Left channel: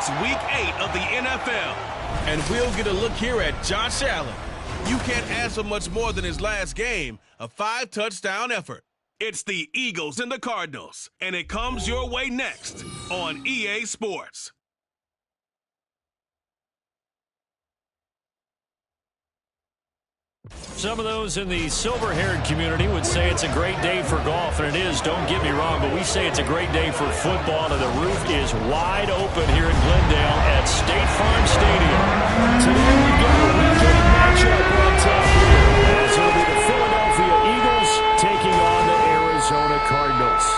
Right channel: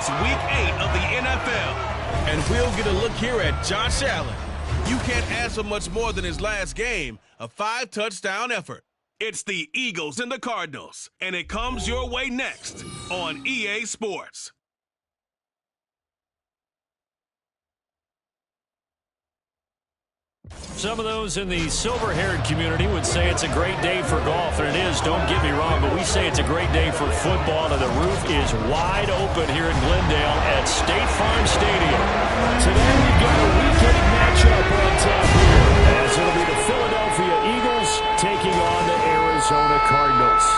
It's Week 8 of the NFL, and we'll get a look here at Josh Allen. You can't ask for much more than his last game, a 5-touchdown effort. It's the Eagles and the Cardinals, and it comes your way next on EA Sports. Some of those in the silver-haired community would say it's a great day for golf, and it is, don't get me wrong, but we say it's a great day for football, and the roof is wide open here in Glendale at State Farm Stadium. Today we've got a Week 8 matchup on top here, as it'll be the Philadelphia Eagles taking on the Arizona Cardinals.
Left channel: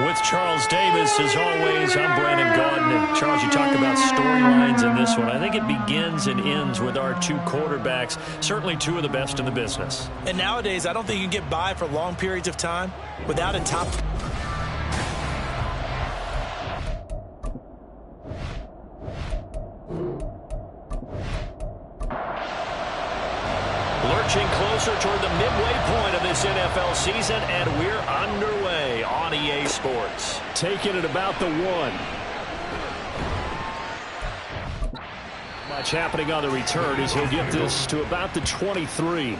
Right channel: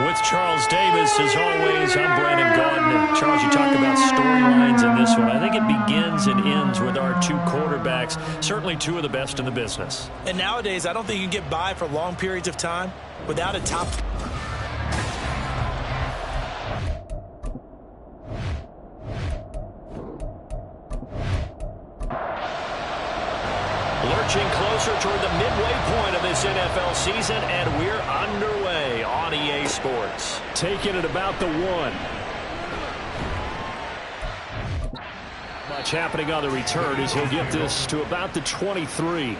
With Charles Davis, as always, I'm Brandon Gaudin. And Charles, you talk about storylines in this one. I think it begins and ends with our two quarterbacks, certainly two of the best in the business. And nowadays, I don't think you can get by for long periods of time without a top. Lurching closer toward the midway point of this NFL season, and we're underway on EA Sports. Taking it about the 1. Much happening on the return as he'll get this to about the 23.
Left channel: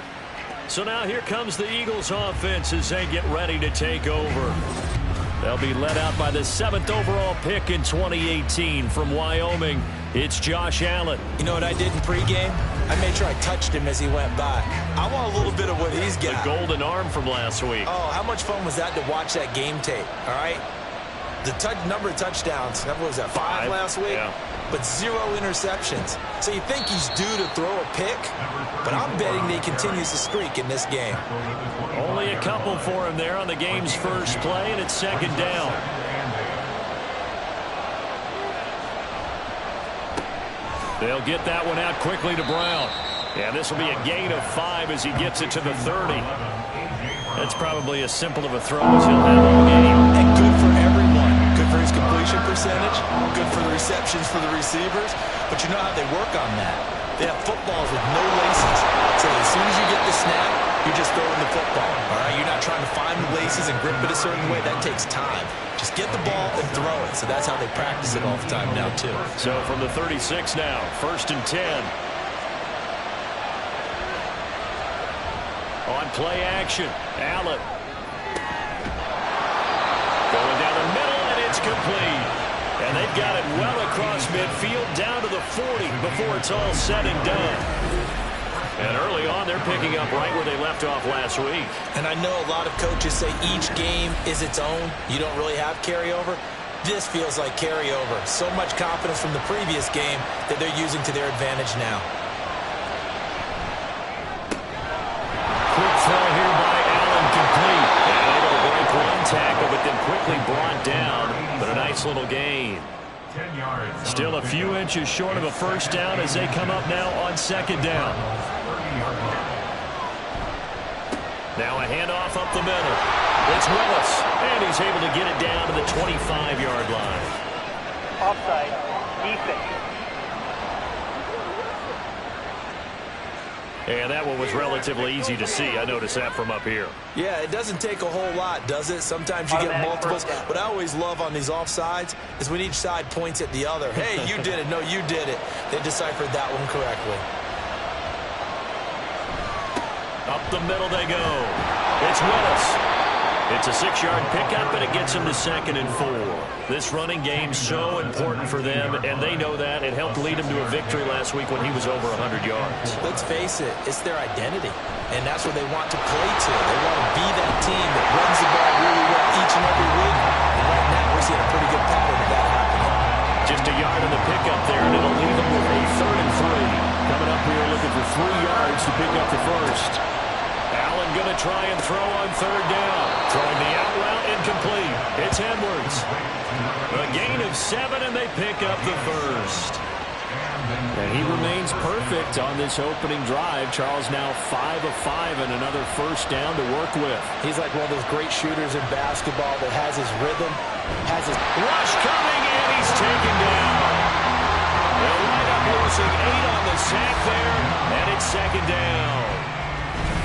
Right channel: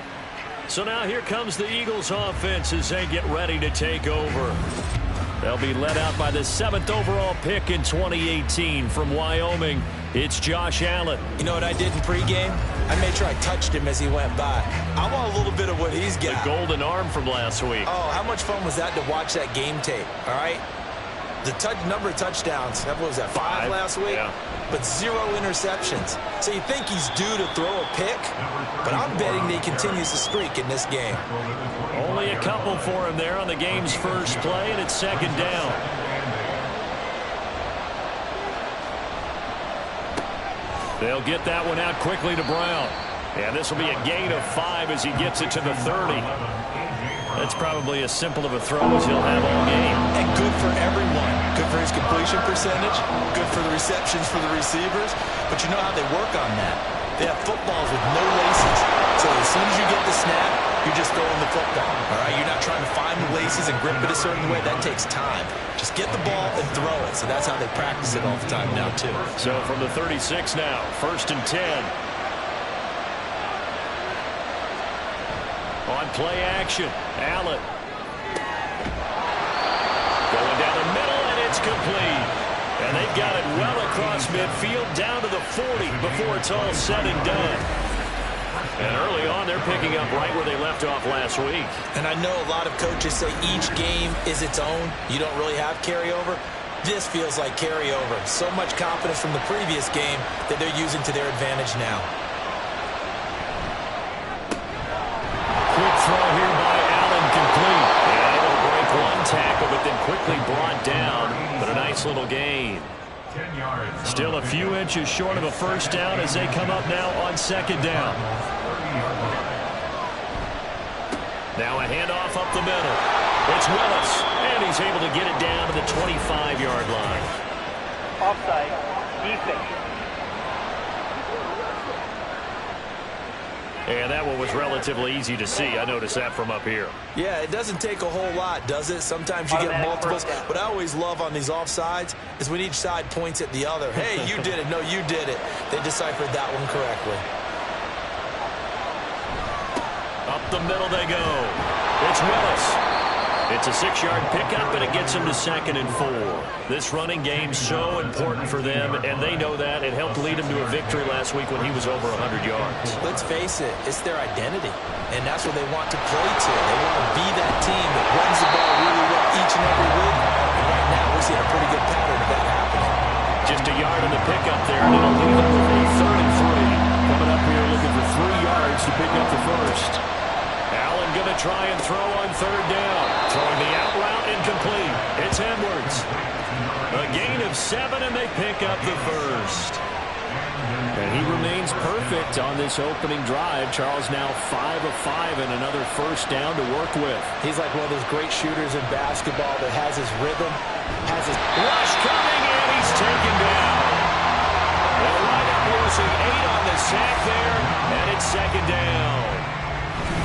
So now here comes the Eagles offense as they get ready to take over. They'll be led out by the 7th overall pick in 2018 from Wyoming. It's Josh Allen. You know what I did in pregame? I made sure I touched him as he went by. I want a little bit of what he's got. The golden arm from last week. Oh, how much fun was that to watch that game tape, all right? The number of touchdowns, what was that, 5 last week? Yeah. But 0 interceptions. So you think he's due to throw a pick, but I'm betting that he continues the streak in this game. Only a couple for him there on the game's first play, and it's 2nd down. They'll get that one out quickly to Brown. And this will be a gain of 5 as he gets it to the 30. That's probably as simple of a throw as he'll have all game. And good for everyone. Good for his completion percentage. Good for the receptions for the receivers. But you know how they work on that. They have footballs with no laces. So as soon as you get the snap, you're just throwing the football. All right, you're not trying to find the laces and grip it a certain way. That takes time. Just get the ball and throw it. So that's how they practice it all the time now, too. So from the 36 now, 1st and 10. On play action, Allen. Going down the middle, and it's complete. And they've got it well across midfield, down to the 40 before it's all said and done. And early on, they're picking up right where they left off last week. And I know a lot of coaches say each game is its own. You don't really have carryover. This feels like carryover. So much confidence from the previous game that they're using to their advantage now. Quick throw here by Allen, complete. And able to break one tackle, but then quickly brought down. But a nice little gain. Still a few inches short of a first down as they come up now on 2nd down. Now a handoff up the middle. It's Willis, and he's able to get it down to the 25-yard line. Offside, defense. And that one was relatively easy to see. I noticed that from up here. Yeah, it doesn't take a whole lot, does it? Sometimes you get multiples. What I always love on these offsides is when each side points at the other. Hey, you did it. No, you did it. They deciphered that one correctly. Up the middle they go. It's Willis. It's a 6-yard pickup, and it gets them to 2nd and 4. This running game's so important for them, and they know that. It helped lead them to a victory last week when he was over 100 yards. Let's face it, it's their identity, and that's what they want to play to. They want to be that team that runs the ball really well each and every week, and right now we're seeing a pretty good pattern of that happening. Just a yard on the pickup there, and it'll leave them with a 3rd and 3. Coming up here looking for 3 yards to pick up the first. Allen going to try and throw on 3rd down. Throwing the out route incomplete. It's Edwards. A gain of 7, and they pick up the first. And he remains perfect on this opening drive. Charles now 5 of 5 and another first down to work with. He's like one of those great shooters in basketball that has his rhythm, has his rush coming, and he's taken down. They'll wind up losing 8 on the sack there, and it's 2nd down.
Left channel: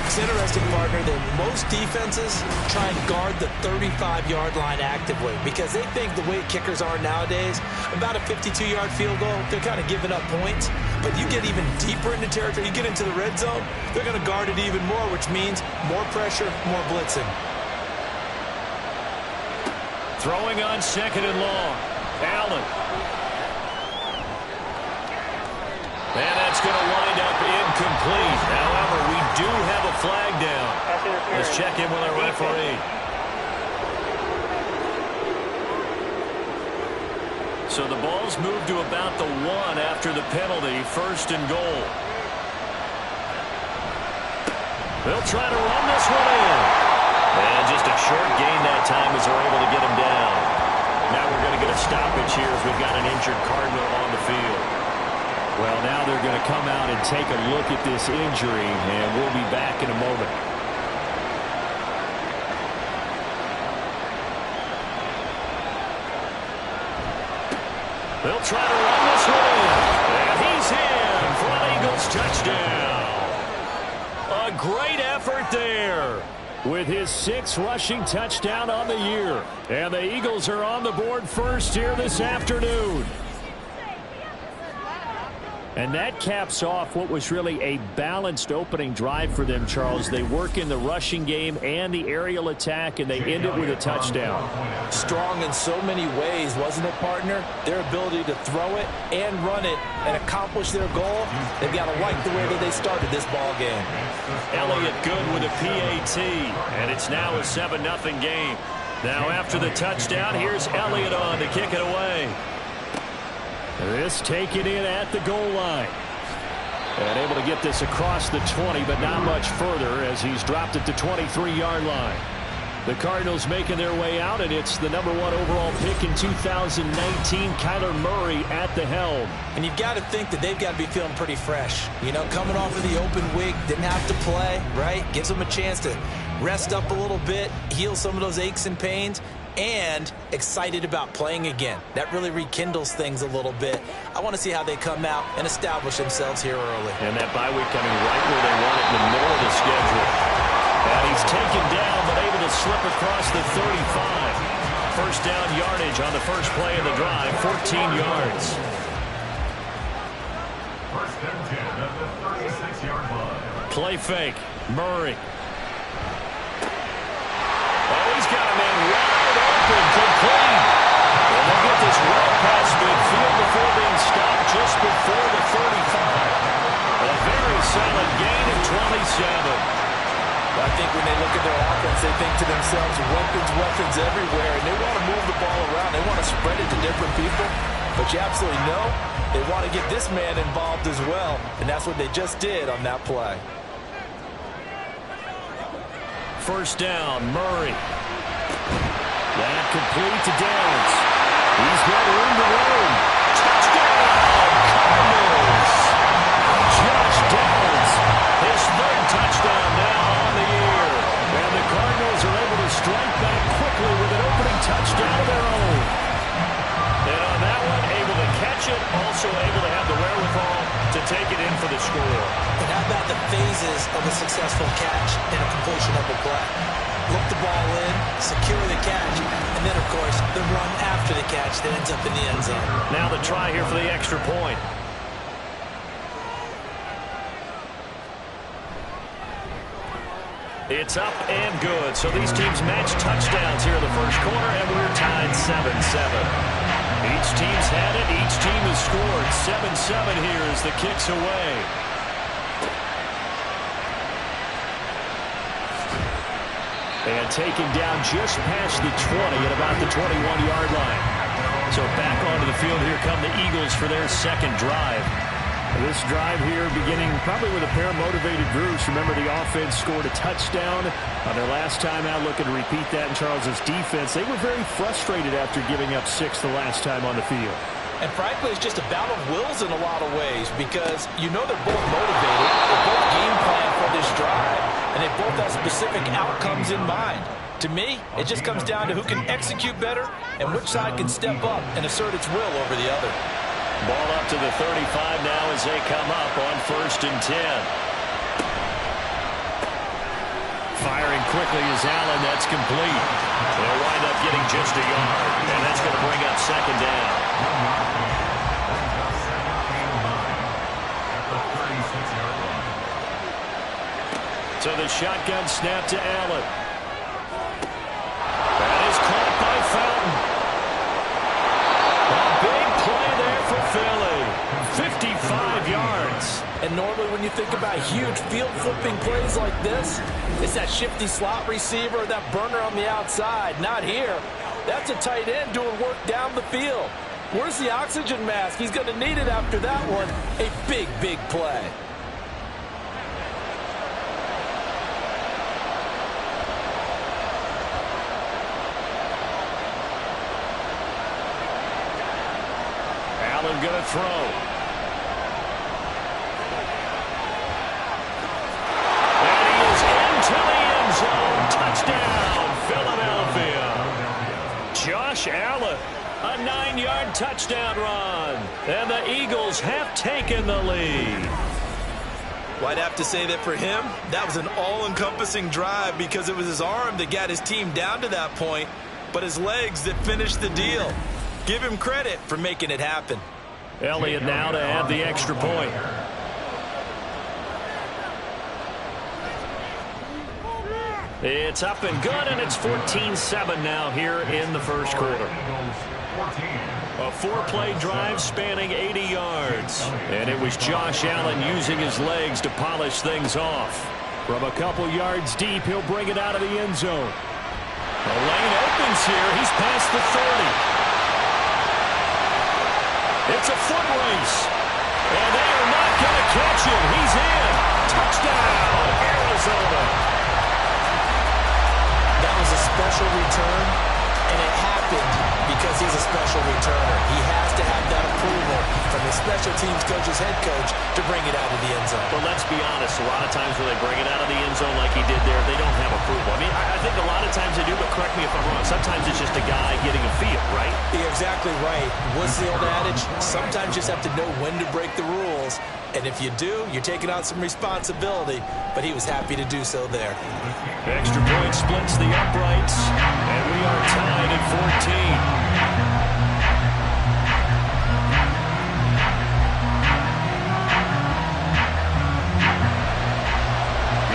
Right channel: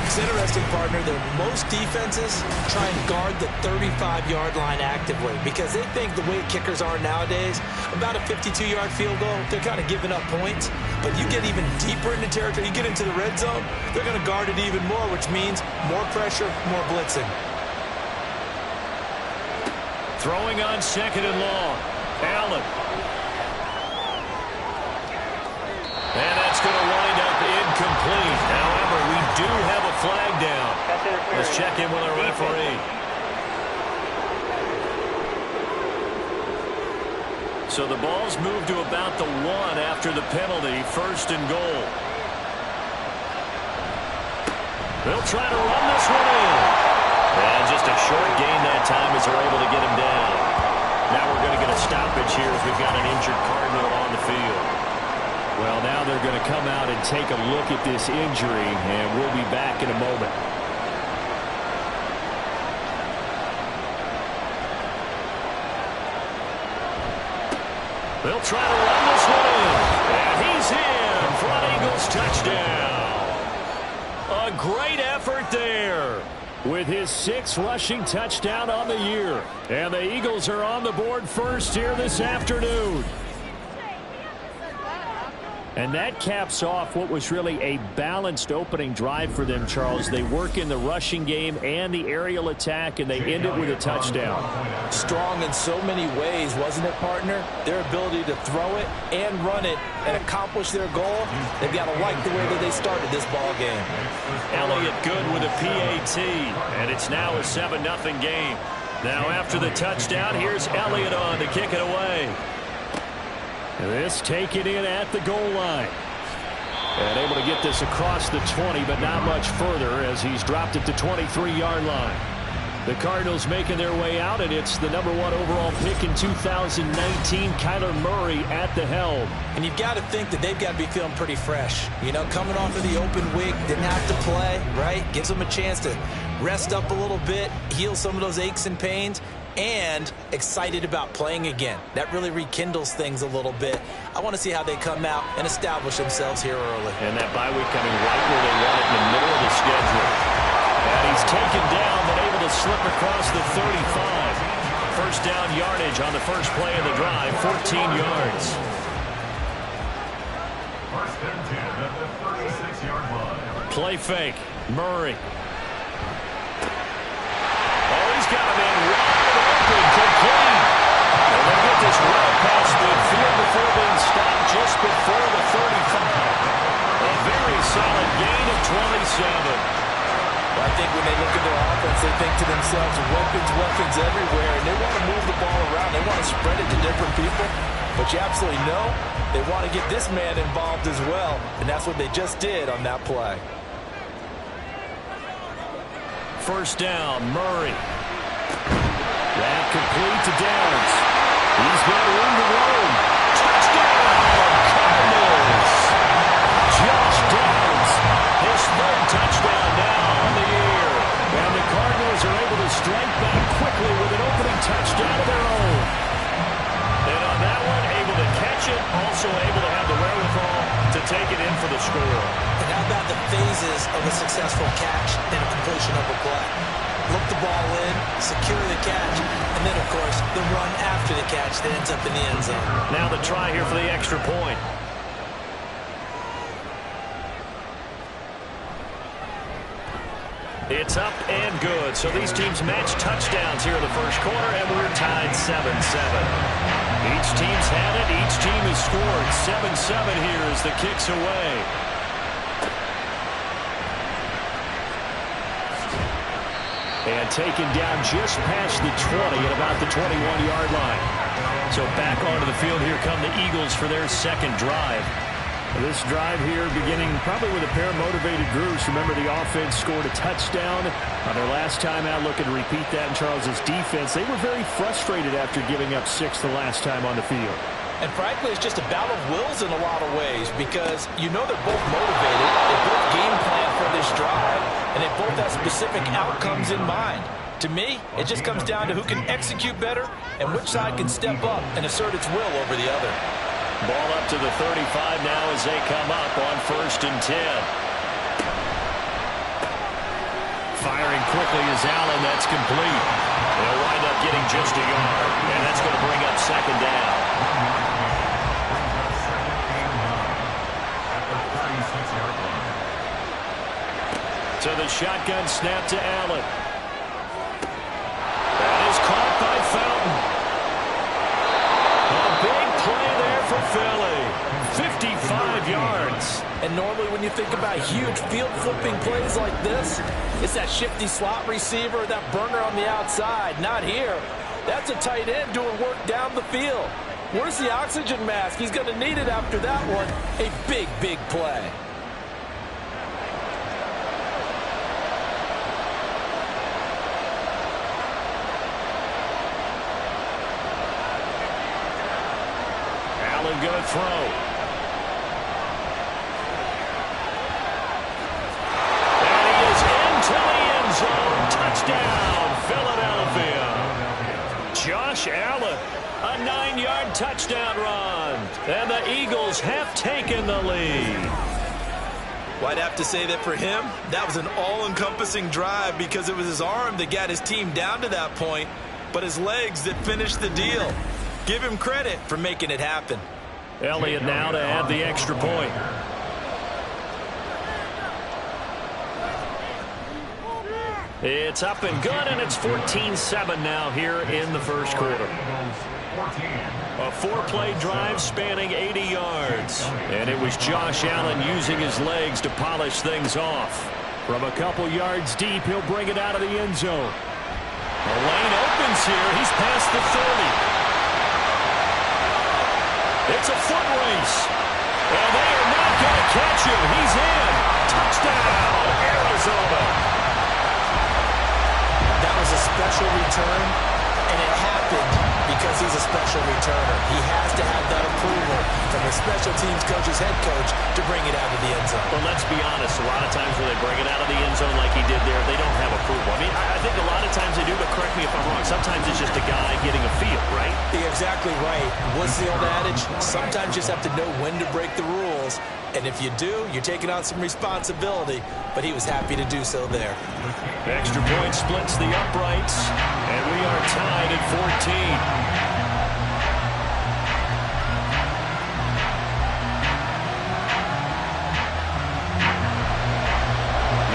It's interesting, partner, that most defenses try and guard the 35-yard line actively because they think the way kickers are nowadays, about a 52-yard field goal, they're kind of giving up points. But you get even deeper into territory, you get into the red zone, they're going to guard it even more, which means more pressure, more blitzing. Throwing on 2nd and long. Allen. And that's going to wind up incomplete. However, we do have a flag down. Let's check in with our referee. So the ball's moved to about the 1 after the penalty. 1st and goal. They'll try to run this one in. And just a short gain that time as they're able to get him down. Now we're going to get a stoppage here as we've got an injured Cardinal on the field. Well, now they're going to come out and take a look at this injury, and we'll be back in a moment. They'll try to run this one in. And he's in for an Eagles touchdown. A great effort there with his 6th rushing touchdown on the year. And the Eagles are on the board first here this afternoon. And that caps off what was really a balanced opening drive for them, Charles. They work in the rushing game and the aerial attack, and they end it with a touchdown. Strong in so many ways, wasn't it, partner? Their ability to throw it and run it and accomplish their goal, they've got to like the way that they started this ball game. Elliott good with a PAT, and it's now a 7-0 game. Now after the touchdown, here's Elliott on to kick it away. This taken in at the goal line. And able to get this across the 20, but not much further as he's dropped it to 23-yard line. The Cardinals making their way out, and it's the #1 overall pick in 2019, Kyler Murray at the helm. And you've got to think that they've got to be feeling pretty fresh. You know, coming off of the open week, didn't have to play, right? Gives them a chance to rest up a little bit, heal some of those aches and pains, and excited about playing again. That really rekindles things a little bit. I want to see how they come out and establish themselves here early. And that bye week coming right where they want it in the middle of the schedule. And he's taken down, but able to slip across the 35. First down yardage on the first play of the drive, 14 yards. First and 10 at the 36-yard line. Play fake. Murray. Oh, he's got a man wide open, complete. And they get this well past midfield before being stopped just before the 35. A very solid gain of 27. Well, I think when they look at their offense, they think to themselves, weapons everywhere, and they want to move the ball around. They want to spread it to different people. But you absolutely know they want to get this man involved as well, and that's what they just did on that play. First down, Murray. That complete to Downs. He's got room to roam. Touchdown, Cardinals. Josh Downs, his 3rd touchdown now on the year. And the Cardinals are able to strike back quickly with an opening touchdown of their own. And on that one, able to catch it, also able to have the wherewithal to take it in for the score. And how about the phases of a successful catch and a completion of a play? Look the ball in, secure the catch, and then, of course, the run after the catch that ends up in the end zone. Now the try here for the extra point. It's up and good. So these teams match touchdowns here in the first quarter, and we're tied 7-7. Each team's had it. Each team has scored. 7-7 here as the kick's away. And taken down just past the 20 at about the 21-yard line. So back onto the field here come the Eagles for their 2nd drive. This drive here beginning probably with a pair of motivated groups. Remember, the offense scored a touchdown on their last time out. Looking to repeat that in Charles's defense. They were very frustrated after giving up 6 the last time on the field. And frankly, it's just a battle of wills in a lot of ways because you know they're both motivated. They both game plan for this drive, and they both have specific outcomes in mind. To me, it just comes down to who can execute better and which side can step up and assert its will over the other. Ball up to the 35 now as they come up on 1st and 10. Firing quickly is Allen. That's complete. They'll wind up getting just a yard, and that's going to bring up second down. 1 yard gain. Brings up second and 9 at the 36-yard line. So the shotgun snap to Allen. That is caught by Fountain. A big play there for Philly. 55 yards. And normally when you think about huge field-flipping plays like this, it's that shifty slot receiver, that burner on the outside. Not here. That's a tight end doing work down the field. Where's the oxygen mask? He's going to need it after that one. A big, big play. Allen going to throw. And he is into the end zone. Touchdown, Philadelphia. Josh Allen, a 9-yard touchdown run. And the Eagles have taken the lead. Well, I'd have to say that for him, that was an all-encompassing drive because it was his arm that got his team down to that point, but his legs that finished the deal. Give him credit for making it happen. Elliott now to add the extra point. It's up and good, and it's 14-7 now here in the first quarter. A 4-play drive spanning 80 yards. And it was Josh Allen using his legs to polish things off. From a couple yards deep, he'll bring it out of the end zone. The lane opens here. He's past the 30. It's a foot race. And they are not going to catch him. He's in. Touchdown, Arizona. That was a special return, and it happened because he's a special returner. He has to have that approval from his special teams coach's head coach to bring it out of the end zone. Well, let's be honest. A lot of times when they bring it out of the end zone like he did there, they don't have approval. I mean, I think a lot of times they do, but correct me if I'm wrong. Sometimes it's just a guy getting a feel, right? You're exactly right. What's the old adage? Sometimes you just have to know when to break the rules. And if you do, you're taking on some responsibility. But he was happy to do so there. Extra point splits the uprights. And we are tied at 14.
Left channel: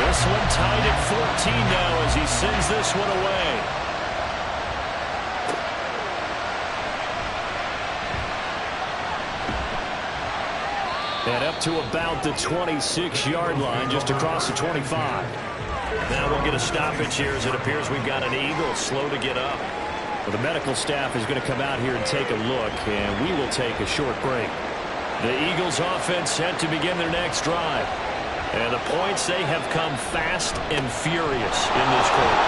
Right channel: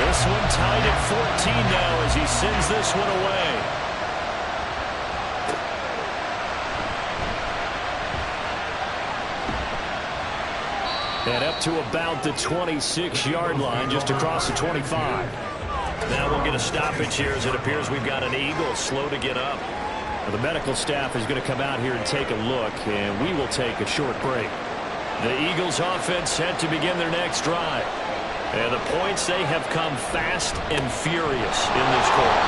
This one tied at 14 now as he sends this one away. And up to about the 26-yard line, just across the 25. Now we'll get a stoppage here as it appears we've got an Eagle slow to get up. Well, the medical staff is going to come out here and take a look, and we will take a short break. The Eagles offense set to begin their next drive. And the points, they have come fast and furious in this quarter.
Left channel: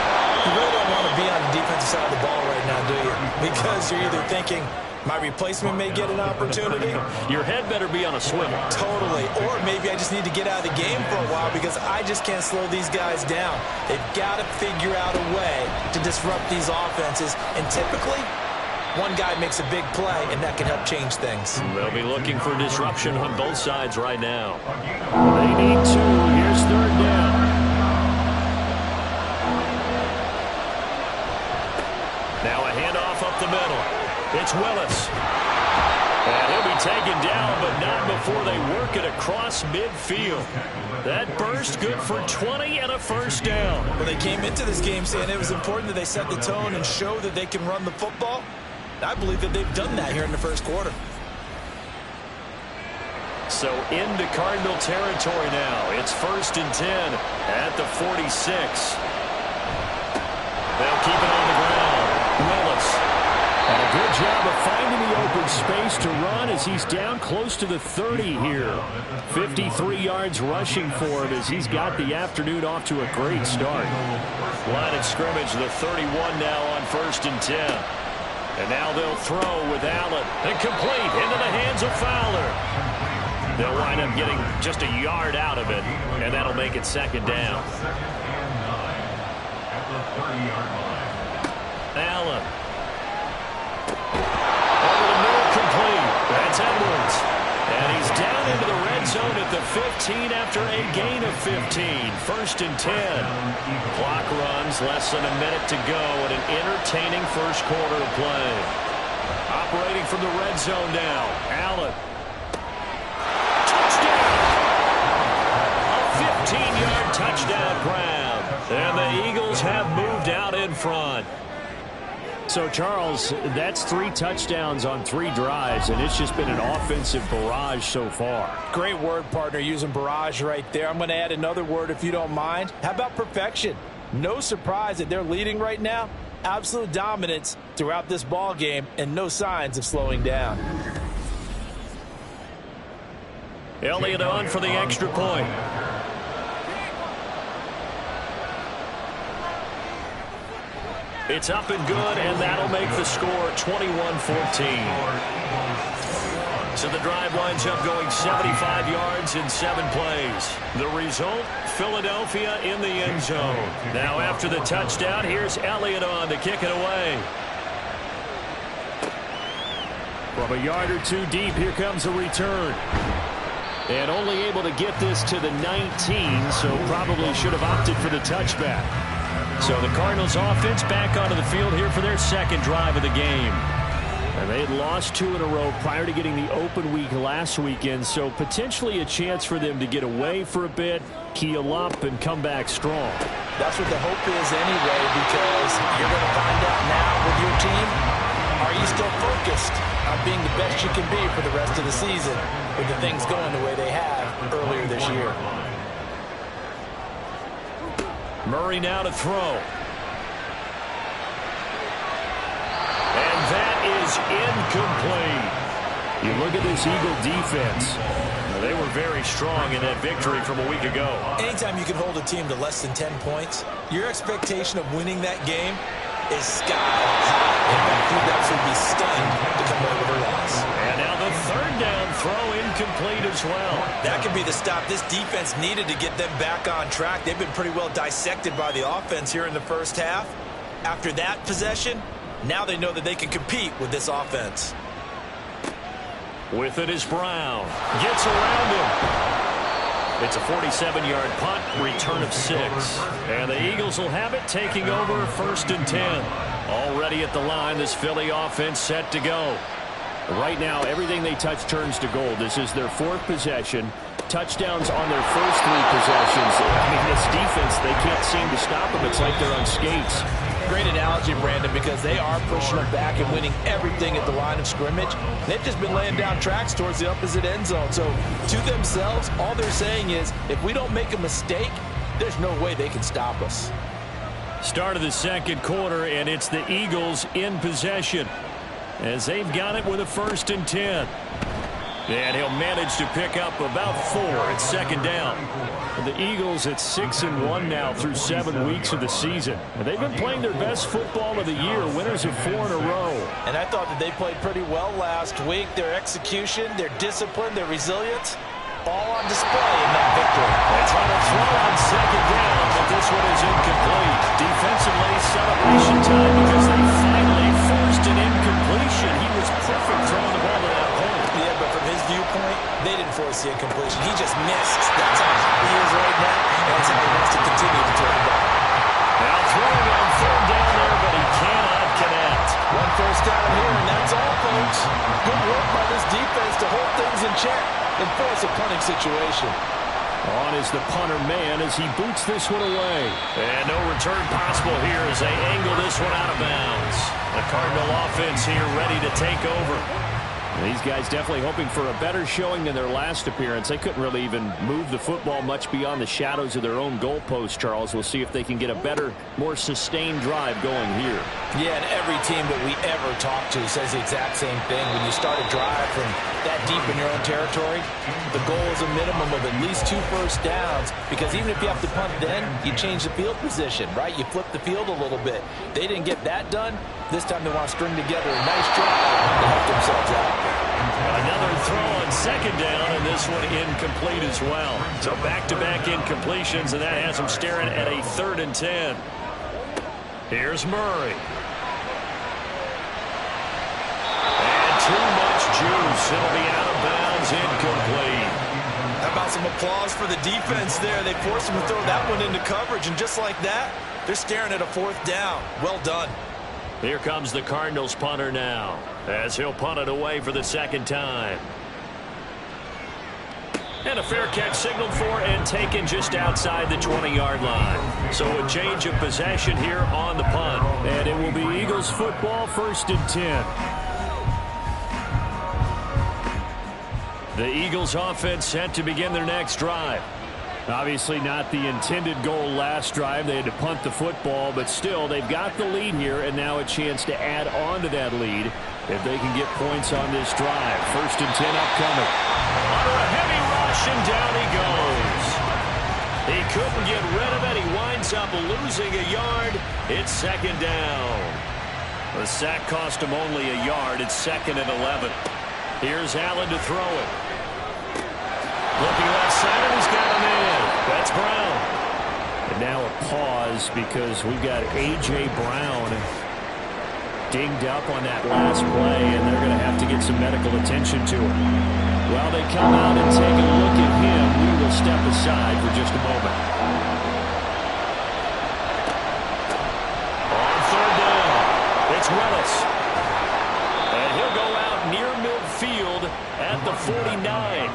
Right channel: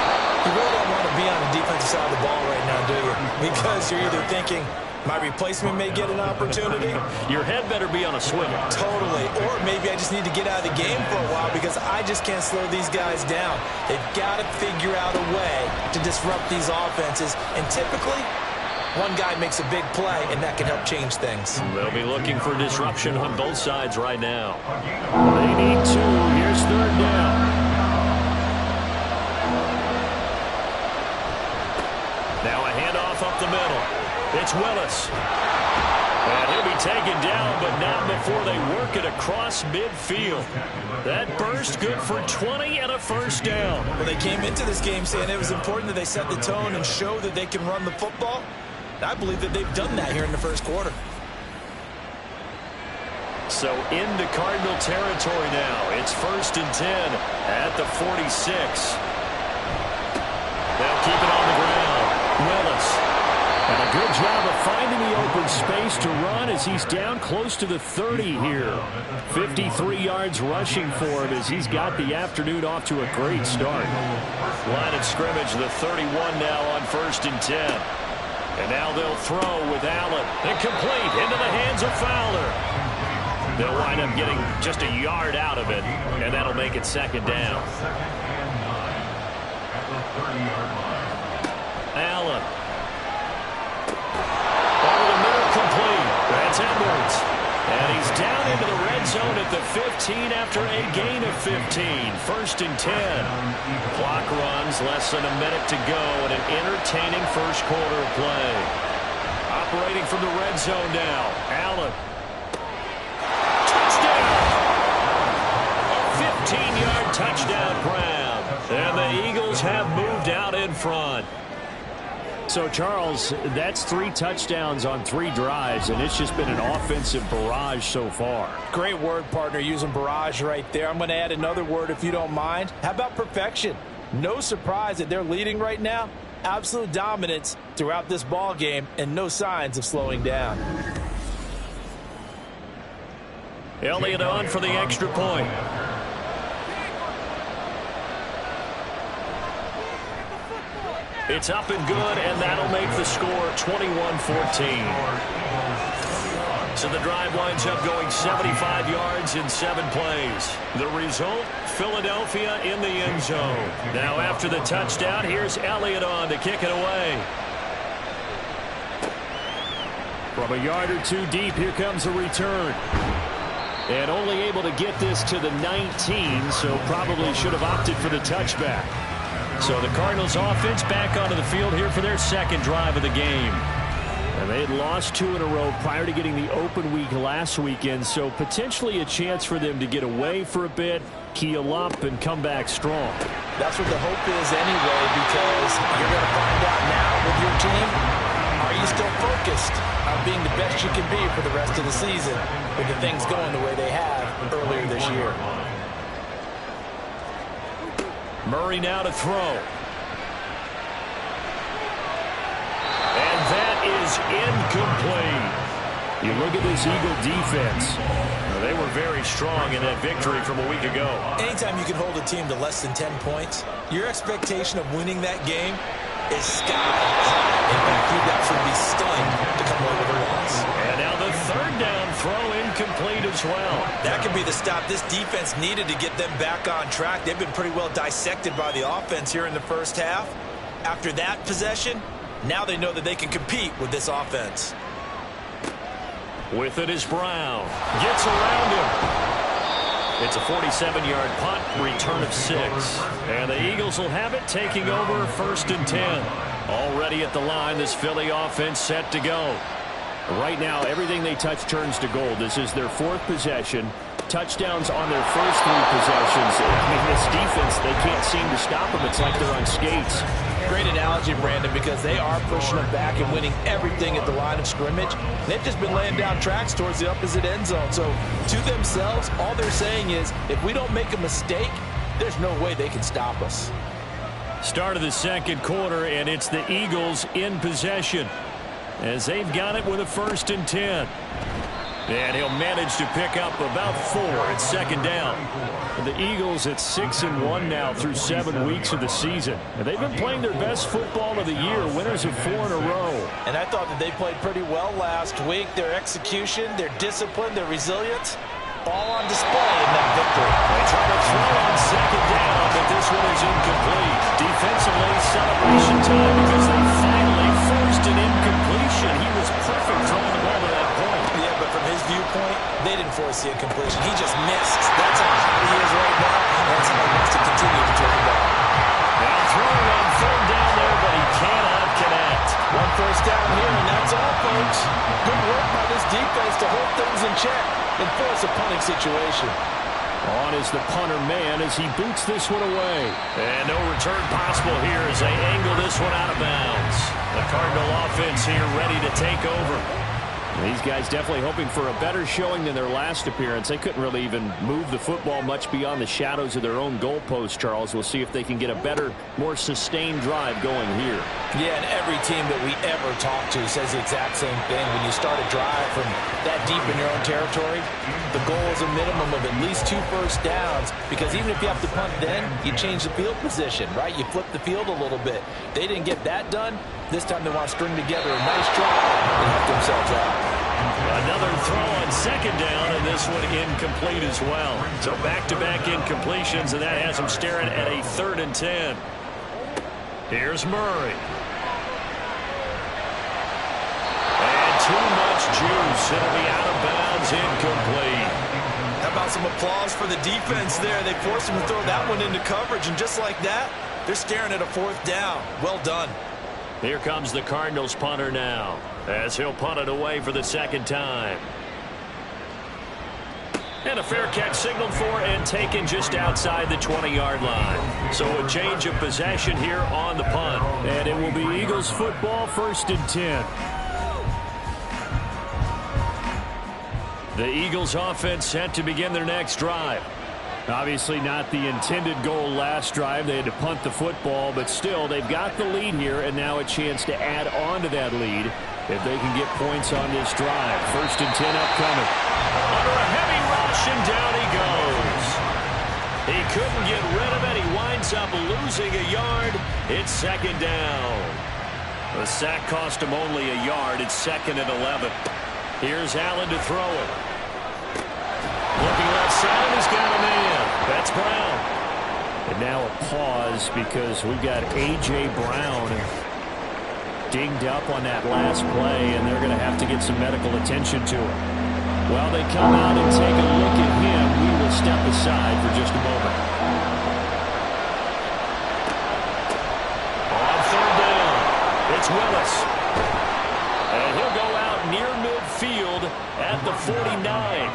You really don't want to be on the defensive side of the ball right now, do you? Because you're either thinking, my replacement may get an opportunity. Your head better be on a swivel. Totally. Or maybe I just need to get out of the game for a while because I just can't slow these guys down. They've got to figure out a way to disrupt these offenses. And typically, one guy makes a big play, and that can help change things. They'll be looking for disruption on both sides right now. They need two. Here's third down. Now a handoff up the middle. It's Willis. And he'll be taken down, but not before they work it across midfield. That burst good for 20 and a first down. Well, they came into this game saying it was important that they set the tone and show that they can run the football. I believe that they've done that here in the first quarter. So into Cardinal territory now. It's 1st and 10 at the 46. They'll keep it on the ground. Willis. And a good job of finding the open space to run as he's down close to the 30 here. 53 yards rushing for him as he's got the afternoon off to a great start. Line of scrimmage, the 31 now on 1st and 10. And now they'll throw with Allen. And complete into the hands of Fowler. They'll wind up getting just a yard out of it, and that'll make it 2nd down. 2nd and 9 at the 30-yard line. Allen. Over the middle, complete. That's Edwards. And he's down into the red zone at the 15 after a gain of 15. 1st and 10. Clock runs, less than a minute to go in an entertaining first quarter of play. Operating from the red zone now. Allen. Touchdown! A 15-yard touchdown grab. And the Eagles have moved out in front. So, Charles, that's 3 touchdowns on 3 drives, and it's just been an offensive barrage so far. Great word, partner, using barrage right there. I'm going to add another word if you don't mind. How about perfection? No surprise that they're leading right now. Absolute dominance throughout this ball game and no signs of slowing down. Elliott on for the extra point. It's up and good, and that'll make the score 21-14. So the drive winds up going 75 yards in 7 plays. The result, Philadelphia in the end zone. Now after the touchdown, here's Elliott on to kick it away. From a yard or 2 deep, here comes a return. And only able to get this to the 19, so probably should have opted for the touchback. So the Cardinals offense back onto the field here for their 2nd drive of the game. And they had lost 2 in a row prior to getting the open week last weekend, so potentially a chance for them to get away for a bit, heal up, and come back strong. That's what the hope is anyway, because you're going to find out now with your team, are you still focused on being the best you can be for the rest of the season with the things going the way they have earlier this year. Murray now to throw. And that is incomplete. You look at this Eagle defense. They were very strong in that victory from a week ago. Anytime you can hold a team to less than 10 points, your expectation of winning that game is sky high. In fact, you'd absolutely be stunned to come away with a loss. And now the 3rd down throw incomplete as well. That could be the stop this defense needed to get them back on track. They've been pretty well dissected by the offense here in the first half. After that possession, now they know that they can compete with this offense. With it is Brown. Gets around him. It's a 47-yard punt, return of 6. And the Eagles will have it, taking over 1st and 10. Already at the line, this Philly offense set to go. Right now, everything they touch turns to gold. This is their 4th possession. Touchdowns on their first 3 possessions. I mean, this defense, they can't seem to stop them. It's like they're on skates. Great analogy, Brandon, because they are pushing them back and winning everything at the line of scrimmage. They've just been laying down tracks towards the opposite end zone. So to themselves, all they're saying is, if we don't make a mistake, there's no way they can stop us. Start of the 2nd quarter, and it's the Eagles in possession as they've got it with a 1st and 10. And he'll manage to pick up about 4 at 2nd down. The Eagles at 6-1 now through 7 weeks of the season. And they've been playing their best football of the year, winners of 4 in a row. And I thought that they played pretty well last week. Their execution, their discipline, their resilience, all on display in that victory. They try to throw on 2nd down, but this one is incomplete. Defensively, celebration time because they finally forced an incompletion. He was perfect throwing the ball to that point. Yeah, but from his viewpoint, they didn't force the incompletion. He just missed. That's how hot he is right now, and that's how he wants to continue to throw the ball. Now throwing on 3rd down there, but he cannot connect. 1 first down here, and that's all, folks. Good work by this defense to hold things in check and force a punting situation. On is the punter man as he boots this one away. And no return possible here as they angle this one out of bounds. The Cardinal offense here ready to take over. These guys definitely hoping for a better showing than their last appearance. They couldn't really even move the football much beyond the shadows of their own goalpost, Charles. We'll see if they can get a better, more sustained drive going here. Yeah, and every team that we ever talk to says the exact same thing. When you start a drive from that deep in your own territory, the goal is a minimum of at least 2 first downs, because even if you have to punt then, you change the field position, right? You flip the field a little bit. They didn't get that done. This time they want to string together a nice drive and help themselves out. Another throw on 2nd down, and this one incomplete as well. So back-to-back incompletions, and that has them staring at a 3rd and 10. Here's Murray. And too much juice. It'll be out of bounds, incomplete. How about some applause for the defense there? They forced him to throw that one into coverage, and just like that, they're staring at a 4th down. Well done. Here comes the Cardinals punter now, as he'll punt it away for the 2nd time. And a fair catch signaled for and taken just outside the 20-yard line. So a change of possession here on the punt. And it will be Eagles football, 1st and 10. The Eagles offense set to begin their next drive. Obviously not the intended goal last drive. They had to punt the football, but still they've got the lead here and now a chance to add on to that lead if they can get points on this drive. 1st and 10 upcoming. Under a heavy rush, and down he goes. He couldn't get rid of it. He winds up losing a yard. It's 2nd down. The sack cost him only a yard. It's 2nd and 11. Here's Allen to throw it. Looking left side, and he's got a man. That's Brown. And now a pause because we've got A.J. Brown dinged up on that last play, and they're going to have to get some medical attention to him. While they come out and take a look at him, we will step aside for just a moment. On 3rd down, it's Willis. And he'll go out near midfield at the 49.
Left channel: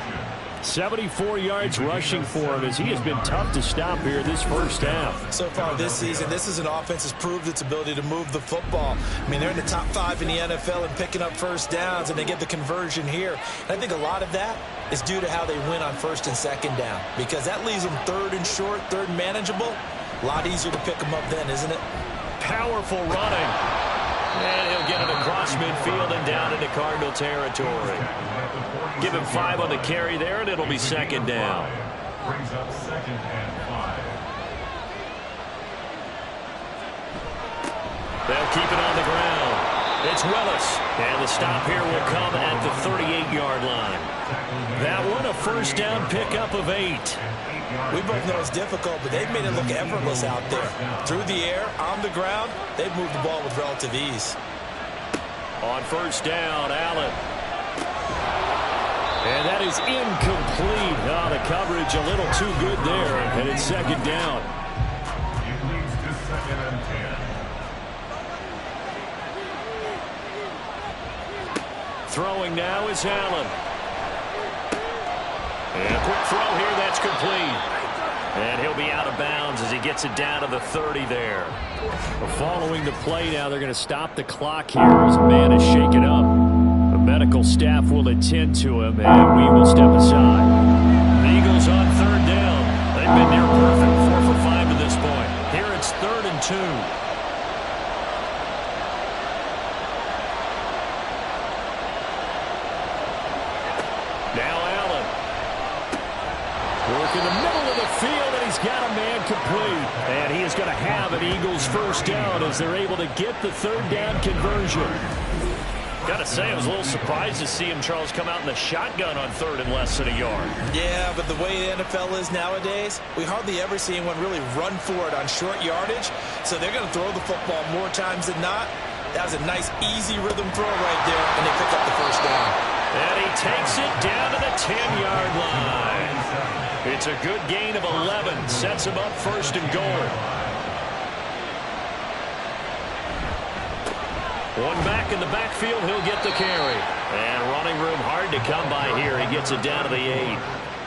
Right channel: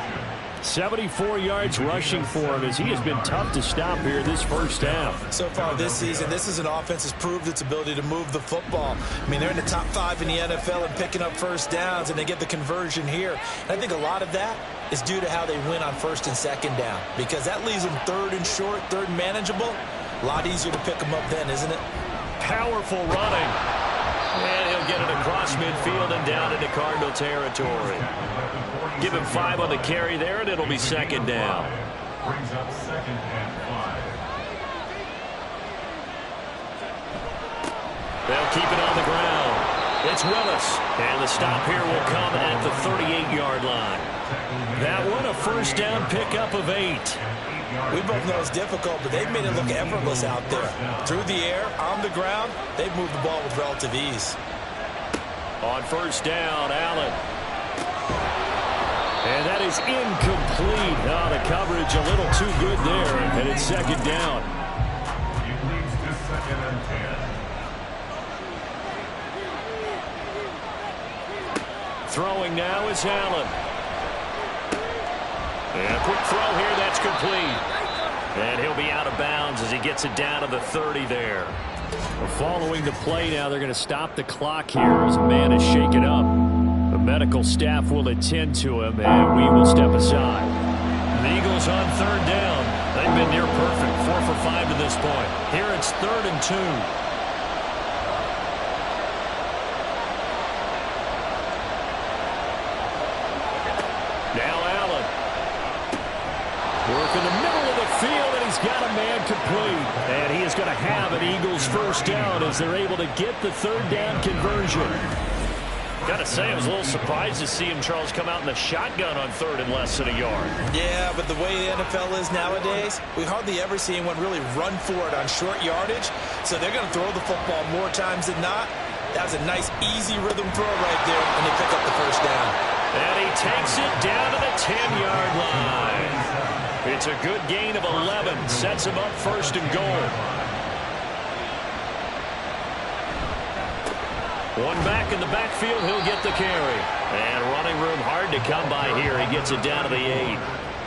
74 yards rushing for him as he has been tough to stop here this first half. So far this season, this is an offense that's proved its ability to move the football. I mean, they're in the top 5 in the NFL and picking up 1st downs, and they get the conversion here. And I think a lot of that is due to how they win on 1st and 2nd down, because that leaves them 3rd and short, 3rd and manageable. A lot easier to pick them up then, isn't it? Powerful running. And he'll get it across midfield and down into Cardinal territory. Give him 5 on the carry there, and it'll be 2nd down. Brings up 2nd and 5. They'll keep it on the ground. It's Willis. And the stop here will come at the 38-yard line. That one a 1st down pickup of 8. We both know it's difficult, but they've made it look effortless out there. Through the air, on the ground, they've moved the ball with relative ease. On 1st down, Allen. And that is incomplete. Oh, the coverage a little too good there, and it's 2nd down. It leads to 2nd and 10. Throwing now is Allen. And a quick throw here, that's complete. And he'll be out of bounds as he gets it down to the 30 there. Following the play now, they're going to stop the clock here as a man is shaken up. The medical staff will attend to him, and we will step aside. The Eagles on 3rd down. They've been near perfect, 4 for 5 to this point. Here it's 3rd and 2. Now Allen. Work in the middle of the field, and he's got a man complete. And he is going to have an Eagles 1st down as they're able to get the 3rd down conversion. Got to say, I was a little surprised to see him, Charles, come out in the shotgun on 3rd and less than a yard. Yeah, but the way the NFL is nowadays, we hardly ever see anyone really run for it on short yardage. So they're going to throw the football more times than not. That was a nice, easy rhythm throw right there, and they pick up the 1st down. And he takes it down to the 10-yard line. It's a good gain of 11. Sets him up 1st and goal. One back in the backfield. He'll get the carry. And running room hard to come by here. He gets it down to the 8.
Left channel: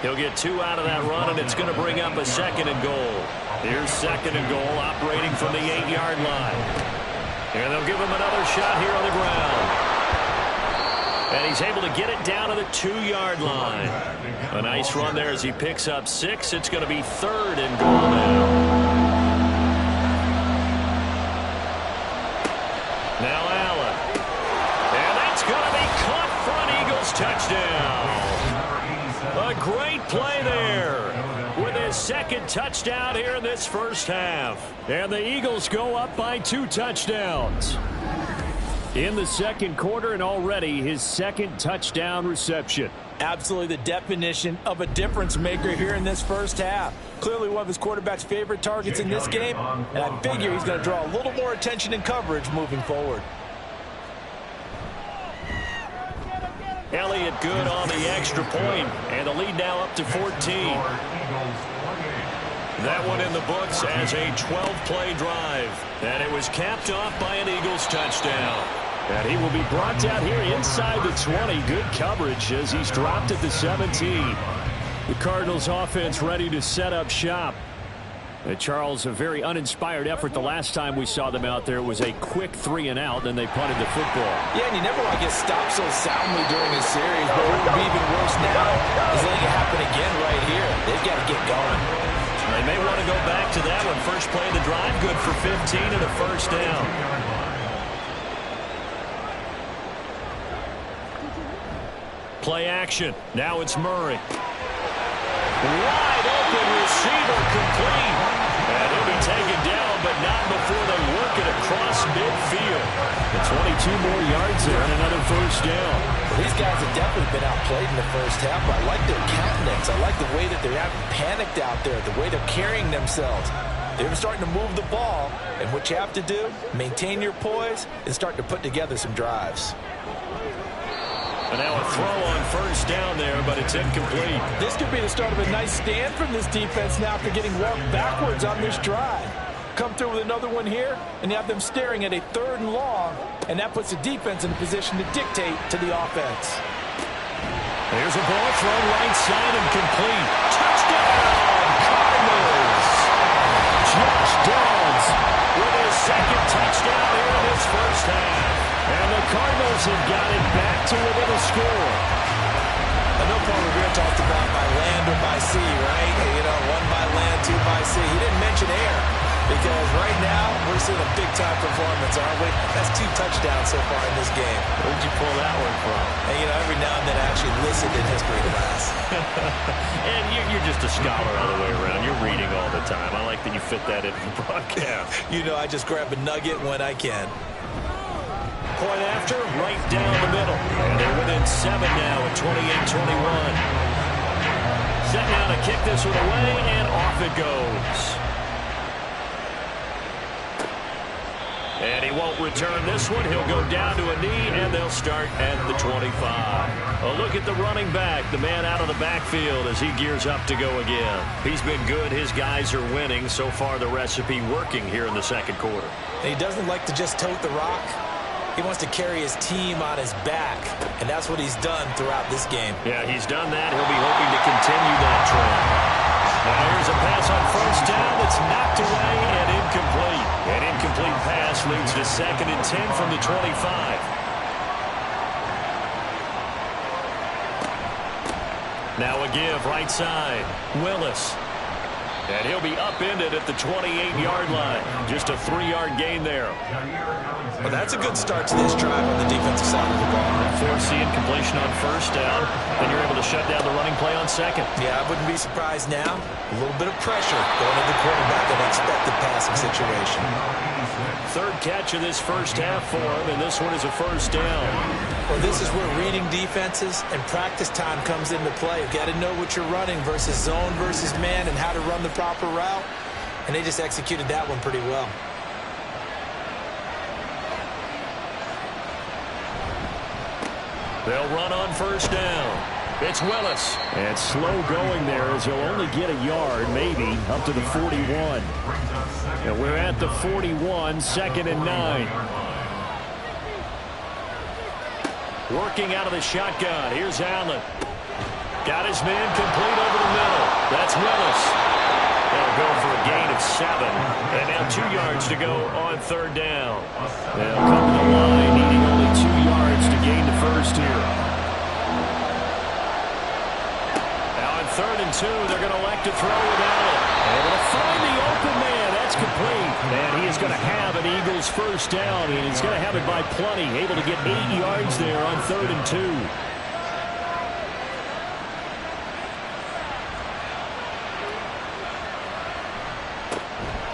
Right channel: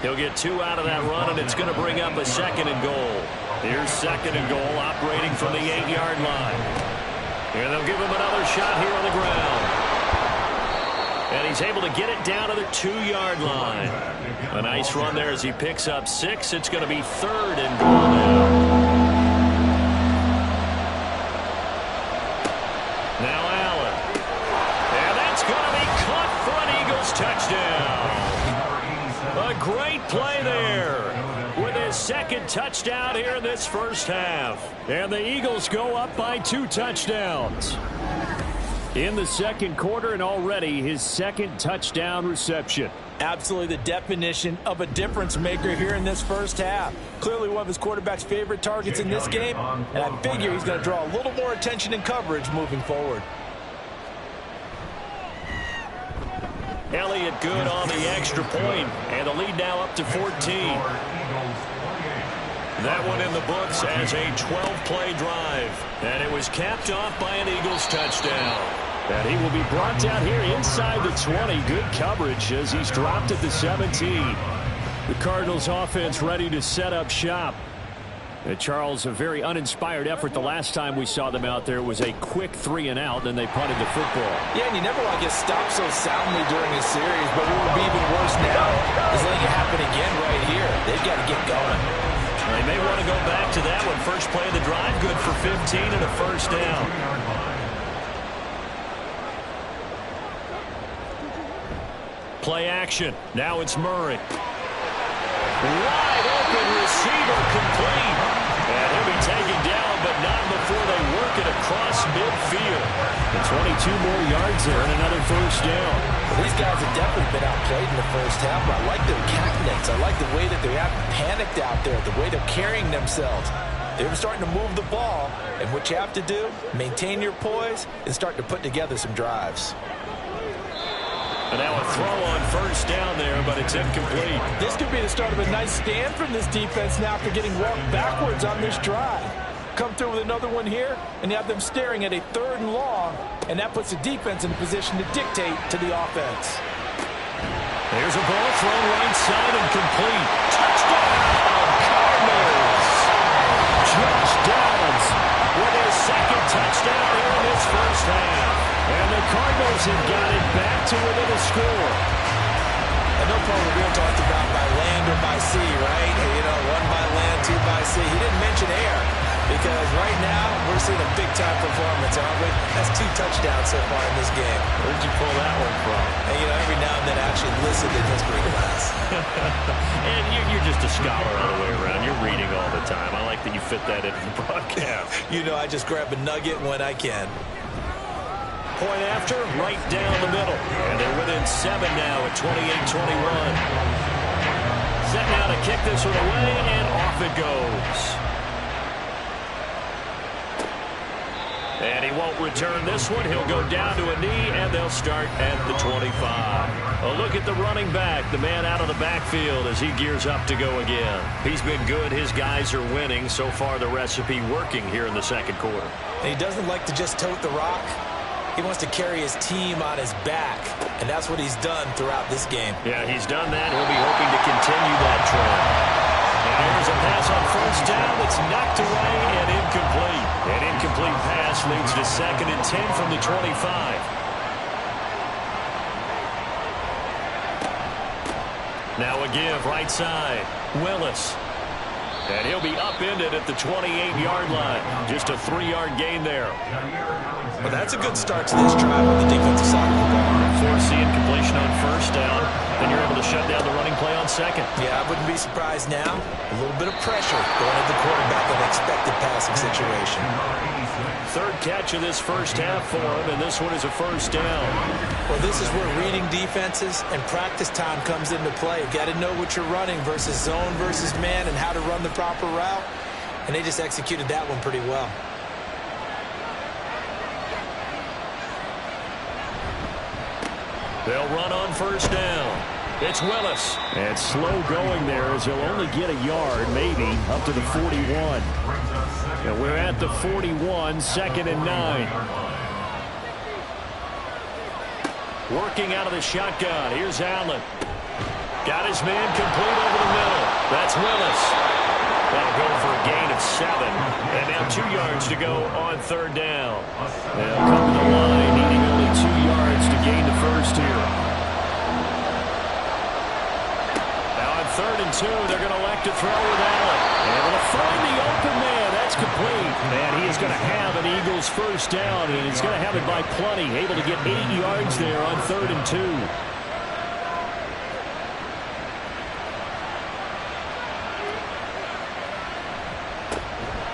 He'll get 2 out of that run, and it's going to bring up a 2nd and goal. Here's 2nd and goal, operating from the 8-yard line. And they'll give him another shot here on the ground. And he's able to get it down to the 2-yard line. A nice run there as he picks up 6. It's going to be 3rd and goal now. Now Allen. And that's going to be caught for an Eagles touchdown. A great play there with his 2nd touchdown here in this first half. And the Eagles go up by 2 touchdowns in the 2nd quarter, and already his 2nd touchdown reception. Absolutely the definition of a difference maker here in this first half. Clearly one of his quarterback's favorite targets in this game, and I figure he's going to draw a little more attention and coverage moving forward. Elliott good on the extra point, and the lead now up to 14. That one in the books as a 12-play drive. And it was capped off by an Eagles touchdown. And he will be brought down here inside the 20. Good coverage as he's dropped at the 17. The Cardinals offense ready to set up shop. Charles, a very uninspired effort the last time we saw them out there. It was a quick 3-and-out, then they punted the football. Yeah, and you never want to get stopped so soundly during a series, but what would be even worse now is letting it happen again right here. They've got to get going. They may want to go back to that one. First play of the drive, good for 15 and a first down. Play action. Now it's Murray. Wide open receiver complete. And he'll be taken down, but not before they work it across midfield. And 22 more yards there and another first down. Well, these guys have definitely been outplayed in the first half, but I like their countenance. I like the way that they haven't panicked out there, the way they're carrying themselves. They're starting to move the ball, and what you have to do, maintain your poise and start to put together some drives. And now a throw on first down there, but it's incomplete. This could be the start of a nice stand from this defense now after getting walked backwards on this drive. Come through with another one here, and you have them staring at a 3rd and long, and that puts the defense in a position to dictate to the offense. There's a ball thrown right side and complete. Touchdown, Cardinals! Josh Downs with his 2nd touchdown here in this first half. And the Cardinals have got it back to within a score. I know Paul Revere talked about by land or by sea, right? You know, 1 by land, 2 by sea. He didn't mention air because right now we're seeing a big-time performance, aren't we? That's 2 touchdowns so far in this game. Where'd you pull that one from? And, you know, every now and then I actually listened in history class. And you're just a scholar all the way around. You're reading all the time. I like that you fit that into the broadcast. You know, I just grab a nugget when I can. Point after, right down the middle. And they're within 7 now at 28-21. Set now to kick this one away, and off it goes. And he won't return this one. He'll go down to a knee, and they'll start at the 25. A look at the running back, the man out of the backfield as he gears up to go again. He's been good. His guys are winning. So far, the recipe working here in the second quarter. And he doesn't like to just tote the rock. He wants to carry his team on his back, and that's what he's done throughout this game. Yeah, he's done that. He'll be hoping to continue that trend. Now here's a pass on first down that's knocked away and incomplete. An incomplete pass leads to 2nd and 10 from the 25. Now a give right side. Willis. And he'll be upended at the 28-yard line. Just a 3-yard gain there. Well, that's a good start to this drive on the defensive side of the ball. Forcing completion on first down. Then you're able to shut down the running play on 2nd. Yeah, I wouldn't be surprised now. A little bit of pressure going at the quarterback in an expected passing situation. 3rd catch of this first half for him, and this one is a first down. Well, this is where reading defenses and practice time comes into play. You've got to know what you're running versus zone versus man and how to run the proper route, and they just executed that one pretty well. They'll run on first down. It's Willis. And slow going there as he'll only get a yard, maybe, up to the 41. And we're at the 41, 2nd and 9. Working out of the shotgun. Here's Allen. Got his man complete over the middle. That's Willis. That'll go for a gain of 7. And now 2 yards to go on 3rd down. They'll come to the line, needing only 2 yards to gain the first here. Now on 3rd and 2, they're going to elect to throw with Allen. Able to find the open man. That's complete. And he is going to have an Eagles first down, and he's going to have it by plenty. Able to get 8 yards there on 3rd and 2.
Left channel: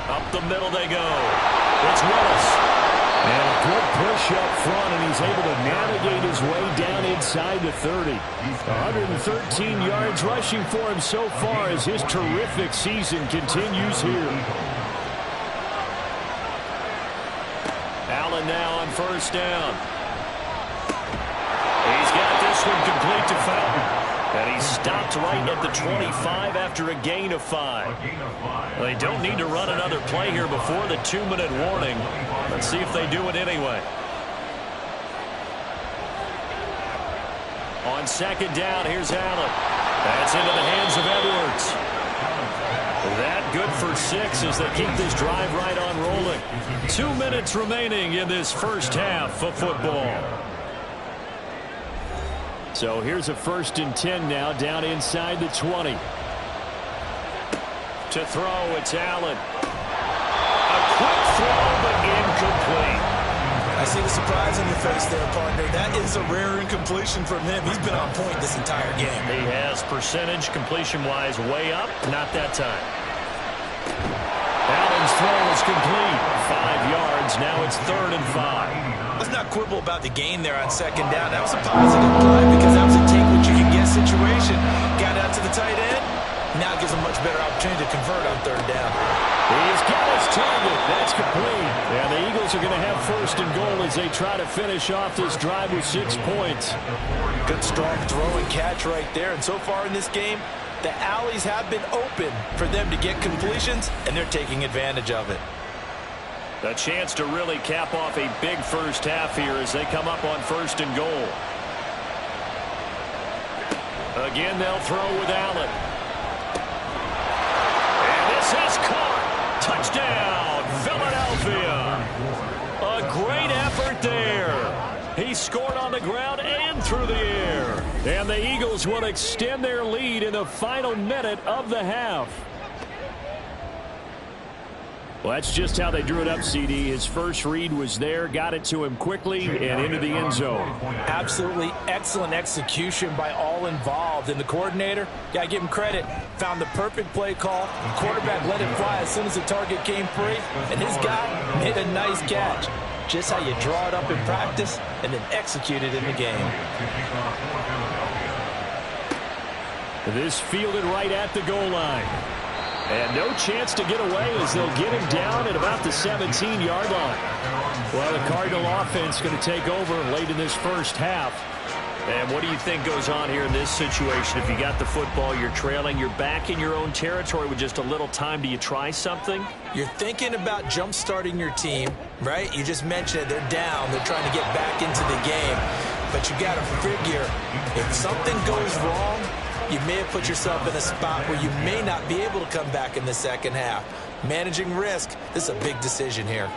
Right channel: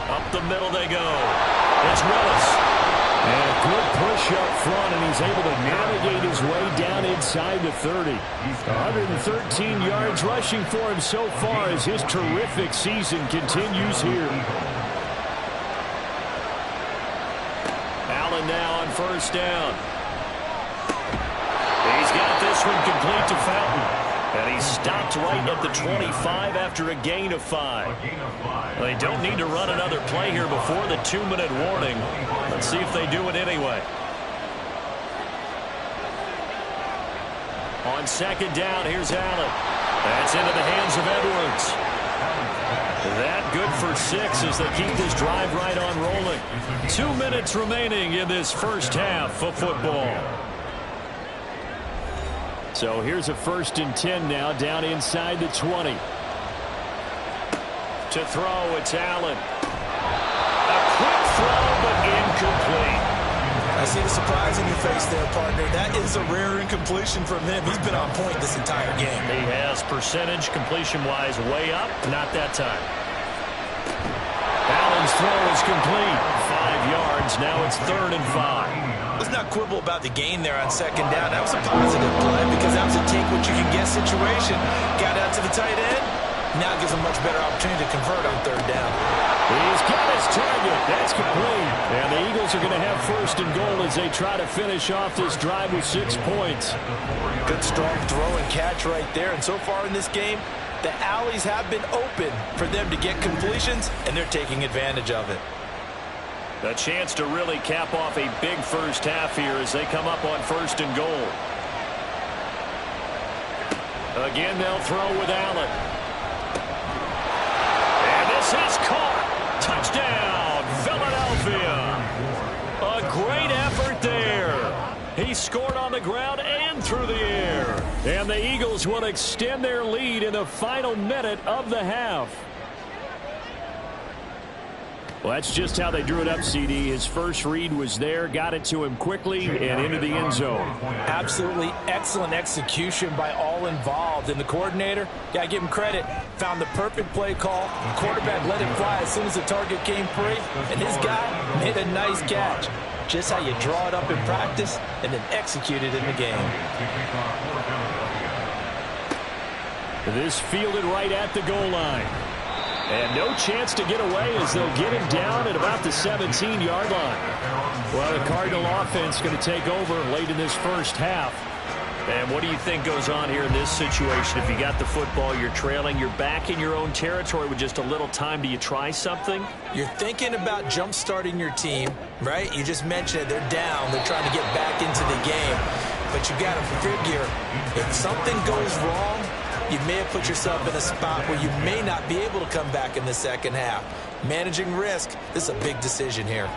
Up the middle they go. It's Willis. And a good push up front, and he's able to navigate his way down inside the 30. 113 yards rushing for him so far as his terrific season continues here. Allen now on first down. He's got this one complete to Fountain. And he stopped right at the 25 after a gain of 5. Well, they don't need to run another play here before the 2-minute warning. Let's see if they do it anyway. On second down, here's Allen. That's into the hands of Edwards. That good for 6 as they keep this drive right on rolling. 2 minutes remaining in this first half of football. So here's a 1st and 10 now, down inside the 20. To throw, it's Allen. A quick throw, but incomplete. I see the surprise in your face there, partner. That is a rare incompletion from him. He's been on point this entire game. He has percentage completion-wise way up. Not that time. Allen's throw is complete. 5 yards. Now it's 3rd and 5. Let's not quibble about the gain there on second down. That was a positive play because that was a take-what-you-can-get situation. Got out to the tight end. Now it gives him a much better opportunity to convert on 3rd down. He's got his target. That's complete. And the Eagles are going to have 1st and goal as they try to finish off this drive with 6 points. Good, strong throw and catch right there. And so far in this game, the alleys have been open for them to get completions, and they're taking advantage of it. A chance to really cap off a big first half here as they come up on 1st and goal. Again, they'll throw with Allen. And this is caught. Touchdown, Philadelphia. A great effort there. He scored on the ground and through the air. And the Eagles will extend their lead in the final minute of the half. Well, that's just how they drew it up, CD. His first read was there, got it to him quickly, and into the end zone. Absolutely excellent execution by all involved. And the coordinator, got to give him credit, found the perfect play call. The quarterback let it fly as soon as the target came free, and his guy made a nice catch. Just how you draw it up in practice and then execute it in the game. This fielded right at the goal line. And no chance to get away as they'll get him down at about the 17-yard line. Well, the Cardinal offense going to take over late in this first half. And what do you think goes on here in this situation? If you got the football, you're trailing, you're back in your own territory with just a little time. Do you try something? You're thinking about jump-starting your team, right? You just mentioned it. They're down. They're trying to get back into the game. But you got to figure if something goes wrong, you may have put yourself in a spot where you may not be able to come back in the second half. Managing risk, this is a big decision here.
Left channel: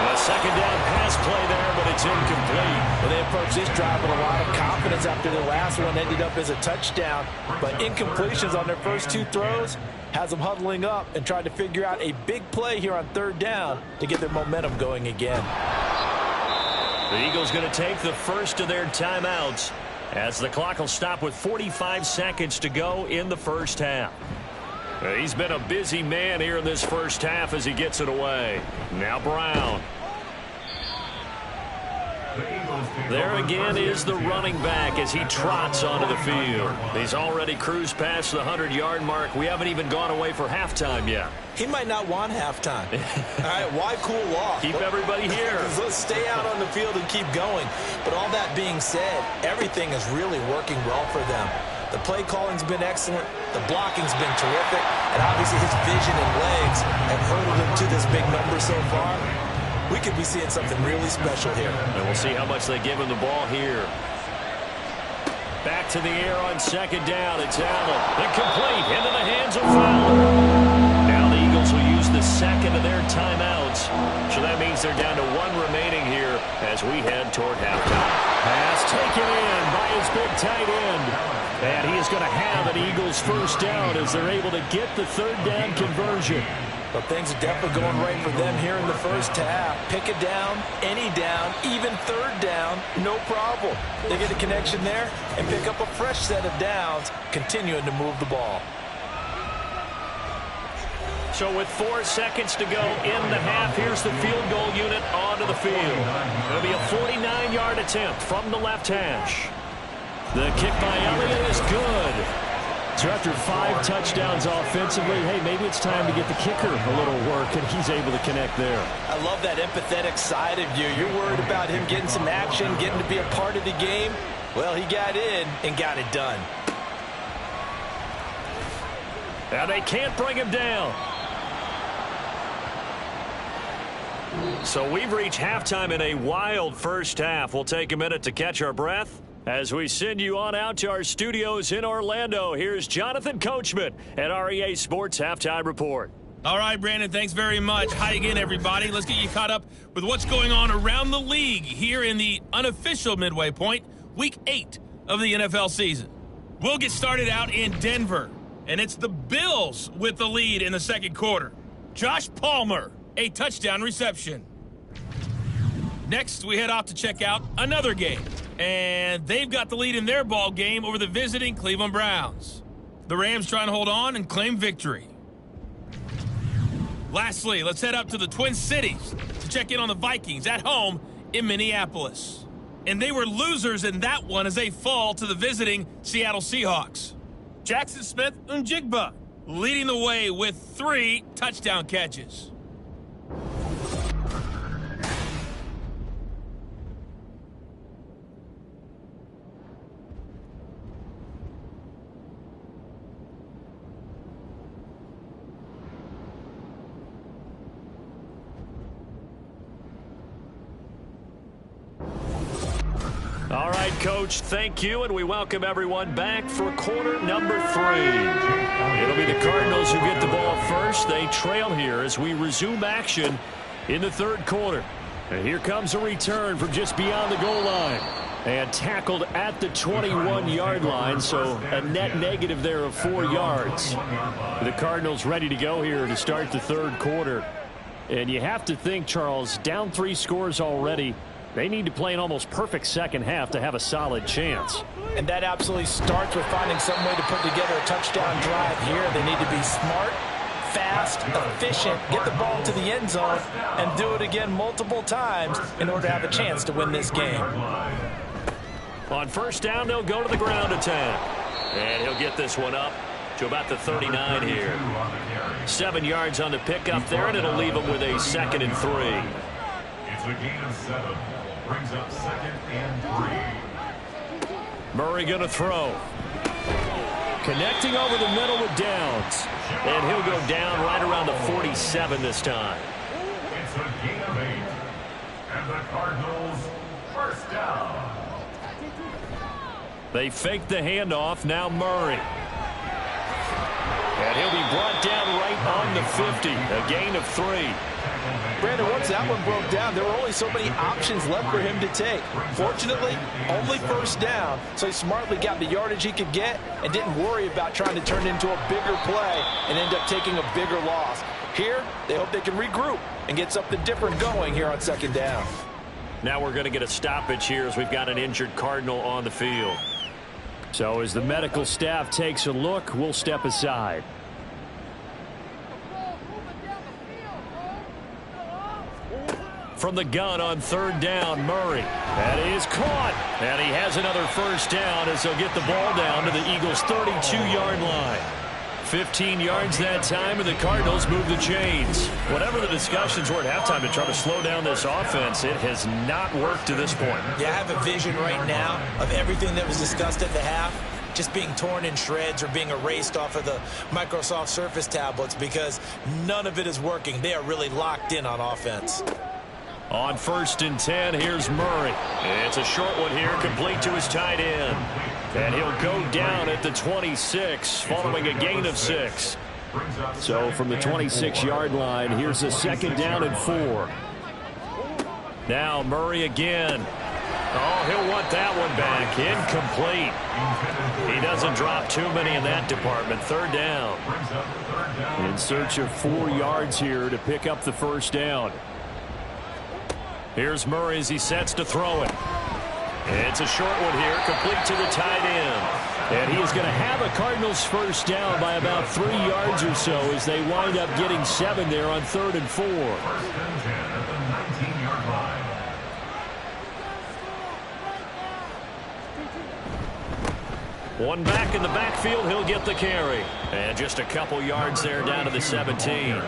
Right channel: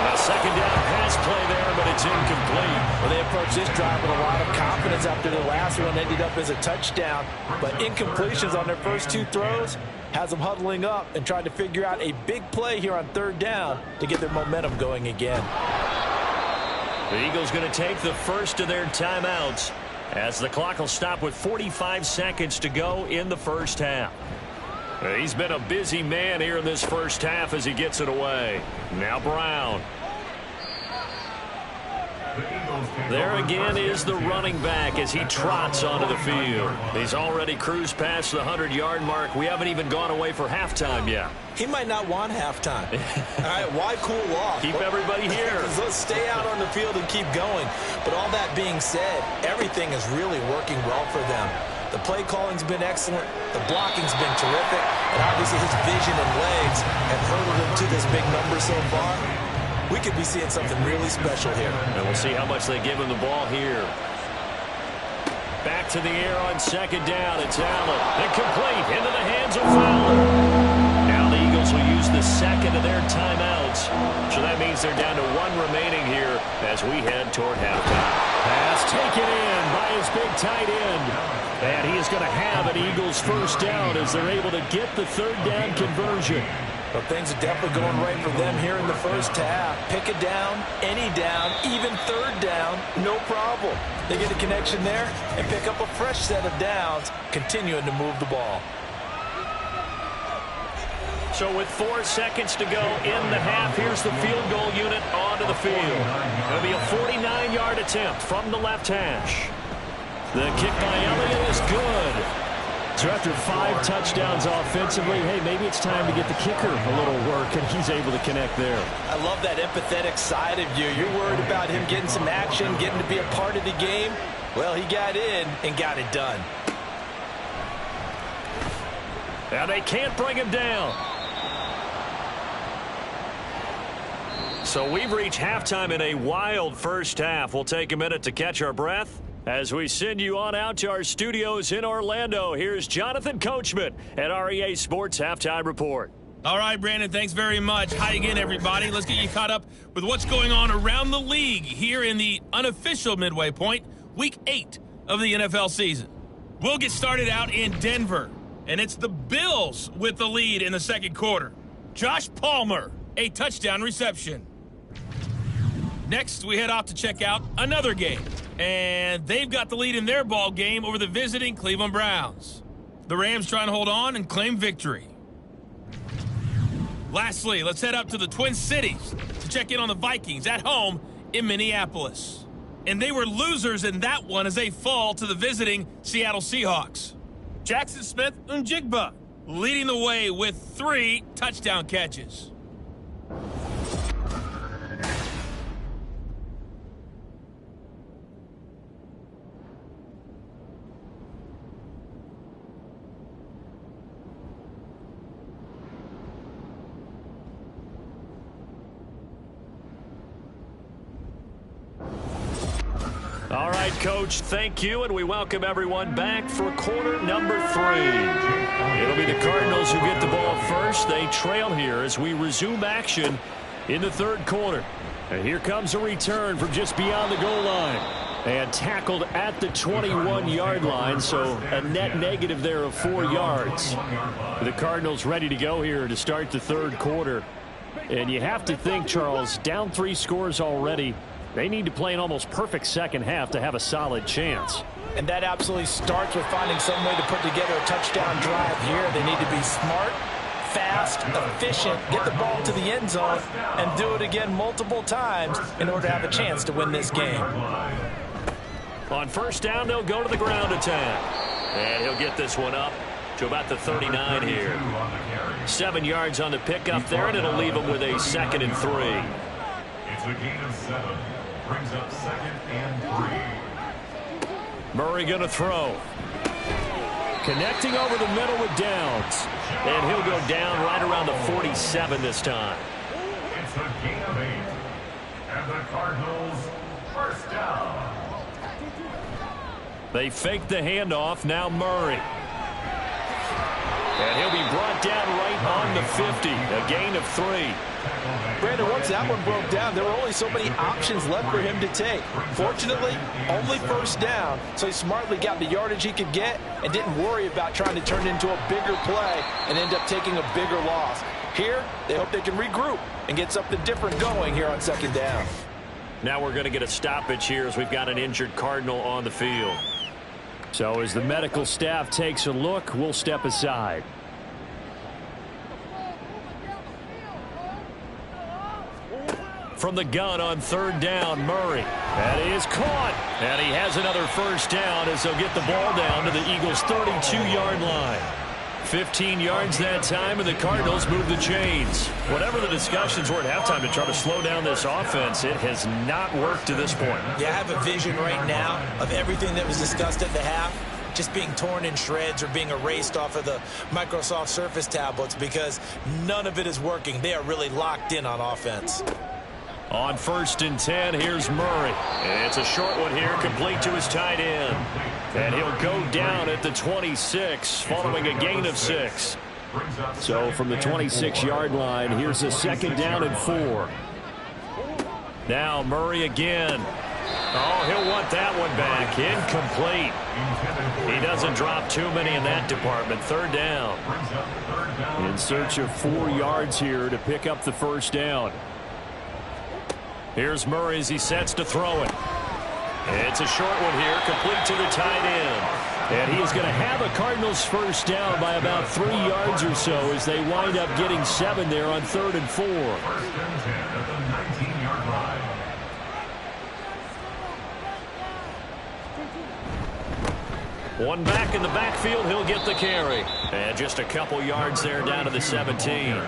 A second down pass play there, but it's incomplete. Well, they approached this drive with a lot of confidence after the last one ended up as a touchdown. But incompletions on their first 2 throws has them huddling up and trying to figure out a big play here on 3rd down to get their momentum going again. The Eagles going to take the first of their timeouts, as the clock will stop with 45 seconds to go in the first half. He's been a busy man here in this first half as he gets it away. Now Brown. There again is the running back as he trots onto the field. He's already cruised past the 100-yard mark. We haven't even gone away for halftime yet. He might not want halftime. All right, why cool off? Keep everybody here. Let's stay out on the field and keep going. But all that being said, everything is really working well for them. The play calling's been excellent. The blocking's been terrific. And obviously his vision and legs have hurdled him to this big number so far. We could be seeing something really special here. And we'll see how much they give him the ball here. Back to the air on second down. It's Allen. Incomplete into the hands of Fowler. Now the Eagles will use the second of their timeouts. So that means they're down to 1 remaining here as we head toward halftime. Pass taken in by his big tight end. And he is going to have an Eagles first down as they're able to get the 3rd down conversion. Well, things are definitely going right for them here in the first half. Pick it down, any down, even 3rd down, no problem. They get a connection there and pick up a fresh set of downs, continuing to move the ball. So with 4 seconds to go in the half, here's the field goal unit onto the field. It'll be a 49-yard attempt from the left hash. The kick by Elliott is good. So after 5 touchdowns offensively, hey, maybe it's time to get the kicker a little work, and he's able to connect there. I love that empathetic side of you. You're worried about him getting some action, getting to be a part of the game. Well, he got in and got it done. And they can't bring him down. So we've reached halftime in a wild first half. We'll take a minute to catch our breath as we send you on out to our studios in Orlando. Here's Jonathan Coachman at REA Sports Halftime Report. All right, Brandon, thanks very much. Hi again, everybody. Let's get you caught up with what's going on around the league here in the unofficial midway point, Week 8 of the NFL season. We'll get started out in Denver, and it's the Bills with the lead in the second quarter. Josh Palmer, a touchdown reception. Next, we head off to check out another game, and they've got the lead in their ball game over the visiting Cleveland Browns. The Rams trying to hold on and claim victory. Lastly, let's head up to the Twin Cities to check in on the Vikings at home in Minneapolis. And they were losers in that one as they fall to the visiting Seattle Seahawks. Jackson Smith-Njigba leading the way with 3 touchdown catches. All right, Coach, thank you, and we welcome everyone back for quarter number 3. It'll be the Cardinals who get the ball first. They trail here as we resume action in the third quarter. And here comes a return from just beyond the goal line. And tackled at the 21-yard line, so a net negative there of 4 yards. The Cardinals ready to go here to start the third quarter. And you have to think, Charles, down 3 scores already. They need to play an almost perfect second half to have a solid chance. And that absolutely starts with finding some way to put together a touchdown drive here. They need to be smart, fast, efficient, get the ball to the end zone, and do it again multiple times in order to have a chance to win this game. On first down, they'll go to the ground attack. And he'll get this one up to about the 39 here. 7 yards on the pickup there, and it'll leave him with a 2nd and 3. It's a gain of 7. Brings up 2nd and 3. Murray going to throw. Connecting over the middle with Downs. And he'll go down right around the 47 this time. It's a gain of 8. And the Cardinals first down. They fake the handoff. Now Murray. And he'll be brought down right on the 50. A gain of 3. Brandon, once that one broke down, there were only so many options left for him to take. Fortunately, only first down, so he smartly got the yardage he could get and didn't worry about trying to turn it into a bigger play and end up taking a bigger loss. Here, they hope they can regroup and get something different going here on second down. Now we're going to get a stoppage here as we've got an injured Cardinal on the field. So as the medical staff takes a look, we'll step aside. From the gun on third down, Murray. That is caught. And he has another first down as they'll get the ball down to the Eagles' 32-yard line. 15 yards that time, and the Cardinals move the chains. Whatever the discussions were at halftime to try to slow down this offense, it has not worked to this point. Yeah, I have a vision right now of everything that was discussed at the half just being torn in shreds or being erased off of the Microsoft Surface tablets because none of it is working. They are really locked in on offense. On first and 10, here's Murray. It's a short one here, complete to his tight end. And he'll go down at the 26, following a gain of 6. So from the 26-yard line, here's a 2nd down and 4. Now Murray again. Oh, he'll want that one back. Incomplete. He doesn't drop too many in that department. 3rd down. In search of 4 yards here to pick up the first down. Here's Murray as he sets to throw it. It's a short one here, complete to the tight end. And he is going to have a Cardinals first down by about 3 yards or so as they wind up getting 7 there on 3rd and 4. 1st and 10 at the 19-yard line. One back in the backfield, he'll get the carry. And just a couple yards there down to the 17.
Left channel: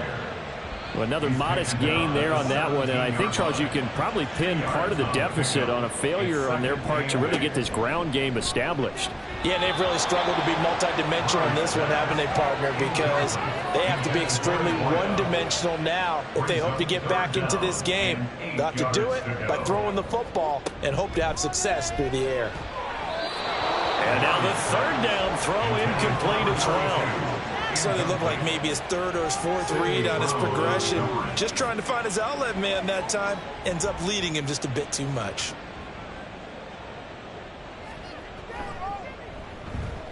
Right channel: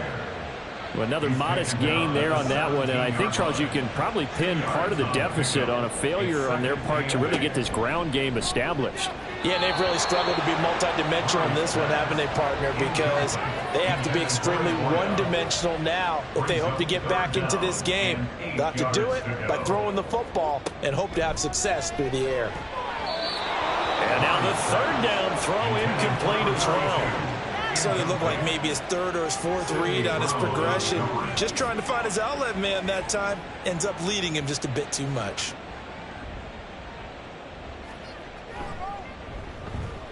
Well, another modest gain there on that one, and I think, Charles, you can probably pin part of the deficit on a failure on their part to really get this ground game established. Yeah, and they've really struggled to be multidimensional in this one, haven't they, partner? Because they have to be extremely one-dimensional now if they hope to get back into this game. They'll have to do it by throwing the football and hope to have success through the air. And now the third down throw incomplete as well. So they look like maybe his third or his fourth read on his progression. Just trying to find his outlet man that time. Ends up leading him just a bit too much.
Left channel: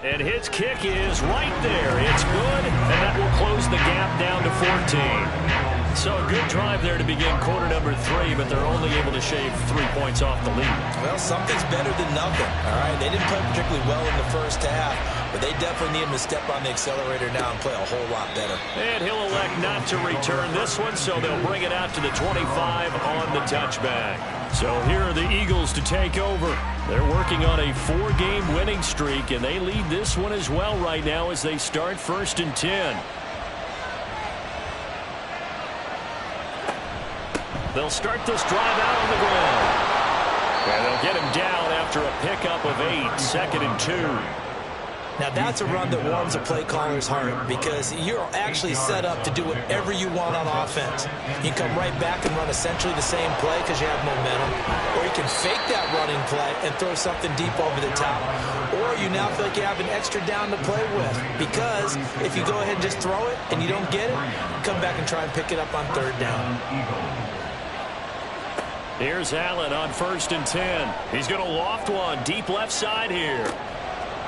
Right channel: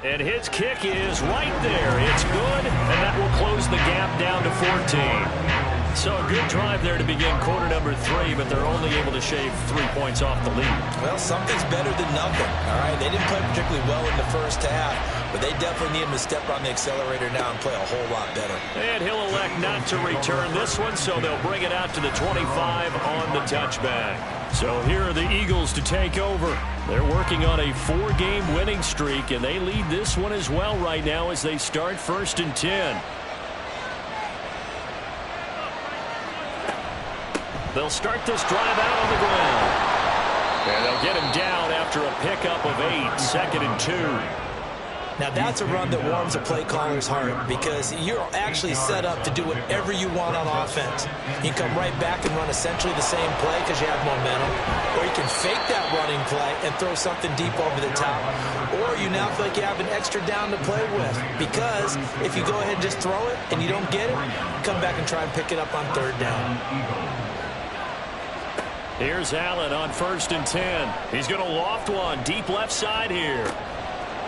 And his kick is right there. It's good, and that will close the gap down to 14. So a good drive there to begin quarter number 3, but they're only able to shave 3 points off the lead. Well, something's better than nothing, all right? They didn't play particularly well in the first half, but they definitely need him to step on the accelerator now and play a whole lot better. And he'll elect not to return this one, so they'll bring it out to the 25 on the touchback. So here are the Eagles to take over. They're working on a 4-game winning streak, and they lead this one as well right now as they start 1st and 10. They'll start this drive out on the ground. And they'll get him down after a pickup of 8, 2nd and 2. Now that's a run that warms a play caller's heart because you're actually set up to do whatever you want on offense. You can come right back and run essentially the same play because you have momentum, or you can fake that running play and throw something deep over the top, or you now feel like you have an extra down to play with because if you go ahead and just throw it and you don't get it, come back and try and pick it up on 3rd down. Here's Allen on 1st and 10. He's going to loft one deep left side here.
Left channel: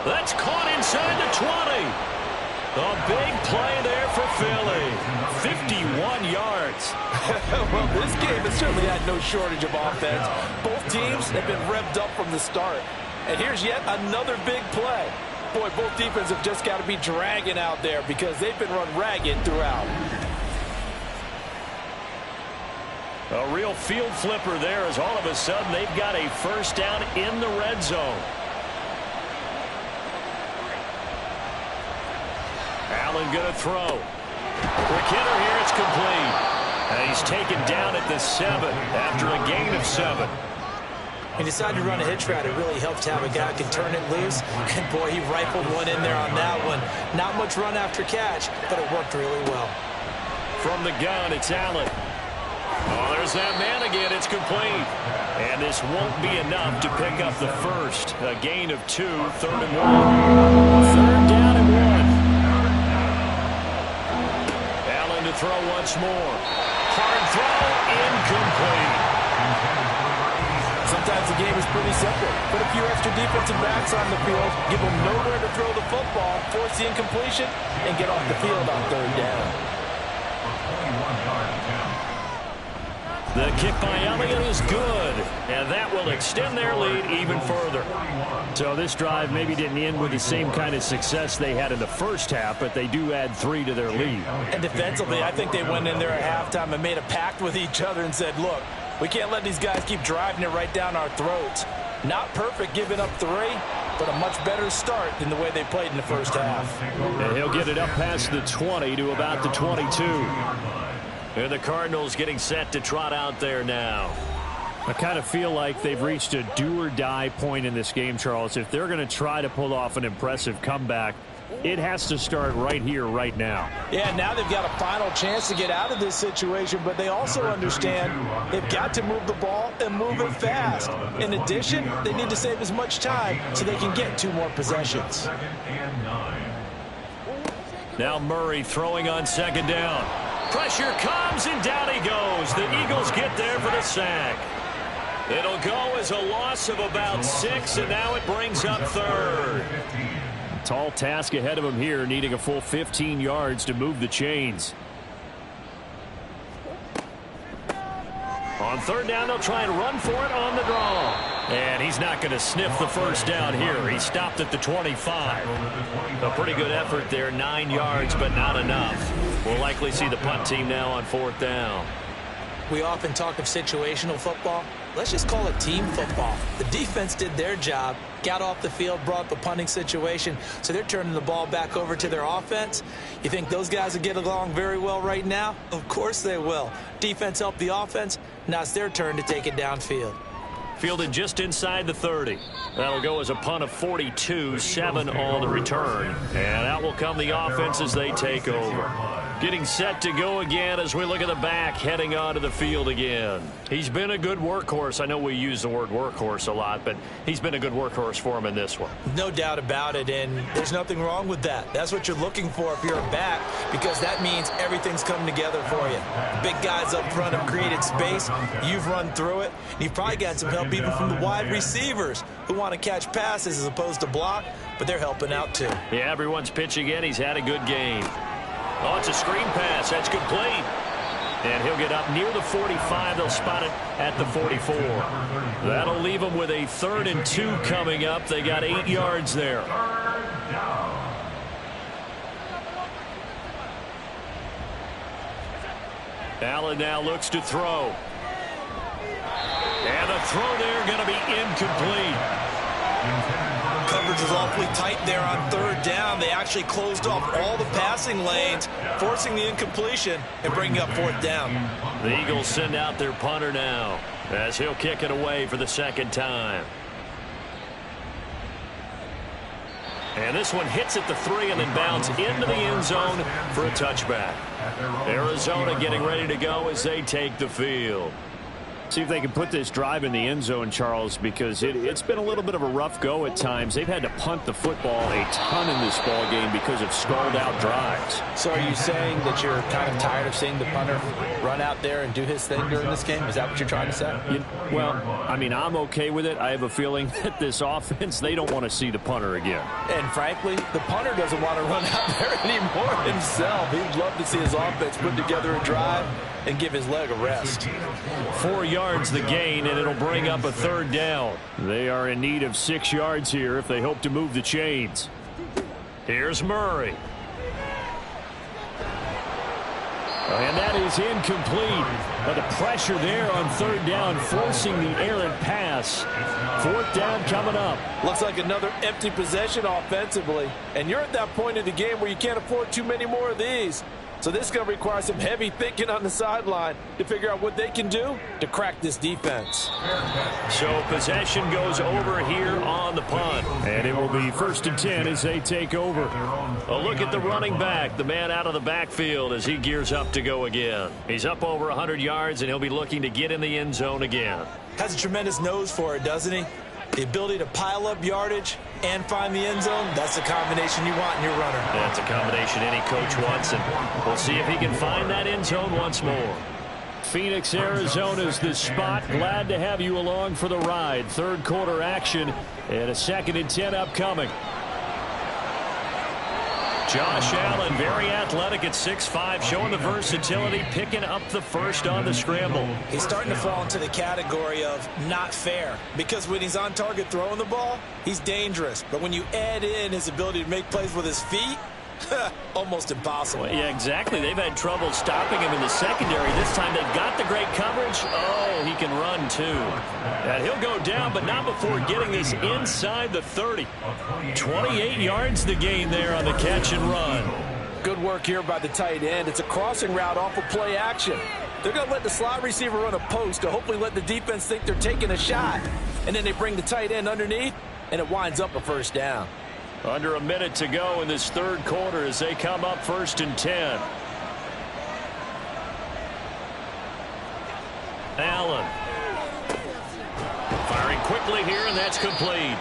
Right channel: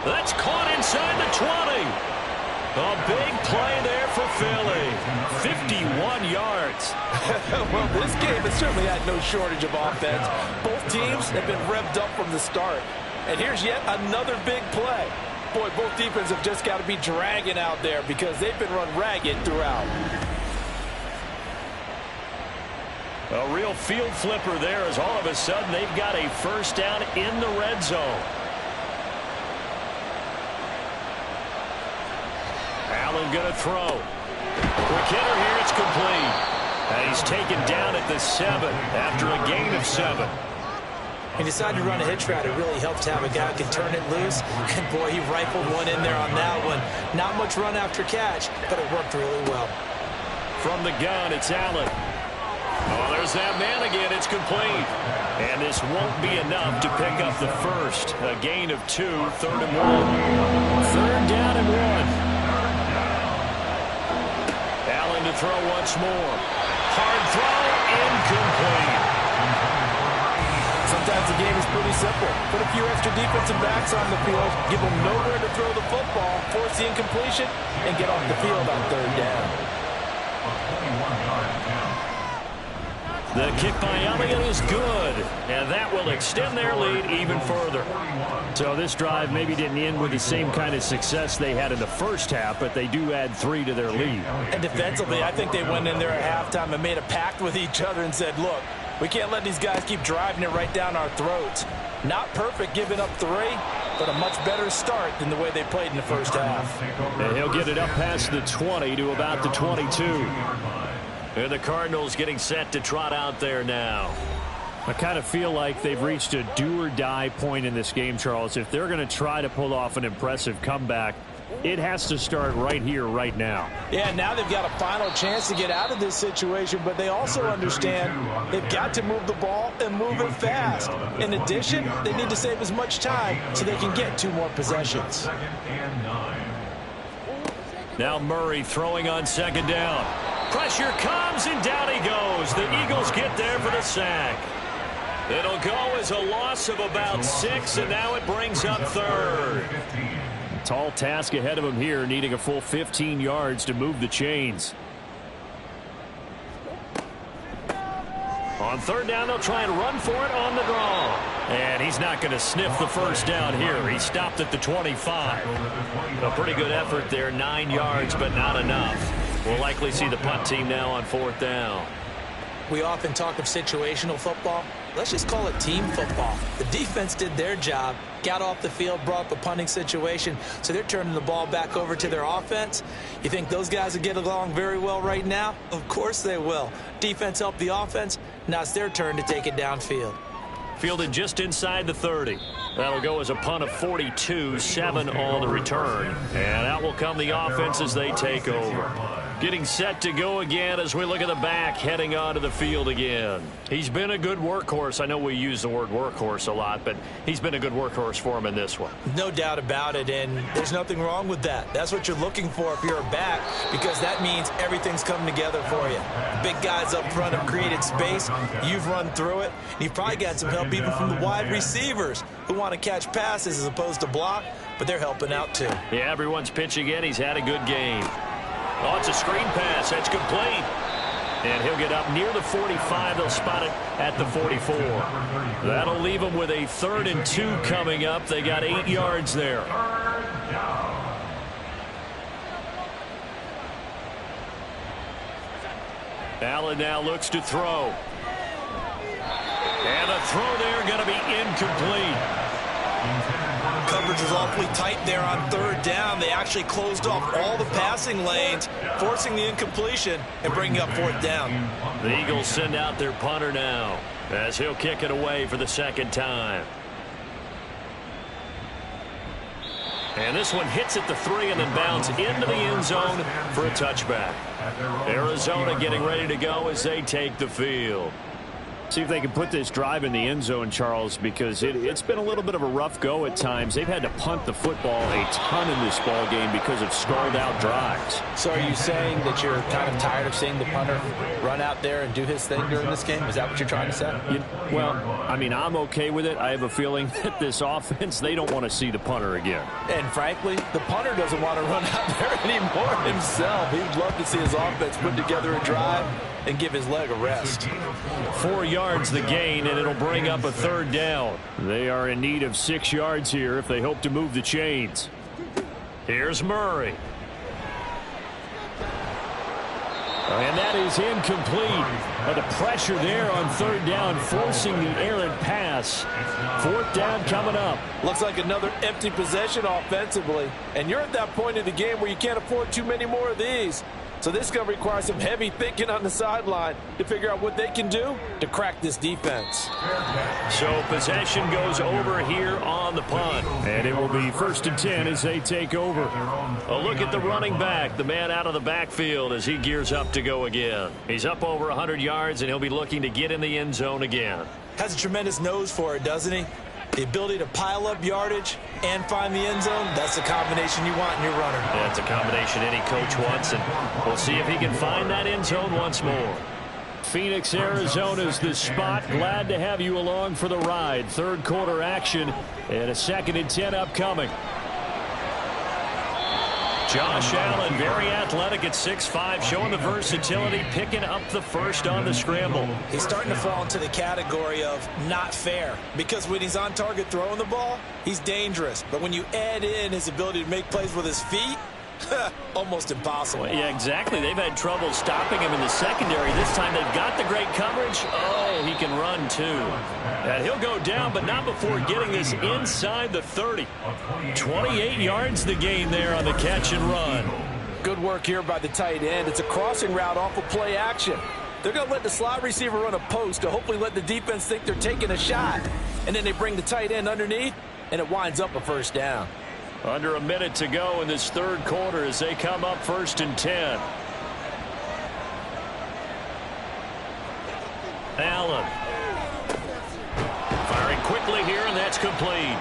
That's caught inside the 20. A big play there for Philly. 51 yards. Well, this game has certainly had no shortage of offense. Both teams have been revved up from the start. And here's yet another big play. Boy, both defenses have just got to be dragging out there because they've been run ragged throughout. A real field flipper there as all of a sudden they've got a 1st down in the red zone. Allen going to throw. Quick hitter here, it's complete. And he's taken down at the 7 after a gain of 7. He decided to run a hitch route. It really helps to have a guy who can turn it loose. And, boy, he rifled one in there on that one. Not much run after catch, but it worked really well. From the gun, it's Allen. Oh, there's that man again. It's complete. And this won't be enough to pick up the first. A gain of 2, 3rd and 1. 3rd down and 1. Allen to throw once more. Hard throw, incomplete. Sometimes the game is pretty simple. Put a few extra defensive backs on the field, give them nowhere to throw the football, force the incompletion, and get off the field on 3rd down. The kick by Elliott is good, and that will extend their lead even further. So this drive maybe didn't end with the same kind of success they had in the first half, but they do add 3 to their lead. And defensively, I think they went in there at halftime and made a pact with each other and said, look, we can't let these guys keep driving it right down our throats. Not perfect giving up 3, but a much better start than the way they played in the first half. And he'll get it up past the 20 to about the 22. And the Cardinals getting set to trot out there now. I kind of feel like they've reached a do-or-die point in this game, Charles. If they're going to try to pull off an impressive comeback, it has to start right here, right now. Yeah, now they've got a final chance to get out of this situation, but they also understand they've got to move the ball and move it fast. In addition, they need to save as much time so they can get 2 more possessions. Now Murray throwing on 2nd down. Pressure comes, and down he goes. The Eagles get there for the sack. It'll go as a loss of about 6, and now it brings up 3rd. Tall task ahead of him here, needing a full 15 yards to move the chains. On 3rd down, they'll try and run for it on the draw. And he's not going to sniff the 1st down here. He stopped at the 25. A pretty good effort there, 9 yards, but not enough. We'll likely see the punt team now on 4th down. We often talk of situational football. Let's just call it team football. The defense did their job. got off the field, brought up a punting situation, so they're turning the ball back over to their offense. You think those guys will get along very well right now? Of course they will. Defense helped the offense. Now it's their turn to take it downfield. Fielded just inside the 30. That'll go as a punt of 42, 7 on the return. And out will come the offense as they take over. Getting set to go again as we look at the back, heading onto the field again. He's been a good workhorse. I know we use the word workhorse a lot, but he's been a good workhorse for him in this one. No doubt about it, and there's nothing wrong with that. That's what you're looking for if you're a back, because that means everything's coming together for you. The big guys up front have created space. You've run through it. And you've probably got some help even from the wide receivers who want to catch passes as opposed to block, but they're helping out too. Yeah, everyone's pitching in. He's had a good game. Oh, it's a screen pass. That's complete. And he'll get up near the 45. They'll spot it at the 44. That'll leave them with a 3rd and 2 coming up. They got 8 yards there. Allen now looks to throw. And the throw there going to be incomplete. Coverage was awfully tight there on 3rd down. They actually closed off all the passing lanes, forcing the incompletion and bringing up 4th down. The Eagles send out their punter now as he'll kick it away for the 2nd time. And this one hits at the 3 and then bounds into the end zone for a touchback. Arizona getting ready to go as they take the field. See if they can put this drive in the end zone, Charles, because it's been a little bit of a rough go at times. They've had to punt the football a ton in this ball game because of stalled-out drives. So are you saying that you're kind of tired of seeing the punter run out there and do his thing during this game? Is that what you're trying to say? Well, I mean, I'm okay with it. I have a feeling that this offense, they don't want to see the punter again. And frankly, the punter doesn't want to run out there anymore himself. He'd love to see his offense put together a drive and give his leg a rest. 4 yards the gain, and it'll bring up a 3rd down. They are in need of 6 yards here if they hope to move the chains. Here's Murray. And that is incomplete. But the pressure there on 3rd down, forcing the errant pass. 4th down coming up. Looks like another empty possession offensively. And you're at that point in the game where you can't afford too many more of these. So this is going to require some heavy thinking on the sideline to figure out what they can do to crack this defense. So possession goes over here on the punt. And it will be 1st and 10 as they take over. A look at the running back, the man out of the backfield as he gears up to go again. He's up over 100 yards, and he'll be looking to get in the end zone again. Has a tremendous nose for it, doesn't he? The ability to pile up yardage and find the end zone, that's the combination you want in your runner. That's a combination any coach wants, and we'll see if he can find that end zone once more. Phoenix, Arizona's the spot. Glad to have you along for the ride. 3rd quarter action and a 2nd and 10 upcoming. Josh Allen, very athletic at 6'5", showing the versatility, picking up the 1st on the scramble. He's starting to fall into the category of not fair, because when he's on target throwing the ball, he's dangerous. But when you add in his ability to make plays with his feet, almost impossible. Well, yeah, exactly. They've had trouble stopping him in the secondary. This time they've got the great coverage. Oh, he can run too. And he'll go down, but not before getting this inside the 30. 28 yards the gain there on the catch and run. Good work here by the tight end. It's a crossing route off of play action. They're going to let the slot receiver run a post to hopefully let the defense think they're taking a shot. And then they bring the tight end underneath, and it winds up a 1st down. Under a minute to go in this 3rd quarter as they come up 1st and 10. Allen. Firing quickly here, and that's complete.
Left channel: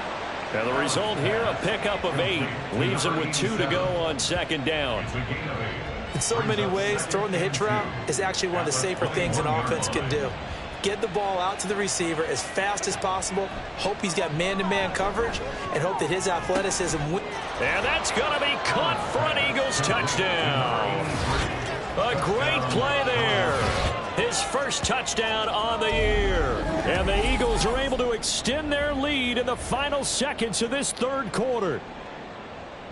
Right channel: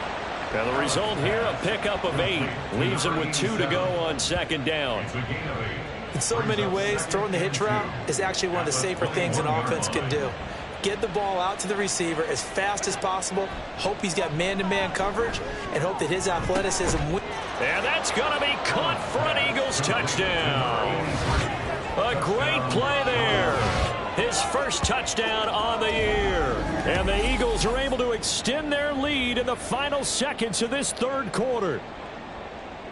And the result here, a pickup of 8. Leaves him with 2 to go on 2nd down. In so many ways, throwing the hitch route is actually one of the safer things an offense can do. Get the ball out to the receiver as fast as possible, hope he's got man-to-man coverage, and hope that his athleticism wins. And that's going to be caught for an Eagles touchdown. A great play there. His 1st touchdown on the year. And the Eagles are able to extend their lead in the final seconds of this 3rd quarter.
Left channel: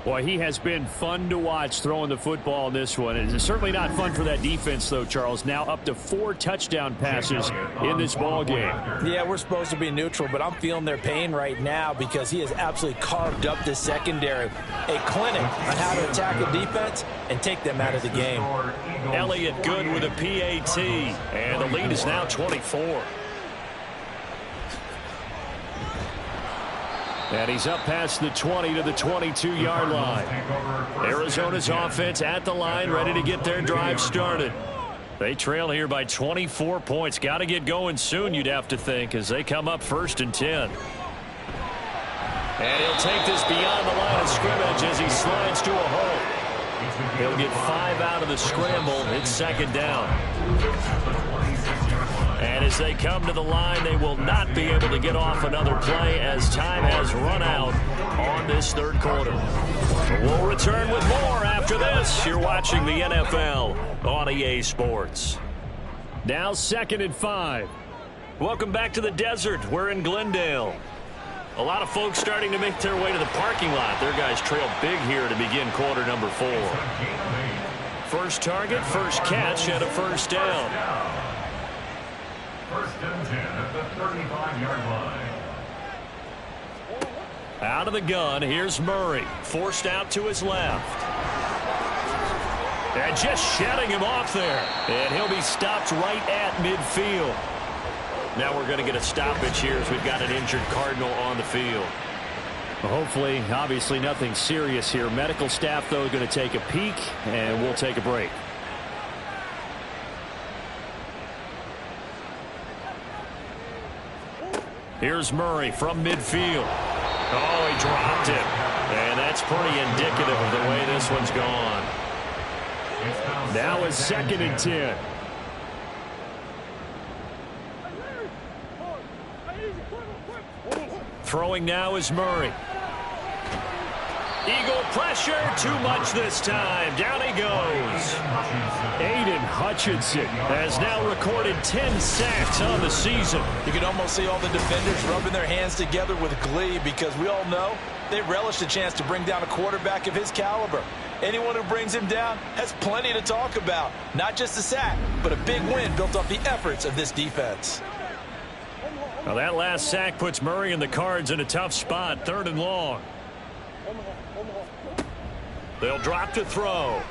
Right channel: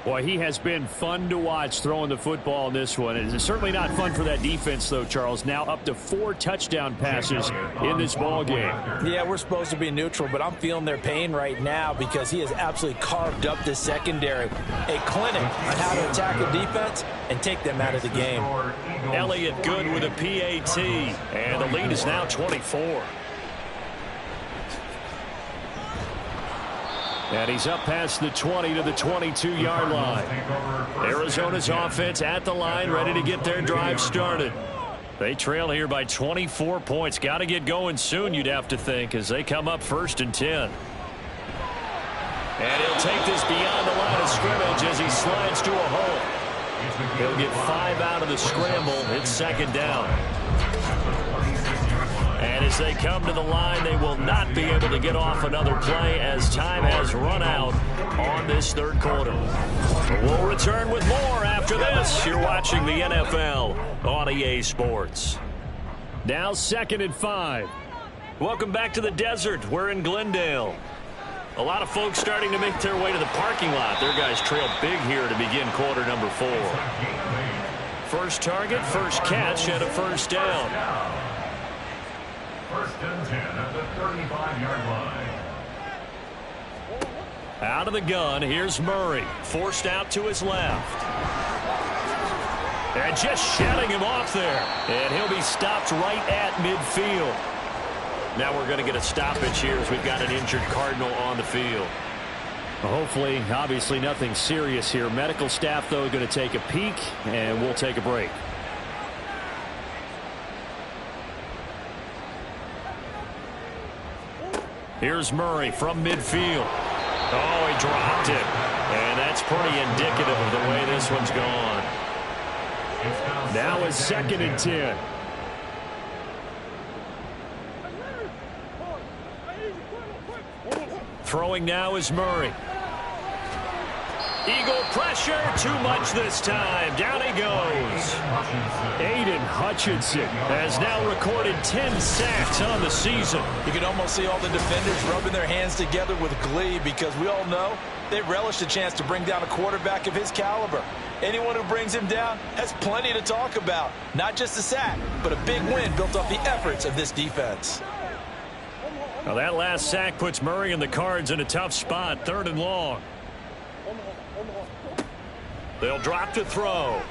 Boy, he has been fun to watch throwing the football in this one. It's certainly not fun for that defense, though, Charles. Now up to 4 touchdown passes in this ball game. Yeah, we're supposed to be neutral, but I'm feeling their pain right now because he has absolutely carved up this secondary. A clinic on how to attack a defense and take them out of the game. Elliott good with a PAT, and the lead is now 24. And he's up past the 20 to the 22-yard line. Arizona's offense at the line, ready to get their drive started. They trail here by 24 points. Got to get going soon, you'd have to think, as they come up 1st and 10. And he'll take this beyond the line of scrimmage as he slides to a hole. He'll get 5 out of the scramble. It's 2nd down. And as they come to the line, they will not be able to get off another play as time has run out on this 3rd quarter. We'll return with more after this. You're watching the NFL on EA Sports. Now 2nd and 5. Welcome back to the desert. We're in Glendale. A lot of folks starting to make their way to the parking lot. Their guys trail big here to begin quarter number 4. First target, first catch, and a 1st down. 1st and 10 at the 35-yard line. Out of the gun, here's Murray. Forced out to his left. And just shutting him off there. And he'll be stopped right at midfield. Now we're going to get a stoppage here as we've got an injured Cardinal on the field. Well, hopefully, obviously nothing serious here. Medical staff, though, going to take a peek, and we'll take a break. Here's Murray from midfield. Oh, he dropped it. And that's pretty indicative of the way this one's gone. Now it's 2nd and 10. Throwing now is Murray. Eagle pressure, too much this time. Down he goes. Aiden Hutchinson has now recorded 10 sacks on the season. You can almost see all the defenders rubbing their hands together with glee because we all know they relish the chance to bring down a quarterback of his caliber. Anyone who brings him down has plenty to talk about. Not just a sack, but a big win built off the efforts of this defense. Now that last sack puts Murray and the Cards in a tough spot. 3rd and long. They'll drop to throw.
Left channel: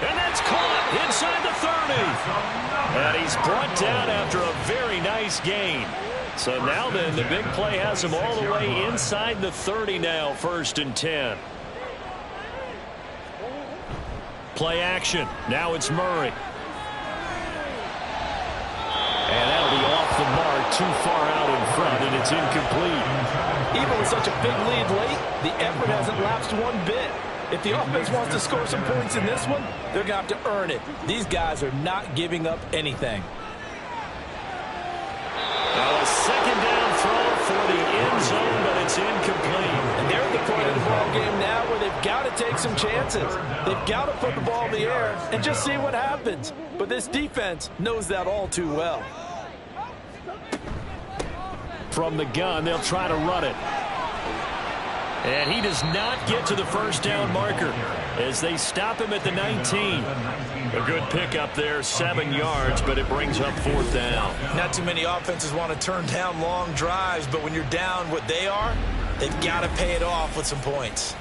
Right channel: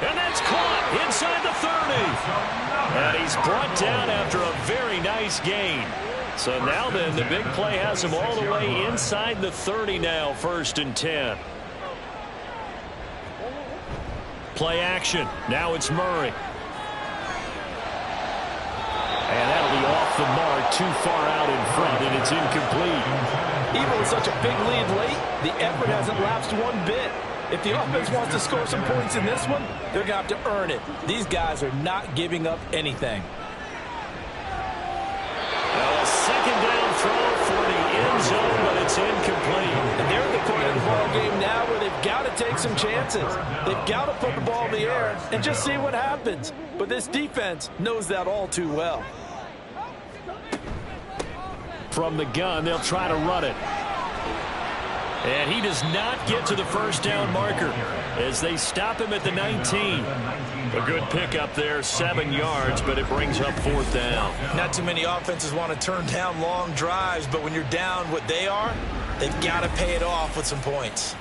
And that's caught inside the 30. And he's brought down after a very nice gain. So now then, the big play has him all the way inside the 30 now, 1st and 10. Play action. Now it's Murray. And that'll be off the mark, too far out in front, and it's incomplete. Even with such a big lead late, the effort hasn't lapsed one bit. If the offense wants to score some points in this one, they're going to have to earn it. These guys are not giving up anything. Now a 2nd down throw for the end zone, but it's incomplete. And they're at the point of the ball game now where they've got to take some chances. They've got to put the ball in the air and just see what happens. But this defense knows that all too well. From the gun, they'll try to run it. And he does not get to the 1st down marker as they stop him at the 19. A good pickup there, 7 yards, but it brings up 4th down. Not too many offenses want to turn down long drives, but when you're down what they are, they've got to pay it off with some points.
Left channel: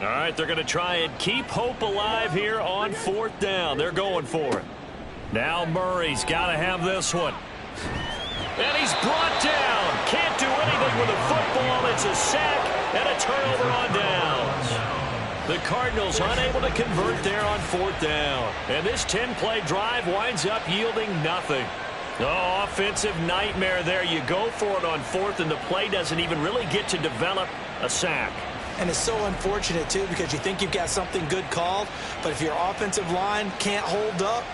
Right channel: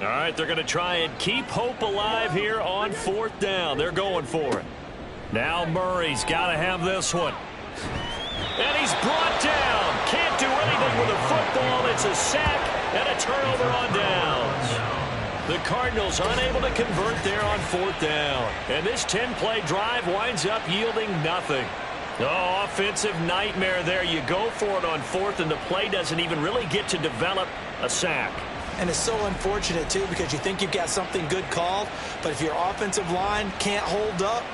All right, they're going to try and keep hope alive here on 4th down. They're going for it. Now Murray's got to have this one. And he's brought down. Can't do anything with a football. It's a sack and a turnover on downs. The Cardinals unable to convert there on 4th down. And this 10-play drive winds up yielding nothing. Oh, offensive nightmare there. You go for it on 4th, and the play doesn't even really get to develop a sack. And it's so unfortunate, too, because you think you've got something good called, but if your offensive line can't hold up,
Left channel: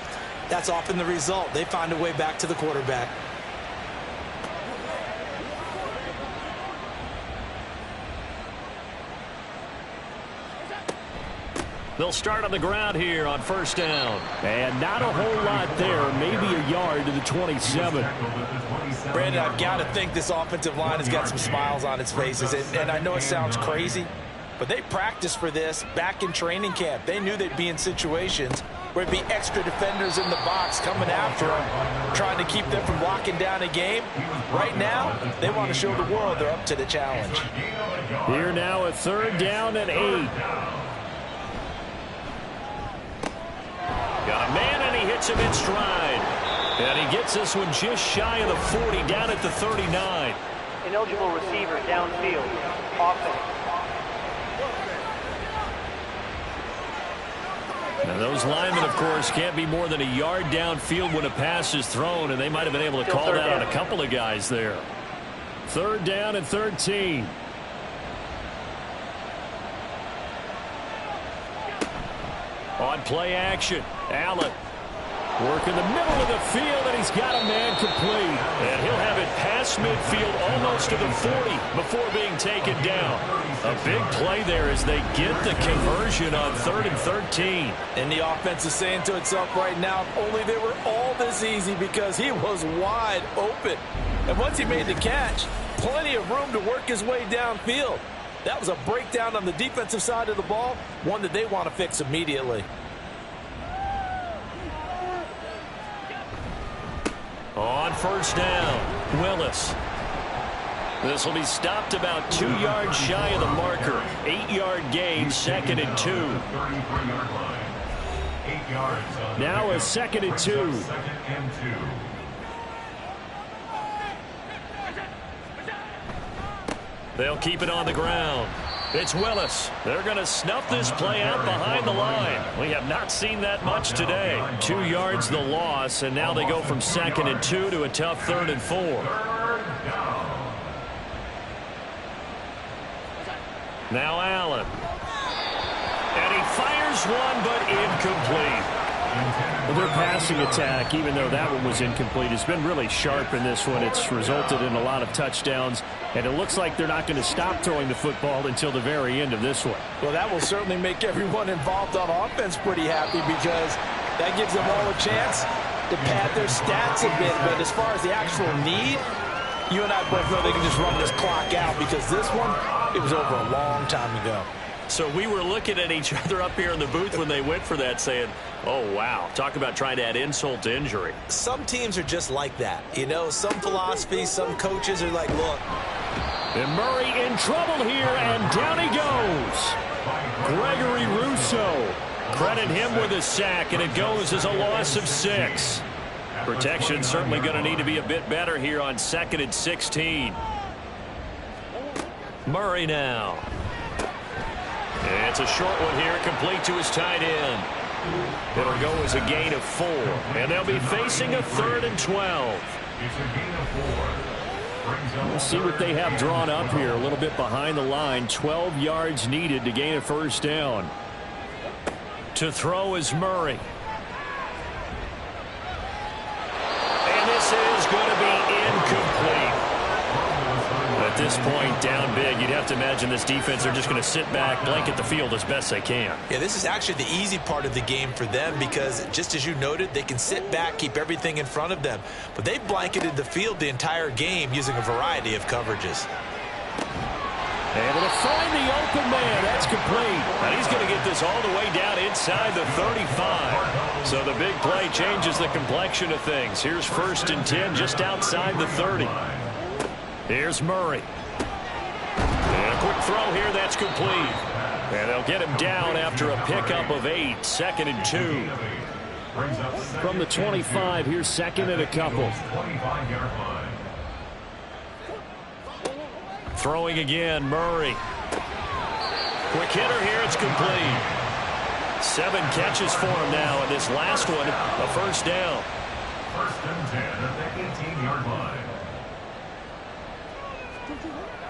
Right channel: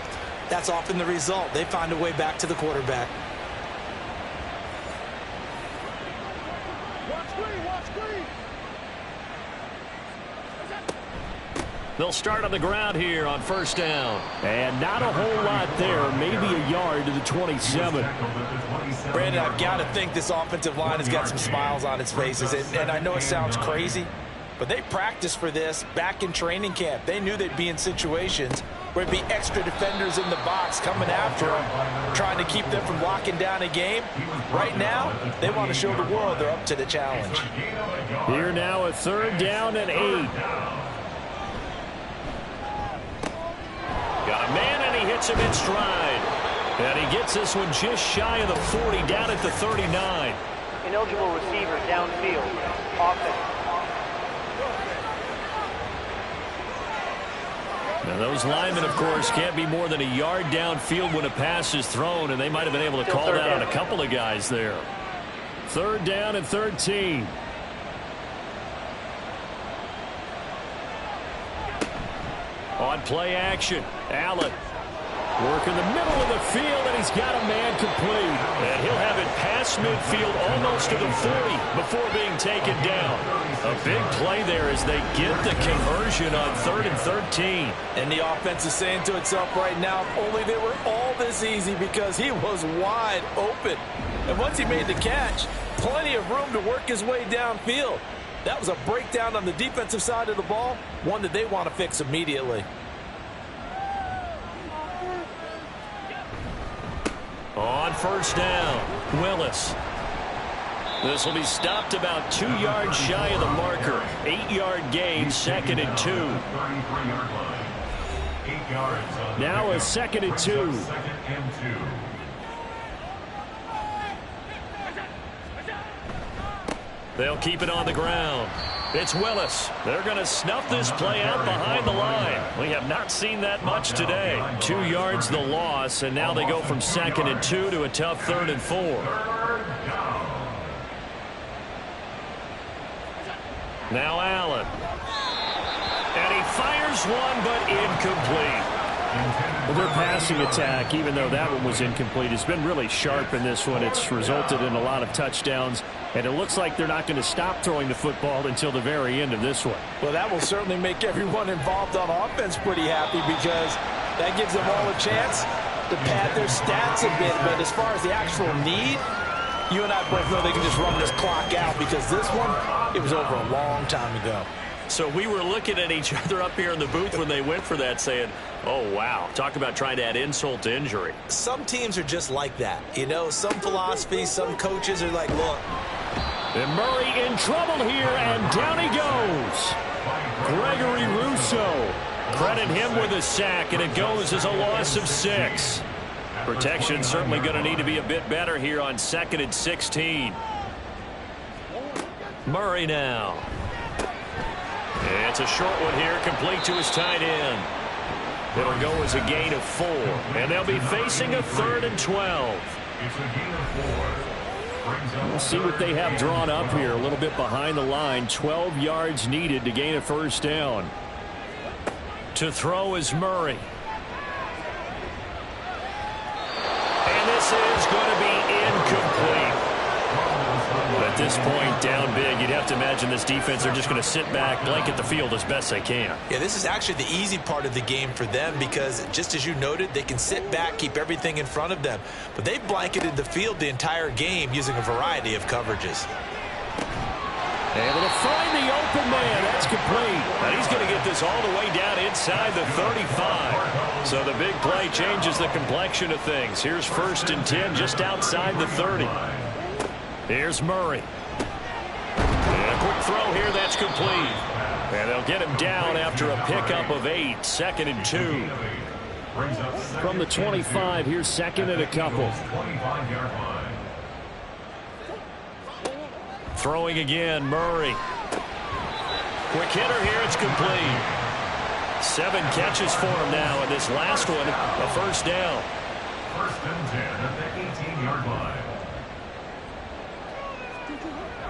that's often the result. They find a way back to the quarterback. They'll start on the ground here on first down. And not a whole lot there. Maybe a yard to the 27. Brandon, I've got to think this offensive line has got some smiles on its faces. And I know it sounds crazy, but they practiced for this back in training camp. They knew they'd be in situations where there'd be extra defenders in the box coming after them, trying to keep them from locking down a game. Right now, they want to show the world they're up to the challenge. Here now, a 3rd down and 8. Got a man, and he hits him in stride. And he gets this one just shy of the 40, down at the 39. Ineligible receiver downfield. Offense. Now those linemen, of course, can't be more than a yard downfield when a pass is thrown, and they might have been able to call that on a couple of guys there. 3rd down and 13. On play action, Allen working the middle of the field, and he's got a man complete. And he'll have it past midfield almost to the 40 before being taken down. A big play there as they get the conversion on 3rd and 13. And the offense is saying to itself right now, if only they were all this easy, because he was wide open. And once he made the catch, plenty of room to work his way downfield. That was a breakdown on the defensive side of the ball, one that they want to fix immediately. On first down, Willis. This will be stopped about 2 yards shy of the marker. 8-yard gain, 2nd and 2. Now a 2nd and 2. They'll keep it on the ground. It's Willis. They're going to snuff this play out behind the line. We have not seen that much today. 2 yards the loss, and now they go from 2nd and 2 to a tough 3rd and 4. Now Allen. And he fires one, but incomplete. Well, their passing attack, even though that one was incomplete, has been really sharp in this one. It's resulted in a lot of touchdowns, and it looks like they're not going to stop throwing the football until the very end of this one. Well, that will certainly make everyone involved on offense pretty happy, because that gives them all a chance to pad their stats a bit. But as far as the actual need, you and I both know they can just run this clock out, because this one, it was over a long time ago. So we were looking at each other up here in the booth when they went for that, saying, oh, wow, talk about trying to add insult to injury. Some teams are just like that. You know, some philosophies, some coaches are like, look. And Murray in trouble here, and down he goes. Gregory Rousseau. Credit him with a sack, and it goes as a loss of 6. Protection certainly going to need to be a bit better here on 2nd and 16. Murray now. It's a short one here, complete to his tight end. It'll go as a gain of 4, and they'll be facing a 3rd and 12. It's a gain of 4. We'll see what they have drawn up here, a little bit behind the line. 12 yards needed to gain a 1st down. To throw is Murray. And this is going to be incomplete. At this point, down big, you'd have to imagine this defense are just going to sit back, blanket the field as best they can. Yeah, this is actually the easy part of the game for them, because just as you noted, they can sit back, keep everything in front of them. But they blanketed the field the entire game using a variety of coverages. Able to find the open man. That's complete. And he's going to get this all the way down inside the 35. So the big play changes the complexion of things. Here's 1st and 10 just outside the 30. Here's Murray. And a quick throw here, that's complete. And they'll get him down after a pickup of 8, 2nd and 2. From the 25, here's 2nd and a couple. Throwing again, Murray. Quick hitter here, it's complete. 7 catches for him now, and this last one, a 1st down. 1st and 10 at the 18-yard line.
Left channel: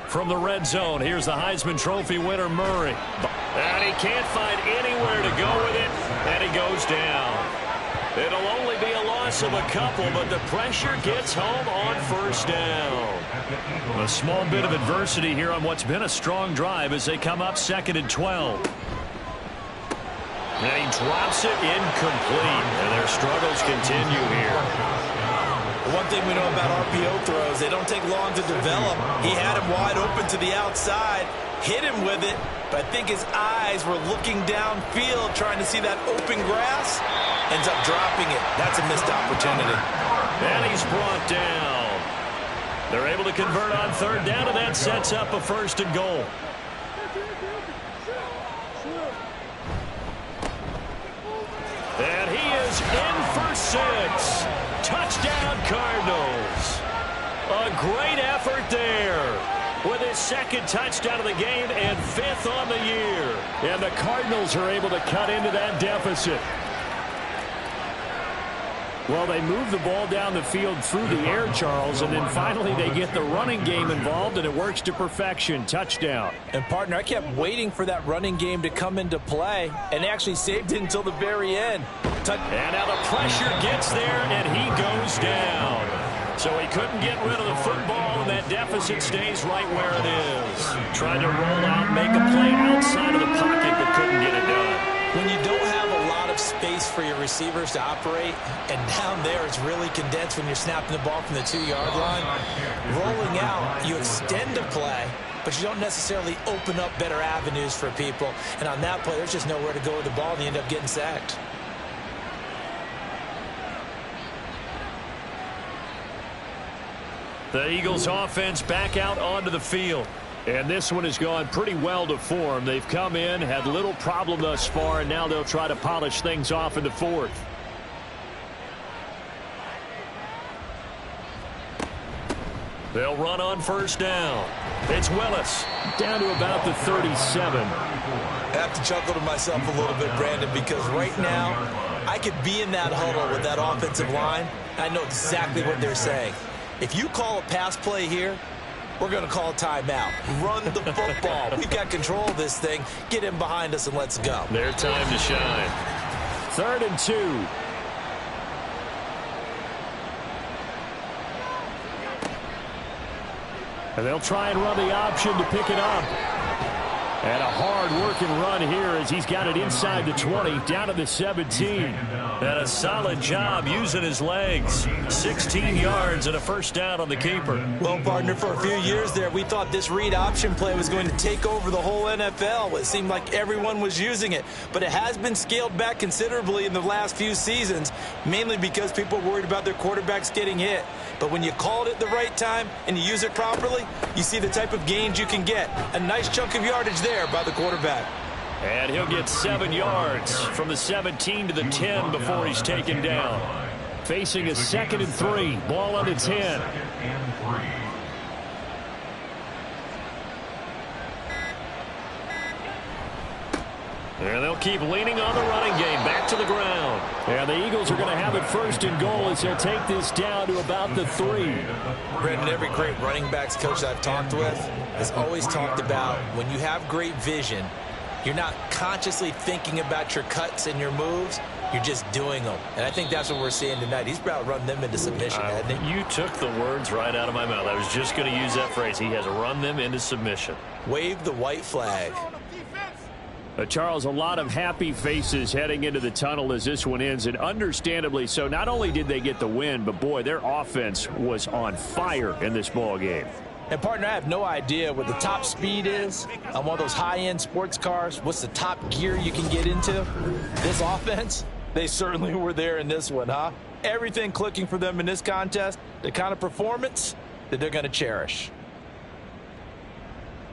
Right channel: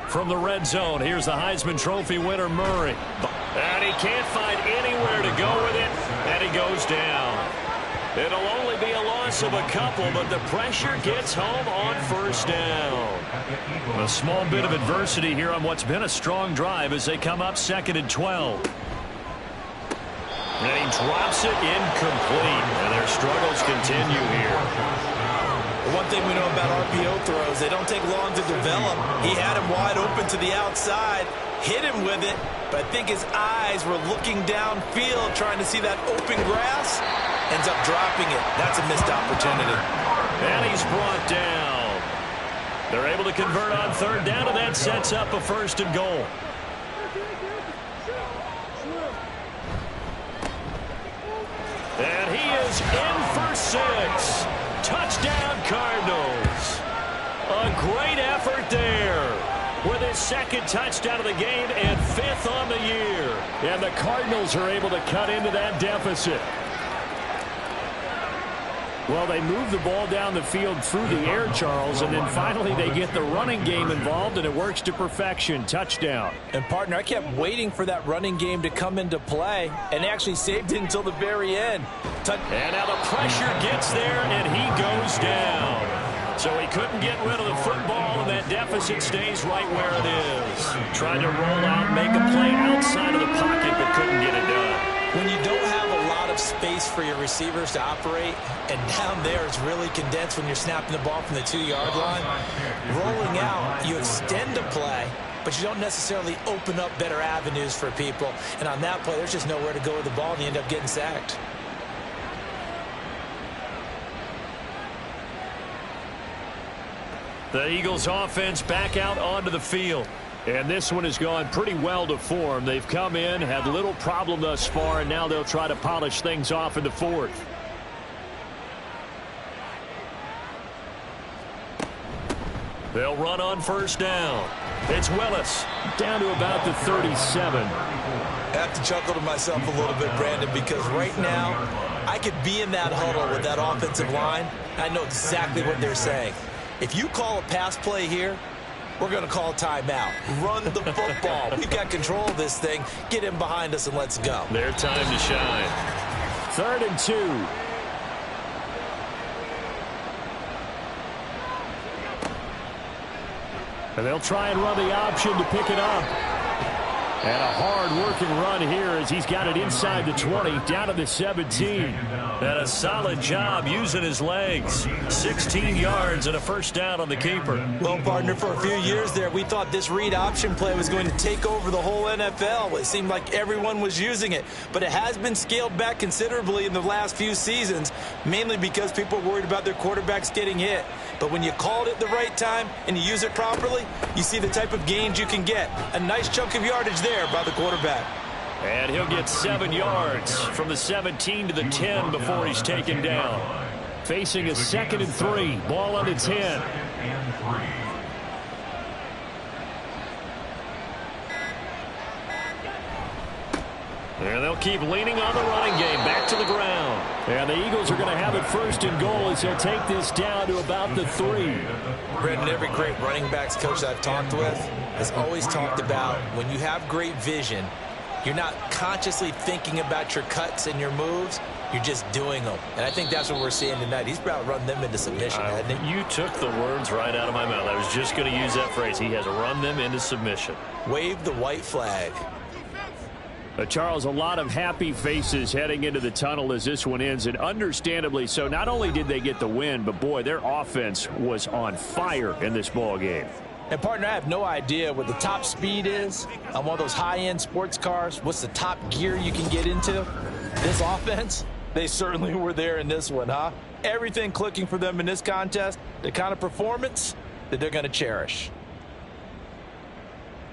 From the red zone, here's the Heisman Trophy winner, Murray. And he can't find anywhere to go with it, and he goes down. It'll only be a loss of a couple, but the pressure gets home on 1st down. A small bit of adversity here on what's been a strong drive as they come up 2nd and 12. And he drops it incomplete. And their struggles continue here. One thing we know about RPO throws, they don't take long to develop. He had him wide open to the outside, hit him with it, but I think his eyes were looking downfield trying to see that open grass. Ends up dropping it. That's a missed opportunity. And he's brought down. They're able to convert on third down, and that sets up a 1st and goal. And he is in for 6. Touchdown, Cardinals. A great effort there with his 2nd touchdown of the game and 5th on the year. And the Cardinals are able to cut into that deficit. Well, they move the ball down the field through the air, Charles, and then finally they get the running game involved, and it works to perfection. Touchdown. And, partner, I kept waiting for that running game to come into play, and they actually saved it until the very end. And now the pressure gets there, and he goes down. So he couldn't get rid of the football, and that deficit stays right where it is. Tried to roll out, make a play outside of the pocket, but couldn't get it done. When you don't have a lot of space for your receivers to operate, and down there it's really condensed when you're snapping the ball from the 2-yard line, rolling out, you extend a play, but you don't necessarily open up better avenues for people. And on that play, there's just nowhere to go with the ball, and you end up getting sacked. The Eagles offense back out onto the field. And this one has gone pretty well to form. They've come in, had little problem thus far, and now they'll try to polish things off in the 4th. They'll run on 1st down. It's Willis down to about the 37. I have to chuckle to myself a little bit, Brandon, because right now I could be in that huddle with that offensive line. I know exactly what they're saying. If you call a pass play here, we're going to call a timeout. Run the football. We've got control of this thing. Get in behind us and let's go. Their time to shine. 3rd and 2. And they'll try and run the option to pick it up. And a hard-working run here as he's got it inside the 20, down to the 17. And a solid job using his legs. 16 yards and a 1st down on the keeper. Well, partner, for a few years there, we thought this read option play was going to take over the whole NFL. It seemed like everyone was using it. But it has been scaled back considerably in the last few seasons, mainly because people are worried about their quarterbacks getting hit. But when you call it at the right time and you use it properly, you see the type of gains you can get. A nice chunk of yardage there by the quarterback. And he'll get 7 yards from the 17 to the 10 before he's taken down. Facing a 2nd and 3. Ball on the 10. And they'll keep leaning on the running game. Back to the ground. And the Eagles are going to have it 1st and goal as they'll take this down to about the 3. Brandon, every great running backs coach I've talked with has always talked about when you have great vision, you're not consciously thinking about your cuts and your moves. You're just doing them. And I think that's what we're seeing tonight. He's about to run them into submission, hasn't he? You took the words right out of my mouth. I was just going to use that phrase. He has run them into submission. Wave the white flag. Charles, a lot of happy faces heading into the tunnel as this one ends, and understandably so. Not only did they get the win, but, boy, their offense was on fire in this ball game. And, partner, I have no idea what the top speed is on one of those high-end sports cars. What's the top gear you can get into? This offense, they certainly were there in this one, huh? Everything clicking for them in this contest, the kind of performance that they're going to cherish.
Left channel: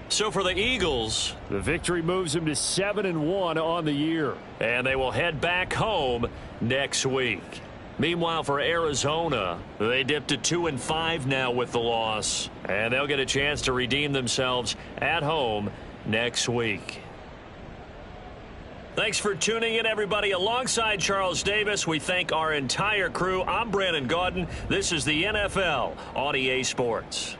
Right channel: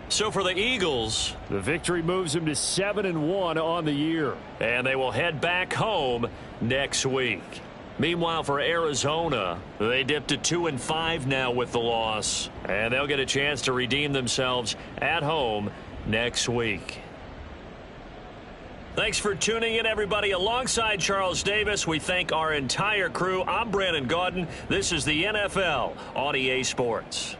So for the Eagles, the victory moves them to 7-1 on the year. And they will head back home next week. Meanwhile, for Arizona, they dipped to 2-5 now with the loss. And they'll get a chance to redeem themselves at home next week. Thanks for tuning in, everybody. Alongside Charles Davis, we thank our entire crew. I'm Brandon Gaudin. This is the NFL on EA Sports.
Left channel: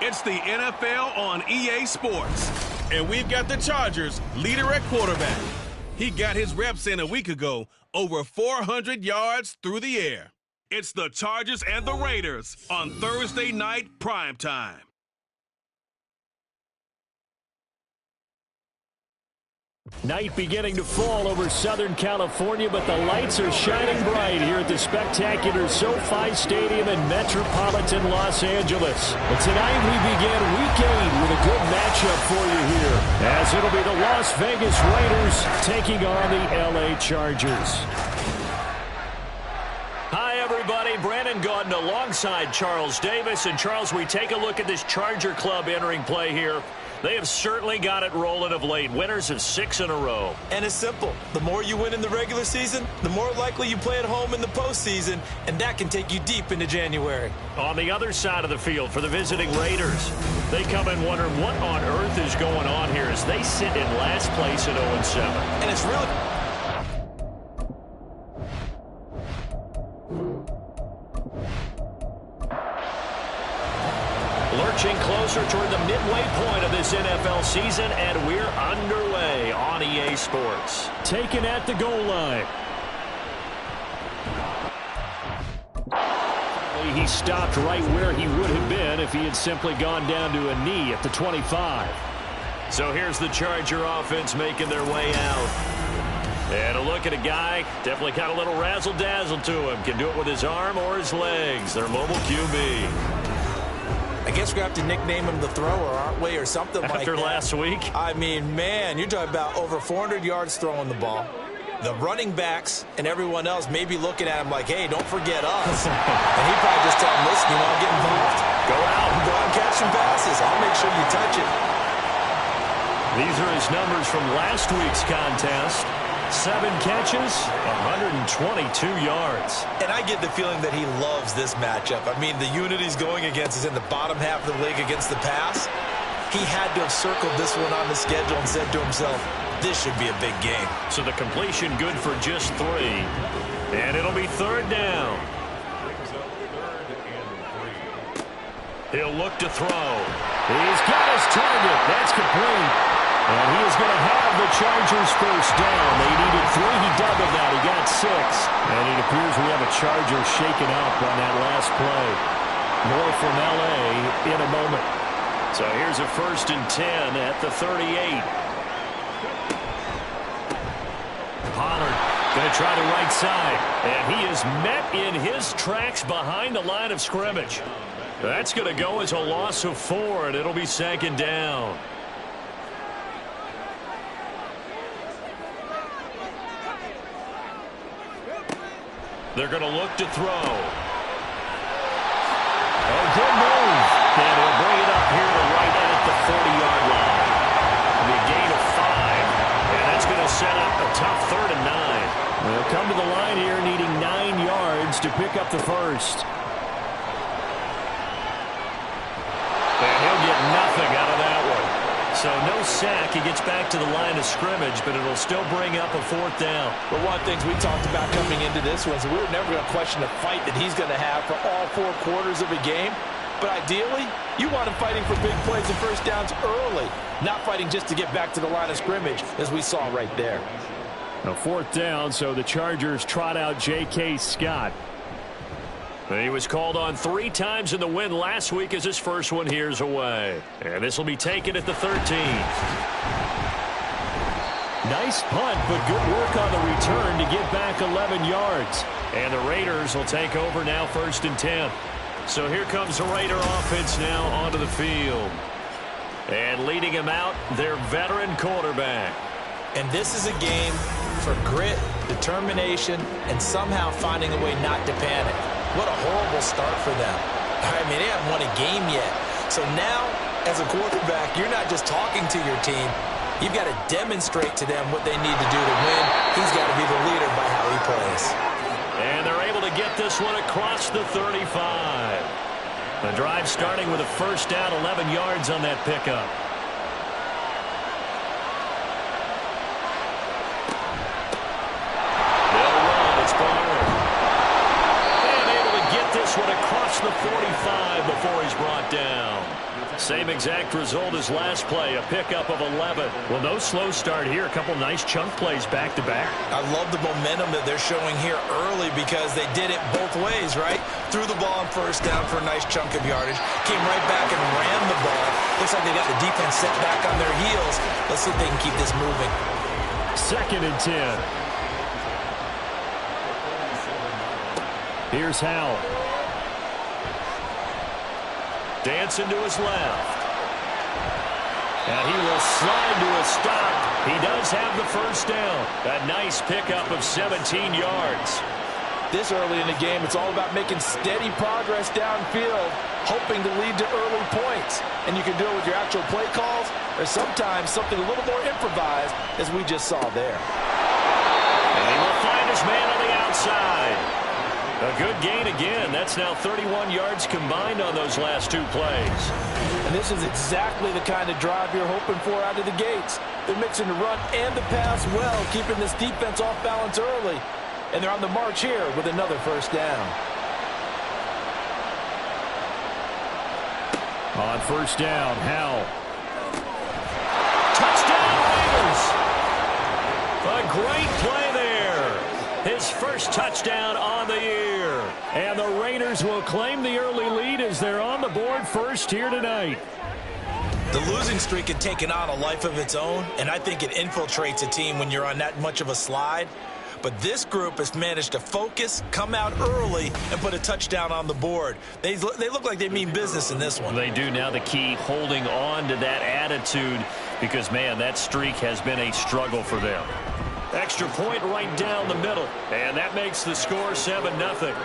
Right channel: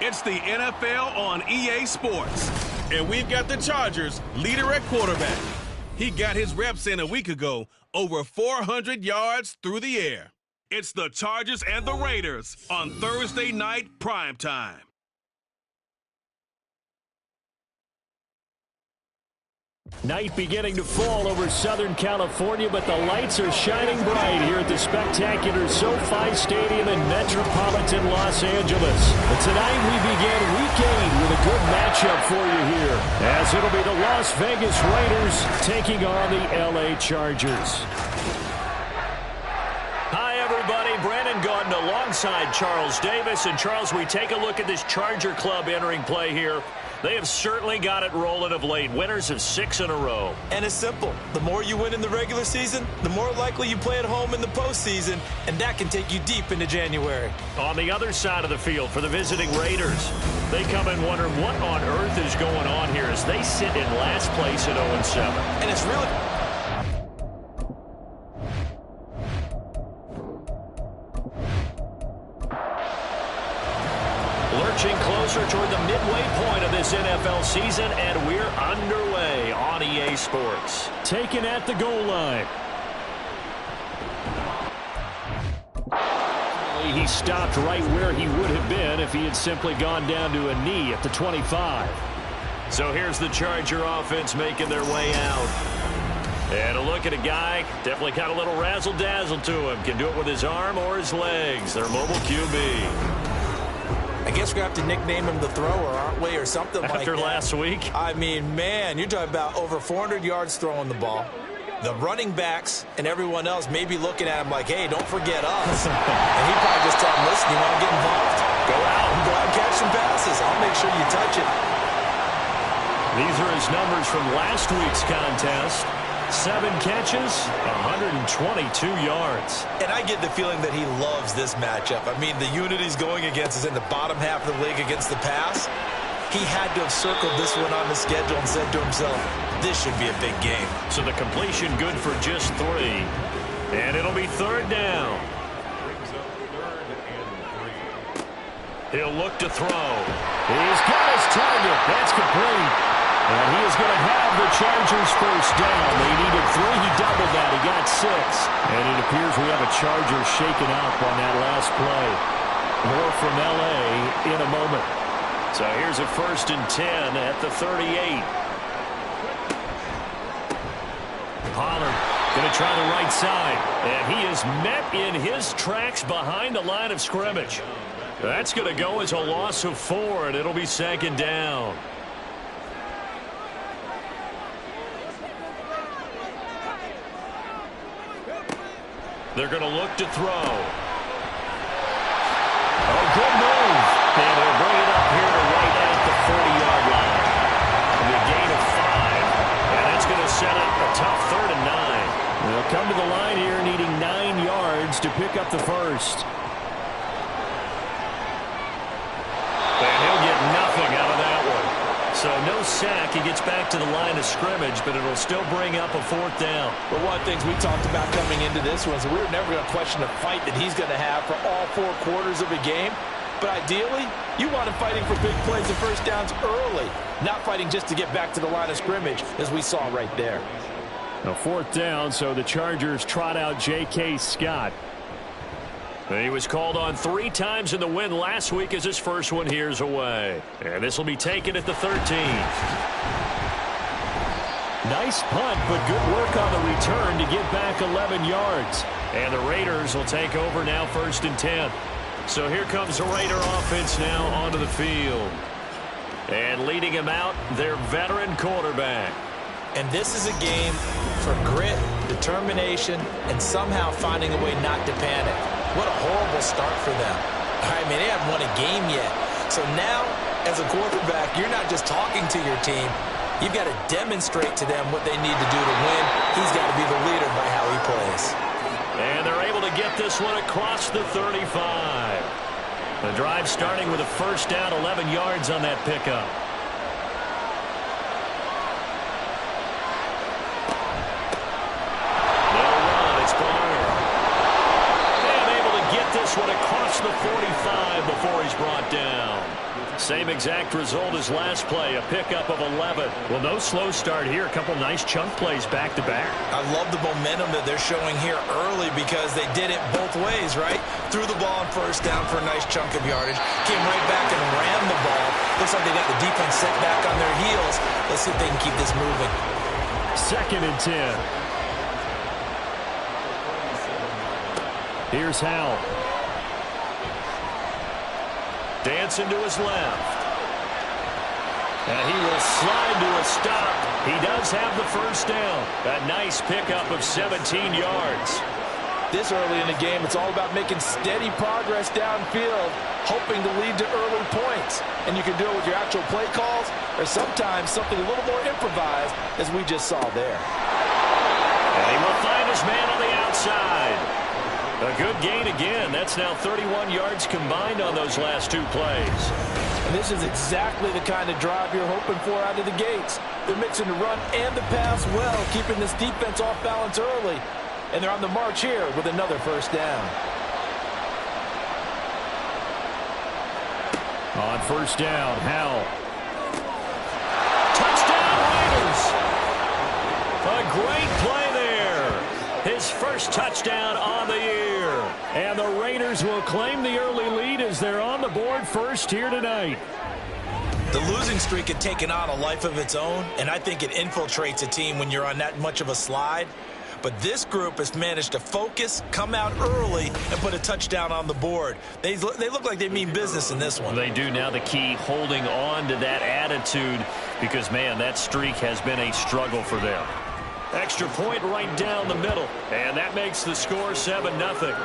It's the NFL on EA Sports. And we've got the Chargers leader at quarterback. He got his reps in a week ago, over 400 yards through the air. It's the Chargers and the Raiders on Thursday night primetime. Night beginning to fall over Southern California, but the lights are shining bright here at the spectacular SoFi Stadium in metropolitan Los Angeles. But tonight we begin Week 8 with a good matchup for you here, as it'll be the Las Vegas Raiders taking on the LA Chargers. Hi, everybody. Brandon Gaudin alongside Charles Davis. And, Charles, we take a look at this Charger club entering play here. They have certainly got it rolling of late. Winners of 6 in a row. And it's simple. The more you win in the regular season, the more likely you play at home in the postseason, and that can take you deep into January. On the other side of the field for the visiting Raiders, they come in wondering what on earth is going on here as they sit in last place at 0-7. And it's really... Lurching closer toward the midway point of this NFL season, and we're underway on EA Sports. Taken at the goal line. He stopped right where he would have been if he had simply gone down to a knee at the 25. So here's the Charger offense making their way out. And a look at a guy, definitely got a little razzle-dazzle to him. Can do it with his arm or his legs. Their mobile QB. I guess we're going to have to nickname him the thrower, aren't we, or something like that. After last week? I mean, man, you're talking about over 400 yards throwing the ball. The running backs and everyone else may be looking at him like, hey, don't forget us. And he probably just tell him, listen, you want to get involved? Go out and catch some passes. I'll make sure you touch it. These are his numbers from last week's contest. 7 catches, 122 yards. And I get the feeling that he loves this matchup. I mean, the unit he's going against is in the bottom half of the league against the pass. He had to have circled this one on the schedule and said to himself, this should be a big game. So the completion good for just 3. And it'll be 3rd down. He'll look to throw. He's got his target. That's complete. And he is going to have the Chargers first down. They needed 3. He doubled that. He got 6. And it appears we have a Charger shaken up on that last play. More from L.A. in a moment. So here's a 1st and 10 at the 38. Pollard going to try the right side. And he is met in his tracks behind the line of scrimmage. That's going to go as a loss of 4, and it'll be 2nd down. They're going to look to throw. Oh, good move. And he'll bring it up here to right at the 40-yard line. It'll be a gain of 5. And that's going to set up a tough 3rd and 9. They'll come to the line here needing 9 yards to pick up the first. And he'll get nothing out of that one. So no sack. He gets back to the line of scrimmage, but it'll still bring up a 4th down. But one of the things we talked about coming into this one is we were never going to question the fight that he's going to have for all 4 quarters of a game. But ideally, you want him fighting for big plays and first downs early, not fighting just to get back to the line of scrimmage, as we saw right there. A 4th down, so the Chargers trot out J.K. Scott. He was called on 3 times in the win last week as his first one here's away. And this will be taken at the 13. Nice punt, but good work on the return to get back 11 yards. And the Raiders will take over now 1st and 10. So here comes the Raider offense now onto the field. And leading him out, their veteran quarterback. And this is a game for grit, determination, and somehow finding a way not to panic. What a horrible start for them. I mean, they haven't won a game yet. So now, as a quarterback, you're not just talking to your team. You've got to demonstrate to them what they need to do to win. He's got to be the leader by how he plays. And they're able to get this one across the 35. The drive starting with a 1st down, 11 yards on that pickup. They'll run. It's Barner. And able to get this one across the 45 before he's brought down. Same exact result as last play, a pickup of 11. Well, no slow start here. A couple nice chunk plays back-to-back. I love the momentum that they're showing here early because they did it both ways, right? Threw the ball on 1st down for a nice chunk of yardage, came right back and ran the ball. Looks like they got the defense set back on their heels. Let's see if they can keep this moving. 2nd and 10. Here's Howell. Dancing to his left. And he will slide to a stop. He does have the 1st down. A nice pickup of 17 yards. This early in the game, it's all about making steady progress downfield, hoping to lead to early points. And you can do it with your actual play calls or sometimes something a little more improvised, as we just saw there. And he will find his man on the outside. A good gain again. That's now 31 yards combined on those last 2 plays. And this is exactly the kind of drive you're hoping for out of the gates. They're mixing the run and the pass well, keeping this defense off balance early. And they're on the march here with another 1st down. On 1st down, Howell. Touchdown, Raiders. A great play there. His first touchdown on the year. And the Raiders will claim the early lead as they're on the board first here tonight. The losing streak had taken on a life of its own, and I think it infiltrates a team when you're on that much of a slide. But this group has managed to focus, come out early, and put a touchdown on the board. They look like they mean business in this one. They do. Now the key, holding on to that attitude, because, man, that streak has been a struggle for them. Extra point right down the middle, and that makes the score 7-0.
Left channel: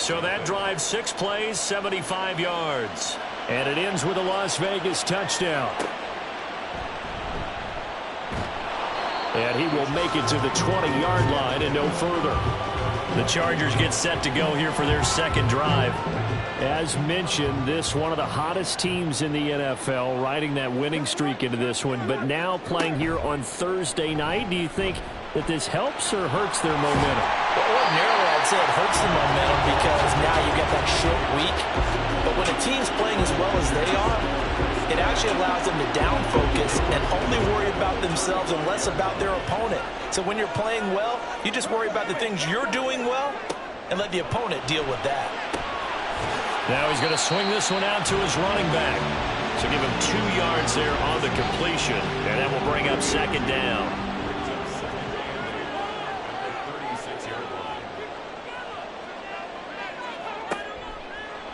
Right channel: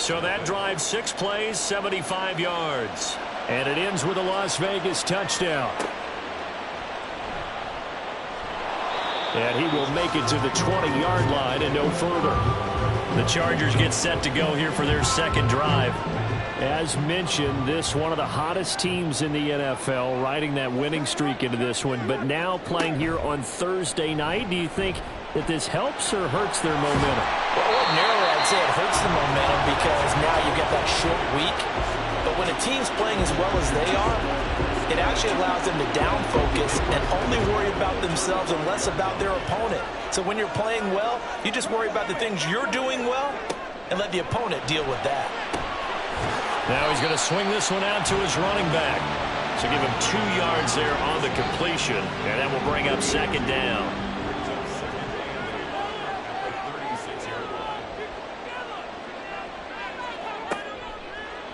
So that drives 6 plays, 75 yards. And it ends with a Las Vegas touchdown. And he will make it to the 20-yard line and no further. The Chargers get set to go here for their 2nd drive. As mentioned, this one of the hottest teams in the NFL, riding that winning streak into this one, but now playing here on Thursday night. Do you think that this helps or hurts their momentum? Well, ordinarily, I'd say it hurts the momentum because now you get that short week. But when a team's playing as well as they are, it actually allows them to down focus and only worry about themselves and less about their opponent. So when you're playing well, you just worry about the things you're doing well and let the opponent deal with that. Now he's going to swing this one out to his running back. So give him 2 yards there on the completion, and that will bring up second down.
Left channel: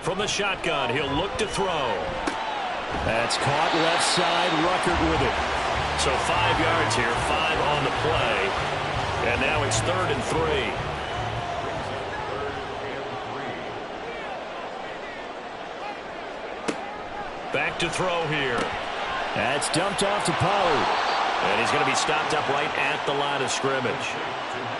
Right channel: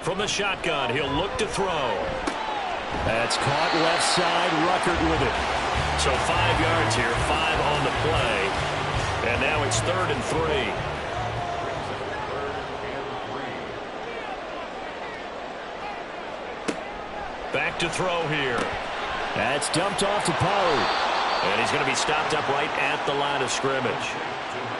From the shotgun, he'll look to throw. That's caught left side, Ruckert with it. So 5 yards here, 5 on the play. And now it's 3rd and 3. Back to throw here. That's dumped off to Pollard. And he's going to be stopped up right at the line of scrimmage.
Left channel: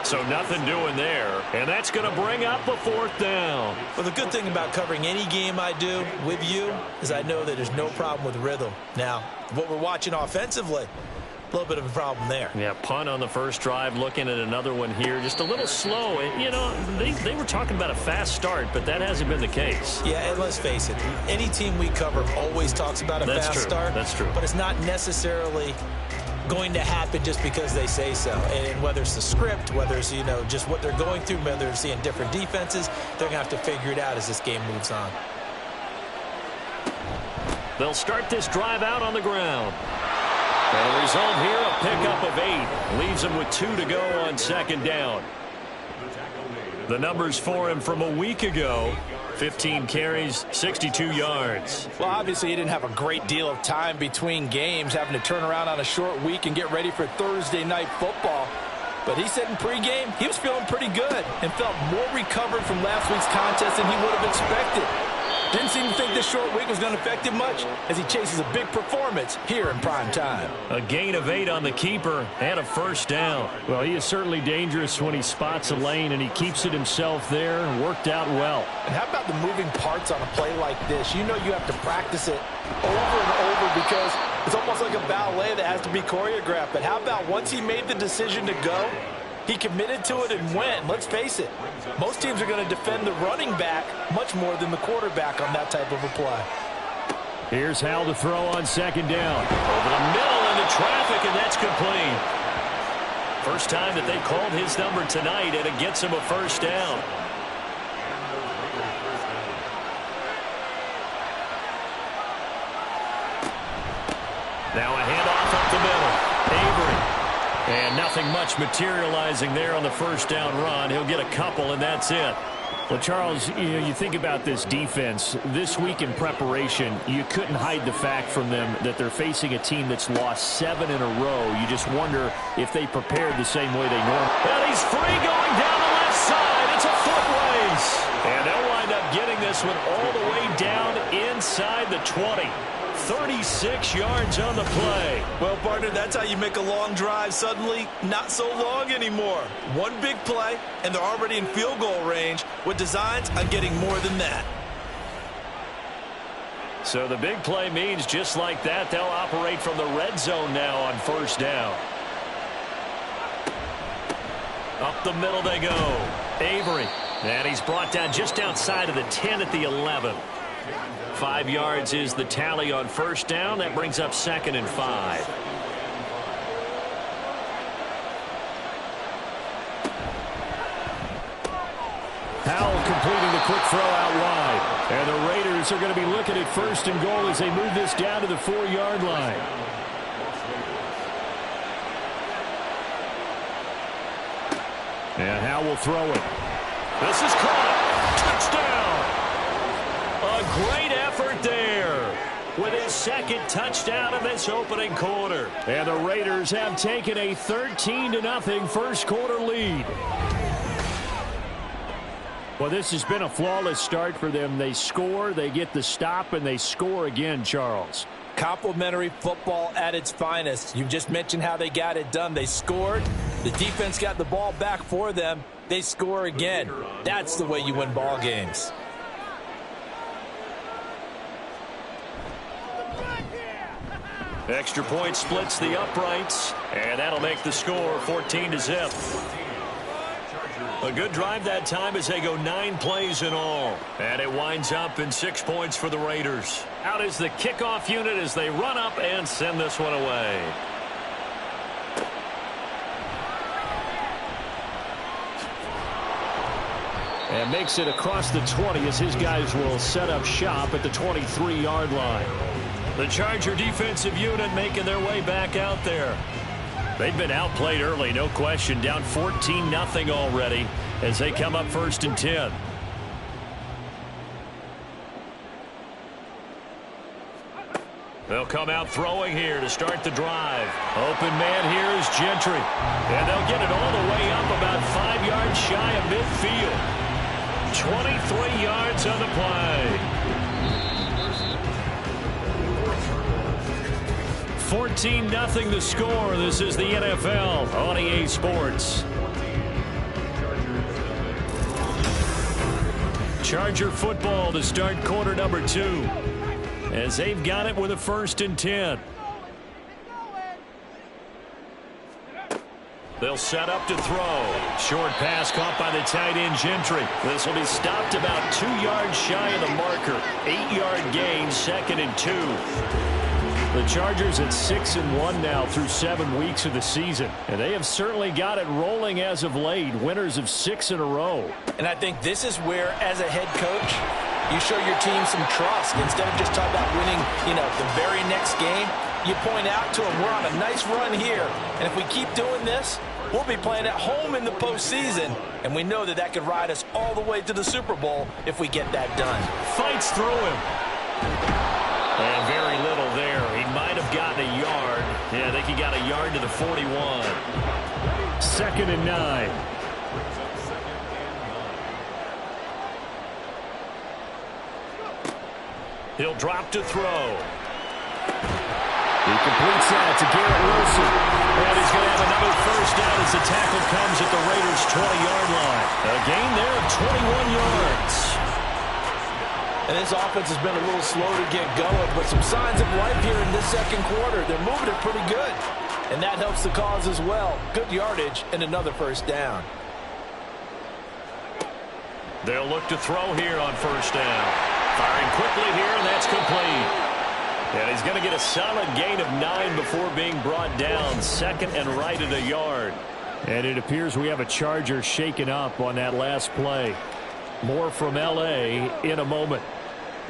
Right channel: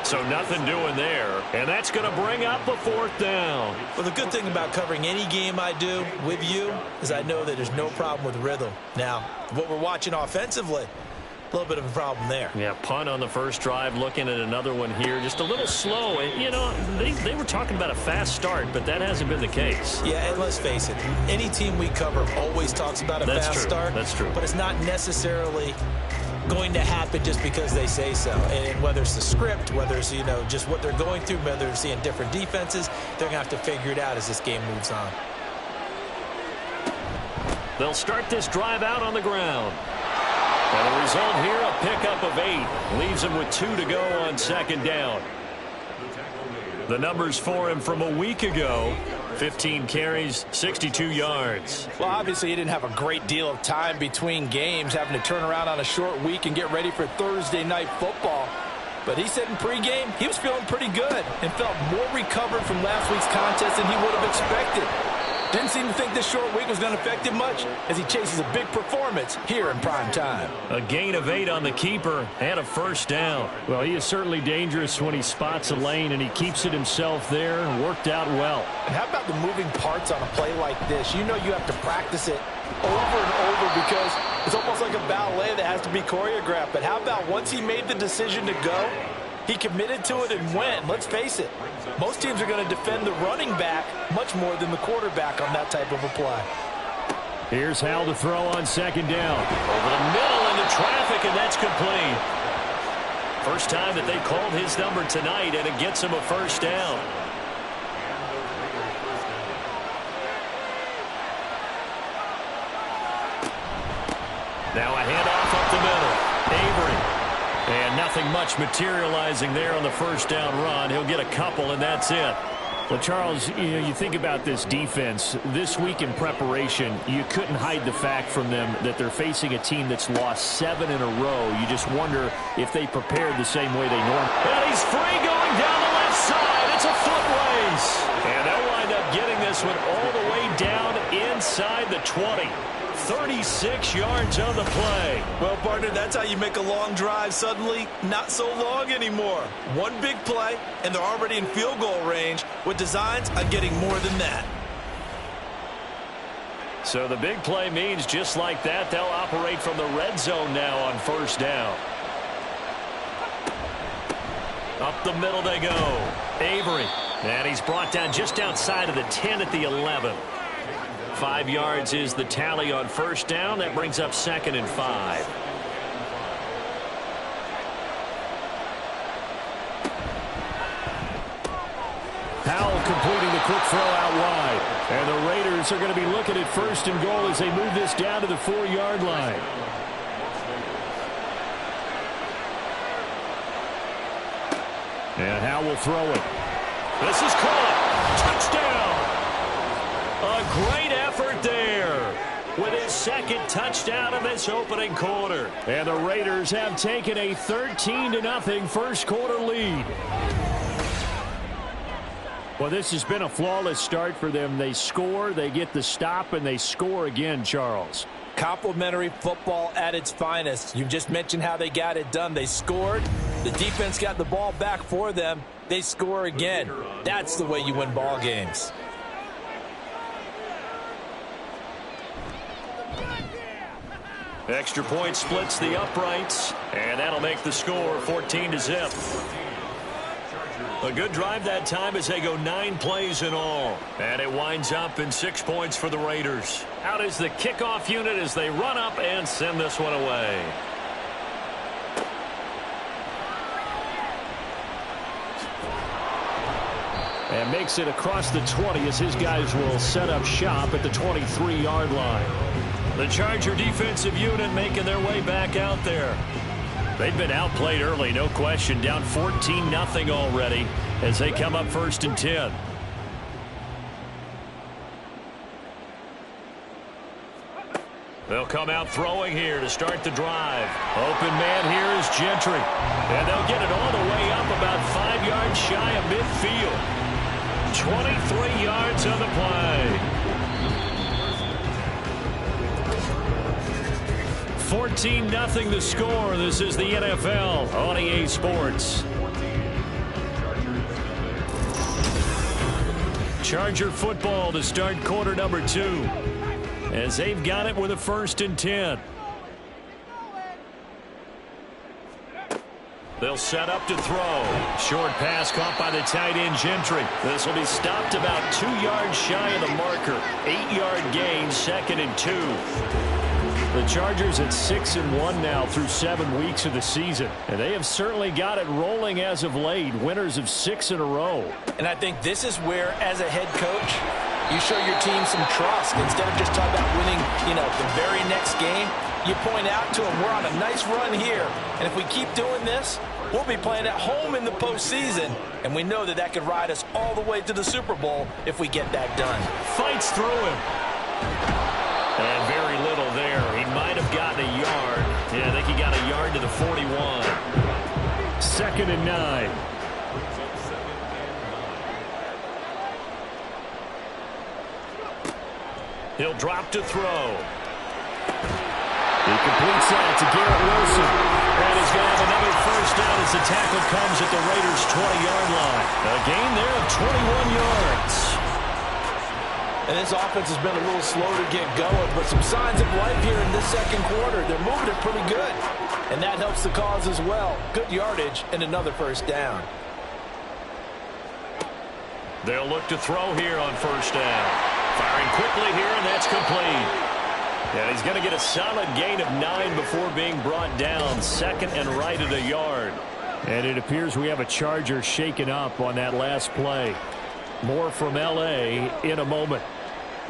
So nothing doing there. And that's going to bring up a 4th down. Well, the good thing about covering any game I do with you is I know that there's no problem with rhythm. Now, what we're watching offensively, a little bit of a problem there. Yeah, punt on the first drive, looking at another one here. Just a little slow. And, you know, they were talking about a fast start, but that hasn't been the case. Yeah, and let's face it, any team we cover always talks about a fast start. That's true. But it's not necessarily going to happen just because they say so. And whether it's the script, whether it's, you know, just what they're going through, whether they're seeing different defenses, they're going to have to figure it out as this game moves on. They'll start this drive out on the ground. And the result here, a pickup of 8. Leaves him with 2 to go on second down. The numbers for him from a week ago: 15 carries, 62 yards. Well, obviously, he didn't have a great deal of time between games, having to turn around on a short week and get ready for Thursday night football. But he said in pregame he was feeling pretty good and felt more recovered from last week's contest than he would have expected. Didn't seem to think this short week was going to affect him much as he chases a big performance here in prime time. A gain of 8 on the keeper and a first down. Well, he is certainly dangerous when he spots a lane, and he keeps it himself there. Worked out well. And how about the moving parts on a play like this? You know you have to practice it over and over because it's almost like a ballet that has to be choreographed. But how about once he made the decision to go, he committed to it and went. Let's face it, most teams are going to defend the running back much more than the quarterback on that type of a play. Here's Hal to throw on second down. Over the middle into traffic, and that's complete. First time that they called his number tonight, and it gets him a first down. Now a handoff up the middle. Avery. And nothing much materializing there on the first down run. He'll get a couple, and that's it. Well, Charles, you think about this defense. This week in preparation, you couldn't hide the fact from them that they're facing a team that's lost 7 in a row. You just wonder if they prepared the same way they normally. And he's free going down the left side. It's a foot race. And they'll wind up getting this one all the way down inside the 20. 36 yards on the play. Well, partner, that's how you make a long drive suddenly not so long anymore. One big play, and they're already in field goal range with designs on getting more than that. So the big play means just like that, they'll operate from the red zone now on first down. Up the middle they go. Avery. And he's brought down just outside of the 10 at the 11. 5 yards is the tally on first down. That brings up 2nd and 5. Howell completing the quick throw out wide. And the Raiders are going to be looking at 1st and goal as they move this down to the 4-yard line. And Howell will throw it. This is caught. Touchdown. A great effort there with his 2nd touchdown of this opening quarter. And the Raiders have taken a 13-0 first quarter lead. Well, this has been a flawless start for them. They score, they get the stop, and they score again, Charles. Complimentary football at its finest. You just mentioned how they got it done. They scored. The defense got the ball back for them. They score again. That's the way you win ball games. Extra point splits the uprights, and that'll make the score 14-0. A good drive that time as they go 9 plays in all. And it winds up in 6 points for the Raiders. Out is the kickoff unit as they run up and send this one away. And makes it across the 20 as his guys will set up shop at the 23-yard line. The Charger defensive unit making their way back out there. They've been outplayed early, no question. Down 14-0 already as they come up 1st and 10. They'll come out throwing here to start the drive. Open man here is Gentry. And they'll get it all the way up about 5 yards shy of midfield. 23 yards on the play. 14-0 the score. This is the NFL on EA Sports. Charger football to start quarter number 2. As they've got it with a 1st and 10. They'll set up to throw. Short pass caught by the tight end Gentry. This will be stopped about 2 yards shy of the marker. 8-yard gain, 2nd and 2. The Chargers at 6-1 now through 7 weeks of the season. And they have certainly got it rolling as of late. Winners of 6 in a row. And I think this is where, as a head coach, you show your team some trust. Instead of just talking about winning, the very next game, you point out to them, we're on a nice run here. And if we keep doing this, we'll be playing at home in the postseason. And we know that could ride us all the way to the Super Bowl if we get that done. Fights through him. And very little there. He might have gotten a yard. Yeah, I think he got a yard to the 41. 2nd and 9. He'll drop to throw. He completes that to Garrett Wilson. And he's going to have another 1st down as the tackle comes at the Raiders' 20-yard line. A gain there of 21 yards. And this offense has been a little slow to get going, but some signs of life here in this 2nd quarter. They're moving it pretty good. And that helps the cause as well. Good yardage and another 1st down. They'll look to throw here on 1st down. Firing quickly here, and that's complete. And he's going to get a solid gain of 9 before being brought down. 2nd and right at a yard. And it appears we have a Charger shaken up on that last play. More from L.A. in a moment.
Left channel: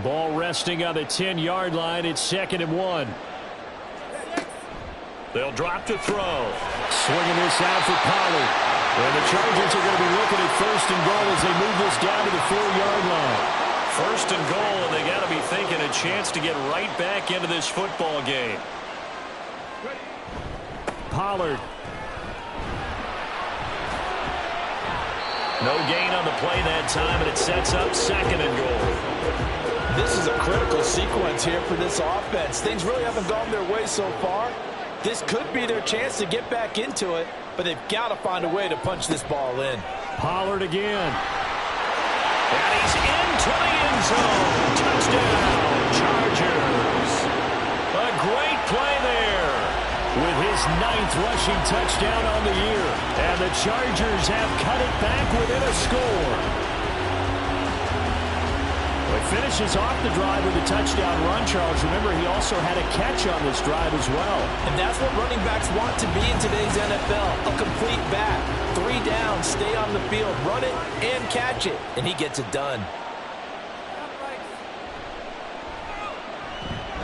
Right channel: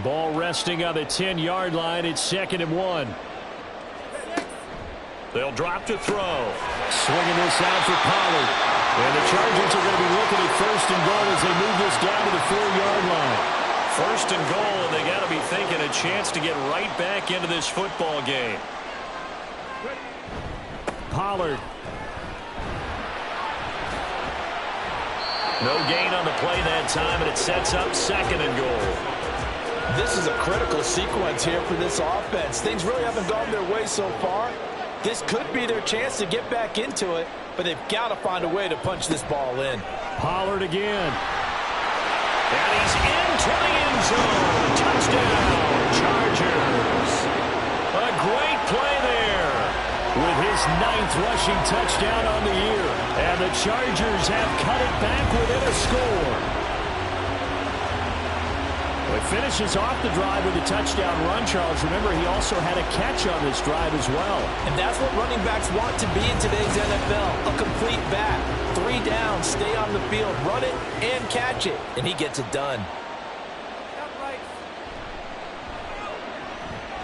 Ball resting on the 10-yard line. It's 2nd and 1. They'll drop to throw. Swinging this out for Pollard. And the Chargers are going to be looking at 1st and goal as they move this down to the 4-yard line. 1st and goal, and they got to be thinking a chance to get right back into this football game. Pollard. No gain on the play that time, and it sets up 2nd and goal. This is a critical sequence here for this offense. Things really haven't gone their way so far. This could be their chance to get back into it, but they've got to find a way to punch this ball in. Pollard again. And he's into the end zone. Touchdown, Chargers. A great play there with his 9th rushing touchdown on the year. And the Chargers have cut it back within a score. Well, he finishes off the drive with a touchdown run, Charles. Remember, he also had a catch on this drive as well. And that's what running backs want to be in today's NFL. A complete back. 3 down, stay on the field, run it, and catch it. And he gets it done.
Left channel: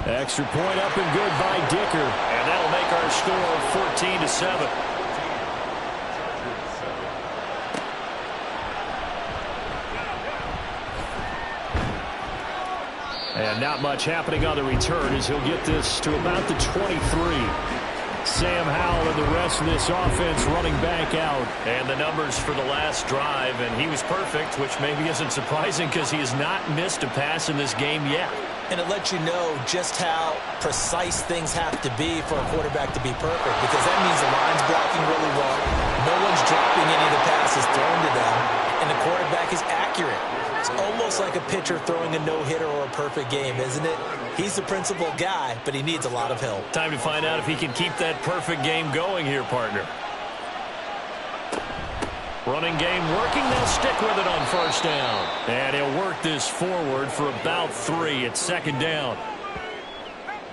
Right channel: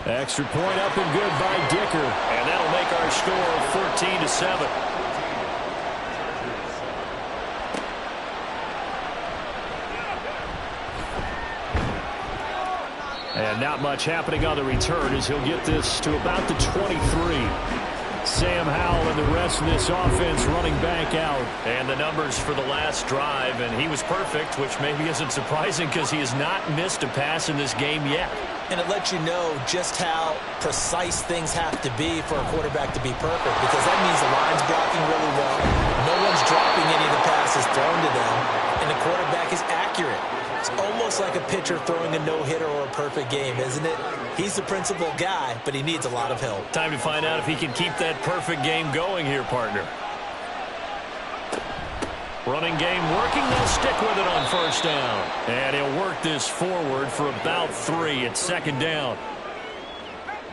Extra point up and good by Dicker. And that'll make our score 14-7. And not much happening on the return as he'll get this to about the 23. Sam Howell and the rest of this offense running back out. And the numbers for the last drive, and he was perfect, which maybe isn't surprising because he has not missed a pass in this game yet. And it lets you know just how precise things have to be for a quarterback to be perfect, because that means the line's blocking really well. No one's dropping any of the passes thrown to them, and the quarterback is accurate. It's almost like a pitcher throwing a no-hitter or a perfect game, isn't it? He's the principal guy, but he needs a lot of help. Time to find out if he can keep that perfect game going here, partner. Running game working. They'll stick with it on 1st down. And he'll work this forward for about 3 at 2nd down.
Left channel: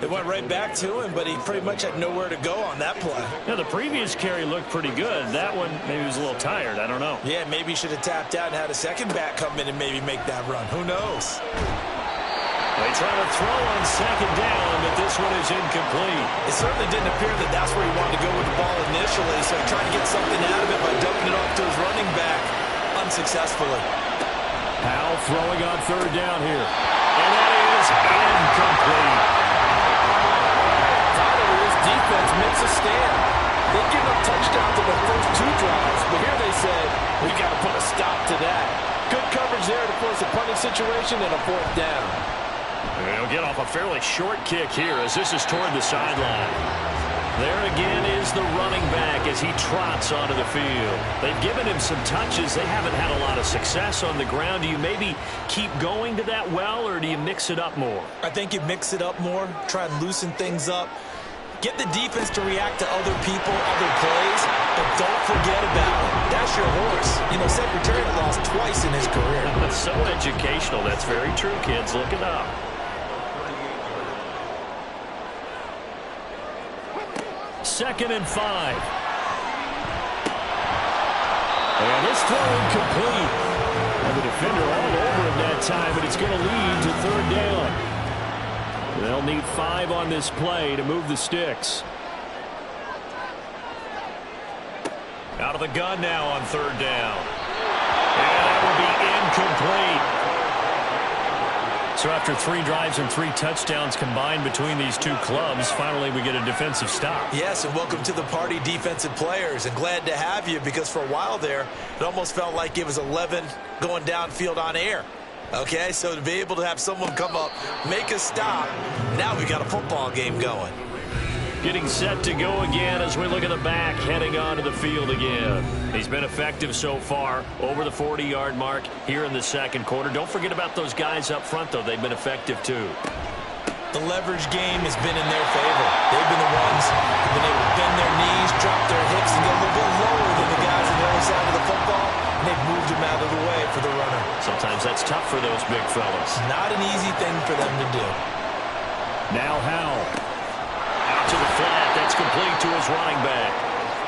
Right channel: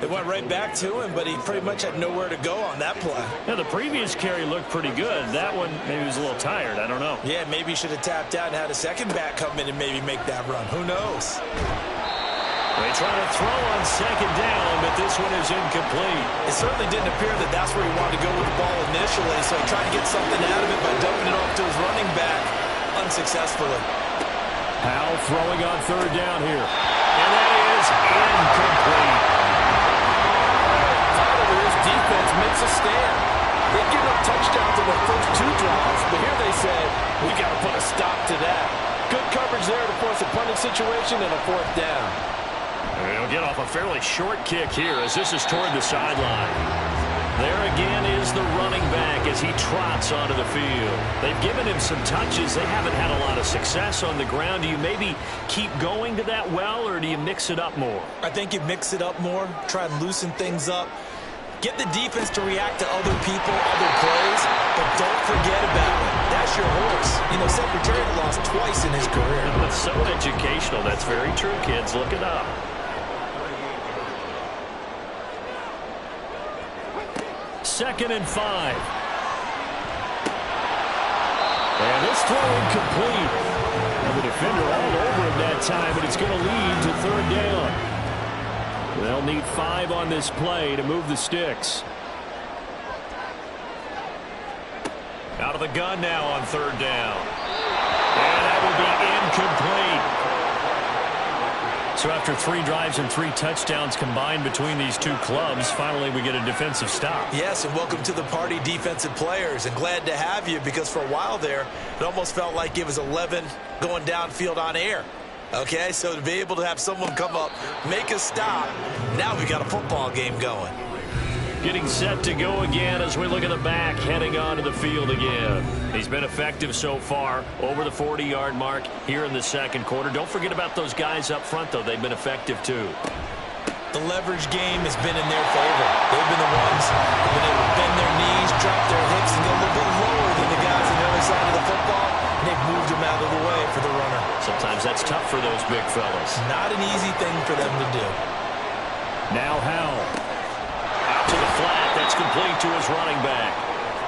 It went right back to him, but he pretty much had nowhere to go on that play. Yeah, the previous carry looked pretty good. That one, maybe he was a little tired. I don't know. Yeah, maybe he should have tapped out and had a second back come in and maybe make that run. Who knows? They try to throw on second down, but this one is incomplete. It certainly didn't appear that that's where he wanted to go with the ball initially, so he tried to get something out of it by dumping it off to his running back unsuccessfully. Howell throwing on third down here. And that is incomplete. Finally, this defense makes a stand. They've given up touchdowns in their first 2 drives, but here they said, we got to put a stop to that. Good coverage there to force a punting situation and a 4th down. He'll get off a fairly short kick here as this is toward the sideline. There again is the running back as he trots onto the field. They've given him some touches. They haven't had a lot of success on the ground. Do you maybe keep going to that well, or do you mix it up more? I think you mix it up more, try and loosen things up. Get the defense to react to other people, other plays, but don't forget about it. That's your horse. You know, Secretariat lost twice in his career. That's so educational. That's very true, kids. Look it up. Second and 5. And this throw incomplete. And the defender all over him that time, but it's going to lead to third down. They'll need 5 on this play to move the sticks. Out of the gun now on third down. And that will be incomplete. So after 3 drives and 3 touchdowns combined between these two clubs, finally we get a defensive stop. Yes, and welcome to the party, defensive players. And glad to have you, because for a while there, it almost felt like it was 11 going downfield on air. Okay, so to be able to have someone come up, make a stop, now we got a football game going. Getting set to go again as we look at the back, heading onto the field again. He's been effective so far, over the 40-yard mark here in the second quarter. Don't forget about those guys up front, though. They've been effective, too. The leverage game has been in their favor. They've been the ones who've been able to bend their knees, drop their hips, and go a little bit lower than the guys on the other side of the football, and they've moved them out of the way for the runner. Sometimes that's tough for those big fellas. Not an easy thing for them to do. Now Howell. Out to the flat. That's complete to his running back.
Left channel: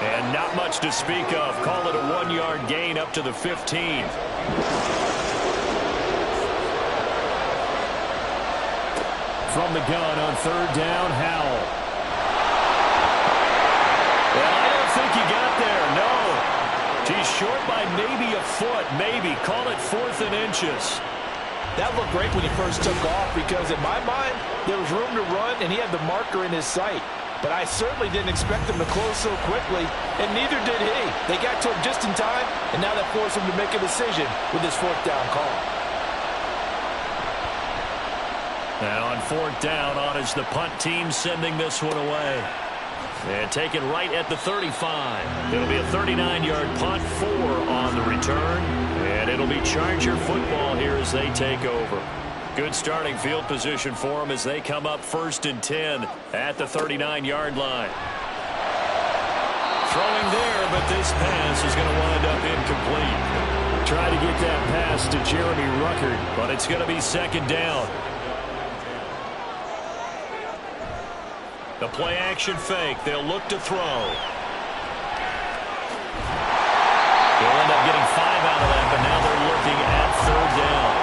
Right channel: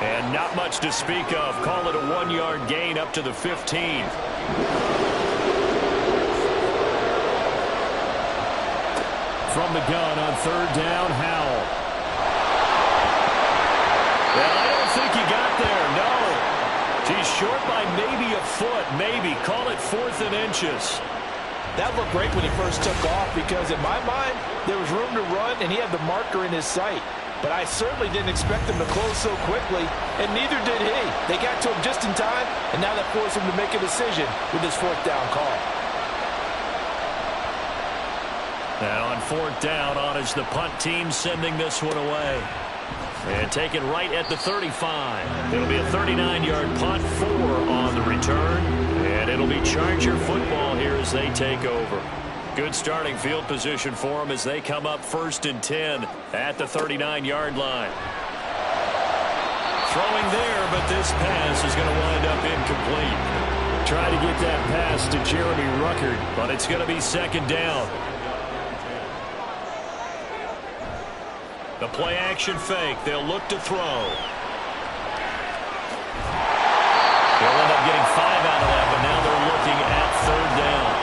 And not much to speak of. Call it a 1-yard gain up to the 15. From the gun on third down, Howell. And I don't think he got there, no. He's short by maybe a foot, maybe. Call it 4th and inches. That looked great when he first took off, because in my mind, there was room to run, and he had the marker in his sight. But I certainly didn't expect him to close so quickly, and neither did he. They got to him just in time, and now that forced him to make a decision with his 4th down call. And on 4th down, on is the punt team sending this one away. And taken right at the 35. It'll be a 39-yard punt, 4 on the return. And it'll be Charger football here as they take over. Good starting field position for them as they come up 1st and 10 at the 39-yard line. Throwing there, but this pass is going to wind up incomplete. Try to get that pass to Jeremy Ruckert, but it's going to be 2nd down. The play-action fake. They'll look to throw. They'll end up getting 5 out of that, but now they're looking at 3rd down.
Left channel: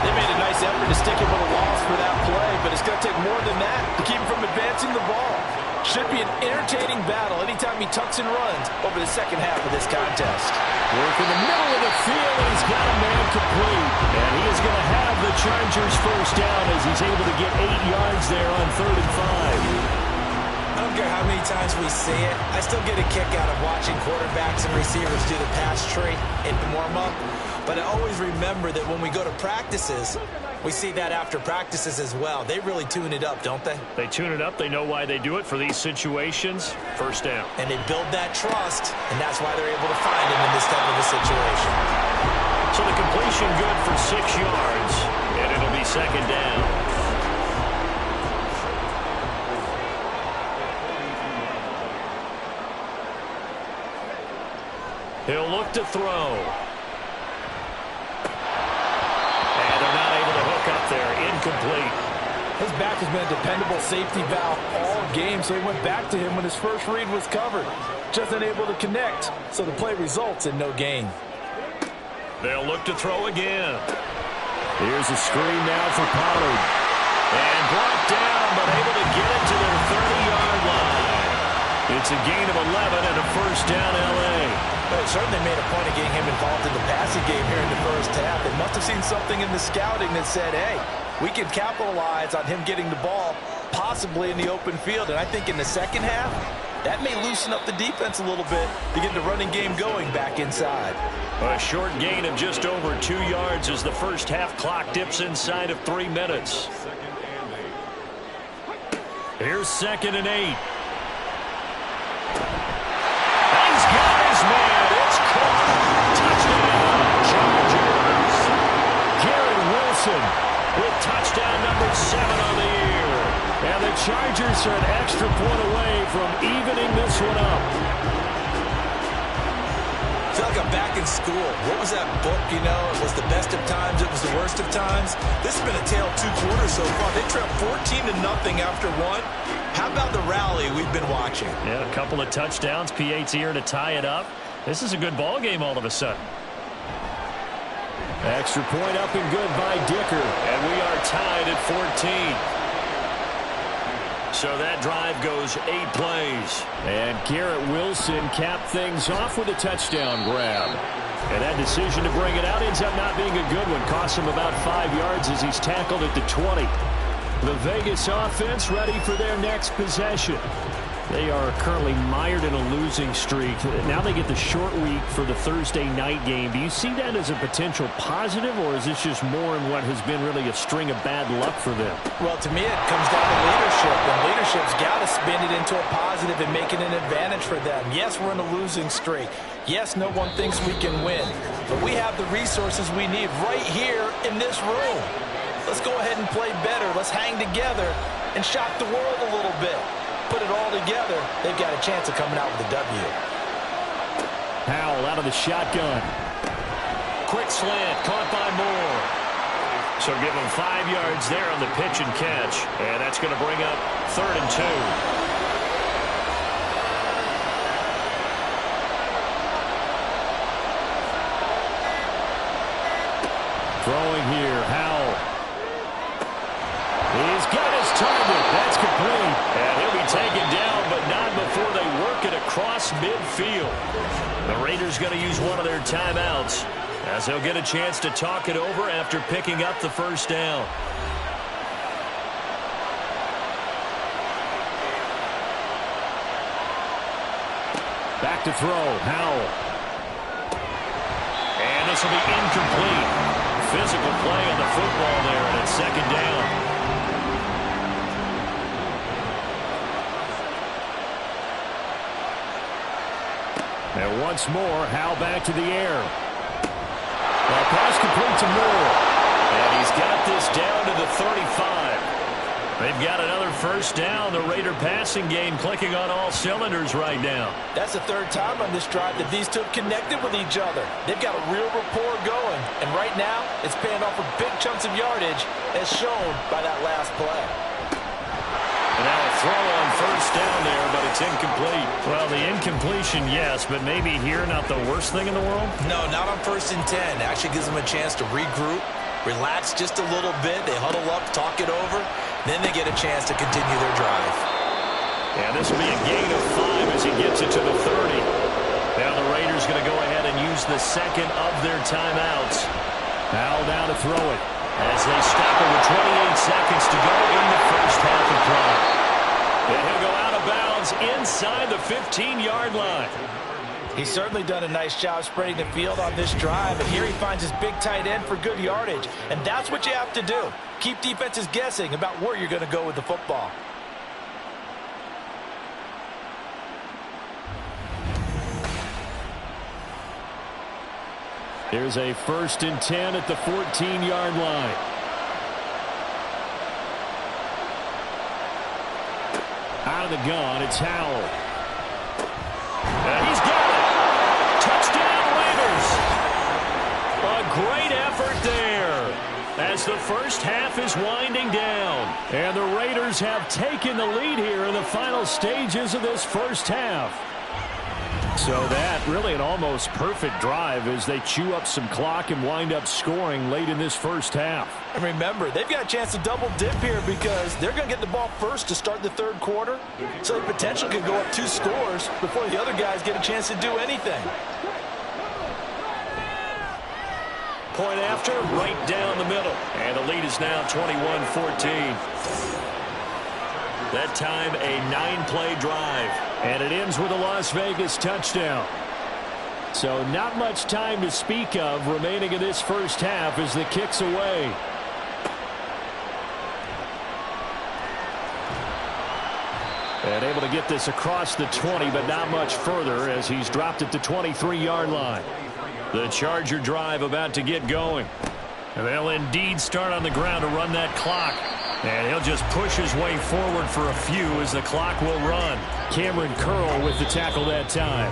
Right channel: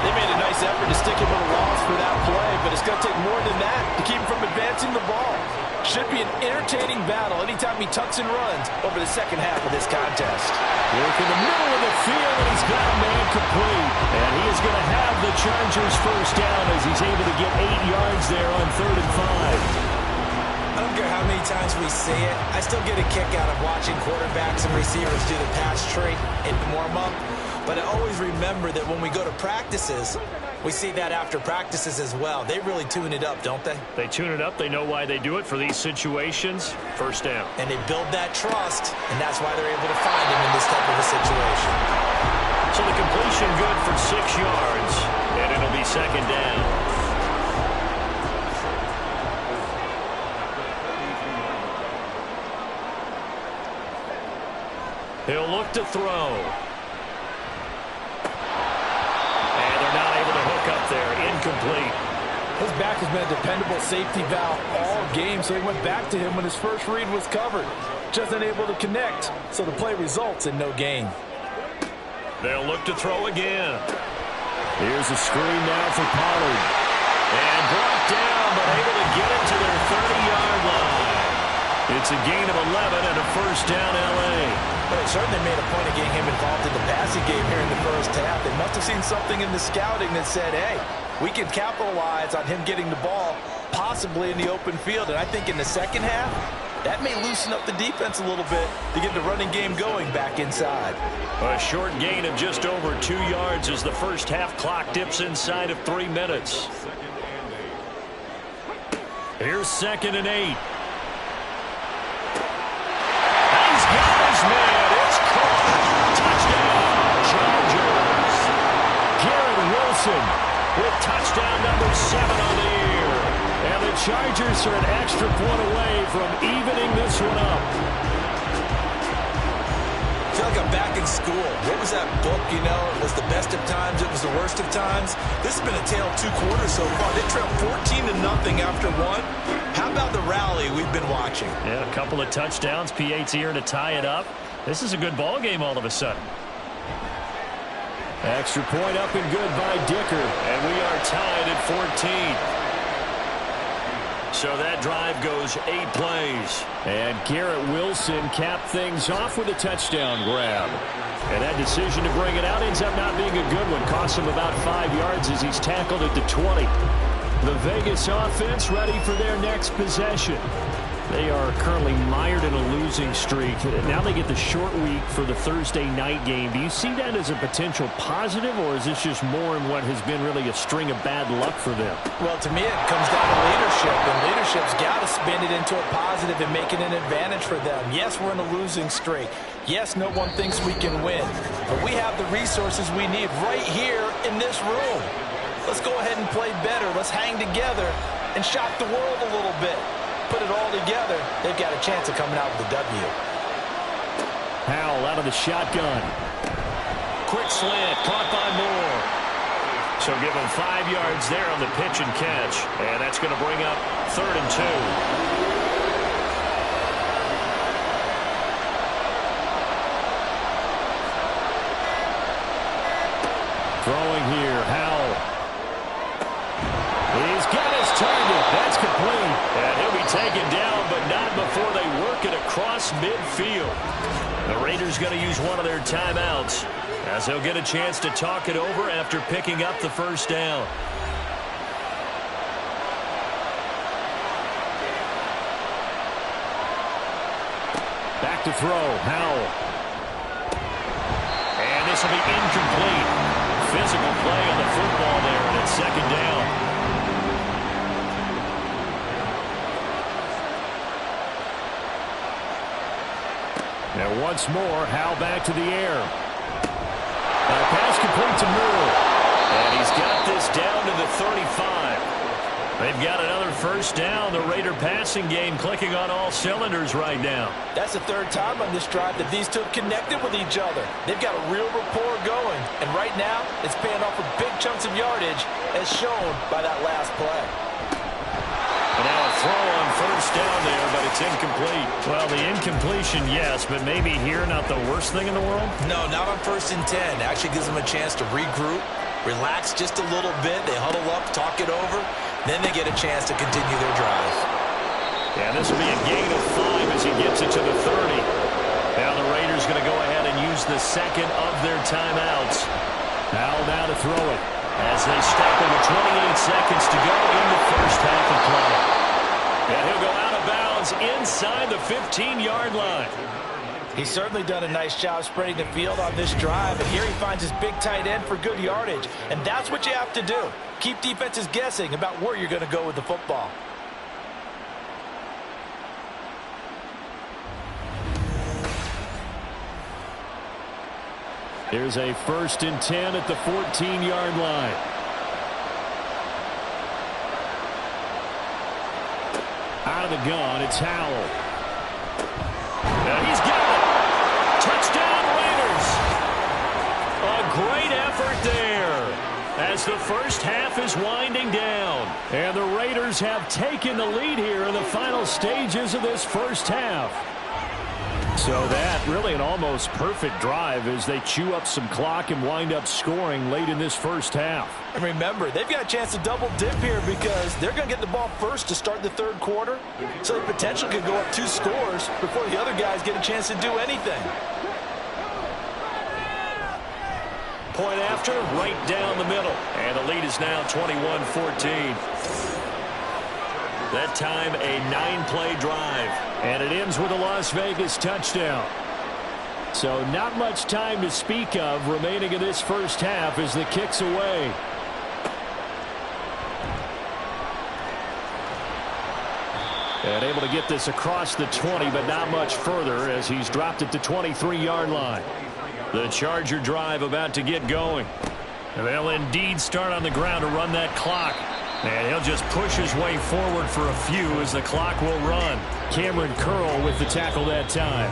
They made a nice effort to stick him with a loss for that play, but it's going to take more than that to keep him from advancing the ball. Should be an entertaining battle anytime he tucks and runs over the second half of this contest. Work in the middle of the field, and he's got a man complete. And he is going to have the Chargers 1st down as he's able to get 8 yards there on 3rd and 5. I don't care how many times we see it. I still get a kick out of watching quarterbacks and receivers do the pass tree in the warm-up. But I always remember that when we go to practices, we see that after practices as well. They really tune it up, don't they? They tune it up. They know why they do it for these situations. 1st down. And they build that trust, and that's why they're able to find him in this type of a situation. So the completion good for 6 yards, and it'll be 2nd down. He'll look to throw. And they're not able to hook up there. Incomplete. His back has been a dependable safety valve all game, so he went back to him when his first read was covered. Just unable to connect, so the play results in no gain. They'll look to throw again. Here's a screen now for Pollard. And brought down, but able to get it to their 30-yard line. It's a gain of 11 and a first down, L.A. But they certainly made a point of getting him involved in the passing game here in the first half. They must have seen something in the scouting that said, hey, we can capitalize on him getting the ball possibly in the open field. And I think in the second half, that may loosen up the defense a little bit to get the running game going back inside. A short gain of just over 2 yards as the first half clock dips inside of 3 minutes. Here's 2nd and 8. He's got his man. It's caught. Touchdown, Chargers. Garrett Wilson with touchdown number 7 on the year. And the Chargers are an extra point away from evening this one up. I feel like I'm back in school. What was that book, you know? It was the best of times, it was the worst of times. This has been a tale of 2 quarters so far. They trailed 14-0 after 1. How about the rally we've been watching? Yeah, a couple of touchdowns. P.A.'s here to tie it up. This is a good ball game all of a sudden. Extra point up and good by Dicker. And we are tied at 14. So that drive goes 8 plays. And Garrett Wilson capped things off with a touchdown grab. And that decision to bring it out ends up not being a good one. Costs him about 5 yards as he's tackled at the 20. The Vegas offense ready for their next possession. They are currently mired in a losing streak. Now they get the short week for the Thursday night game. Do you see that as a potential positive, or is this just more in what has been really a string of bad luck for them? Well, to me, it comes down to leadership, and leadership's got to spin it into a positive and make it an advantage for them. Yes, we're in a losing streak. Yes, no one thinks we can win, but we have the resources we need right here in this room. Let's go ahead and play better. Let's hang together and shock the world a little bit. Put it all together, they've got a chance of coming out with a W. Howell out of the shotgun. Quick slant, caught by Moore. So give him 5 yards there on the pitch and catch. And that's going to bring up 3rd and 2. Throwing here, Howell. He's got his target. That's complete. And he'll be taken down, but not before they work it across midfield. The Raiders going to use one of their timeouts as they'll get a chance to talk it over after picking up the first down. Back to throw, Howell. And this will be incomplete. Physical play on the football there, and it's 2nd down. And once more, Howell back to the air. And pass complete to Moore. And he's got this down to the 35. They've got another first down. The Raider passing game clicking on all cylinders right now. That's the 3rd time on this drive that these two have connected with each other. They've got a real rapport going. And right now, it's paying off with big chunks of yardage as shown by that last play. And now a throw on first down there, but it's incomplete. Well, the incompletion, yes, but maybe here not the worst thing in the world? No, not on 1st and 10. Actually gives them a chance to regroup, relax just a little bit. They huddle up, talk it over. Then they get a chance to continue their drive. Yeah, this will be a gain of 5 as he gets it to the 30. Now the Raiders going to go ahead and use the 2nd of their timeouts. Howell now to throw it as they stop it with 28 seconds to go in the first half of play. And he'll go out of bounds inside the 15-yard line. He's certainly done a nice job spreading the field on this drive, and here he finds his big tight end for good yardage. And that's what you have to do. Keep defenses guessing about where you're going to go with the football. Here's a 1st and 10 at the 14-yard line. Out of the gun, it's Howell. And he's got it. Touchdown, Raiders. A great effort there. as the first half is winding down. And the Raiders have taken the lead here in the final stages of this first half. So that really an almost perfect drive as they chew up some clock and wind up scoring late in this first half. And remember, they've got a chance to double dip here because they're going to get the ball first to start the third quarter. So the potential could go up 2 scores before the other guys get a chance to do anything. Point after, right down the middle. And the lead is now 21-14. That time, a 9-play drive. And it ends with a Las Vegas touchdown. So not much time to speak of remaining in this first half as the kick's away. And able to get this across the 20, but not much further as he's dropped it to 23-yard line. The Charger drive about to get going. And they'll indeed start on the ground to run that clock. And he'll just push his way forward for a few as the clock will run. Cameron Curl with the tackle that time.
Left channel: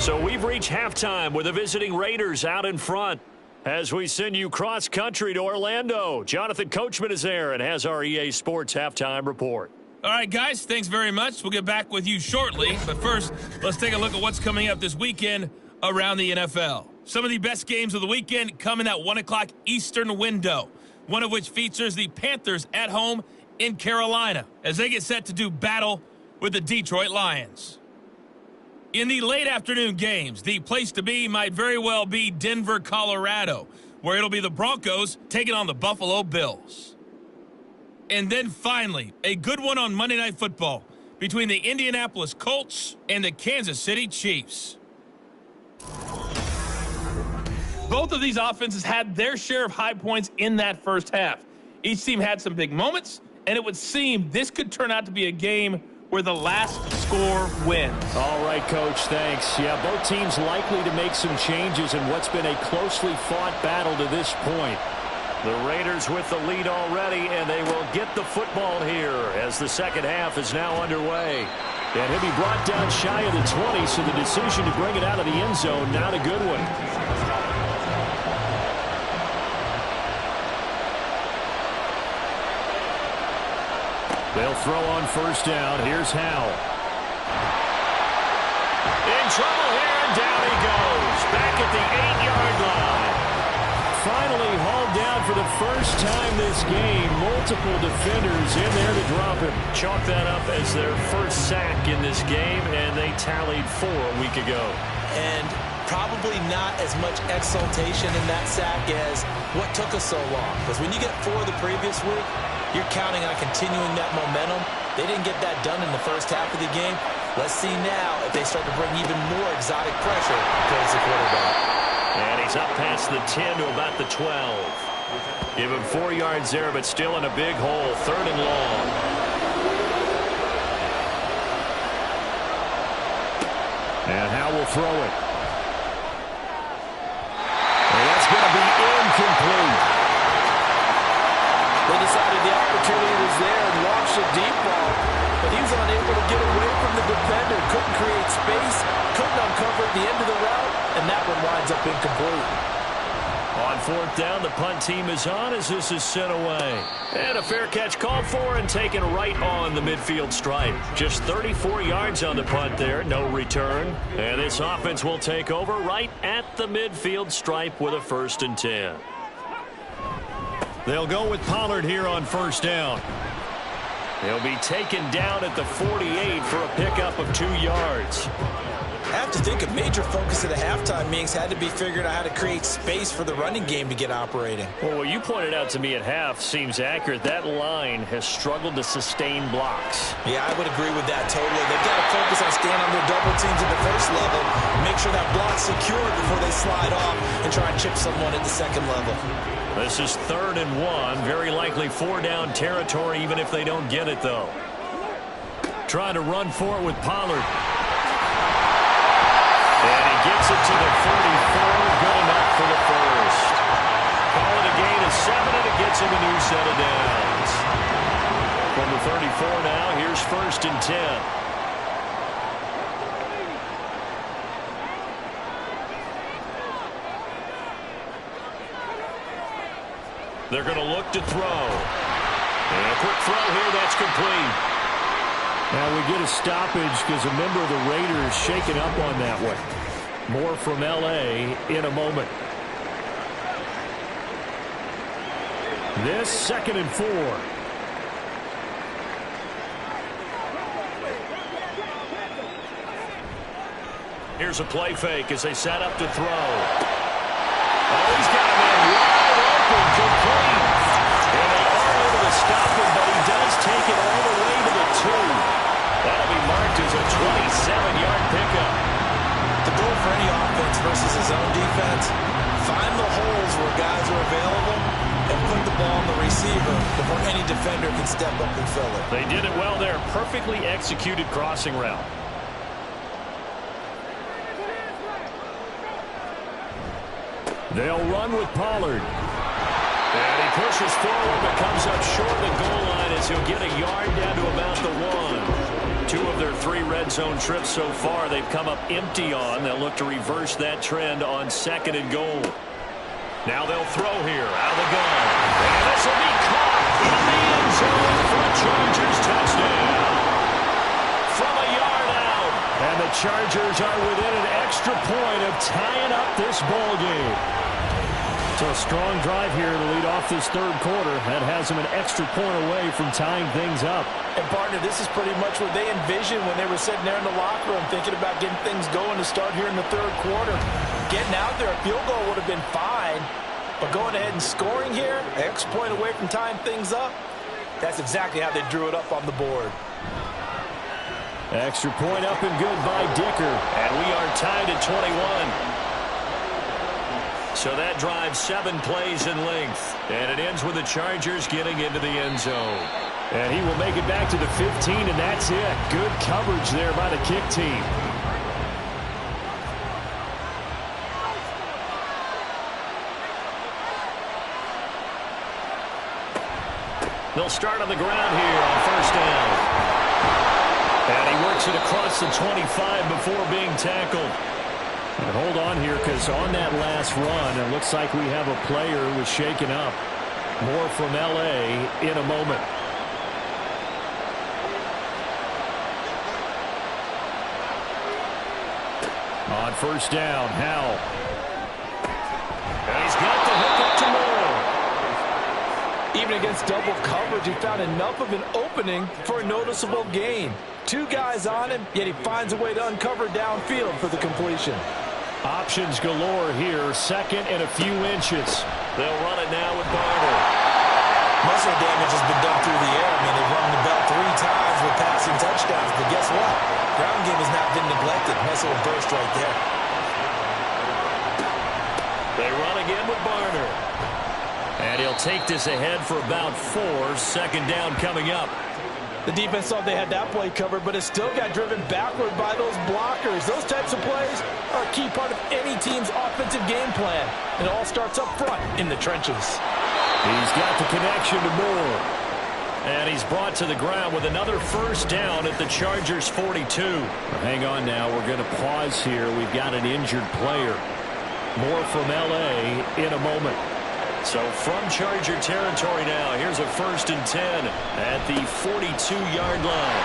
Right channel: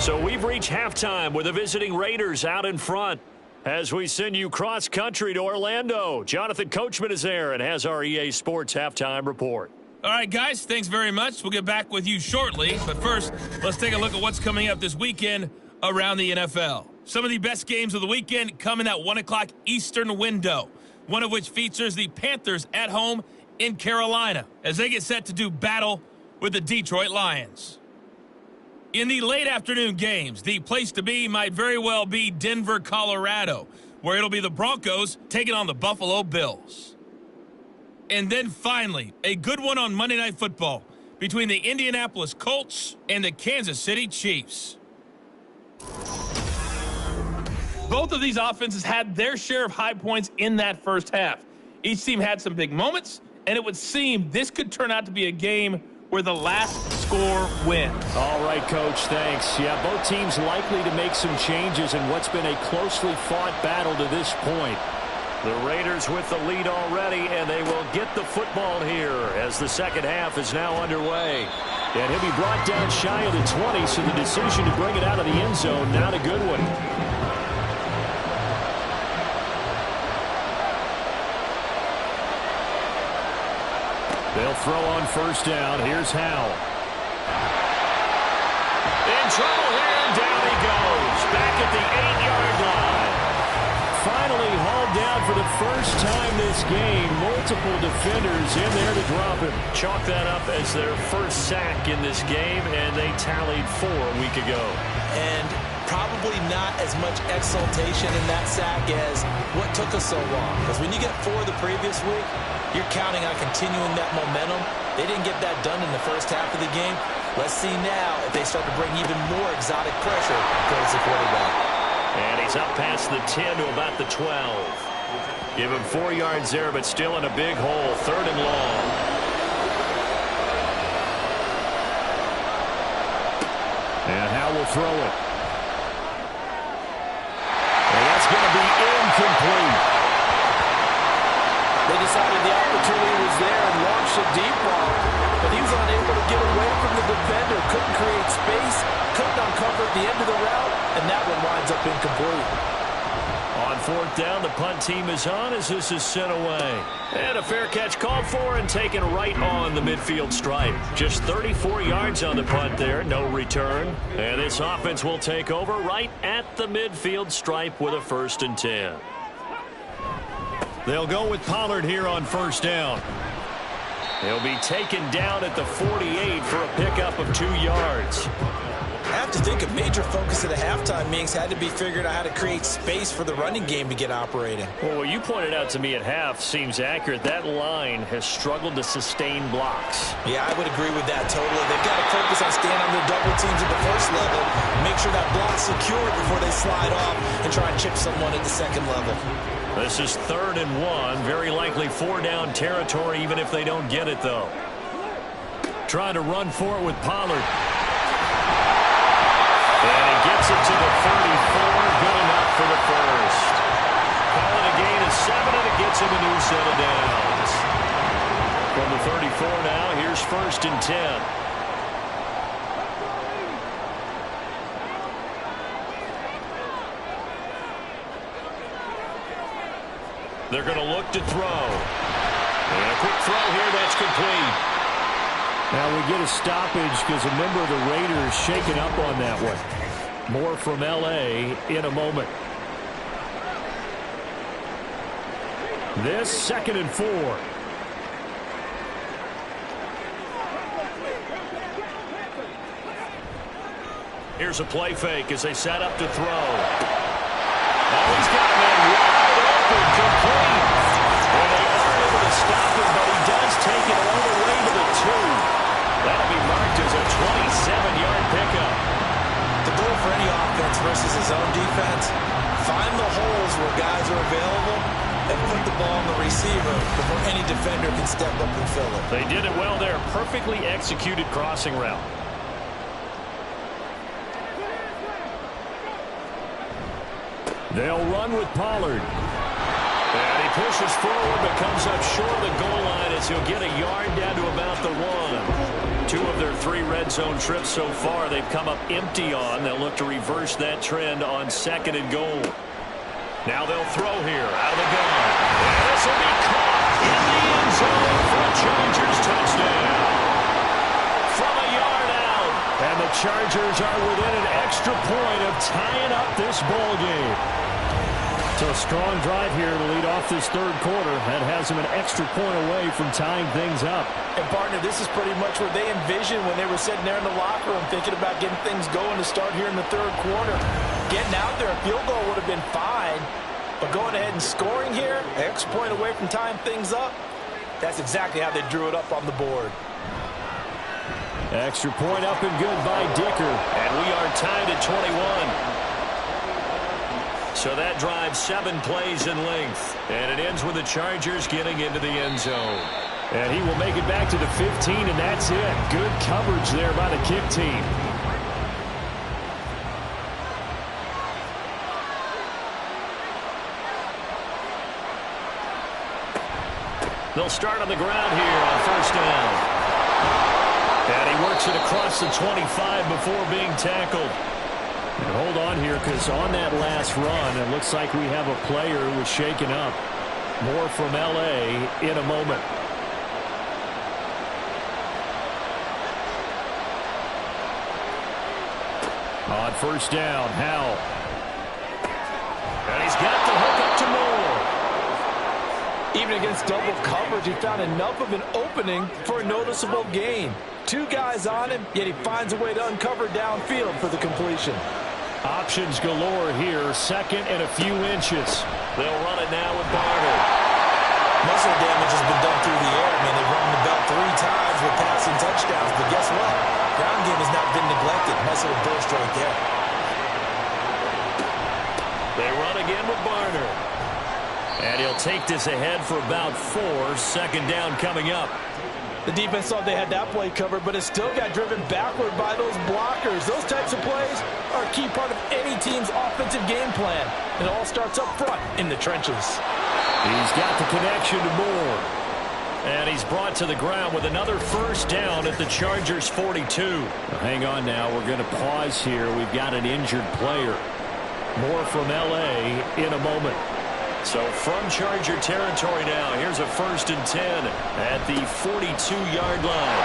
So we've reached halftime with the visiting Raiders out in front. As we send you cross-country to Orlando, Jonathan Coachman is there and has our EA Sports halftime report. All right, guys, thanks very much. We'll get back with you shortly. But first, let's take a look at what's coming up this weekend around the NFL. Some of the best games of the weekend come in that 1 o'clock Eastern window, one of which features the Panthers at home in Carolina as they get set to do battle with the Detroit Lions. In the late afternoon games, the place to be might very well be Denver, Colorado, where it'll be the Broncos taking on the Buffalo Bills. And then finally, a good one on Monday Night Football between the Indianapolis Colts and the Kansas City Chiefs. Both of these offenses had their share of high points in that first half. Each team had some big moments, and it would seem this could turn out to be a game where the last score wins. All right, Coach, thanks. Yeah, both teams likely to make some changes in what's been a closely fought battle to this point. The Raiders with the lead already, and they will get the football here as the second half is now underway. And he'll be brought down shy of the 20, so the decision to bring it out of the end zone, not a good one. They'll throw on first down. Here's Howell. In trouble here, and down he goes. Back at the 8-yard line. Finally hauled down for the first time this game. Multiple defenders in there to drop him. Chalk that up as their first sack in this game, and they tallied 4 a week ago. And probably not as much exultation in that sack as what took us so long. Because when you get 4 the previous week, you're counting on continuing that momentum. They didn't get that done in the first half of the game. Let's see now if they start to bring even more exotic pressure towards the quarterback. And he's up past the 10 to about the 12. Give him 4 yards there, but still in a big hole. 3rd and long. And Howell will throw it. And that's going to be incomplete. They decided the opportunity was there and launched a deep ball, but he was unable to get away from the defender, couldn't create space, couldn't uncover the end of the route, and that one winds up incomplete. On 4th down, the punt team is on as this is sent away. And a fair catch called for and taken right on the midfield stripe. Just 34 yards on the punt there, no return. And this offense will take over right at the midfield stripe with a 1st and 10. They'll go with Pollard here on 1st down. He'll be taken down at the 48 for a pickup of 2 yards. I have to think a major focus of the halftime meetings had to be figuring out how to create space for the running game to get operating. Well, what you pointed out to me at half seems accurate. That line has struggled to sustain blocks. Yeah, I would agree with that totally. They've got to focus on staying on their double teams at the first level, make sure that block's secured before they slide off and try and chip someone at the second level. This is 3rd and 1. Very likely 4-down territory, even if they don't get it, though. Trying to run for it with Pollard. And he gets it to the 34. Good enough for the first. Call it a gain of 7, and it gets him a new set of downs. From the 34 now, here's 1st and 10. They're going to look to throw. And a quick throw here, that's complete. Now we get a stoppage because a member of the Raiders shaken up on that one. More from L.A. in a moment. This 2nd and 4. Here's a play fake as they set up to throw. Oh, he's got a man wide open, complete. And they are able to stop him, but he does take it all the way to the 2. That'll be marked as a 27-yard pickup. The goal for any offense versus his own defense, find the holes where guys are available and put the ball on the receiver before any defender can step up and fill it. They did it well there. Perfectly executed crossing route. They'll run with Pollard. And he pushes forward but comes up short of the goal line as he'll get a yard down to about the 1. 2 of their 3 red zone trips so far they've come up empty on. They'll look to reverse that trend on 2nd and goal. Now they'll throw here out of the gun. And this will be caught in the end zone for a Chargers touchdown. From a yard out. And the Chargers are within an extra point of tying up this ball game. So a strong drive here to lead off this 3rd quarter. That has them an extra point away from tying things up. And, partner, this is pretty much what they envisioned when they were sitting there in the locker room thinking about getting things going to start here in the 3rd quarter. Getting out there, a field goal would have been fine. But going ahead and scoring here, an extra point away from tying things up, that's exactly how they drew it up on the board. Extra point up and good by Dicker. And we are tied at 21. So that drives 7 plays in length. And it ends with the Chargers getting into the end zone. And he will make it back to the 15, and that's it. Good coverage there by the kick team. They'll start on the ground here on 1st down. And he works it across the 25 before being tackled. And hold on here, because on that last run, it looks like we have a player who was shaken up. More from L.A. in a moment. On 1st down, Howell. And he's got the hook up to Moore. Even against double coverage, he found enough of an opening for a noticeable gain. 2 guys on him, yet he finds a way to uncover downfield for the completion. Options galore here, 2nd and a few inches. They'll run it now with Barner. Most of the damage has been done through the air. I mean, they've rung the bell 3 times with passing touchdowns, but guess what? Ground game has not been neglected. Nice little burst right there. They run again with Barner. And he'll take this ahead for about 4. 2nd down coming up. The defense thought they had that play covered, but it still got driven backward by those blockers. Those types of plays are a key part of any team's offensive game plan. And it all starts up front in the trenches. He's got the connection to Moore. And he's brought to the ground with another 1st down at the Chargers 42. Well, hang on now. We're going to pause here. We've got an injured player. More from L.A. in a moment. So from Charger territory now, here's a 1st and 10 at the 42-yard line.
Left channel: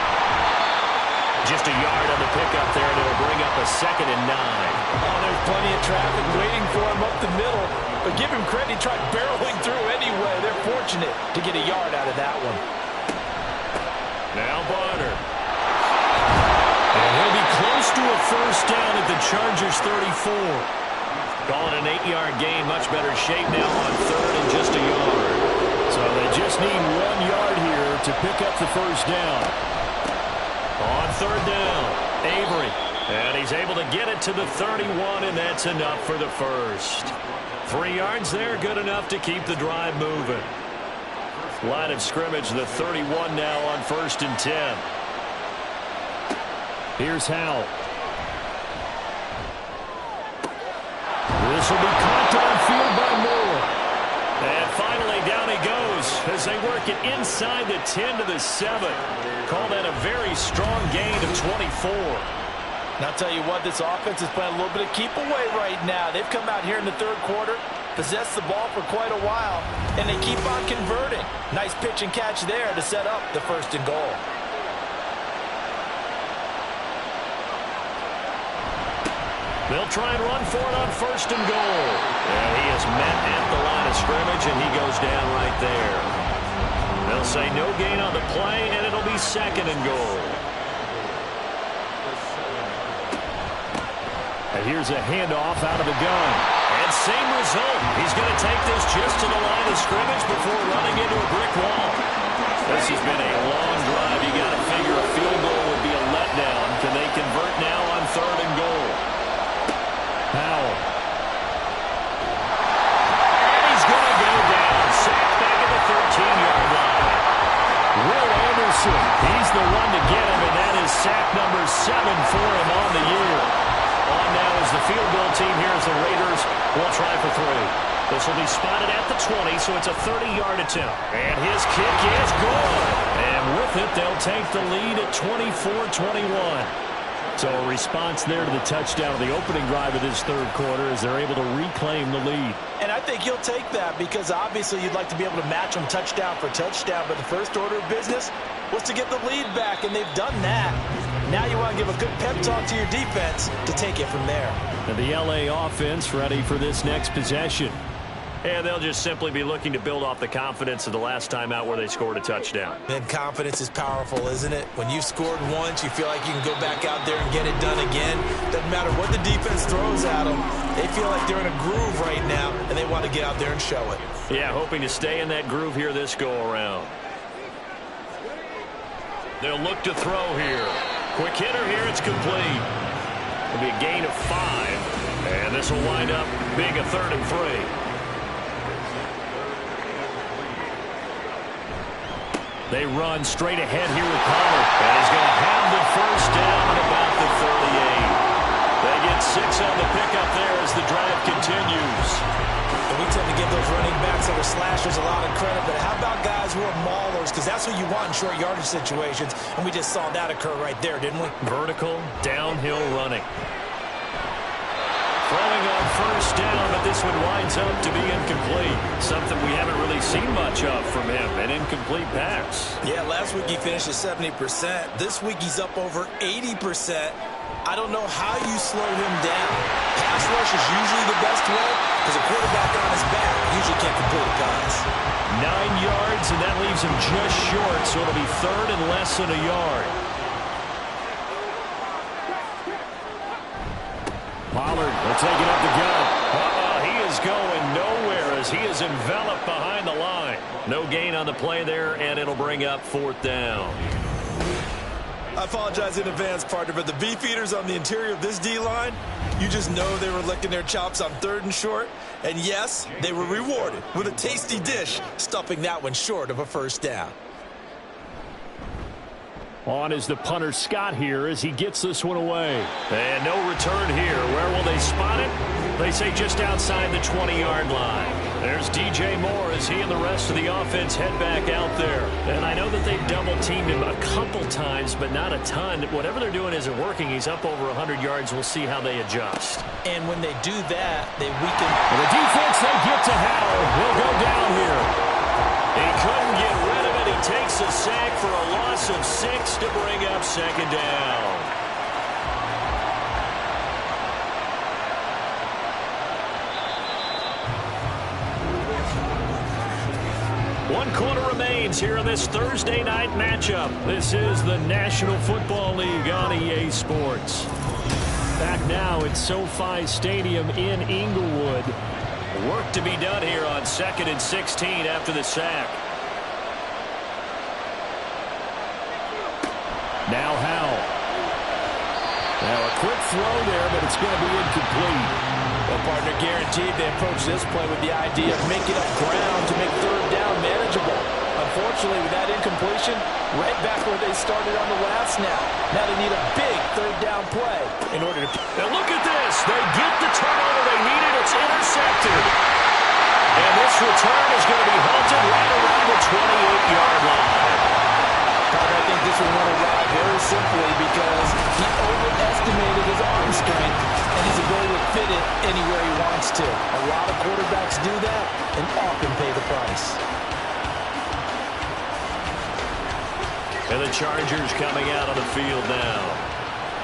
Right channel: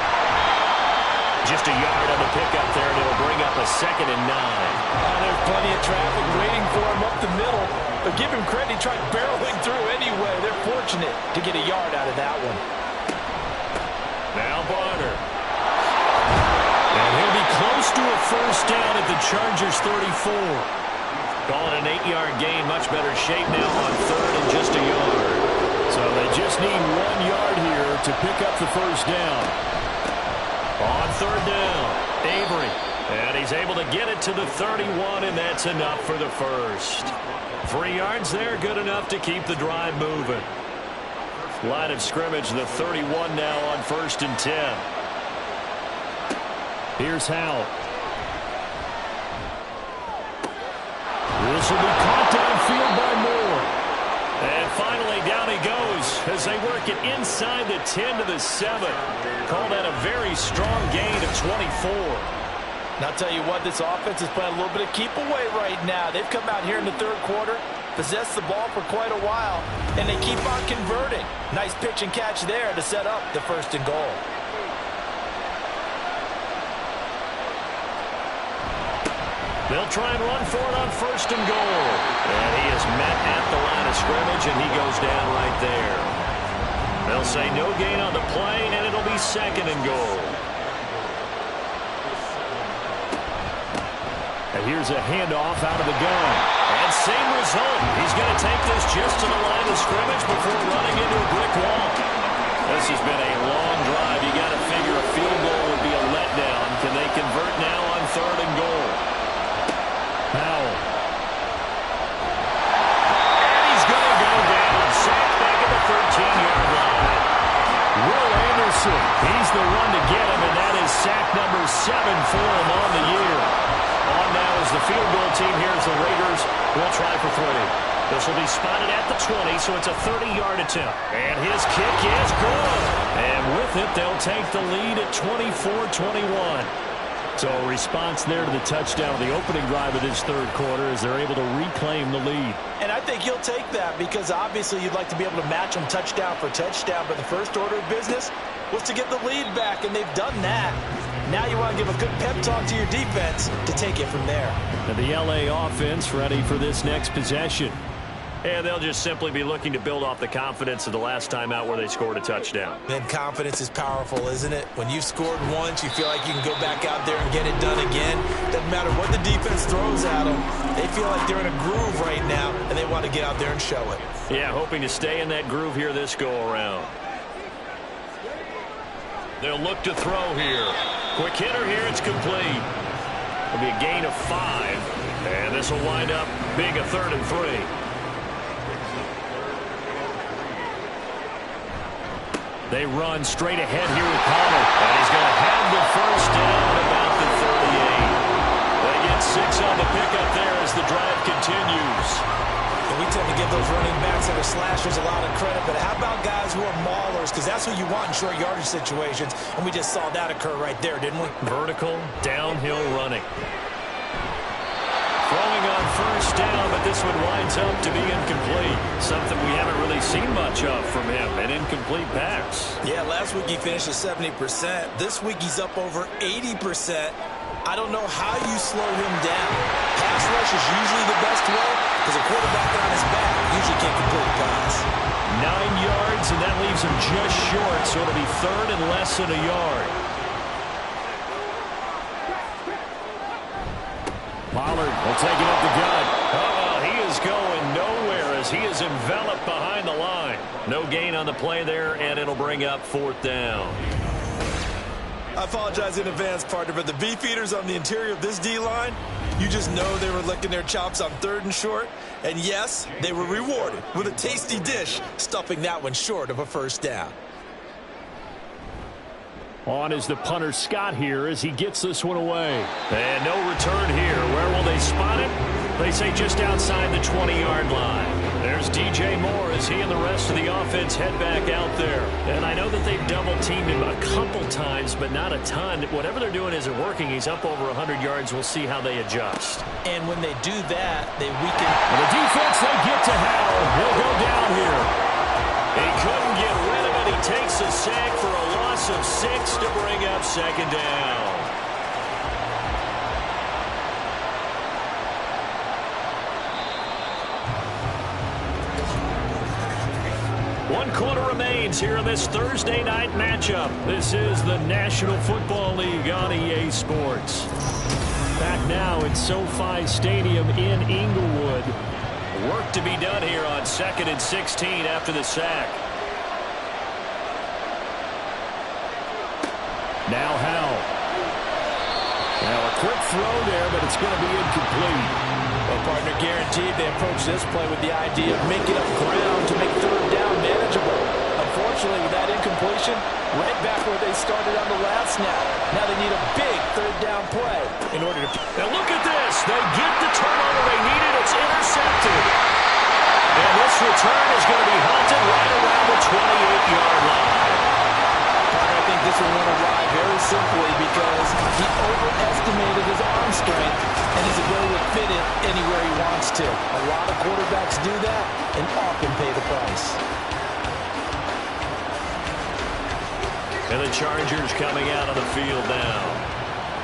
Just a yard on the pickup there, and it'll bring up a 2nd and 9. Oh, there's plenty of traffic waiting for him up the middle. But give him credit, he tried barreling through anyway. They're fortunate to get a yard out of that one. Now Barner. And he'll be close to a 1st down at the Chargers 34. Calling an 8-yard gain, much better shape now on 3rd and just a yard. So they just need 1 yard here to pick up the 1st down. On 3rd down, Avery. And he's able to get it to the 31, and that's enough for the 1st. 3 yards there, good enough to keep the drive moving. Line of scrimmage, the 31 now on 1st and 10. Here's Howell. This will be caught downfield by Moore. And finally, down he goes as they work it inside the 10 to the 7. Call that a very strong gain of 24. And I'll tell you what, this offense is playing a little bit of keep away right now. They've come out here in the 3rd quarter. possessed the ball for quite a while, and they keep on converting. Nice pitch and catch there to set up the 1st and goal. They'll try and run for it on 1st and goal. And he is met at the line of scrimmage, and he goes down right there. They'll say no gain on the play, and it'll be 2nd and goal. And here's a handoff out of the gun. And same result. He's going to take this just to the line of scrimmage before running into a brick wall. This has been a long drive. You got to figure a field goal would be a letdown. Can they convert now on 3rd and goal? Powell. And he's going to go down. Sacked back at the 13-yard line. Will Anderson, he's the one to get him, and that is sack number 7 for him on the year. On now is the field goal team here as the Raiders will try for 3. This will be spotted at the 20, so it's a 30-yard attempt. And his kick is good. And with it, they'll take the lead at 24-21. So a response there to the touchdown of the opening drive of this 3rd quarter as they're able to reclaim the lead. And I think he'll take that because obviously you'd like to be able to match them touchdown for touchdown, but the first order of business was to get the lead back, and they've done that. Now you want to give a good pep talk to your defense to take it from there. And the LA offense ready for this next possession. And they'll just simply be looking to build off the confidence of the last time out where they scored a touchdown. And confidence is powerful, isn't it? When you've scored once, you feel like you can go back out there and get it done again. Doesn't matter what the defense throws at them. They feel like they're in a groove right now, and they want to get out there and show it. Yeah, hoping to stay in that groove here this go-around. They'll look to throw here. Quick hitter here, it's complete. It'll be a gain of 5, and this will wind up being a 3rd and 3. They run straight ahead here with Pollard, and he's going to have the 1st down at about the 38. They get 6 on the pickup there as the drive continues. And we tend to give those running backs that are slashers a lot of credit, but how about guys who are maulers? Because that's what you want in short yardage situations, and we just saw that occur right there, didn't we? Vertical, downhill running. Throwing on 1st down, but this one winds up to be incomplete. Something we haven't really seen much of from him, an incomplete pass. Yeah, last week he finished at 70%. This week he's up over 80%. I don't know how you slow him down. Pass rush is usually the best way because a quarterback on his back usually can't complete a pass. 9 yards, and that leaves him just short, so it'll be 3rd and less than a yard. Pollard will take it up the gut. He is going nowhere as he is enveloped behind the line. No gain on the play there, and it'll bring up 4th down. I apologize in advance, partner, but the beefeaters on the interior of this D-line, you just know they were licking their chops on 3rd and short. And yes, they were rewarded with a tasty dish, stuffing that one short of a 1st down. On is the punter Scott here as he gets this one away. And no return here. Where will they spot it? They say just outside the 20-yard line. There's DJ Moore as he and the rest of the offense head back out there. And I know that they've double-teamed him a couple times, but not a ton. Whatever they're doing isn't working. He's up over 100 yards. We'll see how they adjust. And when they do that, they weaken. And the defense, they get to Howell. He'll go down here. He couldn't get rid of it. He takes a sack for a loss of 6 to bring up 2nd down. One quarter remains here in this Thursday night matchup. This is the National Football League on EA Sports. Back now at SoFi Stadium in Inglewood. Work to be done here on 2nd and 16 after the sack. Now Howell. Now a quick throw there, but it's going to be incomplete. Well, partner, guaranteed they approach this play with the idea of making up ground to make 3rd down manageable. Unfortunately, with that incompletion, right back where they started on the last snap. Now they need a big 3rd down play in order to... Now look at this. They get the turnover they needed. It's intercepted. And this return is going to be halted right around the 28-yard line. Partner, I think this one went awry very simply because he overestimated his arm strength and his ability to fit get it anywhere he wants to. A lot of quarterbacks do that and often pay the price. And the Chargers coming out on the field now.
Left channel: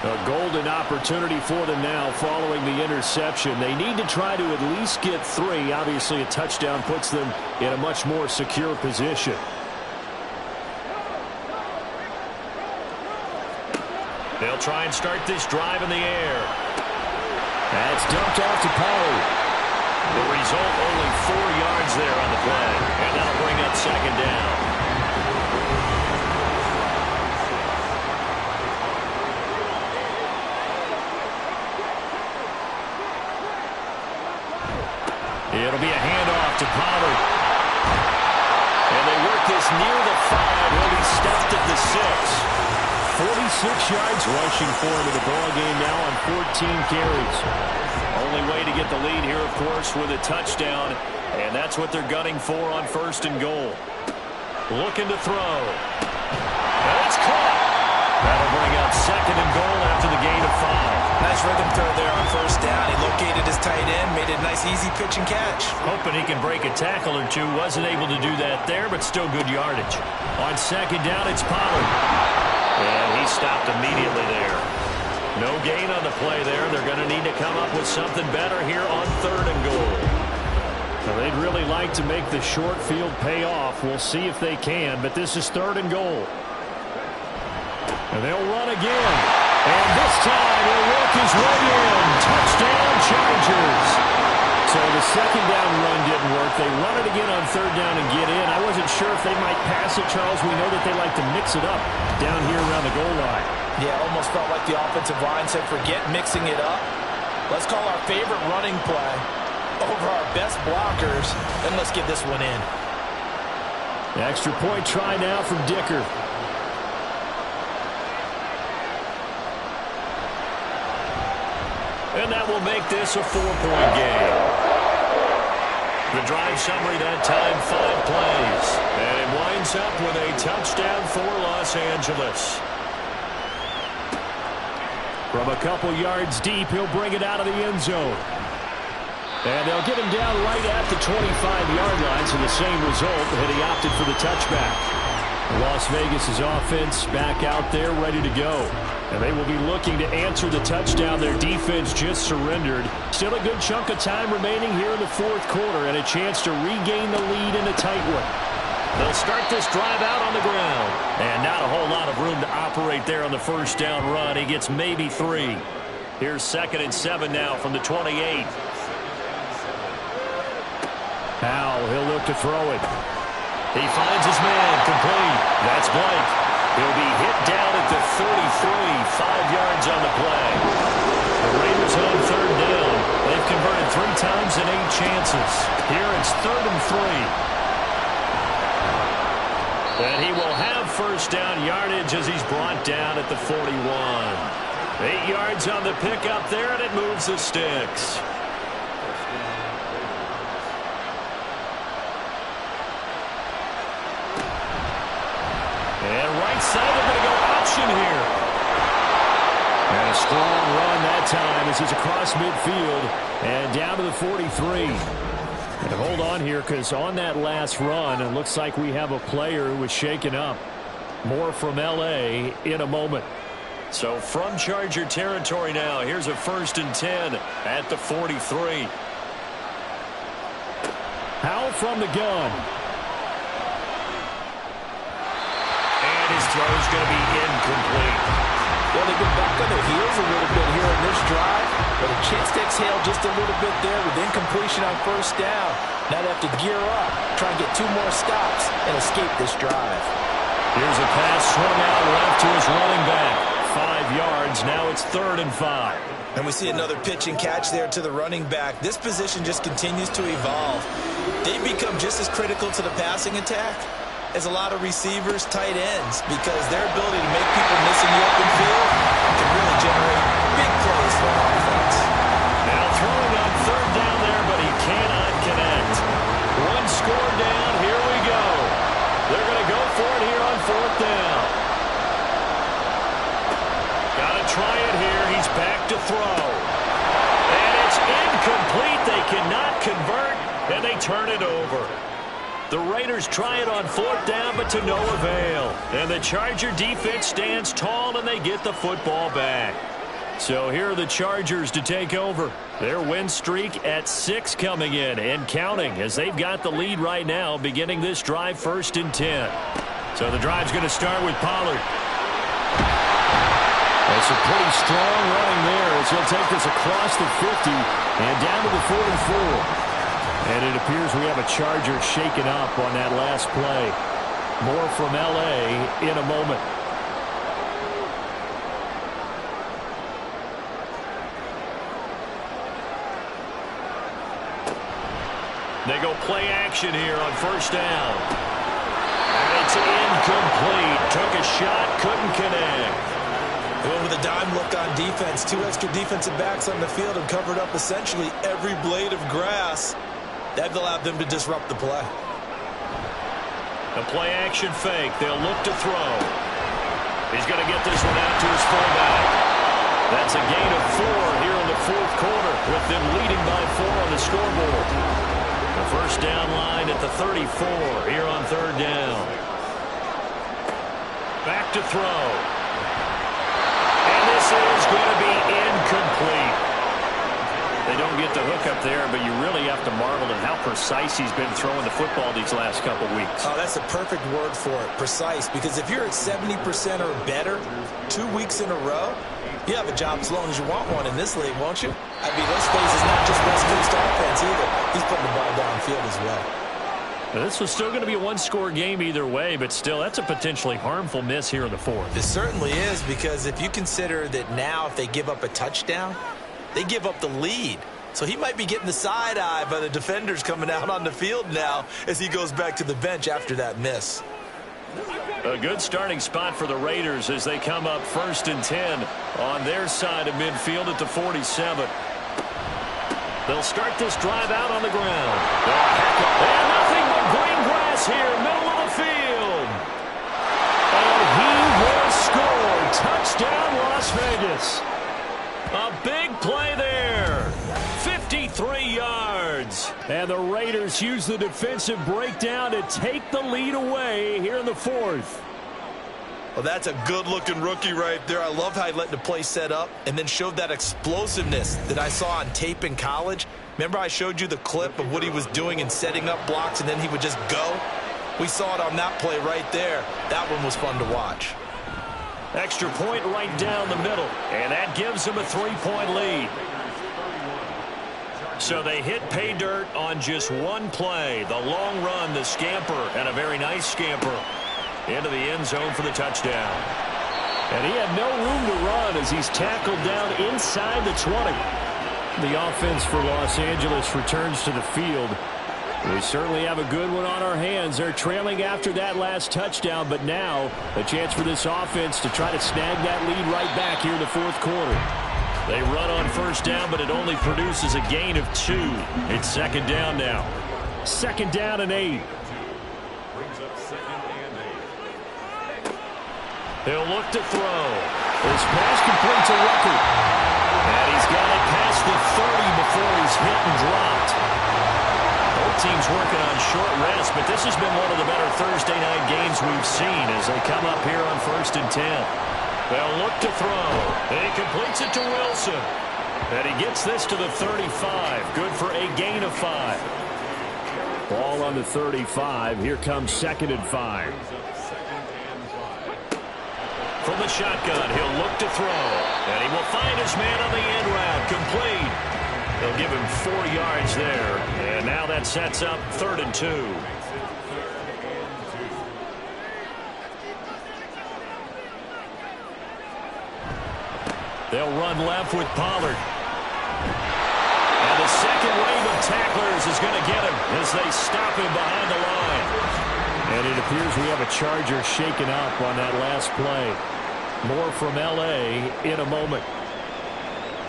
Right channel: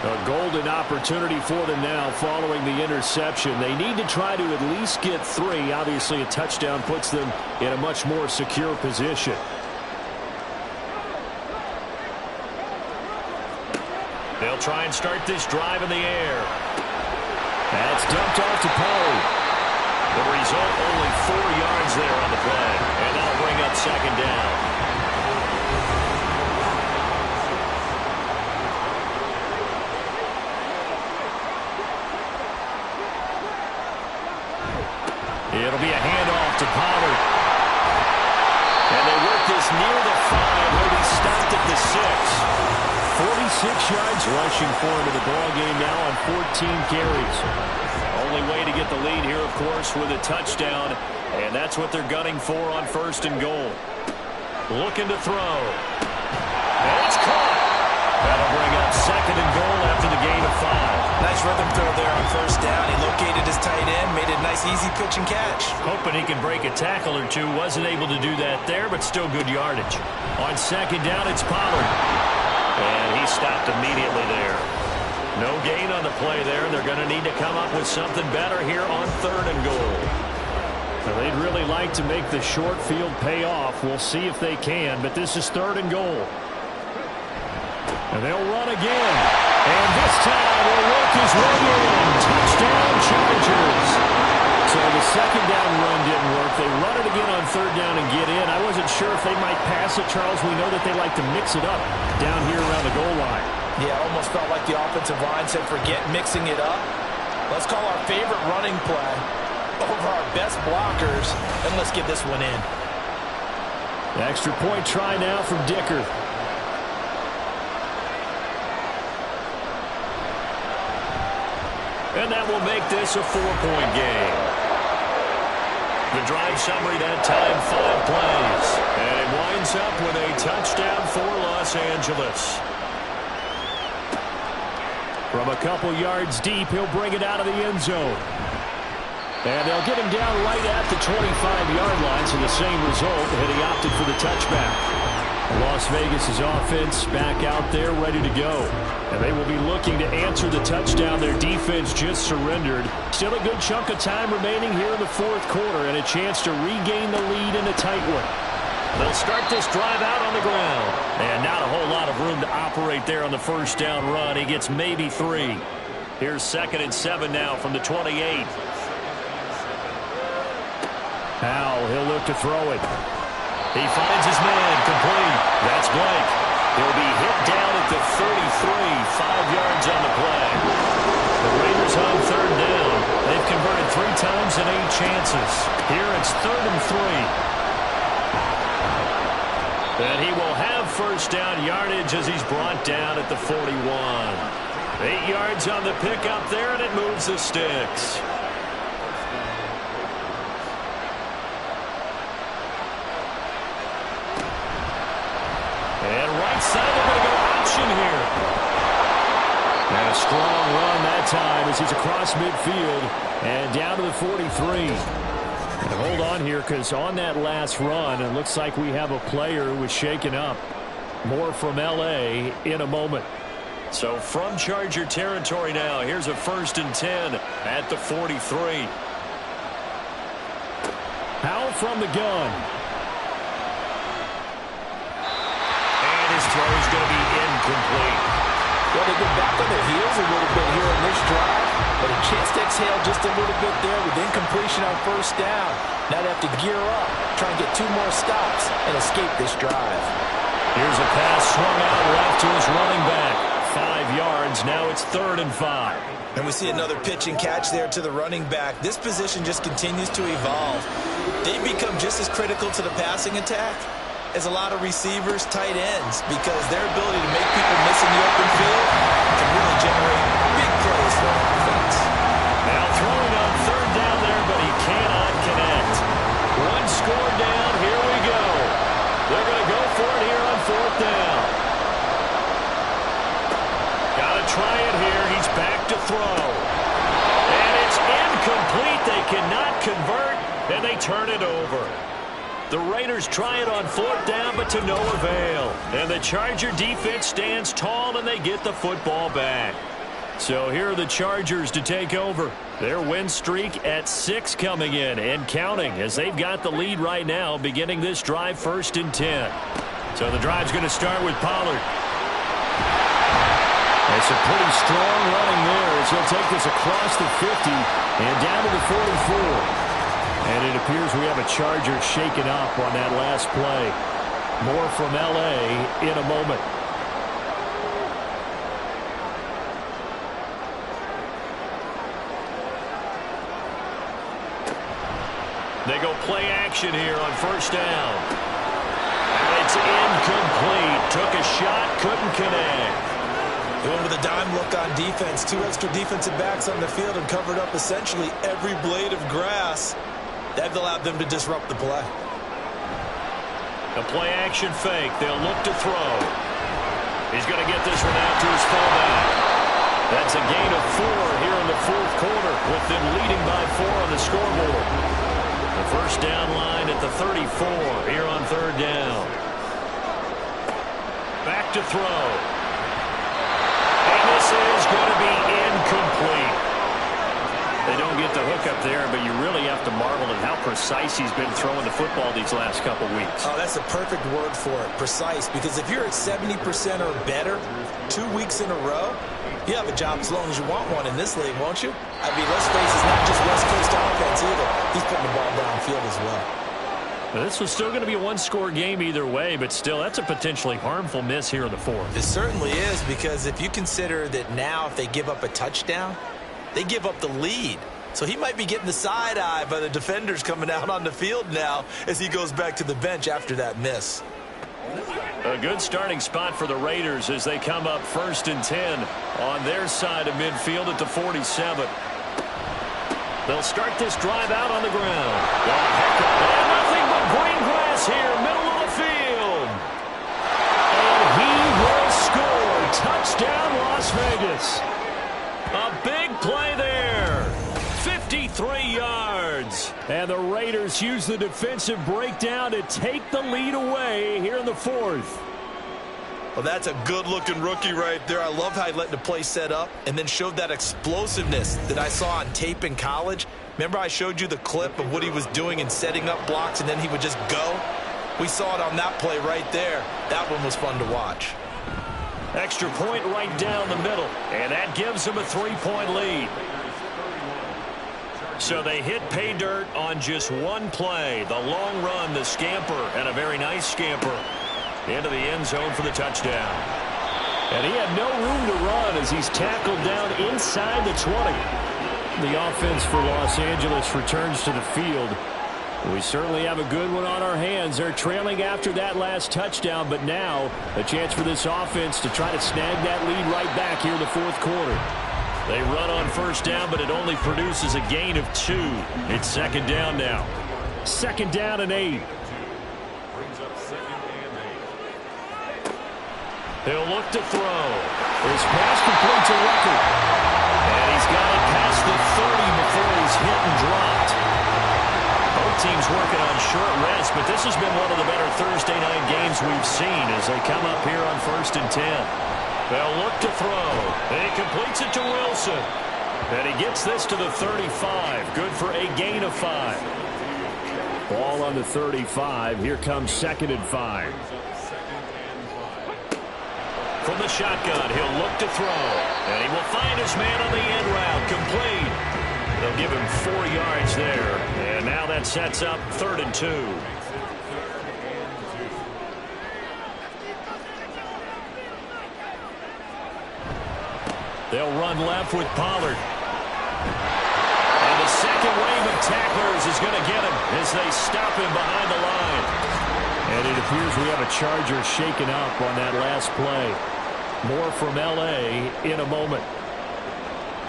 A golden opportunity for them now following the interception. They need to try to at least get 3. Obviously, a touchdown puts them in a much more secure position. They'll try and start this drive in the air. That's dumped off to Pollard. The result, only 4 yards there on the play. And that'll bring up second down. It'll be a handoff to Pollard. And they work this near the 5. He'll be stopped at the 6. 46 yards rushing for him in the ball game now on 14 carries. Only way to get the lead here, of course, with a touchdown. And that's what they're gunning for on 1st and goal. Looking to throw. And it's caught. That'll bring up 2nd and goal after the gain of 5. Nice rhythm throw there on 1st down. He located his tight end, made it a nice easy pitch and catch. Hoping he can break a tackle or two. Wasn't able to do that there, but still good yardage. On 2nd down, it's Pollard. And he stopped immediately there. No gain on the play there. They're going to need to come up with something better here on 3rd and goal. Now, they'd really like to make the short field pay off. We'll see if they can, but this is 3rd and goal. And they'll run again. And this time he'll work his way in. Touchdown, Chargers. So the 2nd down run didn't work. They run it again on 3rd down and get in. I wasn't sure if they might pass it, Charles. We know that they like to mix it up down here around the goal line. Yeah, almost felt like the offensive line said, forget mixing it up. Let's call our favorite running play over our best blockers, and let's get this one in. The extra point try now from Dicker. And that will make this a 4-point game. The drive summary that time, 5 plays. And it winds up with a touchdown for Los Angeles. From a couple yards deep, he'll bring it out of the end zone. And they'll get him down right at the 25-yard line, so the same result, and he opted for the touchback. Las Vegas' offense back out there ready to go. And they will be looking to answer the touchdown their defense just surrendered. Still a good chunk of time remaining here in the 4th quarter and a chance to regain the lead in a tight one. They'll start this drive out on the ground. And not a whole lot of room to operate there on the 1st down run. He gets maybe 3. Here's 2nd and 7 now from the 28. Powell, he'll look to throw it. He finds his man, complete. That's Blake. He'll be hit down at the 33, 5 yards on the play. The Raiders on 3rd down. They've converted 3 times in 8 chances. Here it's 3rd and 3. And he will have 1st down yardage as he's brought down at the 41. 8 yards on the pickup there, and it moves the sticks. And right side, they're going to go option here. And a strong run that time as he's across midfield and down to the 43. And hold on here, because on that last run, it looks like we have a player who was shaken up. More from L.A. in a moment. So from Charger territory now, here's a 1st and 10 at the 43. Powell from the gun. And his throw is going to be incomplete. Well, they've been back on their heels a little bit here in this drive, but a chance to exhale just a little bit there with incompletion on 1st down. Now they have to gear up, try and get 2 more stops, and escape this drive. Here's a pass swung out left to his running back. 5 yards, now it's 3rd and 5. And we see another pitch and catch there to the running back. This position just continues to evolve. They've become just as critical to the passing attack as a lot of receivers, tight ends, because their ability to make people miss in the open field can really generate big plays for our offense. Now throwing on 3rd down there, but he cannot connect. 1 score down, here we go. They're going to go for it here on 4th down. Got to try it here. He's back to throw. And it's Incomplete. They cannot convert, and they turn it over. The Raiders try it on 4th down, but to no avail. And the Charger defense stands tall, and they get the football back. So here are the Chargers to take over. Their win streak at 6 coming in and counting, as they've got the lead right now, beginning this drive 1st and 10. So the drive's going to start with Pollard. That's a pretty strong running there as he'll take this across the 50 and down to the 44. And it appears we have a Charger shaken up on that last play. More from L.A. in a moment. They go play action here on 1st down. And it's incomplete. Took a shot, couldn't connect. They went with a dime look on defense. 2 extra defensive backs on the field and covered up essentially every blade of grass. That allowed them to disrupt the play. The play action fake. They'll look to throw. He's going to get this one out to his fullback. That's a gain of 4 here in the 4th quarter, with them leading by 4 on the scoreboard. The 1st down line at the 34 here on 3rd down. Back to throw. And this is going to be incomplete. They don't get the hook up there, but you really have to marvel at how precise he's been throwing the football these last couple weeks. Oh, that's a perfect word for it, precise, because if you're at 70% or better 2 weeks in a row, you have a job as long as you want one in this league, won't you? I mean, let's face it, it's not just West Coast offense either. He's putting the ball downfield as well. This was still going to be a one-score game either way, but still, that's a potentially harmful miss here in the 4th. It certainly is, because if you consider that now if they give up a touchdown, they give up the lead. So he might be getting the side eye by the defenders coming out on the field now as he goes back to the bench after that miss. A good starting spot for the Raiders as they come up 1st and 10 on their side of midfield at the 47. They'll start this drive out on the ground. Oh, heck of, and nothing but green grass here, middle of the field. And he will score. Touchdown, Las Vegas. A big play there. 53 yards. And the Raiders use the defensive breakdown to take the lead away here in the 4th. Well, that's a good-looking rookie right there. I love how he let the play set up and then showed that explosiveness that I saw on tape in college. Remember I showed you the clip of what he was doing and setting up blocks, and then he would just go? We saw it on that play right there. That one was fun to watch. Extra point right down the middle, and that gives them a 3-point lead. So they hit pay dirt on just one play. The long run, the scamper, and a very nice scamper into the end zone for the touchdown. And he had no room to run as he's tackled down inside the 20. The offense for Los Angeles returns to the field. We certainly have a good one on our hands. They're trailing after that last touchdown, but now a chance for this offense to try to snag that lead right back here in the 4th quarter. They run on 1st down, but it only produces a gain of 2. It's 2nd down now. 2nd down and 8. He'll look to throw. His pass completes a record. And he's got it past the 30 before he's hit and dropped. Both teams working on short rest, but this has been one of the better Thursday night games we've seen as they come up here on 1st and 10. They'll look to throw. He completes it to Wilson. And he gets this to the 35. Good for a gain of 5. Ball on the 35. Here comes 2nd and 5. From the shotgun, he'll look to throw. And he will find his man on the end route. Complete. They'll give him 4 yards there. And now that sets up 3rd and 2. They'll run left with Pollard. And the second wave of tacklers is going to get him as they stop him behind the line. And it appears we have a Charger shaken up on that last play. More from L.A. in a moment.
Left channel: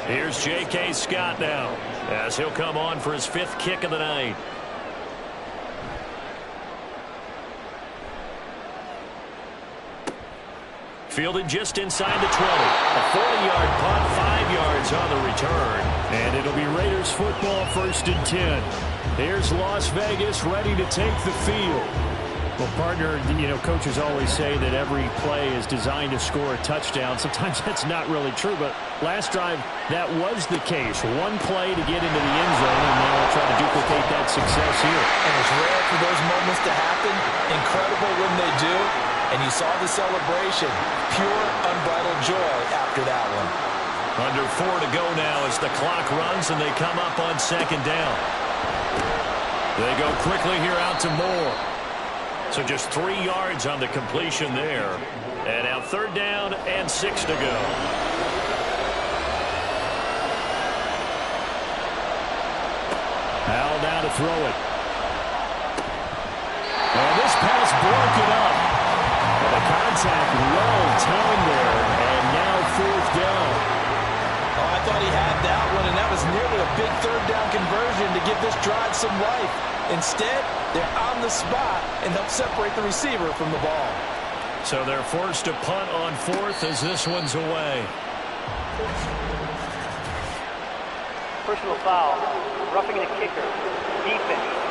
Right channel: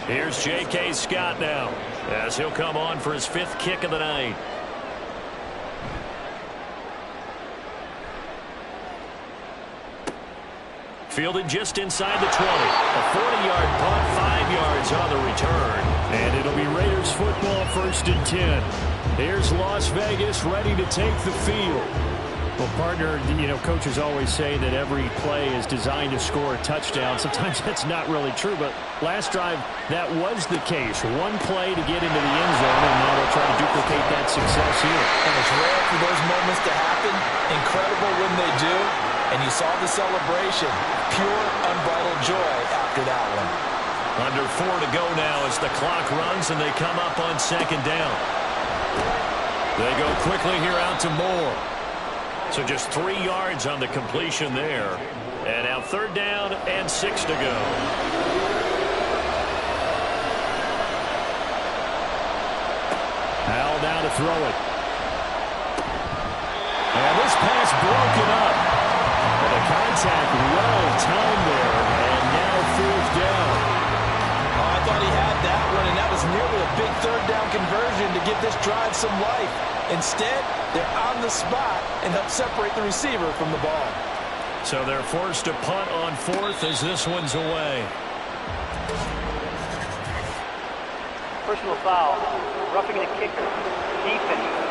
Here's J.K. Scott now as he'll come on for his 5th kick of the night. Fielded just inside the 20. A 40-yard punt, 5 yards on the return. And it'll be Raiders football, 1st and 10. Here's Las Vegas ready to take the field. Well, partner, coaches always say that every play is designed to score a touchdown. Sometimes that's not really true, but last drive, that was the case. One play to get into the end zone, and now they'll try to duplicate that success here. And it's rare for those moments to happen. Incredible when they do. And you saw the celebration. Pure, unbridled joy after that one. Under 4 to go now as the clock runs, and they come up on 2nd down. They go quickly here out to Moore. So just 3 yards on the completion there. And now 3rd down and 6 to go. Howell now to throw it. And this pass broken up. And the contact well timed there. And now 4th down. Oh, I thought he had that one, and that was nearly a big 3rd down conversion to give this drive some life. Instead, they're on the spot and help separate the receiver from the ball. So they're forced to punt on 4th as this one's away. Personal foul. Roughing the kicker. Defense.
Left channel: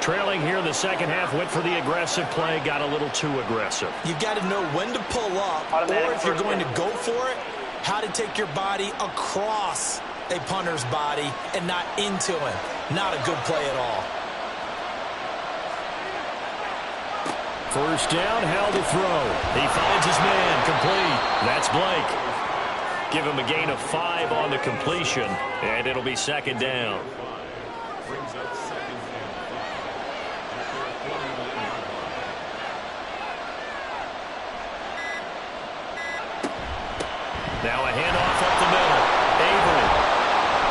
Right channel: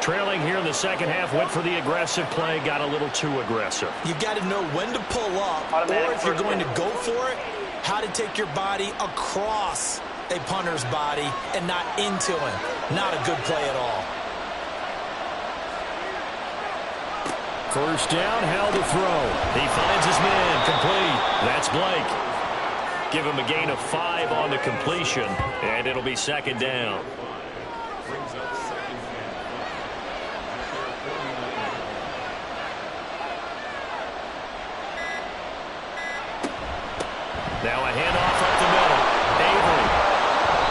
Trailing here in the 2nd half, went for the aggressive play, got a little too aggressive. You've got to know when to pull up, Automatic or if you're first going down. to go for it, how to take your body across a punter's body and not into him. Not a good play at all. 1st down, Howell to throw. He finds his man, complete. That's Blake. Give him a gain of 5 on the completion, and it'll be 2nd down. Brings up 2nd and 5 at their 49-yard line. Now a handoff up the middle. Avery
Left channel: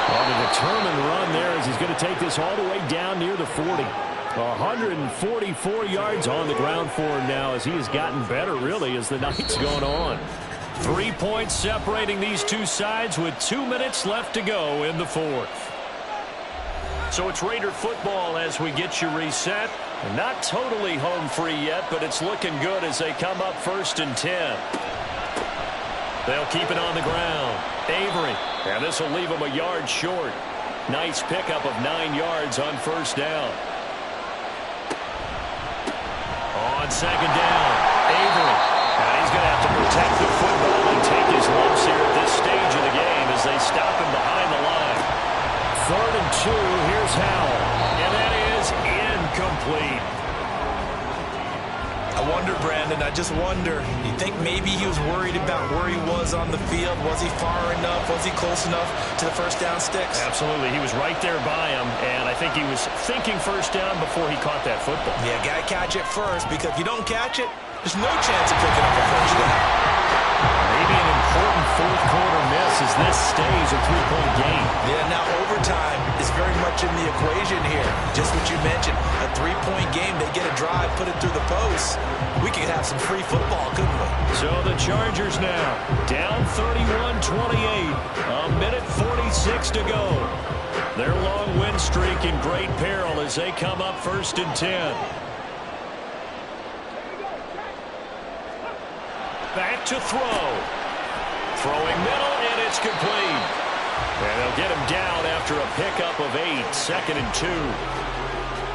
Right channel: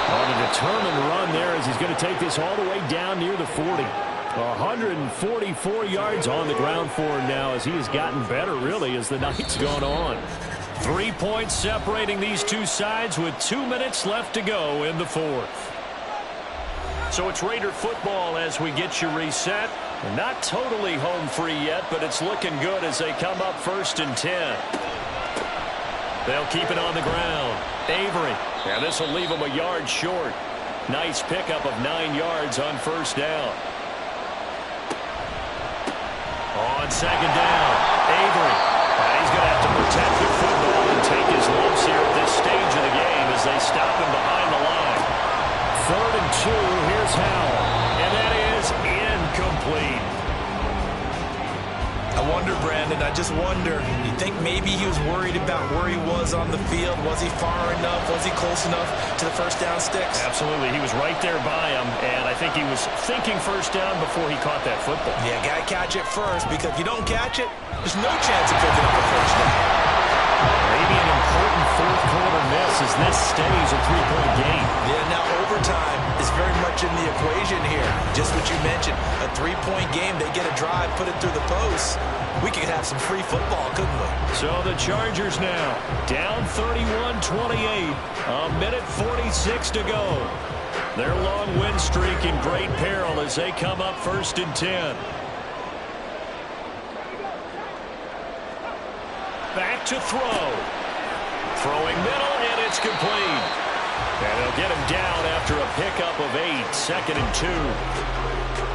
on a determined run there as he's going to take this all the way down near the 40. 144 yards on the ground for him now as he has gotten better, really, as the night's gone on. 3 points separating these two sides with 2 minutes left to go in the 4th. So it's Raider football as we get you reset. Not totally home free yet, but it's looking good as they come up 1st and 10. They'll keep it on the ground. Avery. And this will leave them a yard short. Nice pickup of 9 yards on 1st down. On 2nd down, Avery. And he's going to have to protect the football and take his lumps here at this stage of the game as they stop him behind the line. 3rd and 2, here's Howell. And that is incomplete. I wonder, Brandon, I just wonder, you think maybe he was worried about where he was on the field? Was he far enough? Was he close enough to the 1st down sticks? Absolutely. He was right there by him, and I think he was thinking 1st down before he caught that football. Yeah, got to catch it first, because if you don't catch it, there's no chance of picking up a 1st down. Maybe an important 4th quarter miss as this stays a 3-point game. Yeah, now overtime is very much in the equation here. Just what you mentioned, a 3-point game, they get a drive, put it through the post. We could have some free football, couldn't we? So the Chargers now down 31-28, a minute 46 to go. Their long win streak in great peril as they come up 1st and 10. Back to throw. Throwing middle, and it's complete. And they'll get him down after a pickup of 8, 2nd and 2.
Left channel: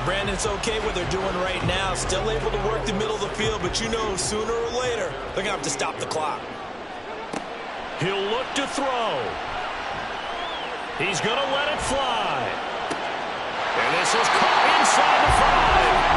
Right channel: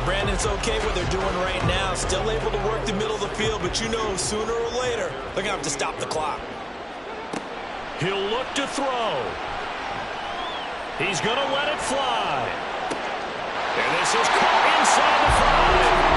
Brandon, it's okay what they're doing right now. Still able to work the middle of the field, but you know sooner or later they're going to have to stop the clock. He'll look to throw. He's going to let it fly. And this is caught inside the 5.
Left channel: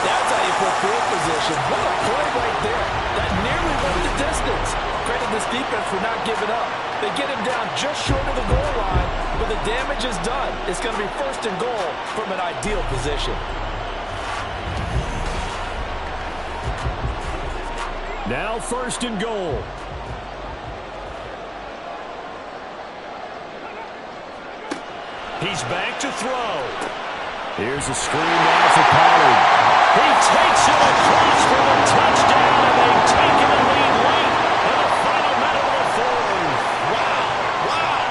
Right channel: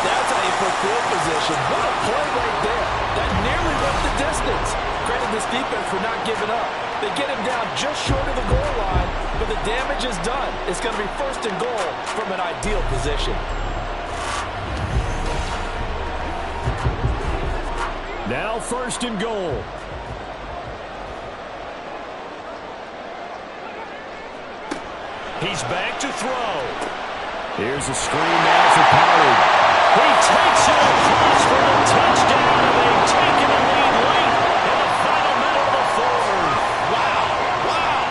That's how you put field position. What a play right there. That nearly went the distance. Credit this defense for not giving up. They get him down just short of the goal line, but the damage is done. It's going to be 1st and goal from an ideal position. Now 1st and goal. He's back to throw. Here's a screen now for Pollard. He takes it across for the touchdown, and they've taken the lead late in the final minute of the 4th. Wow, wow.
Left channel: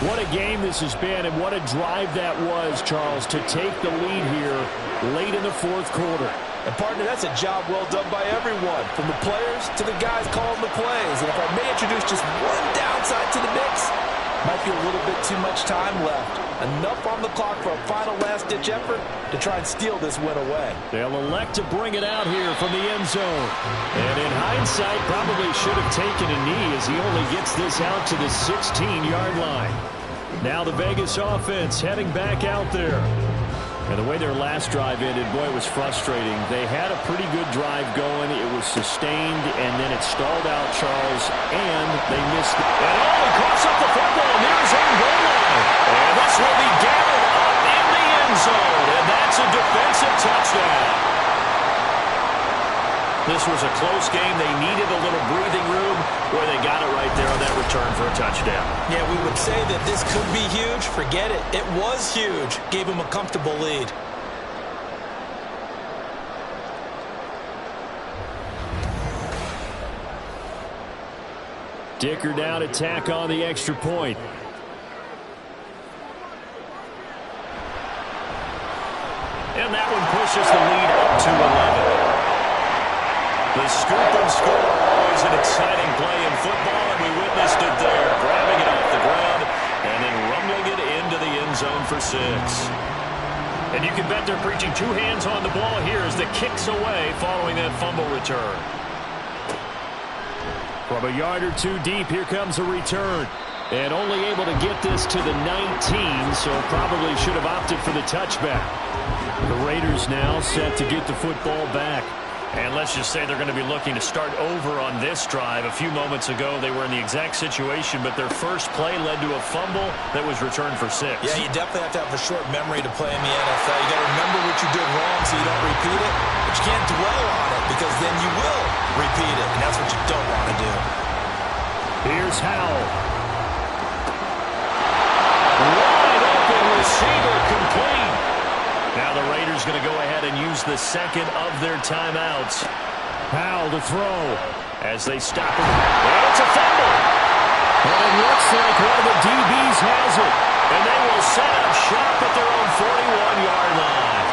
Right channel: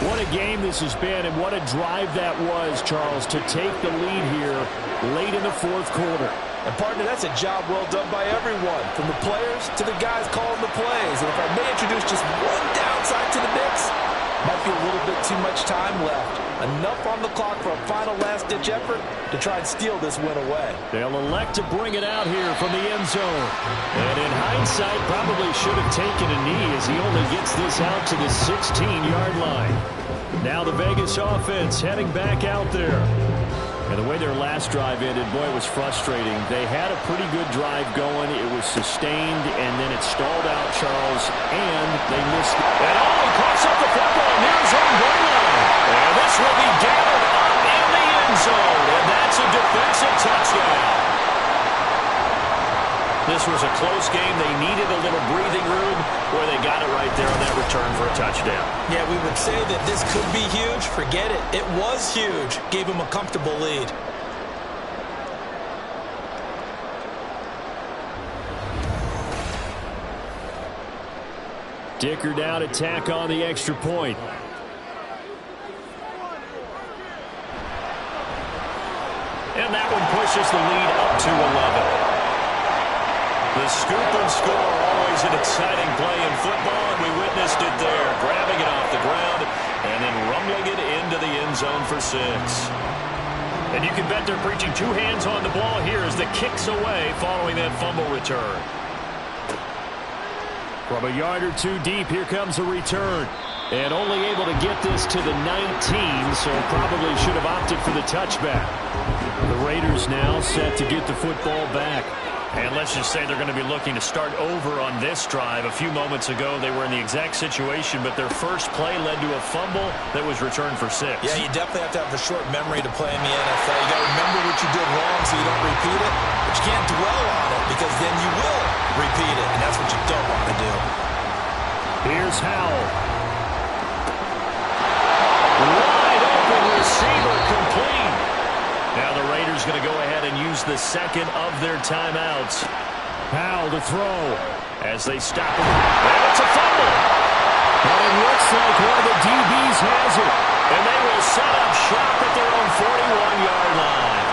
What a game this has been, and what a drive that was, Charles, to take the lead here late in the fourth quarter. And, partner, that's a job well done by everyone, from the players to the guys calling the plays. And if I may introduce just one downside to the mix, might be a little bit too much time left. Enough on the clock for a final last-ditch effort to try and steal this win away. They'll elect to bring it out here from the end zone. And in hindsight, probably should have taken a knee as he only gets this out to the 16-yard line. Now the Vegas offense heading back out there. And the way their last drive ended, boy, it was frustrating. They had a pretty good drive going. It was sustained, and then it stalled out, Charles, and they missed it. And he coughs up the football near his own goal line. And this will be gathered up in the end zone, and that's a defensive touchdown. This was a close game. They needed a little breathing room. Boy, they got it right there on that return for a touchdown. Yeah, we would say that this could be huge. Forget it. It was huge. Gave him a comfortable lead. Dicker down to tack on the extra point. And that one pushes the lead up to 11. The scoop and score, always an exciting play in football, and we witnessed it there, grabbing it off the ground and then rumbling it into the end zone for 6. And you can bet they're preaching two hands on the ball here as the kick's away following that fumble return. From a yard or two deep, here comes a return. And only able to get this to the 19, so probably should have opted for the touchback. The Raiders now set to get the football back. And let's just say they're going to be looking to start over on this drive. A few moments ago, they were in the exact situation, but their first play led to a fumble that was returned for 6. Yeah, you definitely have to have a short memory to play in the NFL. You got to remember what you did wrong so you don't repeat it, but you can't dwell on it because then you will repeat it, and that's what you don't want to do. Here's Howell. Wide open receiver complete. Now the Raiders going to go ahead and use the second of their timeouts. Howell to throw. As they stop him. And it's a fumble. And it looks like one of the DBs has it. And they will set up shop at their own 41-yard line.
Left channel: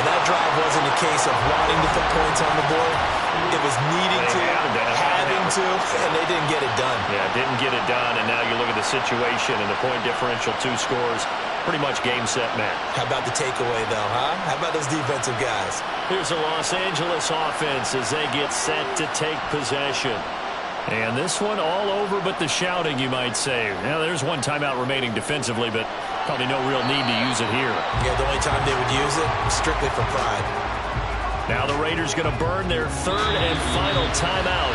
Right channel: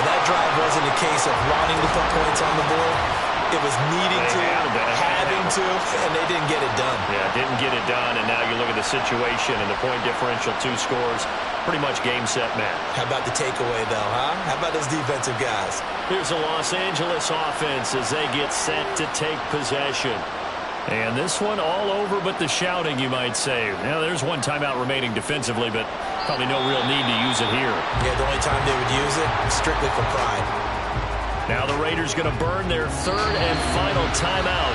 Well, that drive wasn't a case of wanting to put points on the board. It was needing to, having to, and they didn't get it done. Yeah, didn't get it done, and now you look at the situation and the point differential, 2 scores, pretty much game, set, match. How about the takeaway, though, huh? How about those defensive guys? Here's the Los Angeles offense as they get set to take possession. And this one all over but the shouting, you might say. Now, there's one timeout remaining defensively, but probably no real need to use it here. Yeah, the only time they would use it, strictly for pride. Now the Raiders going to burn their third and final timeout.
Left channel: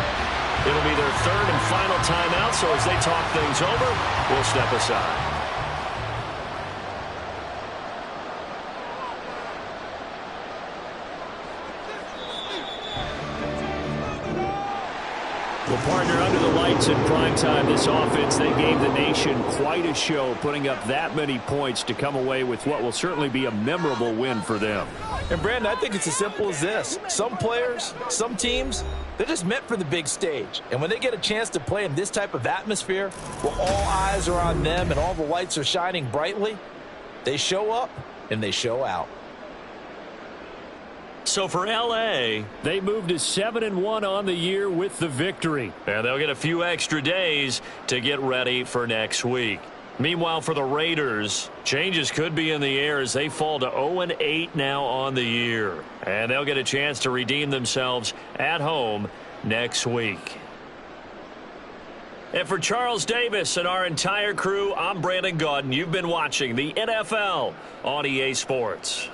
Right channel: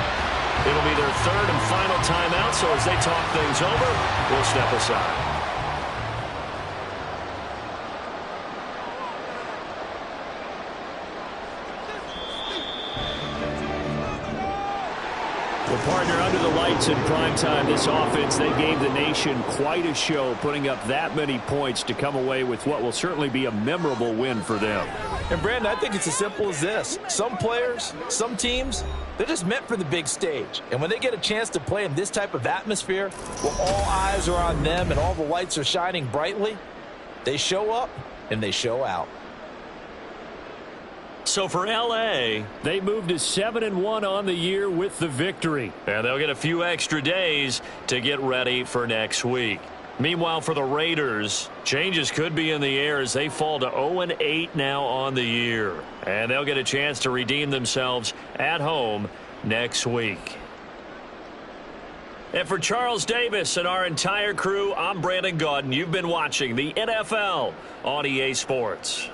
It'll be their third and final timeout, so as they talk things over, we'll step aside. Well, partner, under the lights in primetime, this offense, they gave the nation quite a show, putting up that many points to come away with what will certainly be a memorable win for them. And, Brandon, I think it's as simple as this. Some players, some teams, they're just meant for the big stage. And when they get a chance to play in this type of atmosphere, where all eyes are on them and all the lights are shining brightly, they show up and they show out. So for L.A., they moved to 7-1 on the year with the victory. And they'll get a few extra days to get ready for next week. Meanwhile, for the Raiders, changes could be in the air as they fall to 0-8 now on the year. And they'll get a chance to redeem themselves at home next week. And for Charles Davis and our entire crew, I'm Brandon Gaudin. You've been watching the NFL on EA Sports.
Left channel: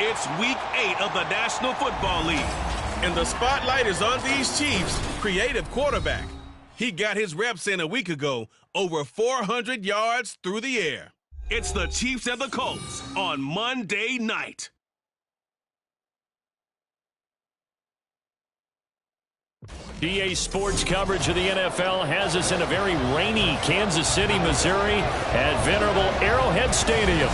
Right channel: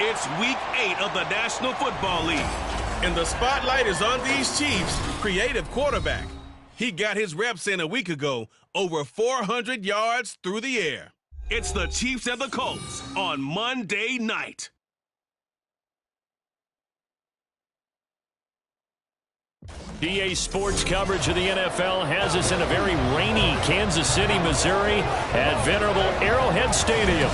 It's Week 8 of the National Football League, and the spotlight is on these Chiefs' creative quarterback. He got his reps in a week ago, over 400 yards through the air. It's the Chiefs and the Colts on Monday night. DA Sports coverage of the NFL has us in a very rainy Kansas City, Missouri at venerable Arrowhead Stadium.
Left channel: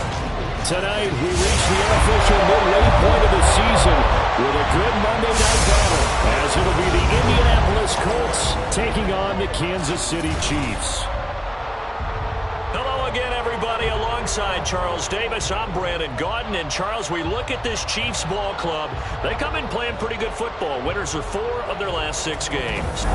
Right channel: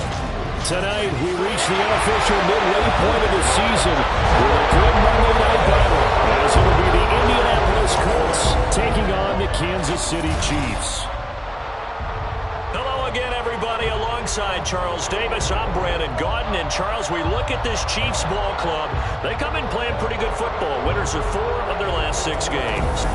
Tonight, we reach the unofficial midway point of the season with a good Monday night battle, as it'll be the Indianapolis Colts taking on the Kansas City Chiefs. Hello again, everybody. Alongside Charles Davis, I'm Brandon Gaudin. And Charles, we look at this Chiefs ball club. They come in playing pretty good football. Winners of 4 of their last 6 games.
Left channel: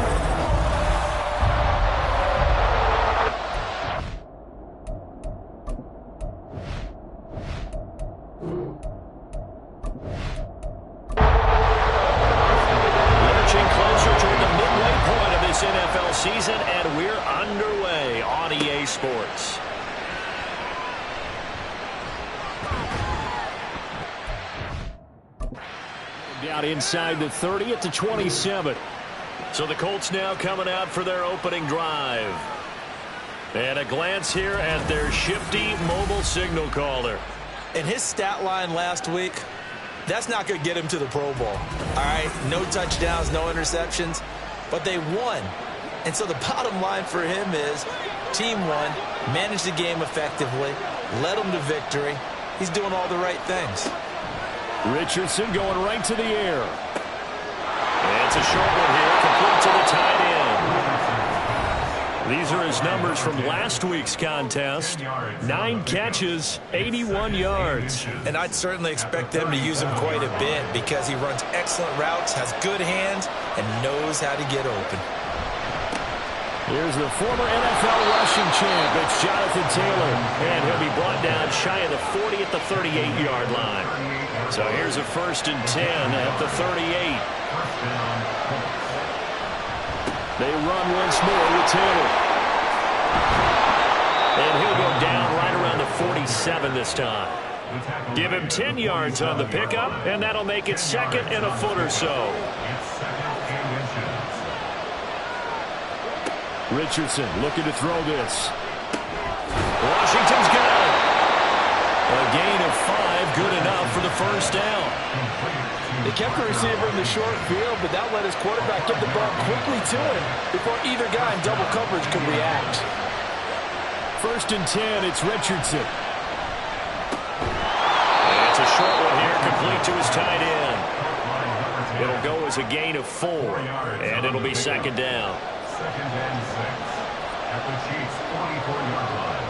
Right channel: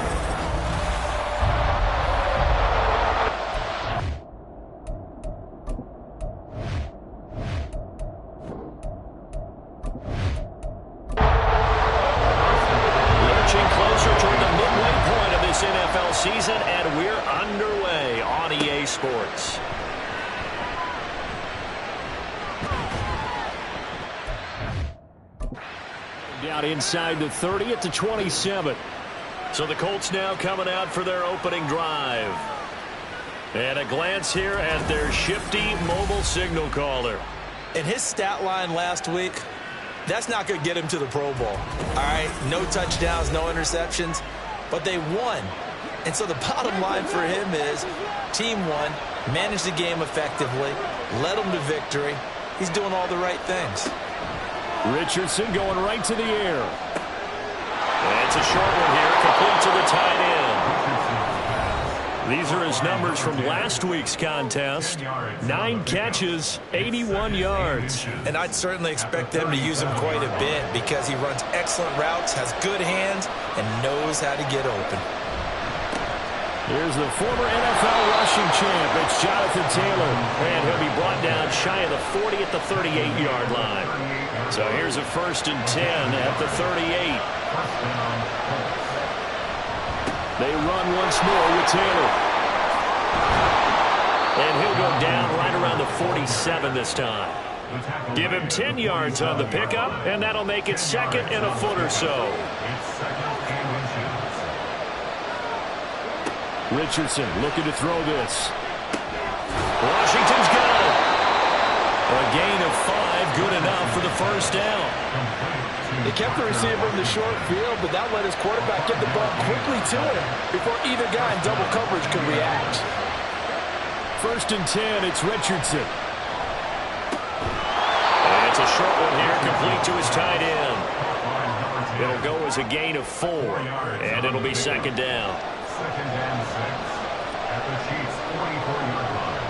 season, and we're underway on EA Sports. Down inside the 30 at the 27. So the Colts now coming out for their opening drive. And a glance here at their shifty mobile signal caller. And his stat line last week, that's not going to get him to the Pro Bowl. All right, no touchdowns, no interceptions, but they won. And so the bottom line for him is team won, managed the game effectively, led them to victory. He's doing all the right things. Richardson going right to the air. And it's a short one here, complete to the tight end. These are his numbers from last week's contest. 9 catches, 81 yards. And I'd certainly expect them to use him quite a bit because he runs excellent routes, has good hands, and knows how to get open. Here's the former NFL rushing champ. It's Jonathan Taylor. And he'll be brought down shy of the 40 at the 38-yard line. So here's a 1st and 10 at the 38. They run once more with Taylor. And he'll go down right around the 47 this time. Give him 10 yards on the pickup, and that'll make it 2nd and a foot or so. Richardson looking to throw this. Washington's got it. A gain of 5, good enough for the 1st down. They kept the receiver in the short field, but that let his quarterback get the ball quickly to him before either guy in double coverage could react. 1st and 10, it's Richardson. And it's a short one here, complete to his tight end. It'll go as a gain of 4, and it'll be 2nd down. 2nd and 6 at the Chiefs' 44-yard line.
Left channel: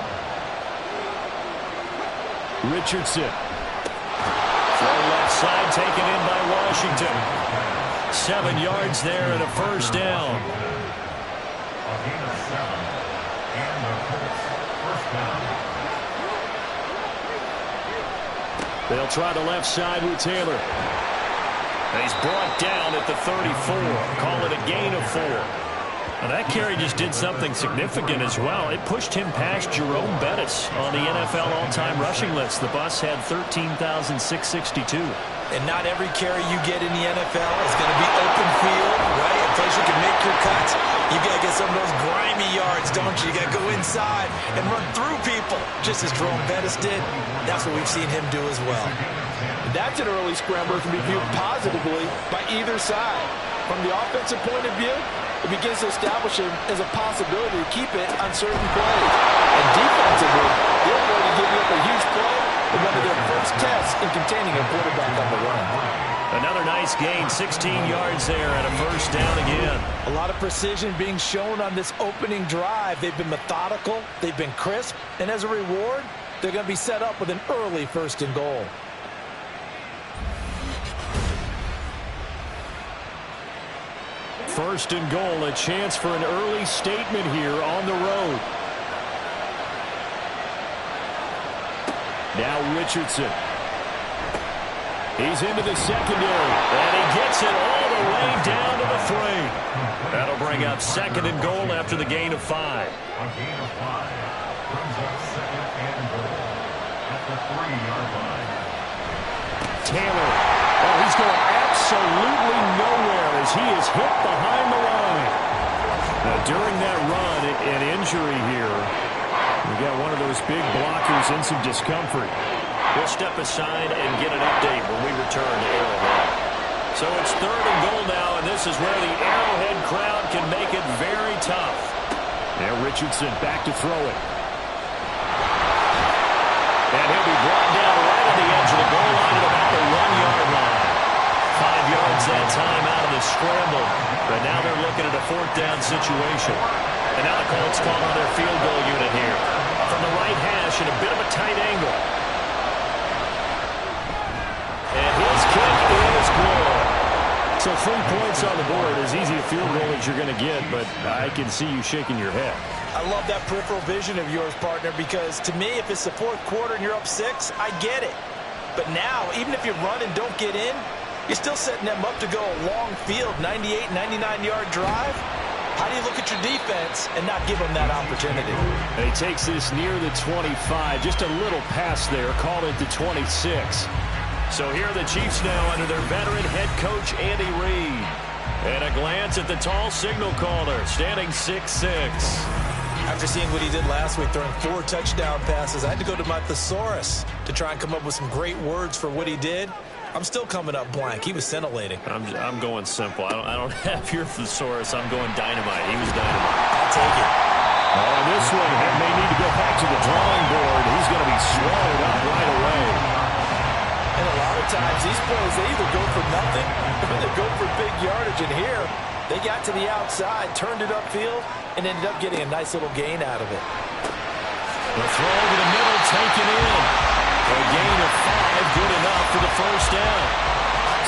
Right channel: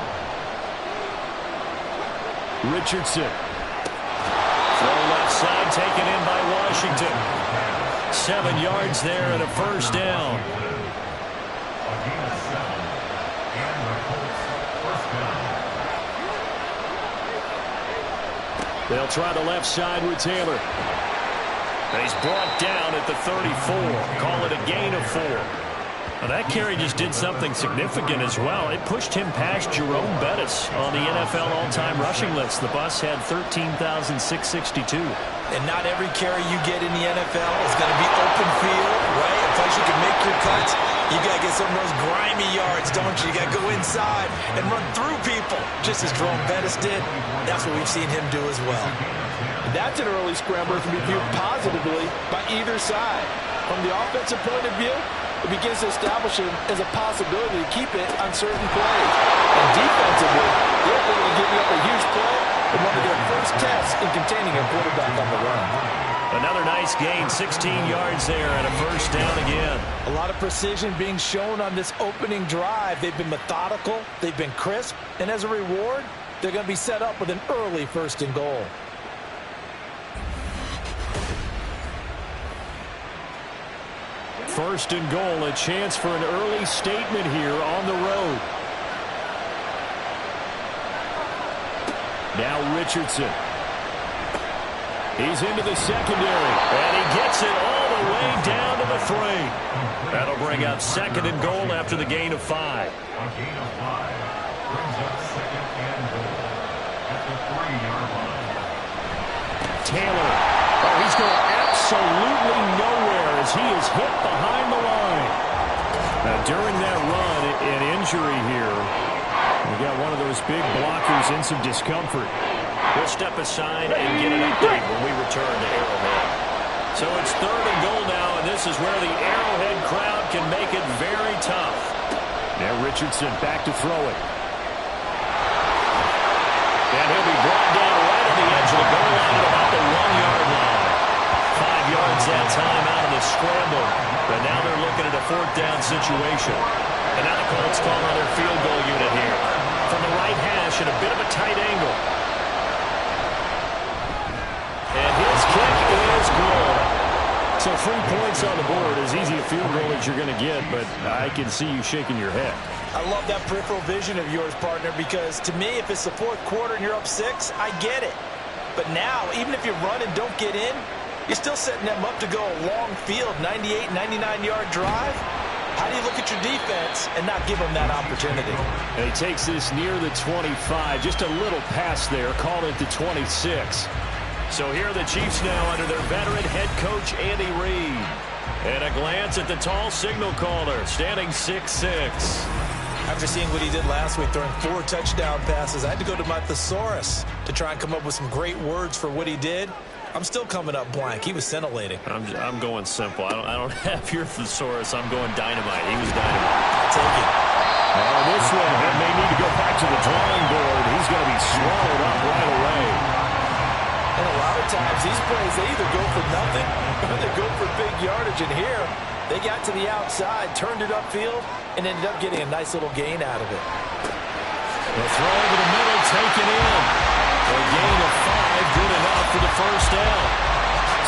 Richardson. Throw left side taken in by Washington. 7 yards there and a 1st down. A gain of 7 and the Colts 1st down. They'll try the left side with Taylor. And he's brought down at the 34. Call it a gain of 4. Now that carry just did something significant as well. It pushed him past Jerome Bettis on the NFL all-time rushing list. The bus had 13,662. And not every carry you get in the NFL is going to be open field, right? A place you can make your cuts. You got to get some of those grimy yards, don't you? You got to go inside and run through people, just as Jerome Bettis did. That's what we've seen him do as well. That's an early scrambler that can be viewed positively by either side. From the offensive point of view, it begins to establish him as a possibility to keep it on certain plays. And defensively, they're going to give you up a huge play in one of their first tests in containing a quarterback on the run. Another nice gain, 16 yards there and a 1st down again. A lot of precision being shown on this opening drive. They've been methodical, they've been crisp, and as a reward, they're going to be set up with an early 1st and goal. First and goal, a chance for an early statement here on the road. Now Richardson. He's into the secondary, and he gets it all the way down to the 3. That'll bring up 2nd and goal after the gain of 5. A gain of 5 brings up 2nd and goal at the 3-yard line. Taylor. Oh, he's going absolutely nowhere as he is hit behind the line. Now, during that run, an injury here. We got one of those big blockers in some discomfort. We'll step aside and get an update when we return to Arrowhead. So it's 3rd and goal now, and this is where the Arrowhead crowd can make it very tough. Now Richardson back to throw it. And he'll be brought down right on the edge of the goal line at about the 1-yard line. 5 yards that time out of the scramble. But now they're looking at a 4th down situation. And now the Colts call on their field goal unit here. From the right hash at a bit of a tight angle. And his kick is good. So 3 points on the board, as easy a field goal as you're going to get, but I can see you shaking your head. I love that peripheral vision of yours, partner, because to me, if it's the 4th quarter and you're up 6, I get it. But now, even if you run and don't get in, you're still setting them up to go a long field, 98, 99-yard drive. How do you look at your defense and not give them that opportunity? And he takes this near the 25. Just a little pass there. Called it to 26. So here are the Chiefs now under their veteran head coach, Andy Reid. And a glance at the tall signal caller, standing 6'6". After seeing what he did last week, throwing 4 touchdown passes, I had to go to my thesaurus to try and come up with some great words for what he did. I'm still coming up blank. He was scintillating. I'm going simple. I don't have your thesaurus. I'm going dynamite. He was dynamite. I'll take it. Oh, this one may need to go back to the drawing board. He's going to be swallowed up right away. And a lot of times, these plays, they either go for nothing or they go for big yardage. And here, they got to the outside, turned it upfield, and ended up getting a nice little gain out of it. The throw over the middle, taken in. A gain of 5, good enough for the first down.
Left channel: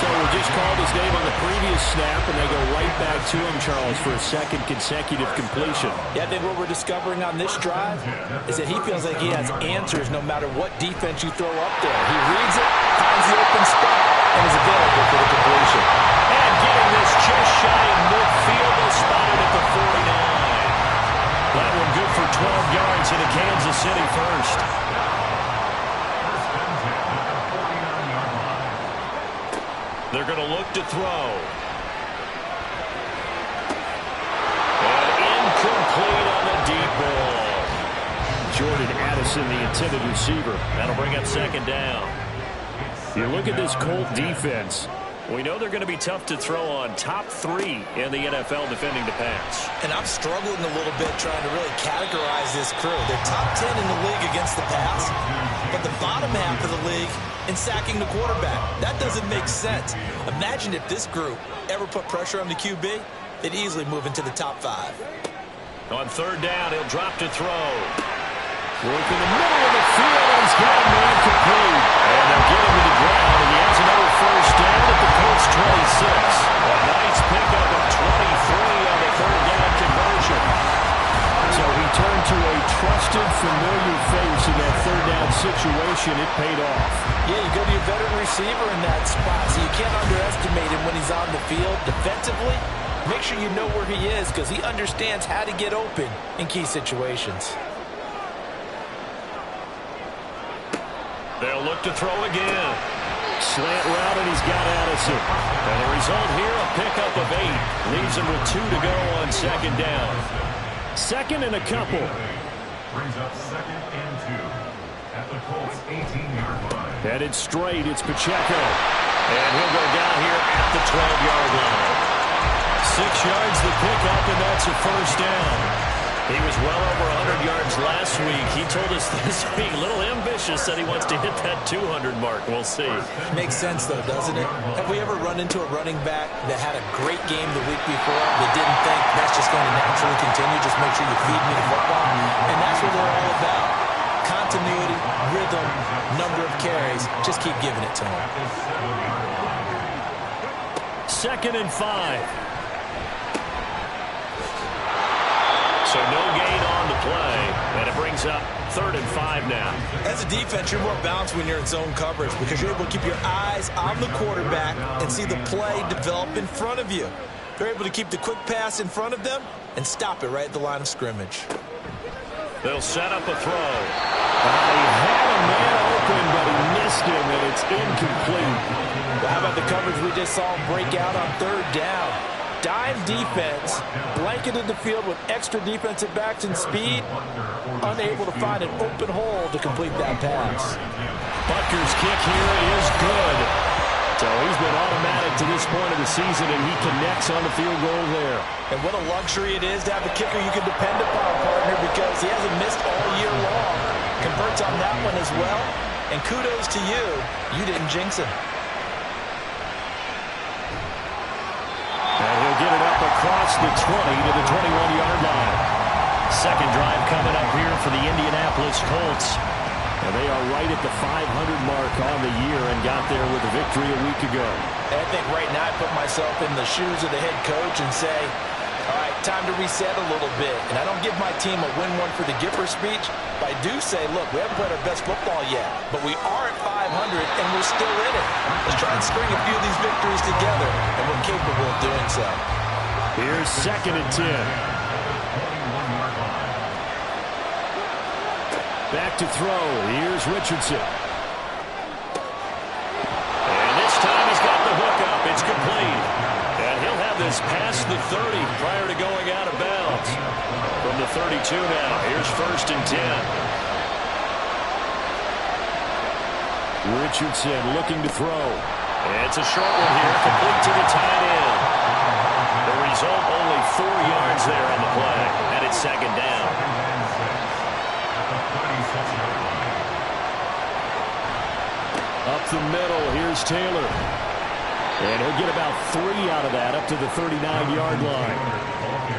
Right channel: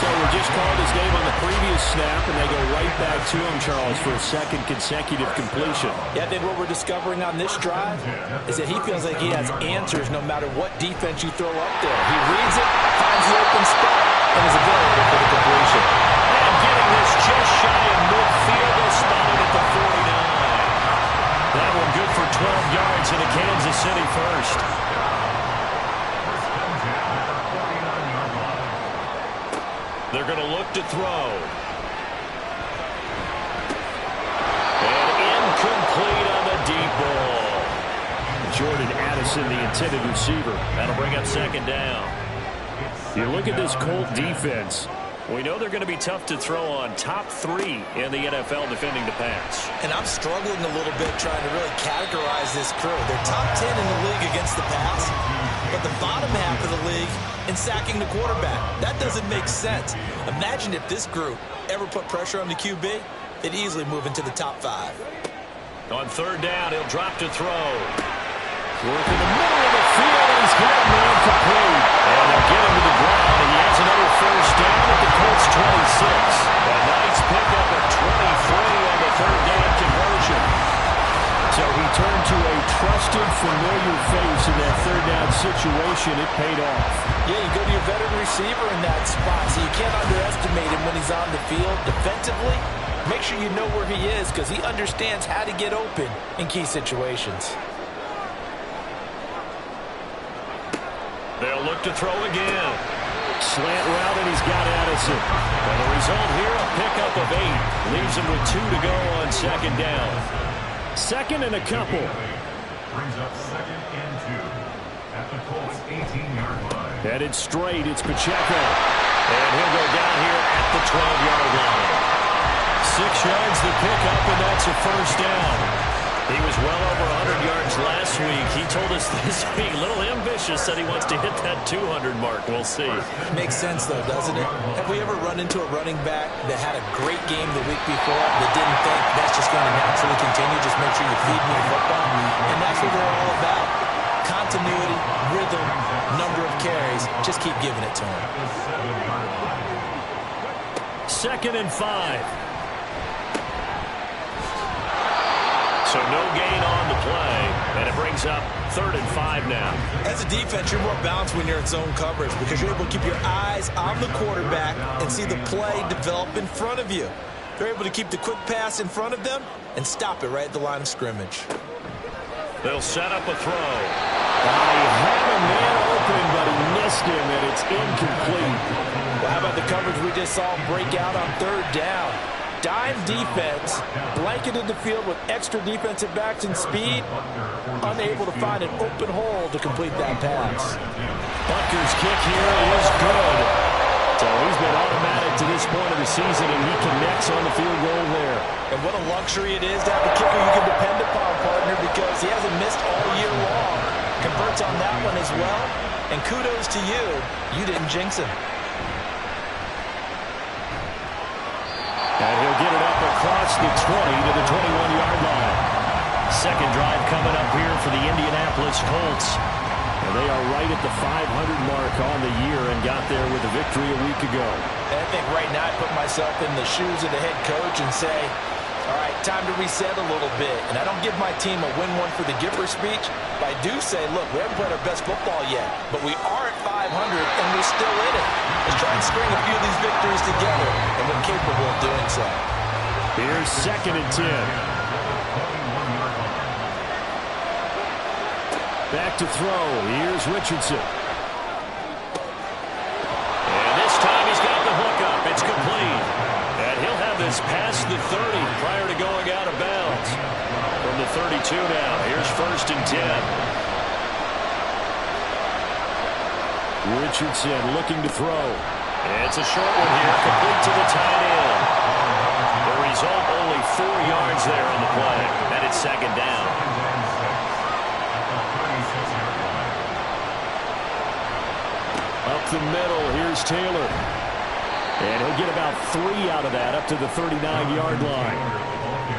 So we just called his name on the previous snap, and they go right back to him, Charles, for a second consecutive completion. Yeah, I think what we're discovering on this drive is that he feels like he has answers no matter what defense you throw up there. He reads it, finds the open spot, and is available for the completion. And getting this just shy of midfield, they'll spot it at the 49. That one good for 12 yards into Kansas City first. They're going to look to throw. And incomplete on the deep ball. Jordan Addison, the intended receiver. That'll bring up second down. You look at this Colt defense. We know they're going to be tough to throw on. Top 3 in the NFL defending the pass. And I'm struggling a little bit trying to really categorize this crew. They're top 10 in the league against the pass, but the bottom half of the league in sacking the quarterback. That doesn't make sense. Imagine if this group ever put pressure on the QB, they'd easily move into the top 5. On third down, he'll drop to throw. Work in the middle of the field, and he's got a man complete. And they'll get him to the ground, and he has another first down at the Colts 26. A nice pickup of 23 on the third down conversion. So he turned to a trusted, familiar face in that third down situation. It paid off. Yeah, you go to your veteran receiver in that spot, so you can't underestimate him when he's on the field. Defensively, make sure you know where he is because he understands how to get open in key situations. They'll look to throw again. Slant route, and he's got Addison. And the result here, a pickup of 8. Leaves him with 2 to go on second down. Second and a couple. Brings up 2nd and 2 at the Colts 18-yard line. Headed straight, it's Pacheco. And he'll go down here at the 12-yard line. 6 yards the pickup, and that's a first down. He was well over 100 yards last week. He told us this week, a little ambitious, said he wants to hit that 200 mark. We'll see. Makes sense, though, doesn't it? Have we ever run into a running back that had a great game the week before that didn't think that's just going to naturally continue? Just make sure you feed me the football. And that's what they're all about. Continuity, rhythm, number of carries. Just keep giving it to him. 2nd and 5. So no gain on the play, and it brings up 3rd and 5 now. As a defense, you're more balanced when you're in zone coverage because you're able to keep your eyes on the quarterback and see the play develop in front of you. They're able to keep the quick pass in front of them and stop it right at the line of scrimmage. They'll set up a throw. He had a man open, but he missed him, and it's incomplete. Well, how about the coverage we just saw him break out on 3rd down? Dime defense, blanketed the field with extra defensive backs and speed, unable to find an open hole to complete that pass. Butker's kick here is good. So he's been automatic to this point of the season, and he connects on the field goal there. And what a luxury it is to have a kicker you can depend upon, partner, because he hasn't missed all year long. Converts on that one as well, and kudos to you. You didn't jinx him. And he'll get it up across the 20 to the 21-yard line. Second drive coming up here for the Indianapolis Colts. And they are right at the 500 mark on the year and got there with a victory a week ago. And I think right now I put myself in the shoes of the head coach and say, all right, time to reset a little bit. And I don't give my team a win one for the Gipper speech, but I do say, look, we haven't played our best football yet, but we are at 500 and we're still in it. Let's try and string a few of these victories together, and we're capable of doing so. Here's 2nd and 10. Back to throw. Here's Richardson. And this time he's got the hook up. It's complete. And he'll have this past the 30 prior to going out of bounds. From the 32 now. Here's 1st and 10. Richardson looking to throw. It's a short one here, complete to the tight end. The result, only 4 yards there on the play, and it's 2nd down. At the 36-yard line. Up the middle, here's Taylor. And he'll get about 3 out of that, up to the 39-yard line.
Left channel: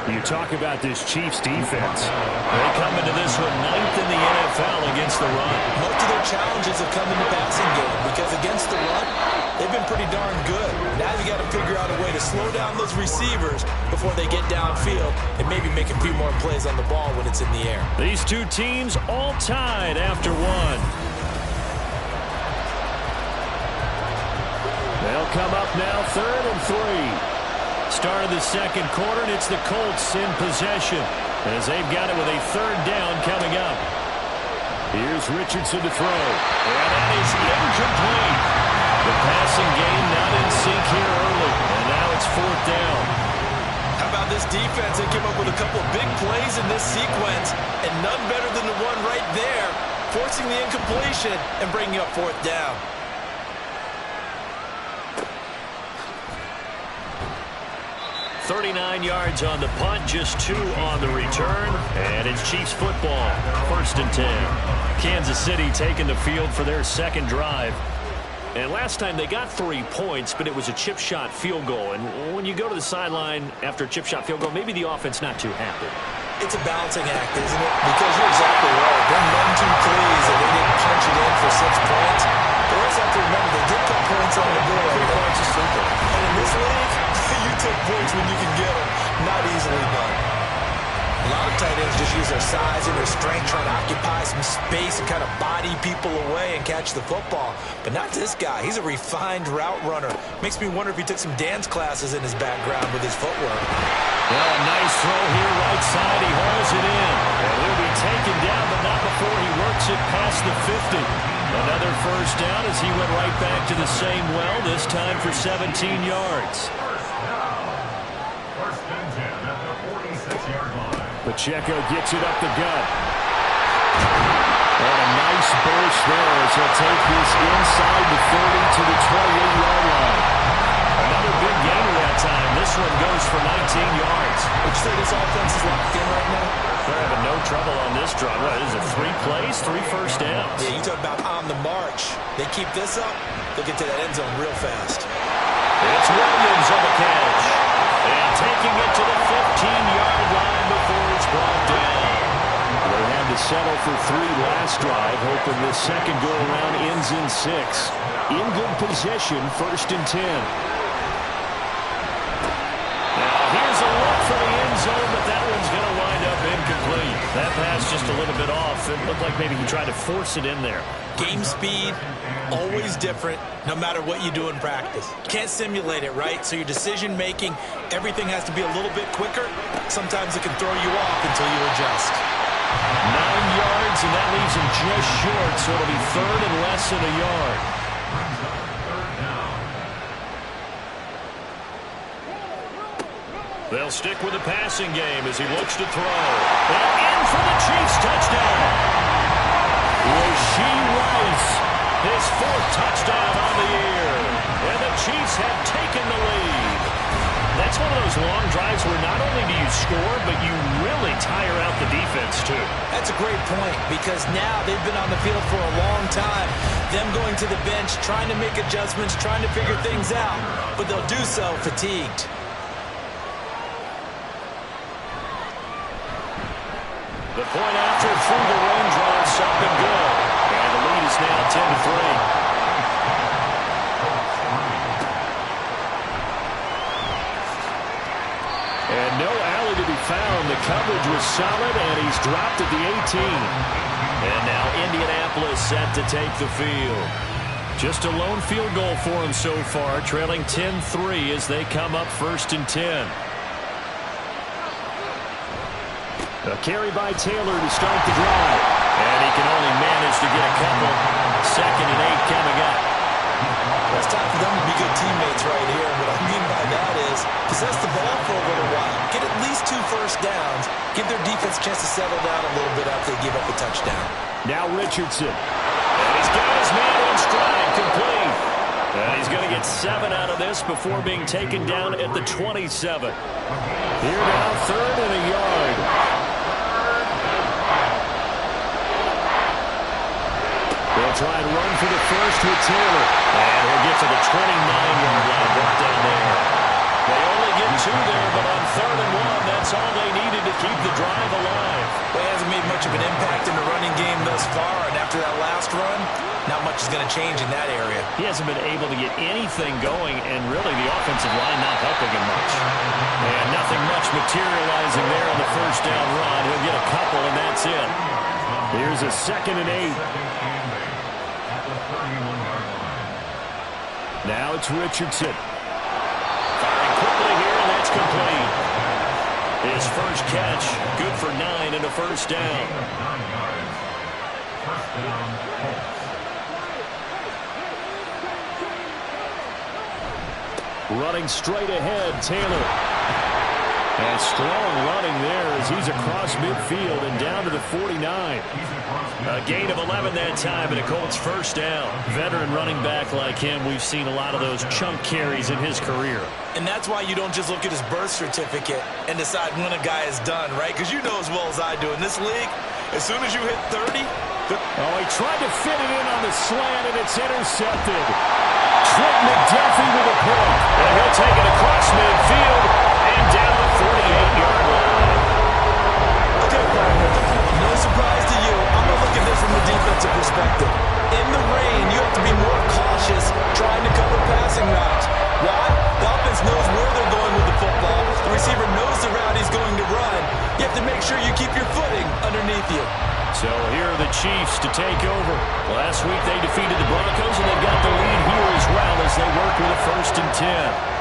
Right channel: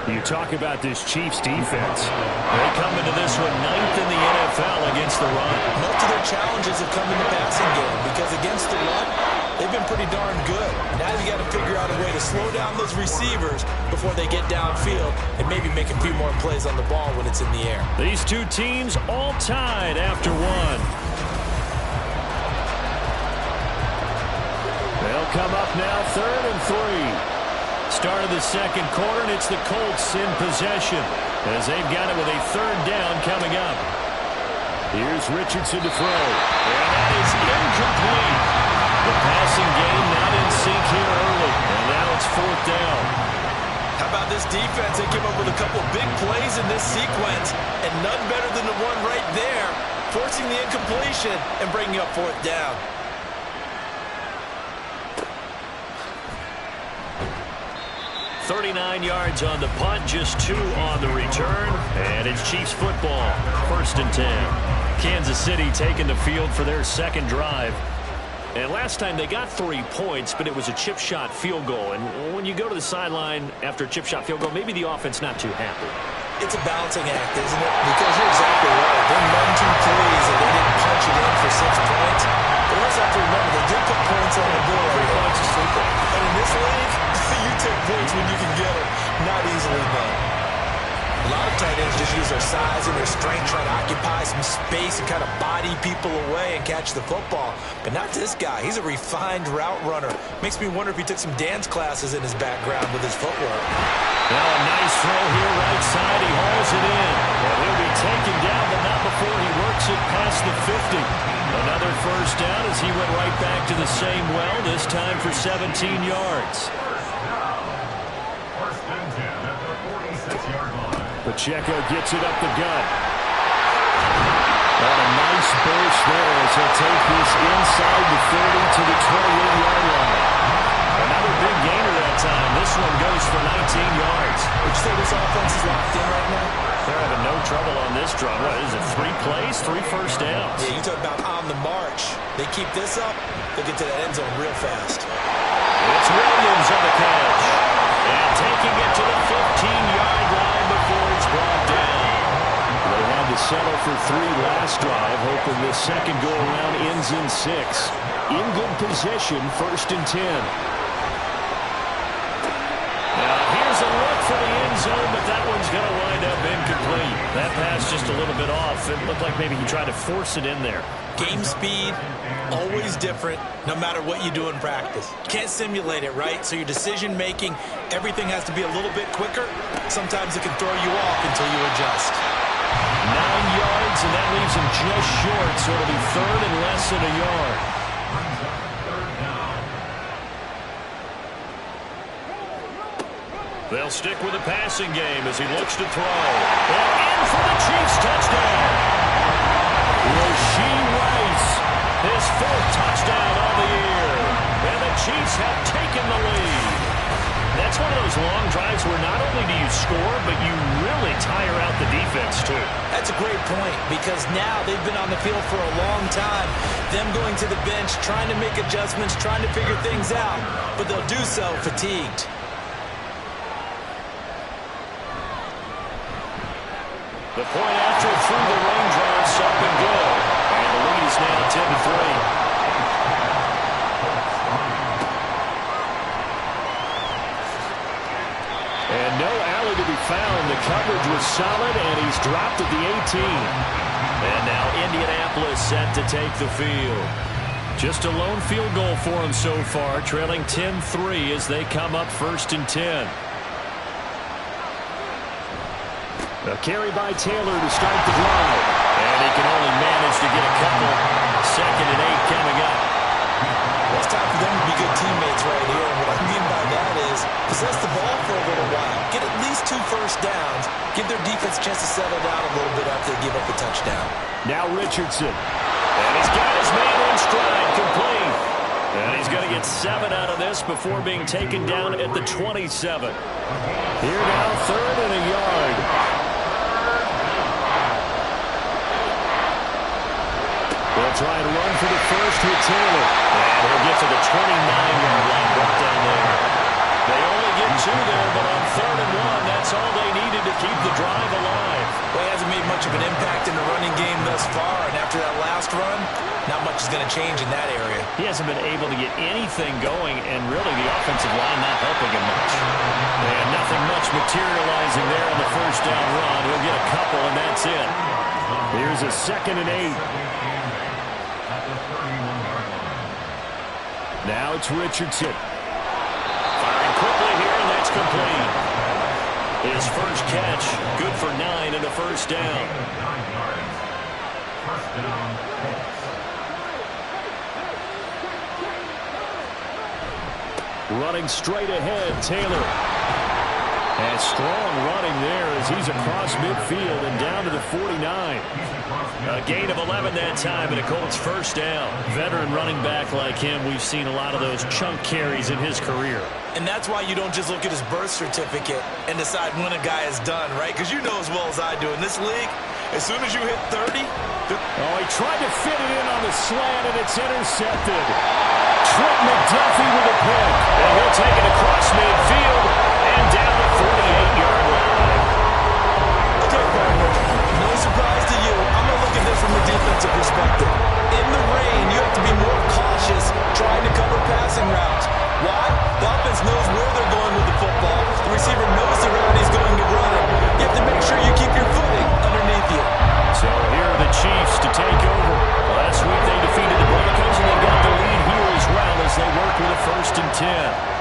You talk about this Chiefs defense. They come into this one 9th in the NFL against the run. Most of their challenges have come in the passing game because against the run, they've been pretty darn good. Now you got to figure out a way to slow down those receivers before they get downfield and maybe make a few more plays on the ball when it's in the air. These two teams all tied after one. They'll come up now 3rd and 3. Start of the 2nd quarter, and it's the Colts in possession as they've got it with a 3rd down coming up. Here's Richardson to throw. And that is incomplete. The passing game not in sync here early, and now it's 4th down. How about this defense? They came up with a couple of big plays in this sequence, and none better than the one right there, forcing the incompletion and bringing up 4th down. 39 yards on the punt, just 2 on the return, and it's Chiefs football, 1st and 10. Kansas City taking the field for their 2nd drive. And last time they got 3 points, but it was a chip shot field goal. And when you go to the sideline after a chip shot field goal, maybe the offense not too happy. It's a balancing act, isn't it? Because you're exactly right. They're none too pleased that they didn't punch it in for 6 points. But we also have to remember they did put points on the board. 3 points is 3 points. And in this league, you take points when you can get them. Not easily done. A lot of tight ends just use their size and their strength, trying to occupy some space and kind of body people away and catch the football. But not this guy. He's a refined route runner. Makes me wonder if he took some dance classes in his background with his footwork. Now a nice throw here right side. He hauls it in. And he'll be taken down, but not before he works it past the 50. Another 1st down as he went right back to the same well, this time for 17 yards. First and 10 at the 46-yard line. Pacheco gets it up the gut. And a nice burst there as he'll take this inside the 30 to the 28-yard line. Another big gainer that time. This one goes for 19 yards. Would you say this offense is locked in right now? They're having no trouble on this drive. What is it, 3 plays, 3 first downs? Yeah, you talk about on the march. They keep this up, they'll get to that end zone real fast. It's Williams on the catch. And taking it to the 15-yard line before it's brought down. They had to settle for 3 last drive, hoping this second go-around ends in 6. In good position, 1st and 10. Now, here's a look for the end zone, but that one's going to wind up incomplete. That pass just a little bit off. It looked like maybe he tried to force it in there. Game speed, always different, no matter what you do in practice. Can't simulate it, right? So your decision-making, everything has to be a little bit quicker. Sometimes it can throw you off until you adjust. 9 yards, and that leaves him just short, so it'll be 3rd and less than a yard. Brings up 3rd down. They'll stick with the passing game as he looks to throw. And in for the Chiefs touchdown. Rashee Rice, his 4th touchdown on the year. And the Chiefs have taken the lead. That's one of those long drives where not only do you score, but you really tire out the defense, too. That's a great point because now they've been on the field for a long time. Them going to the bench, trying to make adjustments, trying to figure things out, but they'll do so fatigued. The point after through the raindrops up and good. And the lead is now 10-3. And no alley to be found. The coverage was solid, and he's dropped at the 18. And now Indianapolis set to take the field. Just a lone field goal for him so far, trailing 10-3 as they come up 1st and 10. A carry by Taylor to start the drive. And he can only manage to get a couple. 2nd and 8 coming up. Well, it's time for them to be good teammates right here. And what I mean by that is possess the ball for a little while. Get at least 2 first downs. Give their defense a chance to settle down a little bit after they give up a touchdown. Now Richardson. And he's got his man in stride, complete. And he's going to get 7 out of this before being taken down at the 27. Here now, 3rd and a yard. They'll try and run for the first with Taylor. And he'll get to the 29-yard line, brought down there. They only get 2 there, but on 3rd and 1, that's all they needed to keep the drive alive. Well, he hasn't made much of an impact in the running game thus far, and after that last run, not much is going to change in that area. He hasn't been able to get anything going, and really the offensive line not helping him much. And nothing much materializing there on the first down run. He'll get a couple, and that's it. Here's a 2nd and 8. Now it's Richardson. Firing quickly here, and that's complete. His first catch, good for 9 and a first down. Running straight ahead, Taylor. And strong running there as he's across midfield and down to the 49. A gain of 11 that time and a Colts first down. Veteran running back like him, we've seen a lot of those chunk carries in his career. And that's why you don't just look at his birth certificate and decide when a guy is done, right? Because you know as well as I do, in this league, as soon as you hit 30... Oh, he tried to fit it in on the slant, and it's intercepted. Trent McDuffie with a pick. And he'll take it across midfield and down the 48-yard line. Okay, partner, no surprise to you. I'm going to look at this from the defensive perspective. In the rain, you have to be more cautious trying to cover passing routes. Why? The offense knows where they're going with the football. The receiver knows the route he's going to run. You have to make sure you keep your footing underneath you. So here are the Chiefs to take over. Last week they defeated the Broncos, and they've got the lead here as well as they work with a 1st and 10.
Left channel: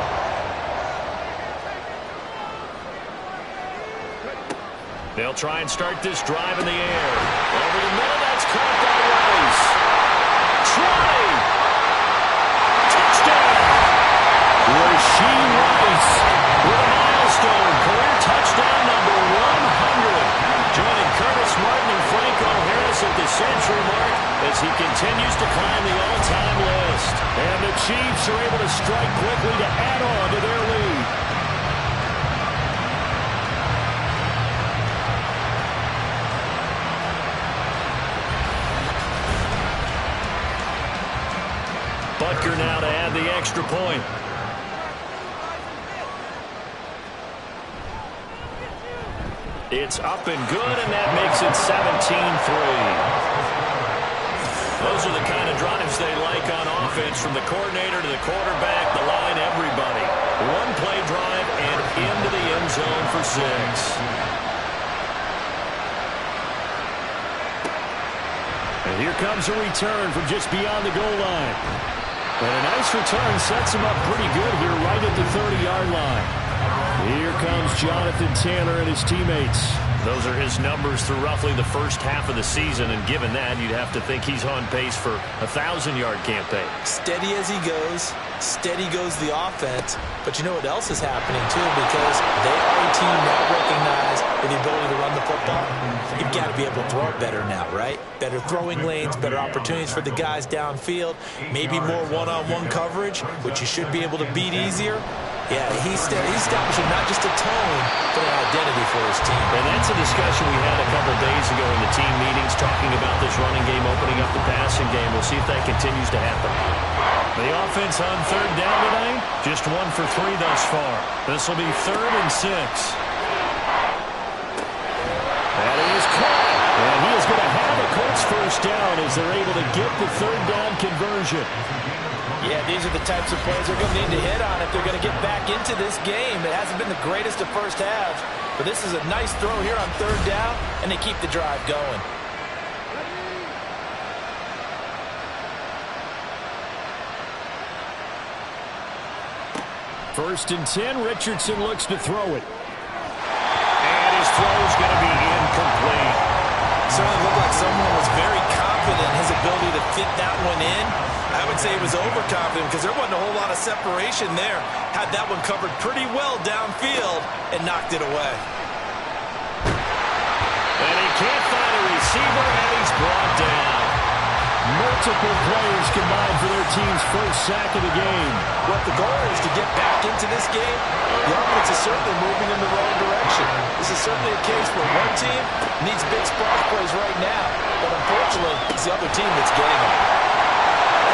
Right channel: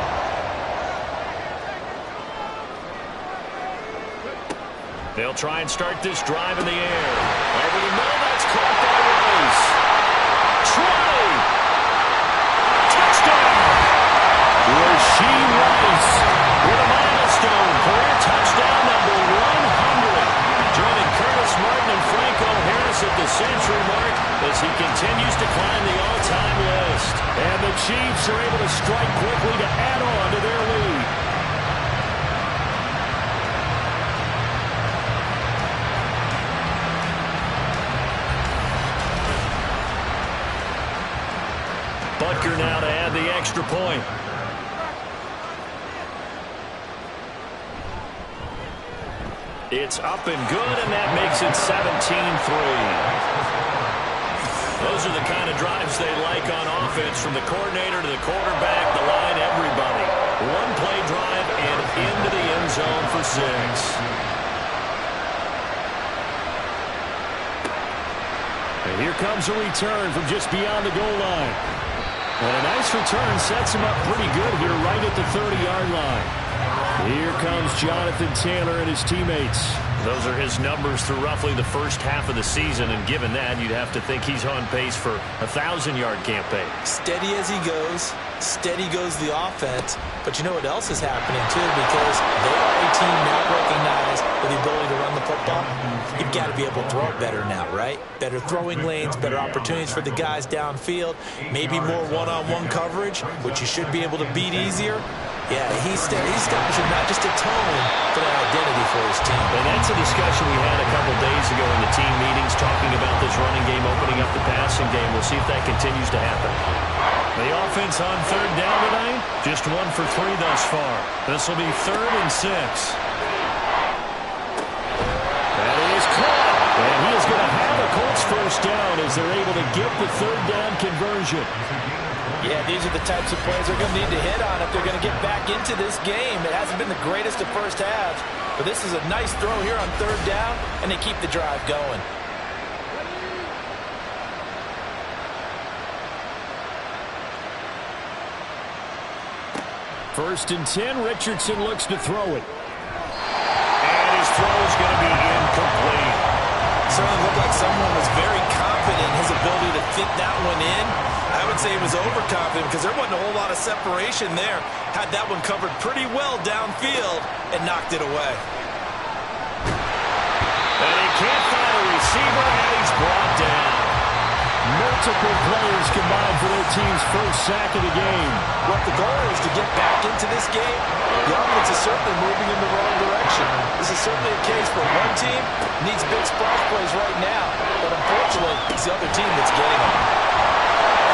They'll try and start this drive in the air. Over the middle, that's caught by Rice. 20. Touchdown. Rasheed Rice with a milestone. Career touchdown number 100. Joining Curtis Martin and Franco Harris at the century mark as he continues to climb the all-time list. And the Chiefs are able to strike quickly to add on to their lead. Butker now to add the extra point. It's up and good, and that makes it 17-3. Those are the kind of drives they like on offense, from the coordinator to the quarterback, the line, everybody. One-play drive and into the end zone for 6. And here comes a return from just beyond the goal line. And a nice return sets him up pretty good here right at the 30-yard line. Here comes Jonathan Taylor and his teammates. Those are his numbers through roughly the first half of the season, and given that, you'd have to think he's on pace for a 1,000-yard campaign. Steady as he goes, steady goes the offense, but you know what else is happening too, because they are a team now recognized with the ability to run the football. You've got to be able to throw it better now, right? Better throwing lanes, better opportunities for the guys downfield, maybe more one-on-one coverage, which you should be able to beat easier. Yeah, he's establishing not just a tone, but an identity for his team. And that's a discussion we had a couple days ago in the team meetings, talking about this running game, opening up the passing game. We'll see if that continues to happen. The offense on 3rd down tonight, just 1 for 3 thus far. This will be 3rd and 6. That is caught. And he is going to have a Colts first down as they're able to get the 3rd down conversion. Yeah, these are the types of plays they're going to need to hit on if they're going to get back into this game. It hasn't been the greatest of first halves, but this is a nice throw here on 3rd down, and they keep the drive going. First and 10, Richardson looks to throw it. And his throw is going to be incomplete. Certainly looked like someone was very confident in his ability to fit that one in. I would say he was overconfident because there wasn't a whole lot of separation there. Had that one covered pretty well downfield and knocked it away. And he can't find a receiver, and he's brought down. Multiple players combined for their team's first sack of the game. What the goal is to get back into this game, the offense is certainly moving in the wrong direction. This is certainly a case where one team needs big splash plays right now, but unfortunately, it's the other team that's getting them.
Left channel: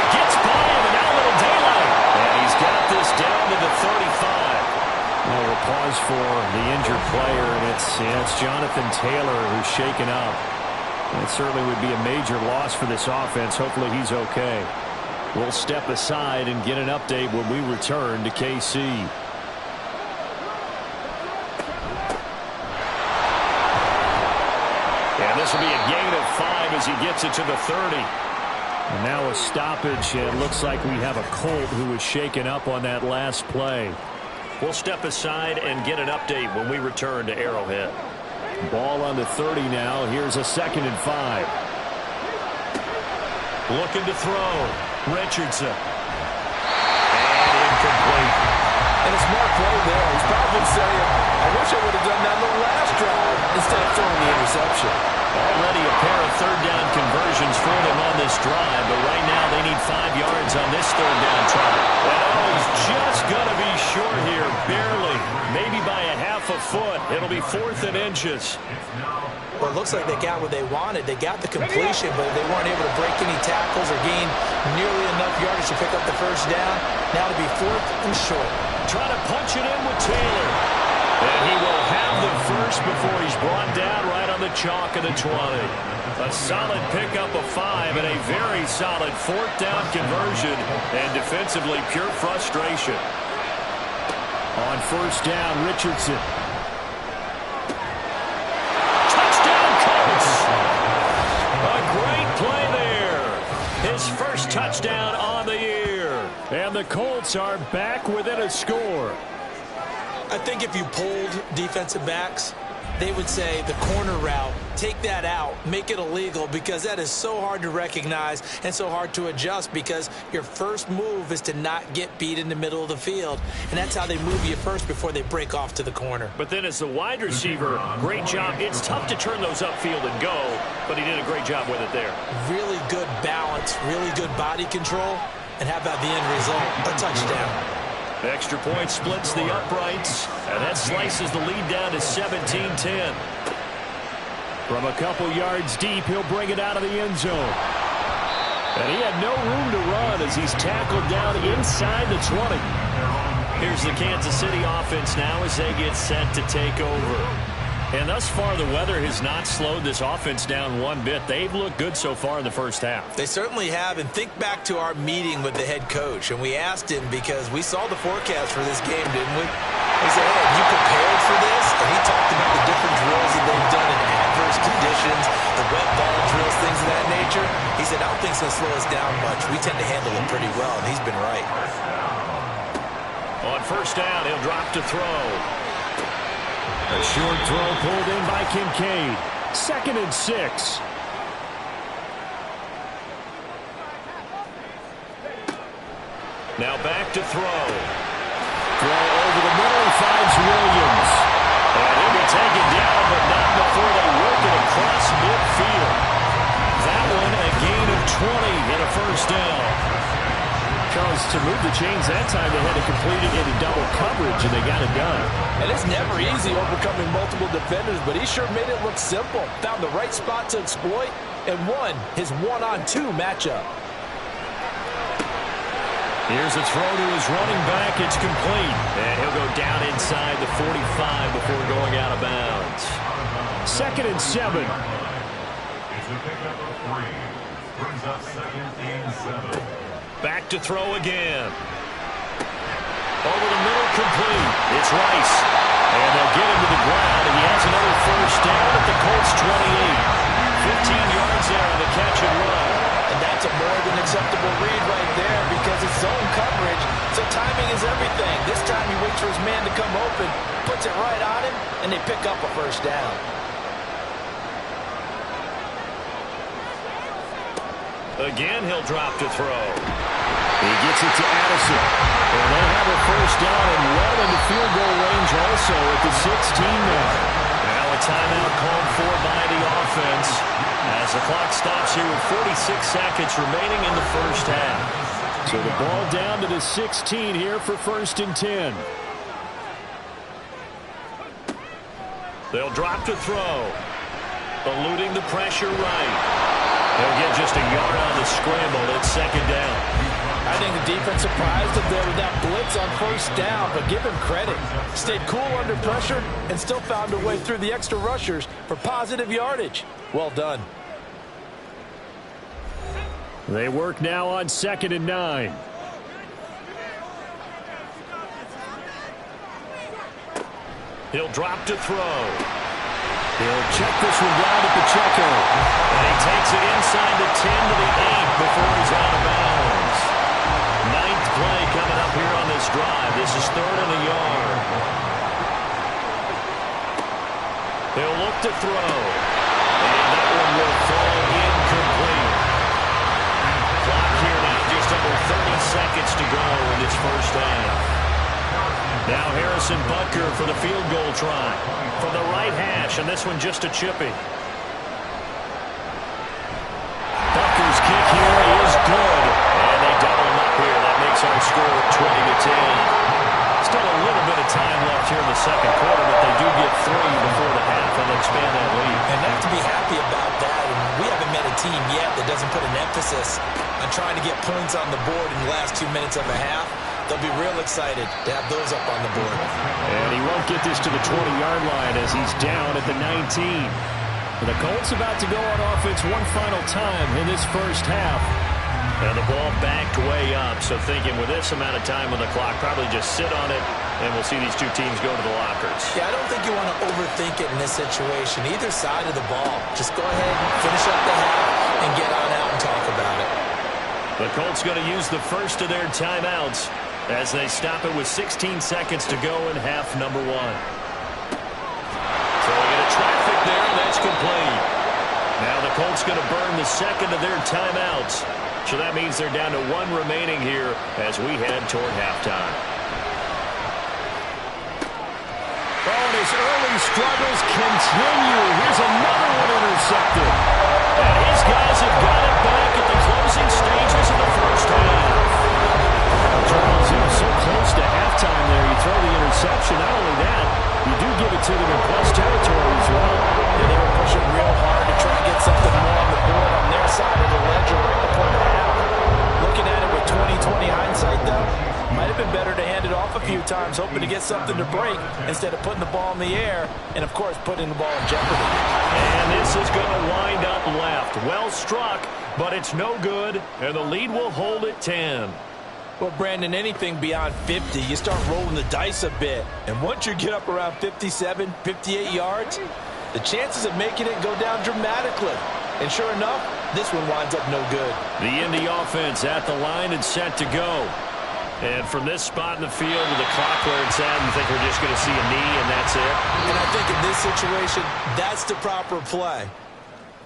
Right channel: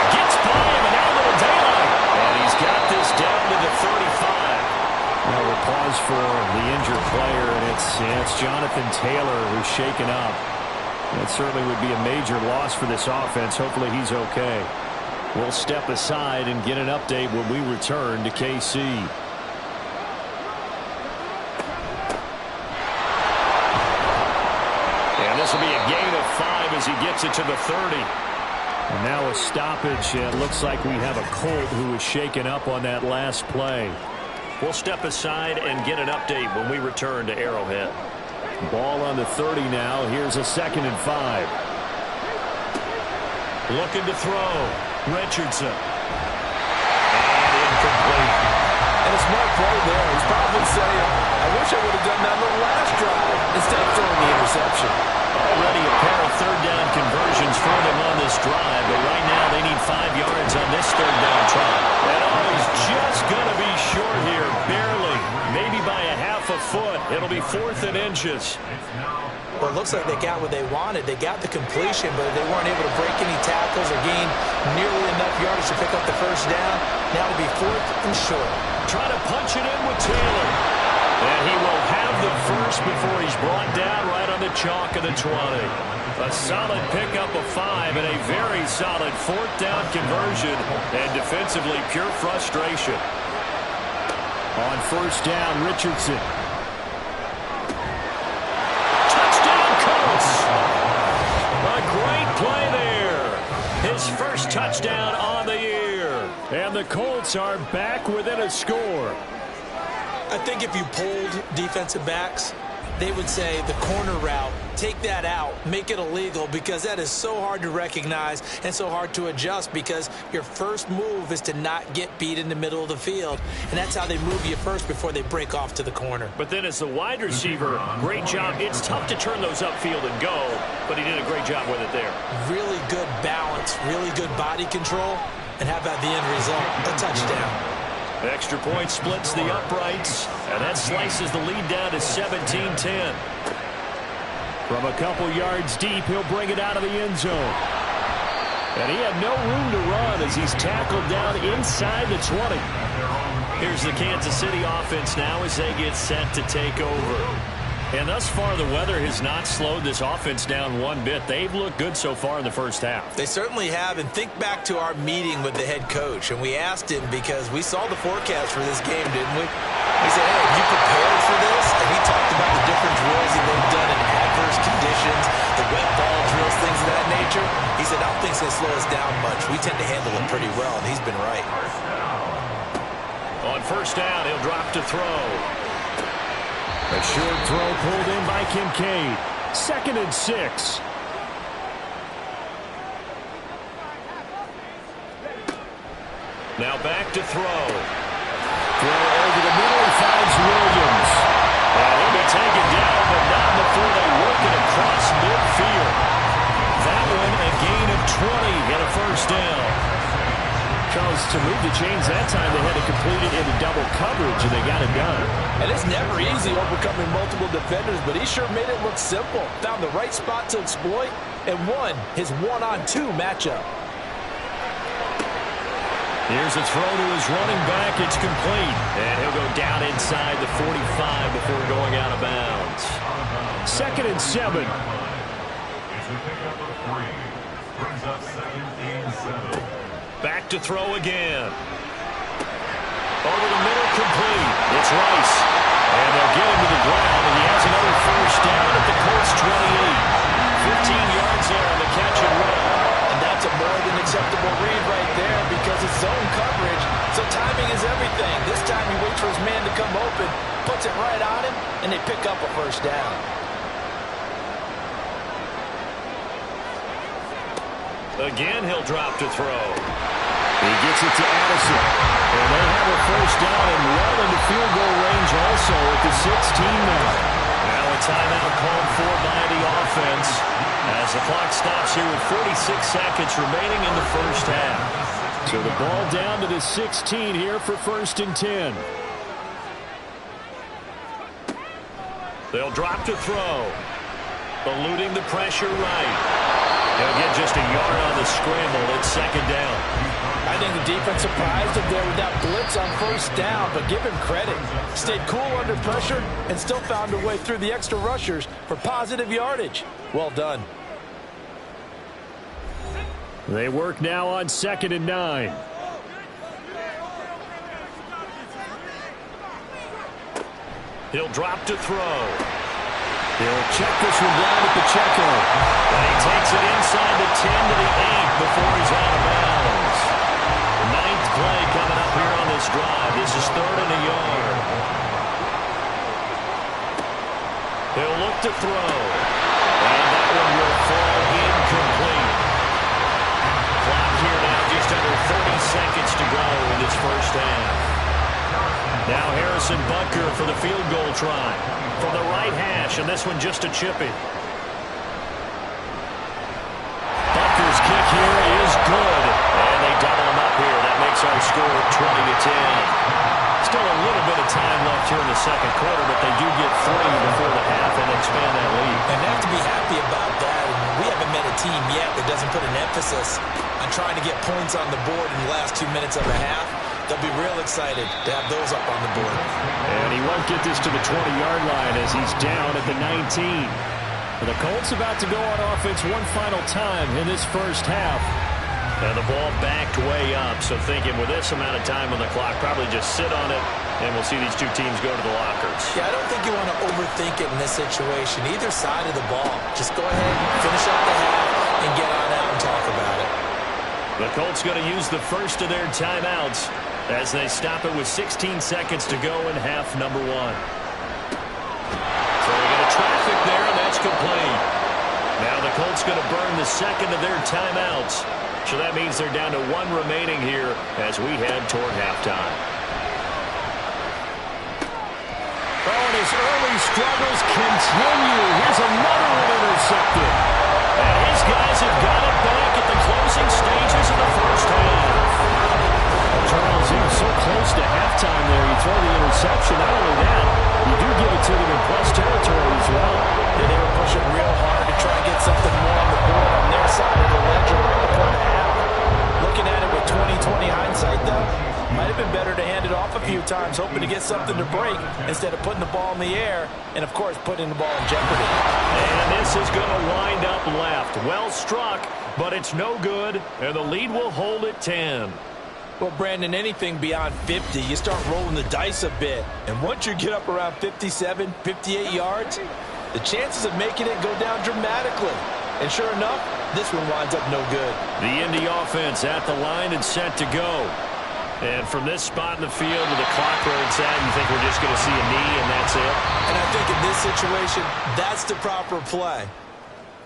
Gets by him, and now a little daylight. And he's got this down to the 35. Now we'll pause for the injured player, and it's Jonathan Taylor who's shaken up. That certainly would be a major loss for this offense. Hopefully he's okay. We'll step aside and get an update when we return to KC. And this will be a gain of 5 as he gets it to the 30. And now a stoppage. It looks like we have a Colt who was shaken up on that last play. We'll step aside and get an update when we return to Arrowhead. Ball on the 30 now. Here's a 2nd and 5. Looking to throw. Richardson. And incomplete. And a smart play there. He's probably saying, I wish I would have done that on the last drive instead of throwing the interception. Already a pair of 3rd down conversions for them on this drive, but right now they need 5 yards on this 3rd down try. And he's just going to be short here, barely, maybe by a half a foot. It'll be 4th and inches. Well, it looks like they got what they wanted. They got the completion, but they weren't able to break any tackles or gain nearly enough yardage to pick up the 1st down. Now it'll be 4th and short. Trying to punch it in with Taylor. And he will have the first before he's brought down right on the chalk of the 20. A solid pickup of 5 and a very solid 4th down conversion. And defensively, pure frustration. On 1st down, Richardson. Touchdown, Colts! A great play there. His first touchdown on the year. And the Colts are back within a score. I think if you polled defensive backs, they would say the corner route, take that out, make it illegal, because that is so hard to recognize and so hard to adjust, because your first move is to not get beat in the middle of the field. And that's how they move you first before they break off to the corner. But then as the wide receiver, great job. It's tough to turn those upfield and go, but he did a great job with it there. Really good balance, really good body control. And how about the end result? A touchdown. Extra point splits the uprights, and that slices the lead down to 17-10. From a couple yards deep, he'll bring it out of the end zone. And he had no room to run as he's tackled down inside the 20. Here's the Kansas City offense now as they get set to take over. And thus far, the weather has not slowed this offense down one bit. They've looked good so far in the first half. They certainly have. And think back to our meeting with the head coach. And we asked him, because we saw the forecast for this game, didn't we? We said, hey, have you prepared for this? And he talked about the different drills that they've done in adverse conditions, the wet ball drills, things of that nature. He said, I don't think it's going to slow us down much. We tend to handle it pretty well, and he's been right. On 1st down, he'll drop to throw. A short throw pulled in by Kincaid. 2nd and 6. Now back to throw. Throw over the middle. He finds Williams. And he'll be taken down, but not before they work it across midfield. That one a gain of 20 and a 1st down. Charles, to move the chains that time, they had to complete it into double coverage, and they got it done. And it's never easy overcoming multiple defenders, but he sure made it look simple. Found the right spot to exploit and won his 1-on-2 matchup. Here's a throw to his running back. It's complete. And he'll go down inside the 45 before going out of bounds. 2nd and 7. It's a pickup of 3. Brings up 2nd and 7. Back to throw again. Over the middle, complete. It's Rice. And they'll get him to the ground, and he has another 1st down at the Colts 28. 15 yards there on the catch and run. And that's a more than acceptable read right there because it's zone coverage, so timing is everything. This time he waits for his man to come open, puts it right on him, and they pick up a first down. Again, he'll drop to throw. He gets it to Addison. And they have a first down and well into field goal range also at the 16 now. Now a timeout called for by the offense as the clock stops here with 46 seconds remaining in the first half. So the ball down to the 16 here for 1st and 10. They'll drop to throw. Eluding the pressure right. He'll get just a yard on the scramble. It's 2nd down. I think the defense surprised him there with that blitz on first down, but give him credit. Stayed cool under pressure and still found a way through the extra rushers for positive yardage. Well done. They work now on 2nd and 9. He'll drop to throw. He'll check this one down at the checker. And he takes it inside the 10 to the 8 before he's out of bounds. 9th play coming up here on this drive. This is 3rd and a yard. He'll look to throw. And that one will fall incomplete. Clock here now just under 30 seconds to go in this first half. Now Harrison Butker for the field goal try from the right hash, and this one just a chippy. Butker's kick here is good, and they double him up here. That makes our score 20-10. Still a little bit of time left here in the second quarter, but they do get 3 before the half and expand that lead. And they have to be happy about that. And we haven't met a team yet that doesn't put an emphasis on trying to get points on the board in the last 2 minutes of a half. They'll be real excited to have those up on the board. And he won't get this to the 20-yard line as he's down at the 19. The Colts about to go on offense one final time in this first half. And the ball backed way up, so thinking with this amount of time on the clock, probably just sit on it, and we'll see these two teams go to the lockers. Yeah, I don't think you want to overthink it in this situation. Either side of the ball. Just go ahead, finish up the half, and get on out and talk about it. The Colts going to use the first of their timeouts as they stop it with 16 seconds to go in half number 1. Throwing into traffic there, and that's complete. Now the Colts going to burn the second of their timeouts. So that means they're down to 1 remaining here as we head toward halftime. Oh, and his early struggles continue. Here's another one intercepted. And his guys have got it back at the closing stages of the first half. Charles, he was so close to halftime there. You throw the interception. Not only that, you do give it to them in plus territory as well. Yeah, they were pushing real hard to try and get something more on the board on their side of the ledger right before the half. Looking at it with 20/20 hindsight, though, might have been better to hand it off a few times, hoping to get something to break instead of putting the ball in the air and, of course, putting the ball in jeopardy. And this is going to wind up left. Well struck, but it's no good, and the lead will hold at 10. Well, Brandon, anything beyond 50, you start rolling the dice a bit. And once you get up around 57, 58 yards, the chances of making it go down dramatically. And sure enough, this one winds up no good. The Indy offense at the line and set to go. And from this spot in the field with the clock where it's at, you think we're just going to see a knee and that's it? And I think in this situation, that's the proper play.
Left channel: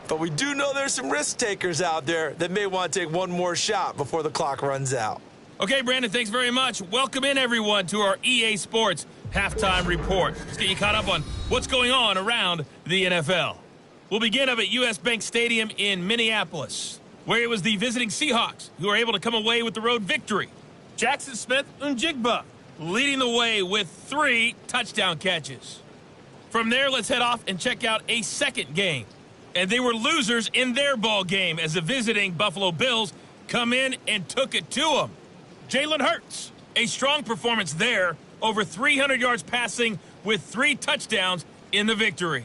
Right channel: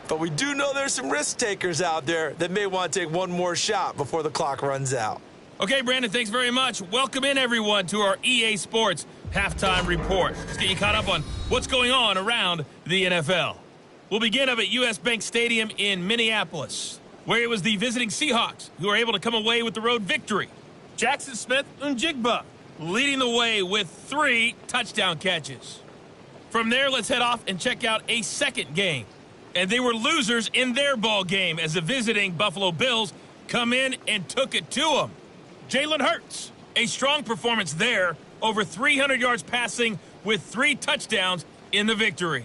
But we do know there's some risk takers out there that may want to take one more shot before the clock runs out. Okay, Brandon, thanks very much. Welcome in, everyone, to our EA Sports Halftime Report. Let's get you caught up on what's going on around the NFL. We'll begin up at U.S. Bank Stadium in Minneapolis, where it was the visiting Seahawks who were able to come away with the road victory. Jackson Smith-Njigba leading the way with 3 touchdown catches. From there, let's head off and check out a second game. And they were losers in their ball game as the visiting Buffalo Bills come in and took it to them. Jalen Hurts, a strong performance there, over 300 yards passing with 3 touchdowns in the victory.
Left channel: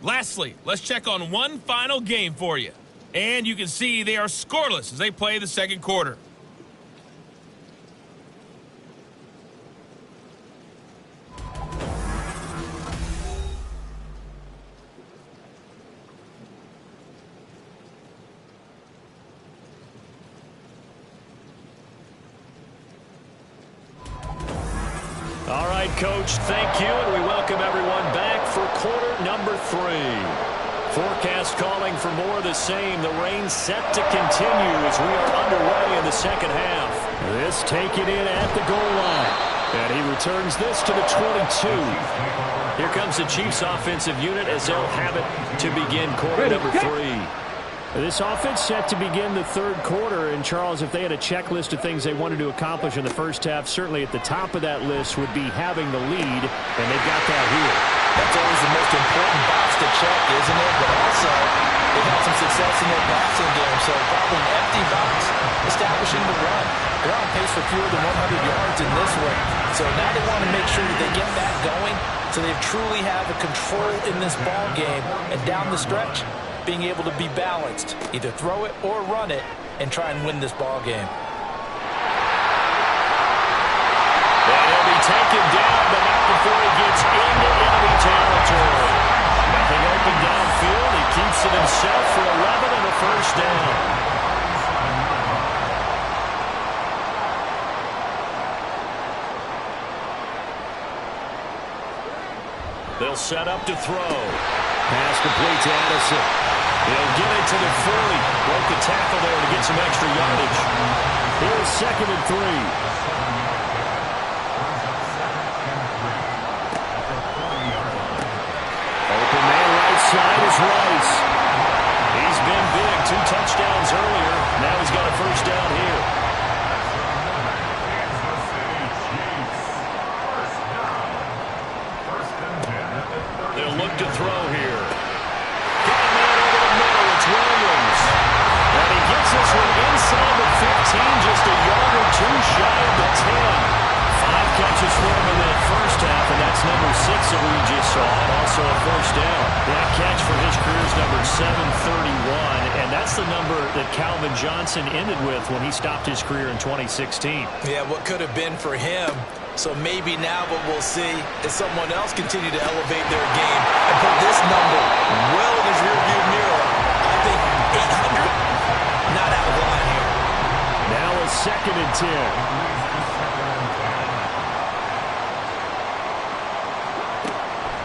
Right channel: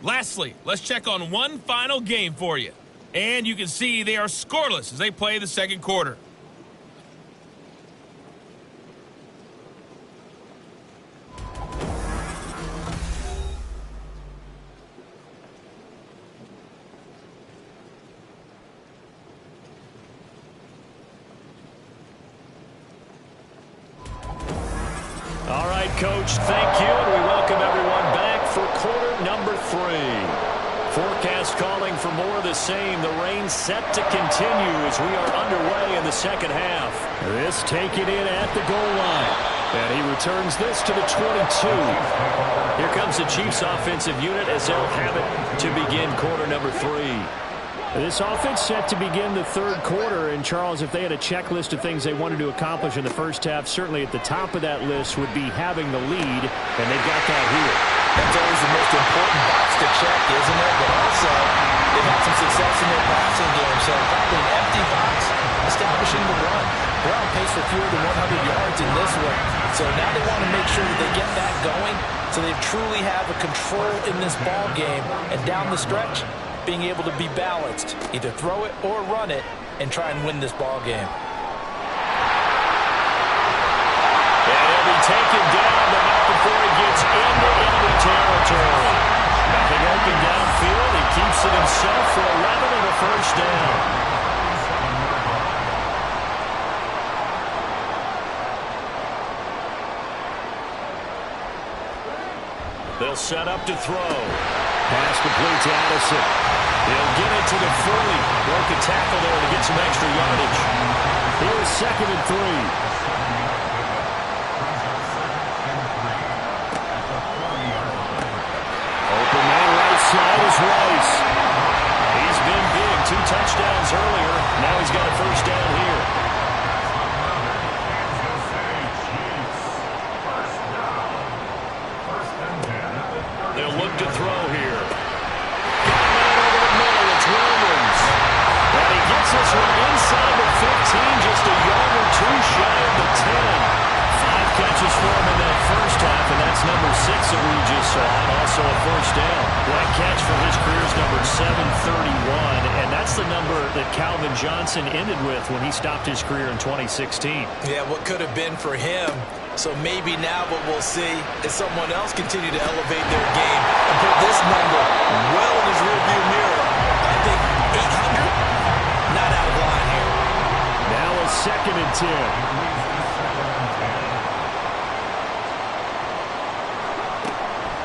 Lastly, let's check on one final game for you. And you can see they are scoreless as they play the second quarter. All right, Coach, thank you, and we welcome everyone back for quarter number 3. Forecast calling for more of the same. The rain set to continue as we are underway in the second half. This taken in at the goal line. And he returns this to the 22. Here comes the Chiefs offensive unit as they'll have it to begin quarter number 3. This offense set to begin the third quarter. And, Charles, if they had a checklist of things they wanted to accomplish in the first half, certainly at the top of that list would be having the lead, and they've got that here. That's always the most important box to check, isn't it? But also, they've had some success in their passing game, so probably an empty box establishing the run. They're on pace for fewer than 100 yards in this one. So now they want to make sure that they get that going so they truly have a control in this ball game. And down the stretch, being able to be balanced, either throw it or run it, and try and win this ball game. And he'll be taken down, but not before he gets into enemy territory. Nothing open downfield. He keeps it himself for 11 and a first down. They'll set up to throw. Pass complete to Addison. He'll get it to the 40. Broke a tackle there to get some extra yardage. Here's 2nd and 3. Open man right side is Rice. He's been big. 2 touchdowns earlier. Now he's got a first down here. They'll look to throw here. Got a man over the middle. It's Williams. And he gets this one inside the 15, just a yard or 2 shy of the 10. 5 catches for him in that first half, and that's number 6 that we just saw, and also a first down. That catch for his career is number 731, and that's the number that Calvin Johnson ended with when he stopped his career in 2016. Yeah, what could have been for him. So maybe now what we'll see is someone else continue to elevate their game and put this number well in his rearview mirror. I think 800, not out of line here. Now a 2nd and 10.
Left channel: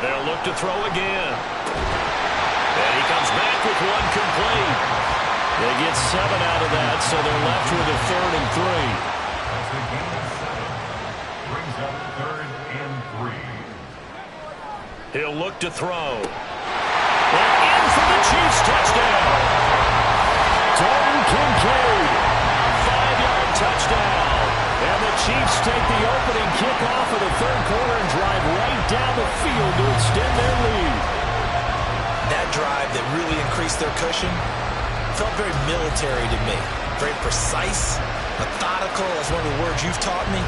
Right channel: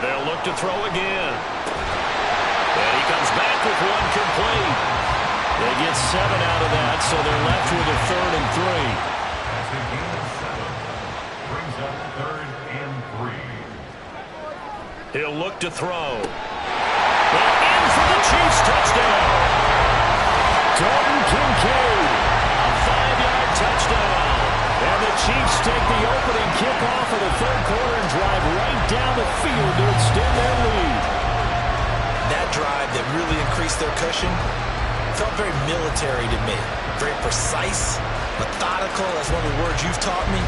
They'll look to throw again. And he comes back with one complete. They get 7 out of that, so they're left with a 3rd and 3. That's a gain of 7. Brings up 3rd and 3. He'll look to throw. And in for the Chiefs touchdown. Dalton Kincaid. A 5-yard touchdown. And the Chiefs take the opening kickoff of the third quarter and drive right down the field to extend their lead. That drive that really increased their cushion felt very military to me. Very precise, methodical. That's one of the words you've taught me.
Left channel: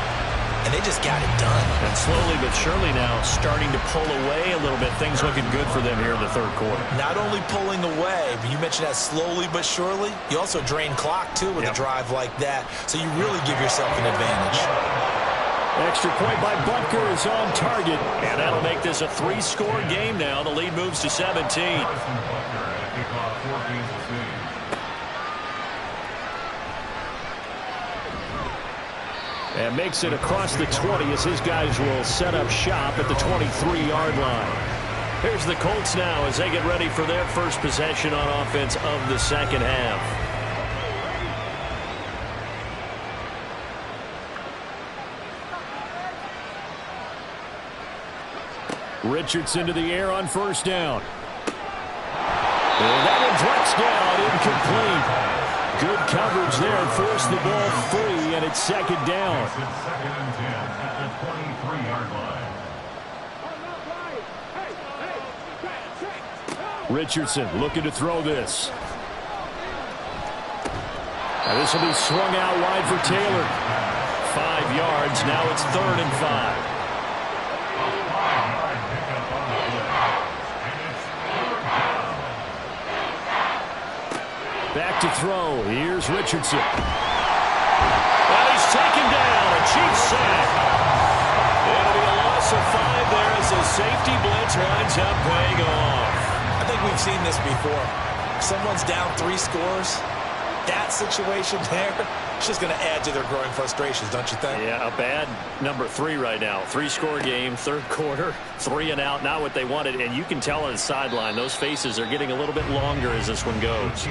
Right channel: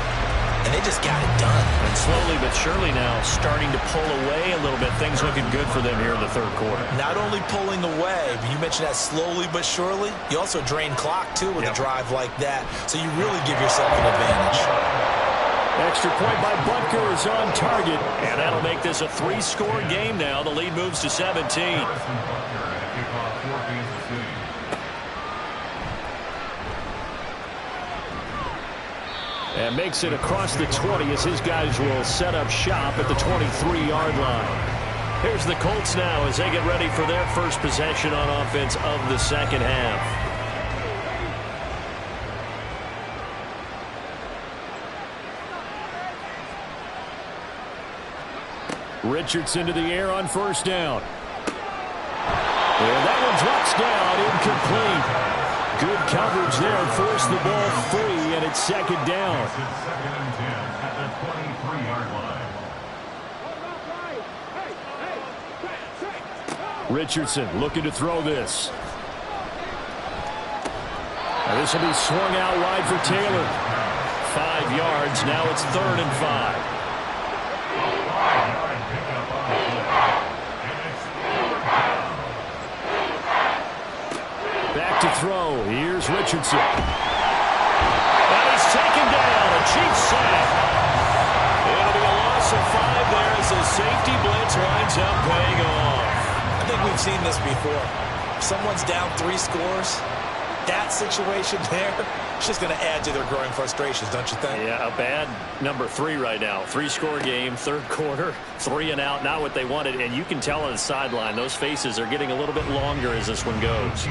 And they just got it done. And slowly but surely now starting to pull away a little bit. Things looking good for them here in the third quarter. Not only pulling away, but you mentioned that slowly but surely. You also drain clock, too, with a drive like that. So you really give yourself an advantage. Extra point by Butker is on target. And that'll make this a 3-score game now. The lead moves to 17. Butker at kickoff for Kansas City. And makes it across the 20 as his guys will set up shop at the 23-yard line. Here's the Colts now as they get ready for their first possession on offense of the second half. Richardson to the air on first down. And that one drops down, incomplete. Good coverage there, forced the ball free, and it's second down. It's 2nd and 10 at the 23-yard line. Richardson looking to throw this. Now this will be swung out wide for Taylor. 5 yards, now it's 3rd and 5. Back to throw. Here's Richardson. And he's taken down. A Chiefs sack. It'll be a loss of 5 there as the safety blitz winds up paying off. I think we've seen this before. If someone's down 3 scores, that situation there, it's just going to add to their growing frustrations, don't you think? Yeah, a bad number 3 right now. 3-score game, third quarter, 3 and out, not what they wanted. And you can tell on the sideline, those faces are getting a little bit longer as this one goes.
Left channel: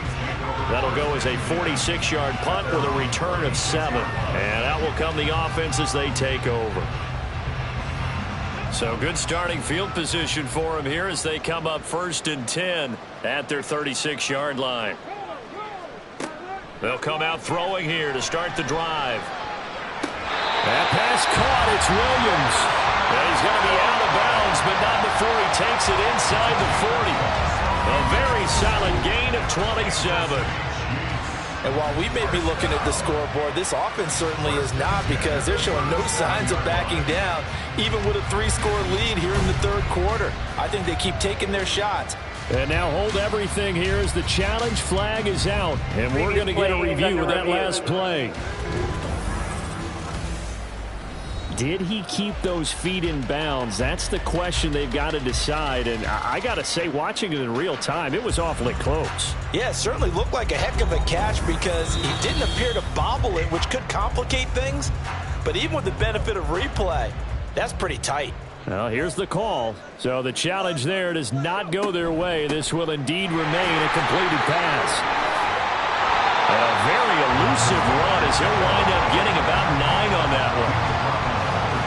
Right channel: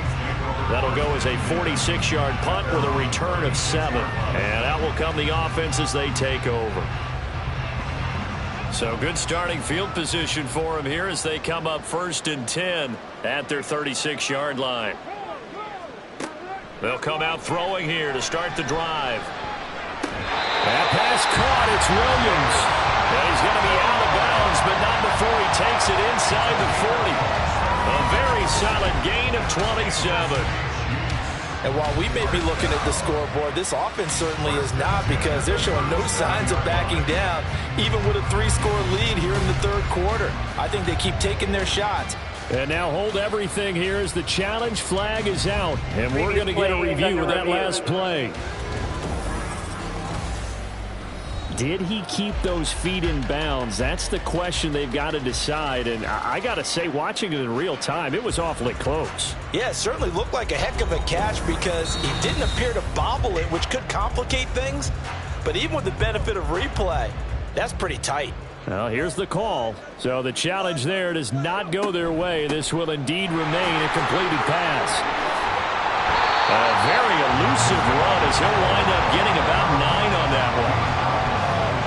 That'll go as a 46-yard punt with a return of 7. And out will come the offense as they take over. So good starting field position for them here as they come up 1st and 10 at their 36-yard line. They'll come out throwing here to start the drive. That pass caught. It's Williams. And he's going to be out of bounds, but not before he takes it inside the 40. A very solid gain of 27. And while we may be looking at the scoreboard, this offense certainly is not, because they're showing no signs of backing down, even with a 3-score lead here in the third quarter. I think they keep taking their shots. And now hold everything here as the challenge flag is out. And we're going to get a review of that last play. Did he keep those feet in bounds? That's the question they've got to decide. And I got to say, watching it in real time, it was awfully close. Yeah, it certainly looked like a heck of a catch, because he didn't appear to bobble it, which could complicate things. But even with the benefit of replay, that's pretty tight. Well, here's the call. So the challenge there does not go their way. This will indeed remain a completed pass. And a very elusive run as he'll wind up getting about 9 on that one.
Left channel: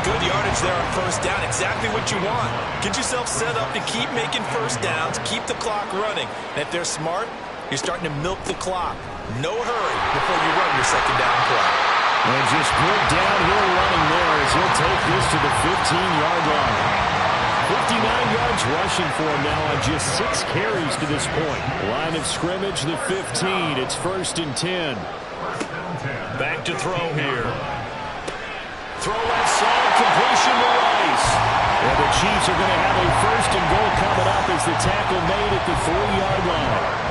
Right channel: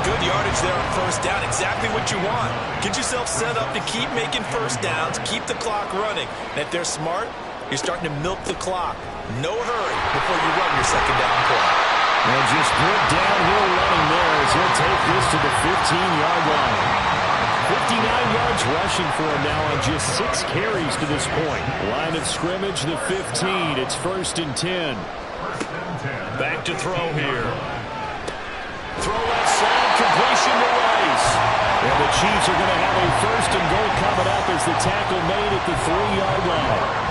Good yardage there on first down. Exactly what you want. Get yourself set up to keep making first downs, keep the clock running. And if they're smart, you're starting to milk the clock. No hurry before you run your second down play. And just good downhill running there as he'll take this to the 15-yard line. 59 yards rushing for him now on just 6 carries to this point. Line of scrimmage, the 15. It's 1st and 10. Back to throw here. Throw left side, completion to Rice. And the Chiefs are going to have a 1st and goal coming up as the tackle made at the 3-yard line.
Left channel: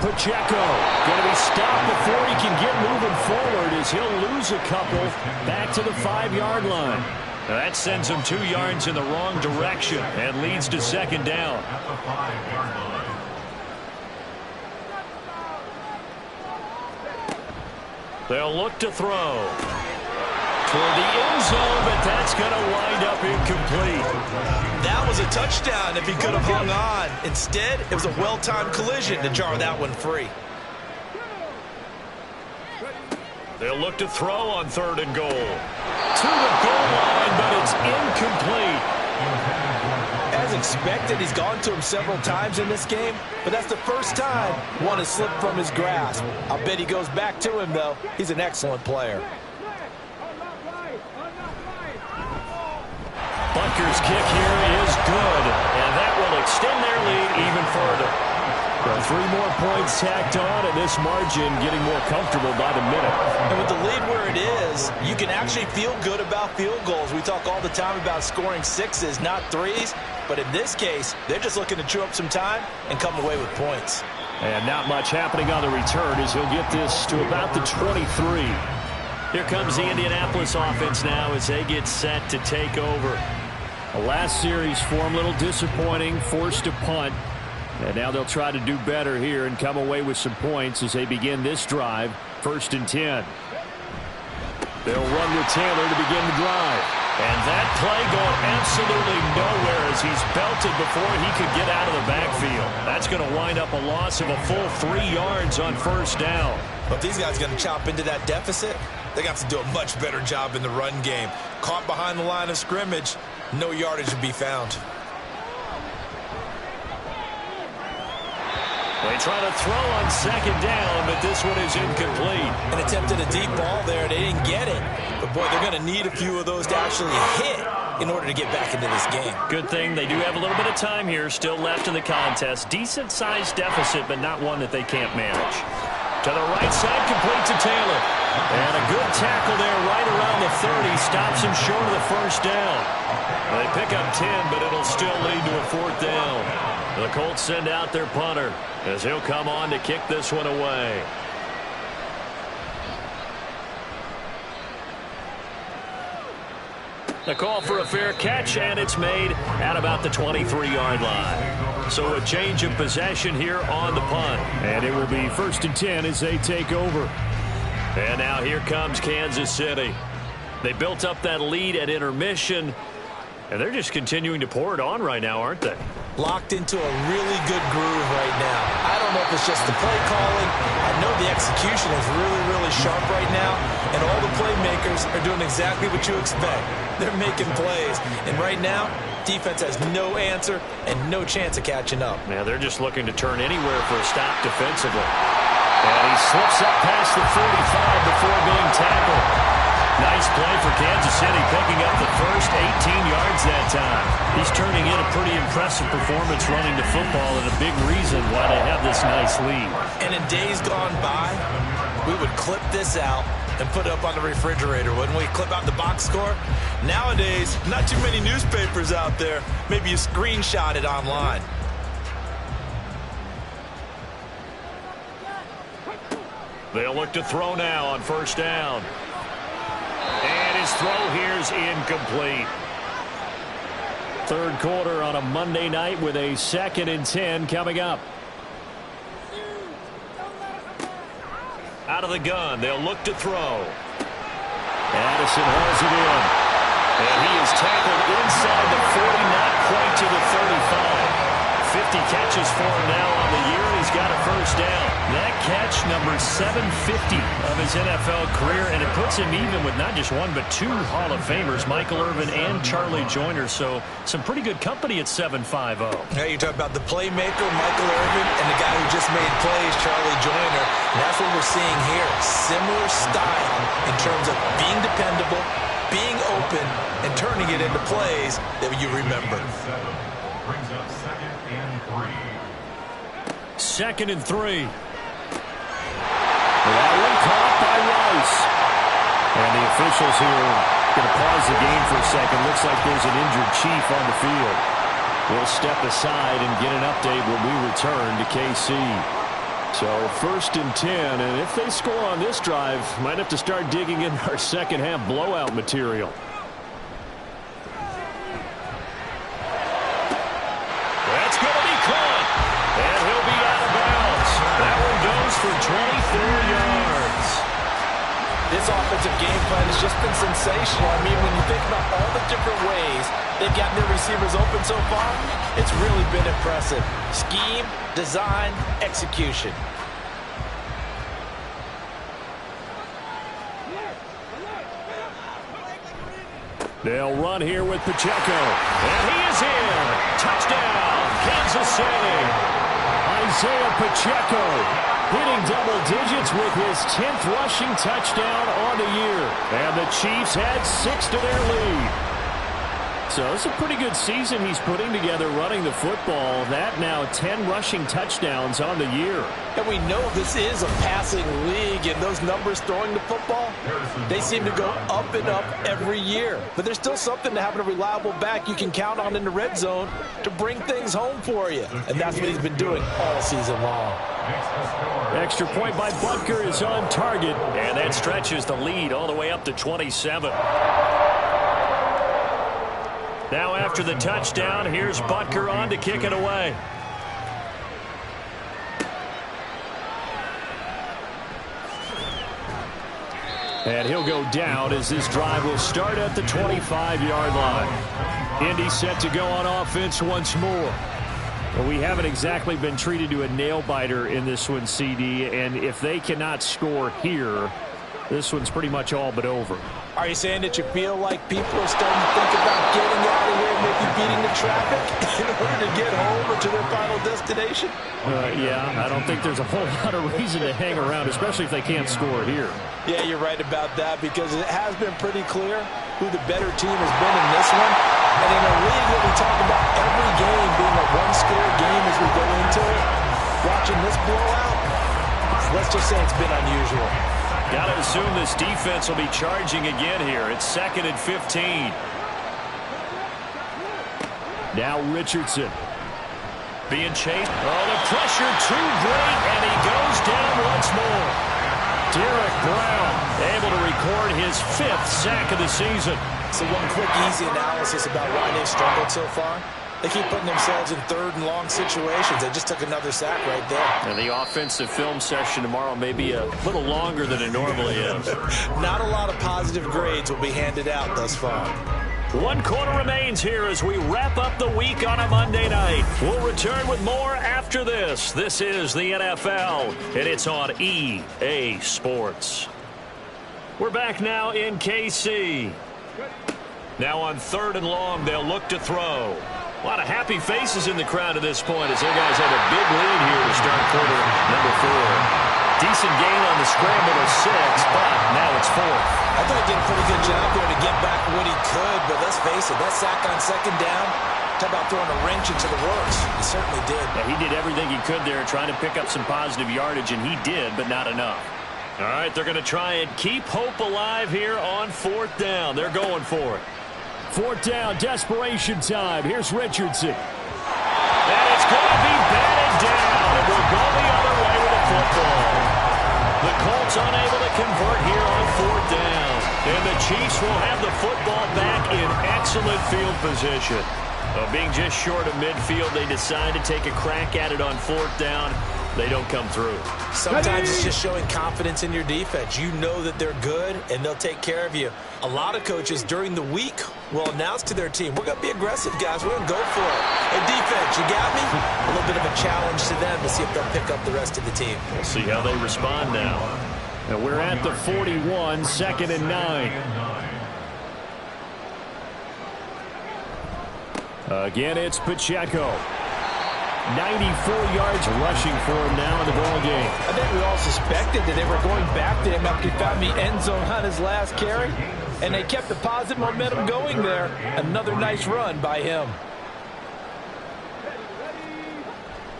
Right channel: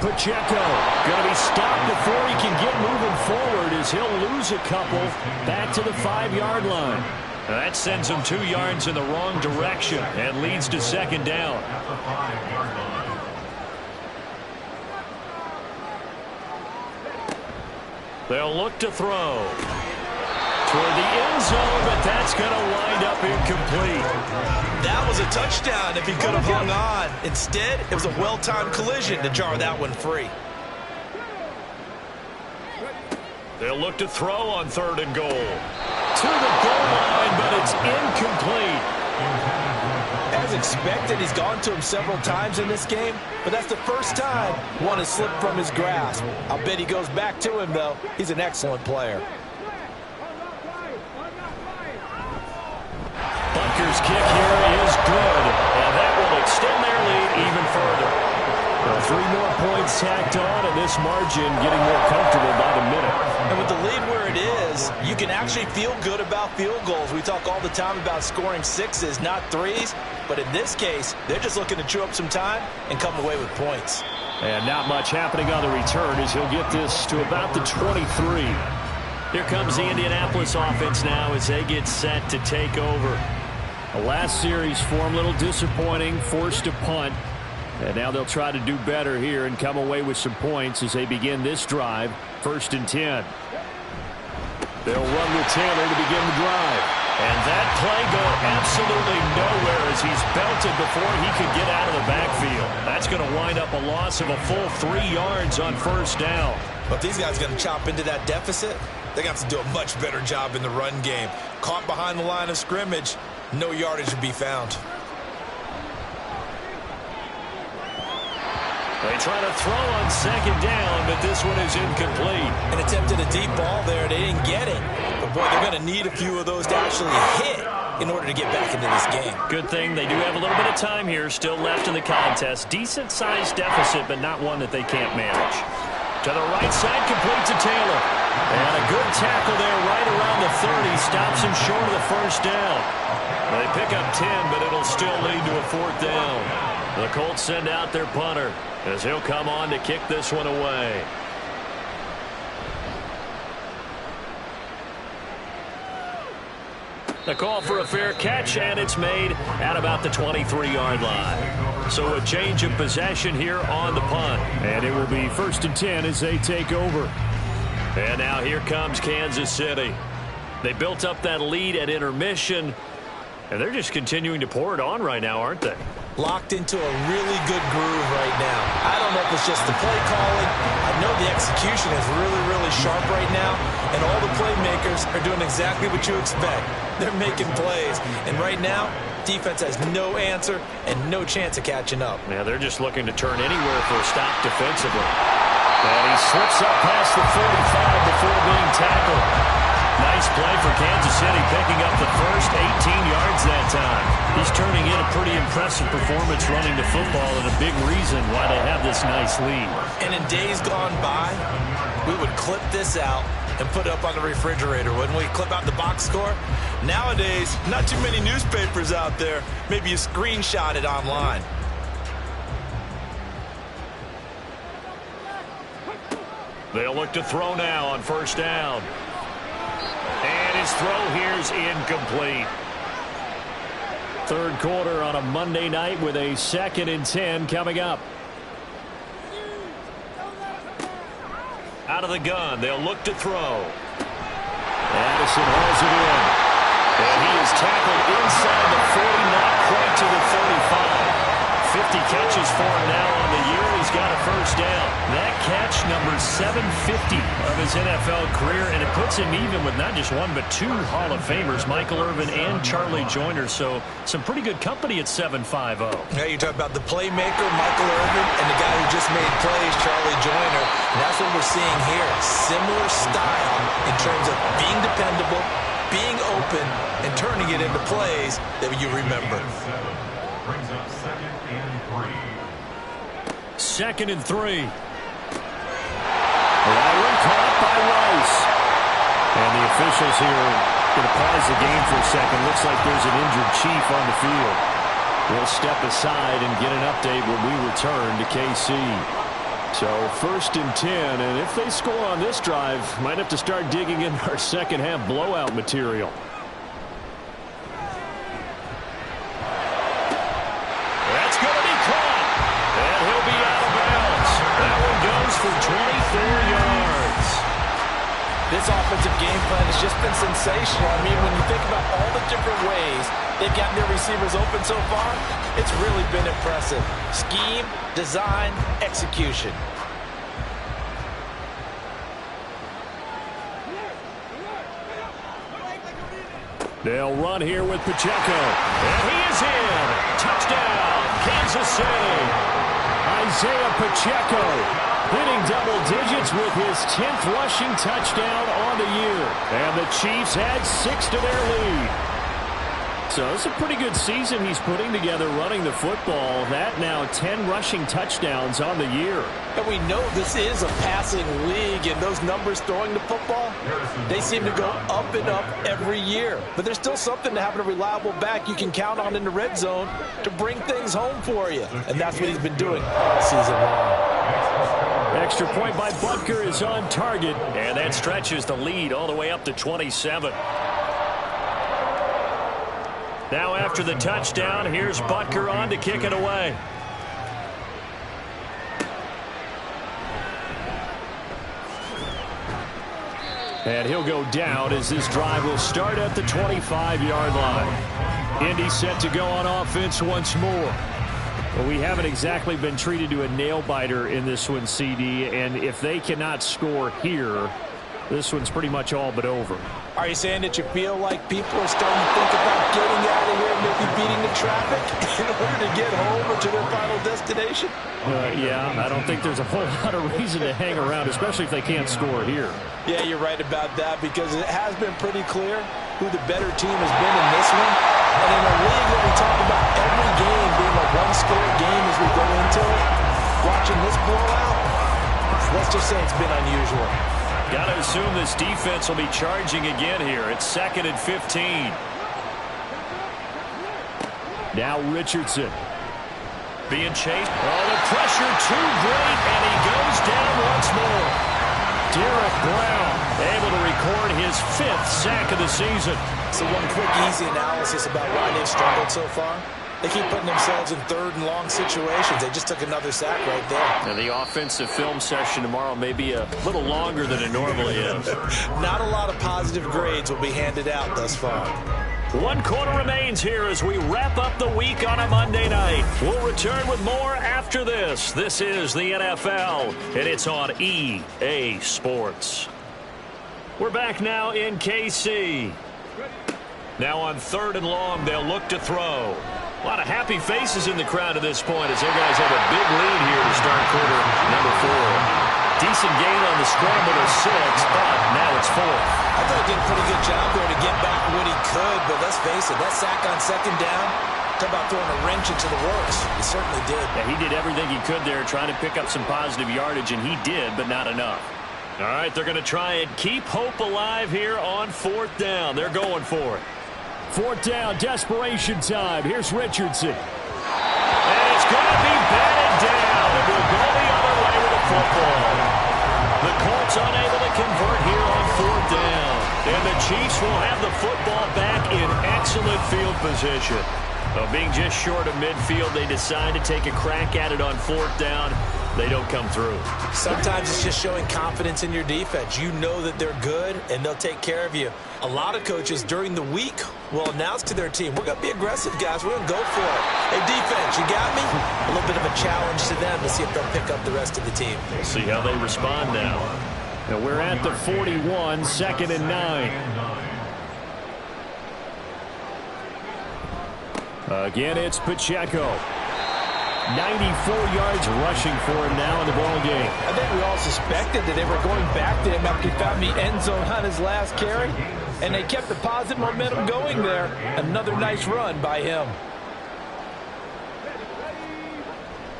Pacheco going to be stopped before he can get moving forward as he'll lose a couple back to the 5-yard line. That sends him 2 yards in the wrong direction and leads to second down. At the 5-yard line. They'll look to throw toward the end zone, but that's going to wind up incomplete. That was a touchdown if he could have hung on. Instead, it was a well-timed collision to jar that one free. They'll look to throw on 3rd and goal. To the goal line, but it's incomplete. As expected, he's gone to him several times in this game, but that's the first time one has slipped from his grasp. I'll bet he goes back to him, though. He's an excellent player. Butker's kick here is good, and that will extend their lead even further. Well, 3 more points tacked on, and this margin getting more comfortable by the minute. And with the lead where it is, you can actually feel good about field goals. We talk all the time about scoring 6s, not 3s. But in this case, they're just looking to chew up some time and come away with points. And not much happening on the return as he'll get this to about the 23. Here comes the Indianapolis offense now as they get set to take over. The last series for them, a little disappointing, forced to punt. And now they'll try to do better here and come away with some points as they begin this drive, 1st and 10. They'll run with Taylor to begin the drive. And that play going absolutely nowhere as he's belted before he could get out of the backfield. That's going to wind up a loss of a full 3 yards on 1st down. But these guys are going to chop into that deficit. They're going to have to do a much better job in the run game. Caught behind the line of scrimmage, no yardage to be found. They try to throw on 2nd down, but this one is incomplete. And attempted a deep ball there. They didn't get it. But, boy, they're going to need a few of those to actually hit in order to get back into this game. Good thing they do have a little bit of time here still left in the contest. Decent-sized deficit, but not one that they can't manage. To the right side, complete to Taylor. And a good tackle there right around the 30. Stops him short of the 1st down. They pick up 10, but it'll still lead to a 4th down. The Colts send out their punter as he'll come on to kick this one away. A call for a fair catch, and it's made at about the 23-yard line. So a change of possession here on the punt. And it will be 1st and 10 as they take over. And now here comes Kansas City. They built up that lead at intermission, and they're just continuing to pour it on right now, aren't they? Locked into a really good groove right now. I don't know if it's just the play calling. I know the execution is really, really sharp right now, and all the playmakers are doing exactly what you expect. They're making plays, and right now, defense has no answer and no chance of catching up. Yeah, they're just looking to turn anywhere for a stop defensively. And he slips up past the 45 before being tackled. Nice play for Kansas City, picking up the first 18 yards that time. He's turning in a pretty impressive performance running the football, and a big reason why they have this nice lead. And in days gone by, we would clip this out and put it up on the refrigerator, wouldn't we? Clip out the box score. Nowadays, not too many newspapers out there. Maybe you screenshot it online. They'll look to throw now on 1st down. And his throw here's incomplete. 3rd quarter on a Monday night with a 2nd and 10 coming up. Out of the gun, they'll look to throw. Addison hauls it in. And he is tackled inside the 40, not quite to the 35. 50 catches for him now on the year, and he's got a 1st down. That catch, number 750 of his NFL career, and it puts him even with not just one but 2 Hall of Famers, Michael Irvin and Charlie Joyner. So some pretty good company at 750. Yeah, you talk about the playmaker, Michael Irvin, and the guy who just made plays, Charlie Joyner. And that's what we're seeing here. Similar style in terms of being dependable, being open, and turning it into plays that you remember. Brings up 2nd and 3. 2nd and 3. That one caught by Rice. And the officials here going to pause the game for a second. Looks like there's an injured Chief on the field. We'll step aside and get an update when we return to KC. So 1st and 10, and if they score on this drive, might have to start digging in our second half blowout material. That's going to be caught, and he'll be out of bounds. That one goes for 24 yards. This offensive game plan has just been sensational. I mean, when you think about all the different ways they've gotten their receivers open so far, it's really been impressive. Scheme, design, execution. They'll run here with Pacheco. And he is in. Touchdown, Kansas City. Isaiah Pacheco hitting double digits with his 10th rushing touchdown on the year. And the Chiefs had 6 to their lead. So it's a pretty good season he's putting together running the football. That now 10 rushing touchdowns on the year. And we know this is a passing league, and those numbers throwing the football, they seem to go up and up every year. But there's still something to having a reliable back you can count on in the red zone to bring things home for you. And that's what he's been doing all season long. Extra point by Butker is on target. And that stretches the lead all the way up to 27. Now after the touchdown, here's Butker on to kick it away. And he'll go down as this drive will start at the 25-yard line. Indy set to go on offense once more. Well, we haven't exactly been treated to a nail-biter in this one, CD, and if they cannot score here, this one's pretty much all but over. Are you saying that you feel like people are starting to think about getting out of here and maybe beating the traffic in order to get home or to their final destination? Yeah, I don't think there's a whole lot of reason to hang around, especially if they can't score here. Yeah, you're right about that, because it has been pretty clear who the better team has been in this one. And in a league that we talk about every game being a one-score game as we go into it, watching this blowout, let's just say it's been unusual. Got to assume this defense will be charging again here. It's 2nd and 15. Now Richardson. Being chased. Oh, the pressure too great, and he goes down once more. Derek Brown able to record his 5th sack of the season. So one quick, easy analysis about why they've struggled so far. They keep putting themselves in 3rd and long situations. They just took another sack right there. And the offensive film session tomorrow may be a little longer than it normally is. Not a lot of positive grades will be handed out thus far. 1 quarter remains here as we wrap up the week on a Monday night. We'll return with more after this. This is the NFL, and it's on EA Sports. We're back now in KC. Now on 3rd and long, they'll look to throw. A lot of happy faces in the crowd at this point as their guys have a big lead here to start quarter number 4. Decent gain on the scramble to 6, but now it's 4th. I thought he did a pretty good job there to get back what he could, but let's face it, that sack on 2nd down, talk about throwing a wrench into the works. He certainly did. Yeah, he did everything he could there trying to pick up some positive yardage, and he did, but not enough. All right, they're going to try and keep hope alive here on 4th down. They're going for it. 4th down, desperation time. Here's Richardson. And it's going to be batted down. It will go the other way with the football. The Colts unable to convert here on 4th down. And the Chiefs will have the football back in excellent field position. Being just short of midfield, they decide to take a crack at it on 4th down. They don't come through. Sometimes it's just showing confidence in your defense. You know that they're good, and they'll take care of you. A lot of coaches during the week will announce to their team, we're going to be aggressive, guys. We're going to go for it. Hey, defense, you got me? A little bit of a challenge to them to see if they'll pick up the rest of the team. We'll see how they respond now. And we're at the 41, 2nd and 9. Again, it's Pacheco. 94 yards rushing for him now in the ball game. I think we all suspected that they were going back to him after he found the end zone on his last carry, and they kept the positive momentum going there. Another nice run by him.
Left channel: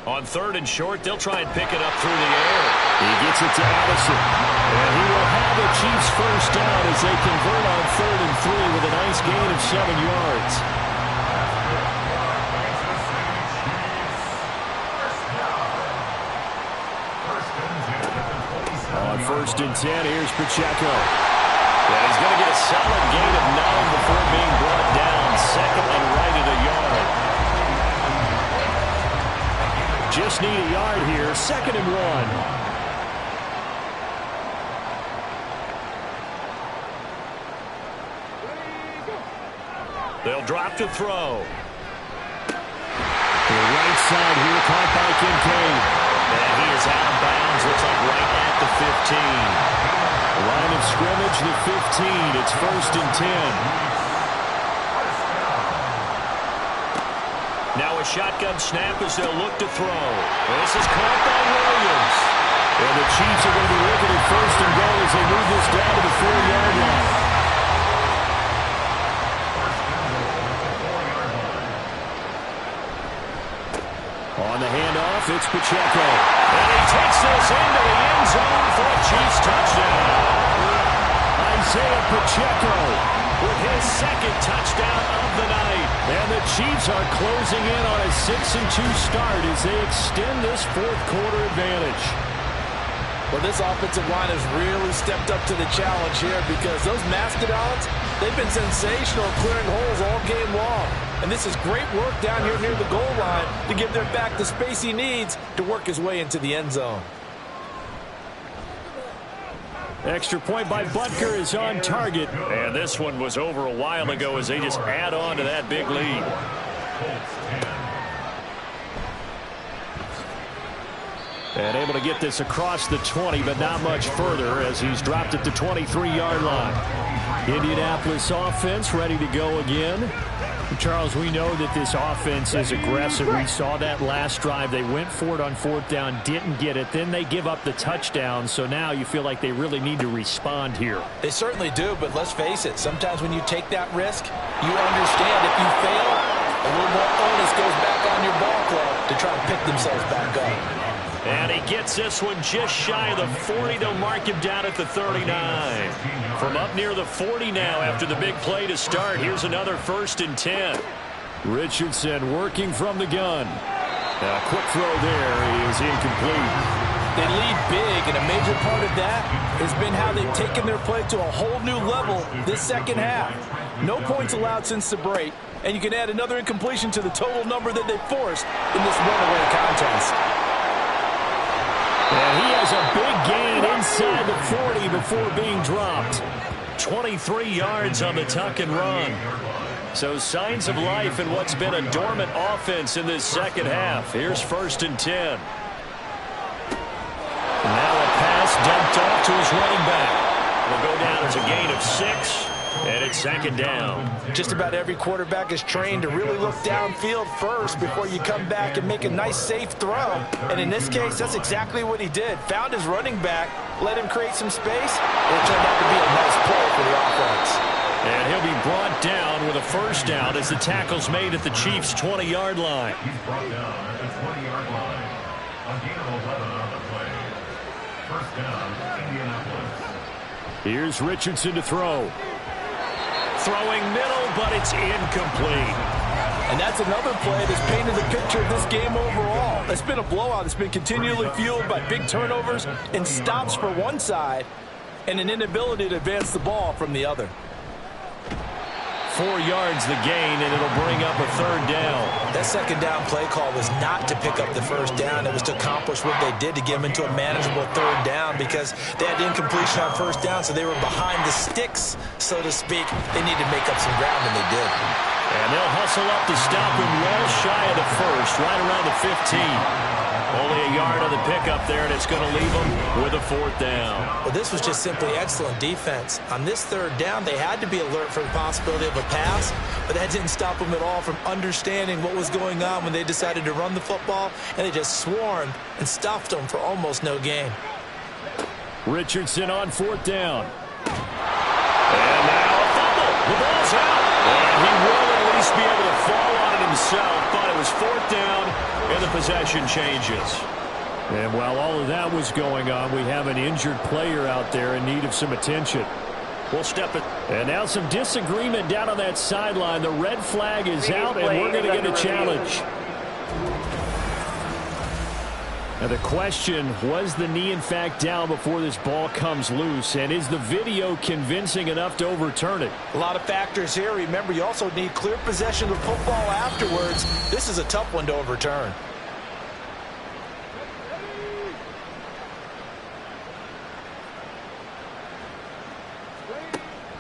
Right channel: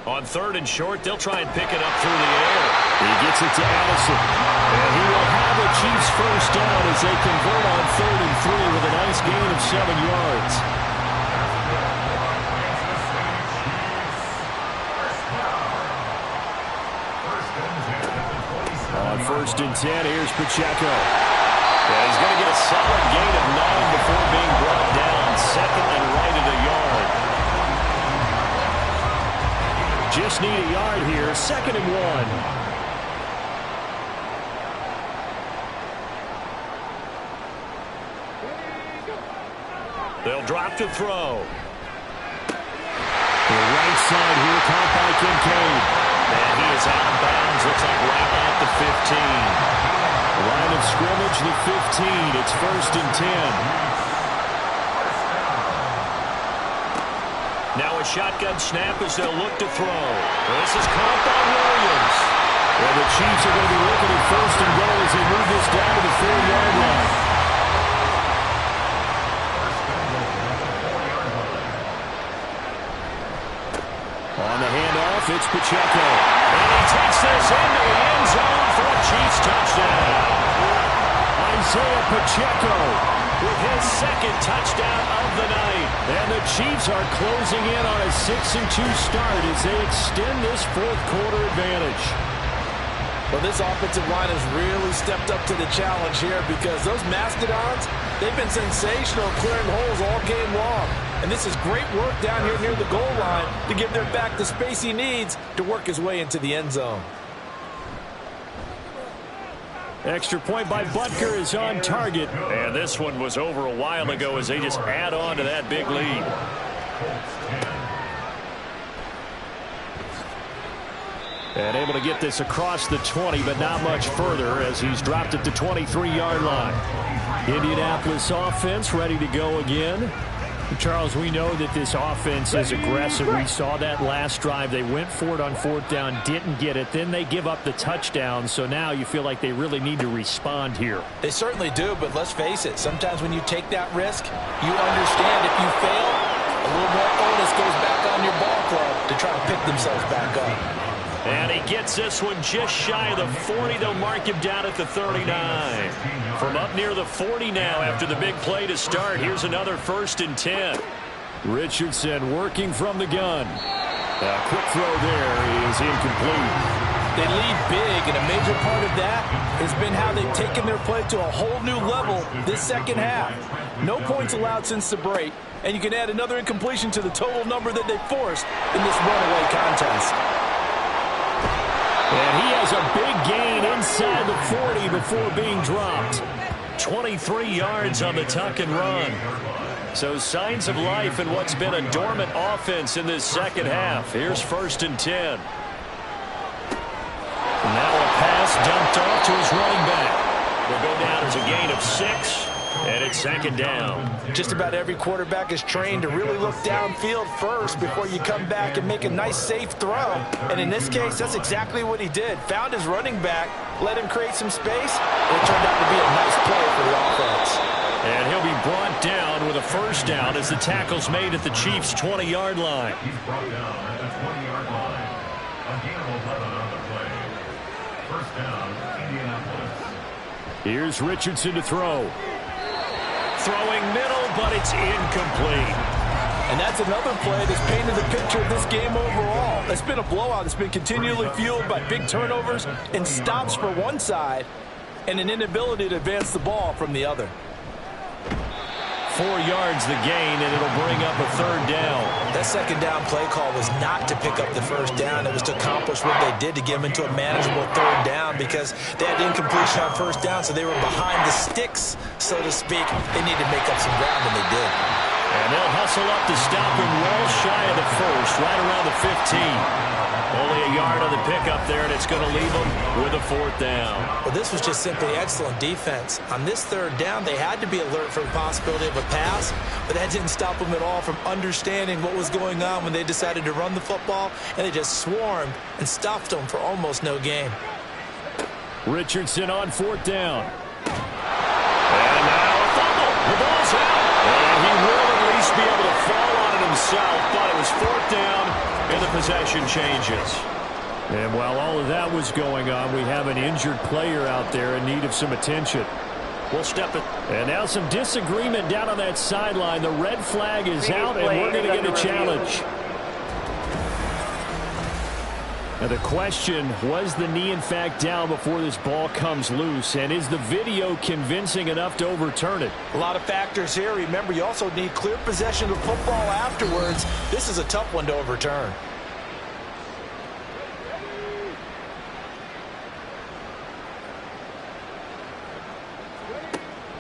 On 3rd and short, they'll try and pick it up through the air. He gets it to Addison. And he will have a Chiefs 1st down as they convert on 3rd and 3 with a nice gain of 7 yards. On 1st and 10, here's Pacheco. And he's going to get a solid gain of 9 before being brought down. 2nd and right at a yard. Just need a yard here. 2nd and 1. They'll drop to throw. The right side here caught by Kincaid. And he is out of bounds. Looks like right at the 15. Line of scrimmage, the 15. It's 1st and 10. Now a shotgun snap as they'll look to throw. This is caught by Williams. And the Chiefs are going to be looking at 1st and goal as they move this down to the 4-yard line. On the handoff, it's Pacheco. And he takes this into the end zone for a Chiefs touchdown. Isaiah Pacheco with his 2nd touchdown of the night. And the Chiefs are closing in on a 6-2 start as they extend this 4th quarter advantage. Well, this offensive line has really stepped up to the challenge here because those Mastodons, they've been sensational clearing holes all game long. And this is great work down here near the goal line to give their back the space he needs to work his way into the end zone. Extra point by Butker is on target. And this one was over a while ago as they just add on to that big lead. And able to get this across the 20, but not much further as he's dropped it to 23-yard line. Indianapolis offense ready to go again. Charles, we know that this offense is aggressive. We saw that last drive. They went for it on 4th down, didn't get it. Then they give up the touchdown. So now you feel like they really need to respond here. They certainly do, but let's face it. Sometimes when you take that risk, you understand if you fail, a little more onus goes back on your ball club to try to pick themselves back up. And he gets this one just shy of the 40. They'll mark him down at the 39. From up near the 40 now after the big play to start. Here's another 1st and 10. Richardson working from the gun. A quick throw there is incomplete. They lead big, and a major part of that has been how they've taken their play to a whole new level this second half. No points allowed since the break, and you can add another incompletion to the total number that they forced in this runaway contest. And he has a big gain inside the 40 before being dropped. 23 yards on the tuck and run. So signs of life in what's been a dormant offense in this second half. Here's 1st and 10. Now a pass dumped off to his running back. Will go down as a gain of 6, and it's 2nd down. Just about every quarterback is trained to really look downfield first before you come back and make a nice, safe throw. And in this case, that's exactly what he did. Found his running back, let him create some space, and it turned out to be a nice play for the offense. And he'll be brought down with a 1st down as the tackle's made at the Chiefs' 20-yard line. He's brought down at the 20-yard line. A gain of 11 on the play. 1st down, Indianapolis. Here's Richardson to throw. Throwing middle, but it's incomplete. And that's another play that's painted the picture of this game overall. It's been a blowout. It's been continually fueled by big turnovers and stops for one side and an inability to advance the ball from the other. 4 yards the gain, and it'll bring up a 3rd down. That 2nd down play call was not to pick up the 1st down. It was to accomplish what they did to get them into a manageable 3rd down because they had incompletion on 1st down, so they were behind the sticks, so to speak. They needed to make up some ground, and they did. And they'll hustle up to stop him well shy of the 1st, right around the 15. Only a yard on the pickup there, and it's going to leave them with a 4th down. Well, this was just simply excellent defense. On this 3rd down, they had to be alert for the possibility of a pass, but that didn't stop them at all from understanding what was going on when they decided to run the football, and they just swarmed and stuffed them for almost no gain. Richardson on 4th down. And now a fumble. The ball's out. And he will at least be able to fall on it himself, but it was 4th down, and the possession changes. And while all of that was going on, we have an injured player out there in need of some attention. We'll step it. And now some disagreement down on that sideline. The red flag is out, and we're going to get a challenge. Now the question, was the knee in fact down before this ball comes loose? And is the video convincing enough to overturn it? A lot of factors here. Remember, you also need clear possession of the football afterwards. This is a tough one to overturn.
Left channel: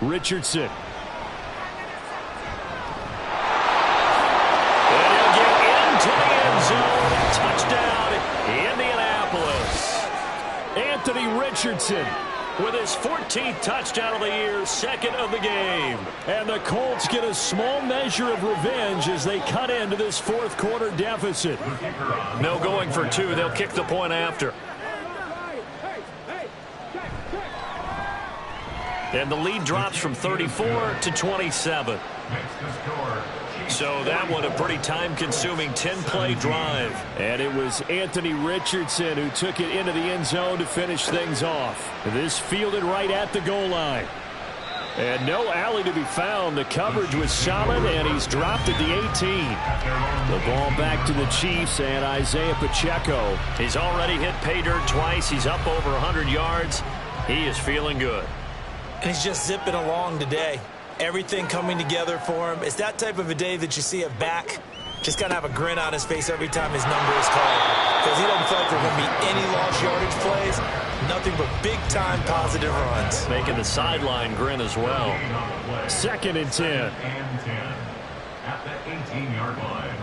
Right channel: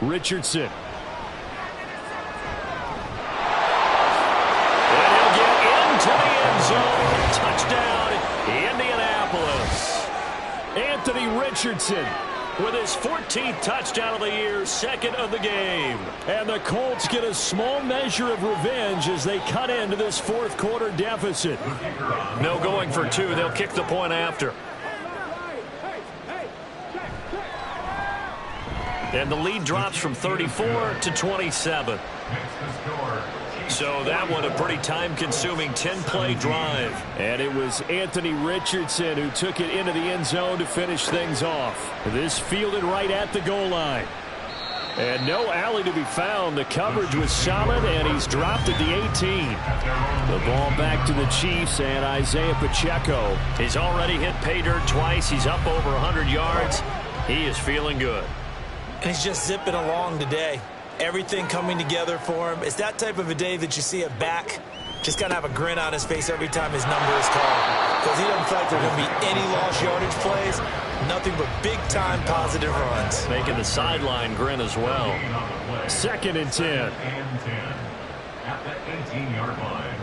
Richardson. And he'll get into the end zone. Touchdown, Indianapolis. Anthony Richardson with his 14th touchdown of the year, 2nd of the game. And the Colts get a small measure of revenge as they cut into this 4th quarter deficit. No going for 2. They'll kick the point after. And the lead drops from 34 to 27. So that one a pretty time-consuming 10-play drive. And it was Anthony Richardson who took it into the end zone to finish things off. This fielded right at the goal line. And no alley to be found. The coverage was solid, and he's dropped at the 18. The ball back to the Chiefs and Isaiah Pacheco. He's already hit pay dirt twice. He's up over 100 yards. He is feeling good. And he's just zipping along today. Everything coming together for him. It's that type of a day that you see a back just kind of have a grin on his face every time his number is called. Because he doesn't feel like there are going to be any lost yardage plays. Nothing but big-time positive runs. Making the sideline grin as well. 2nd and 10. At the 18-yard line.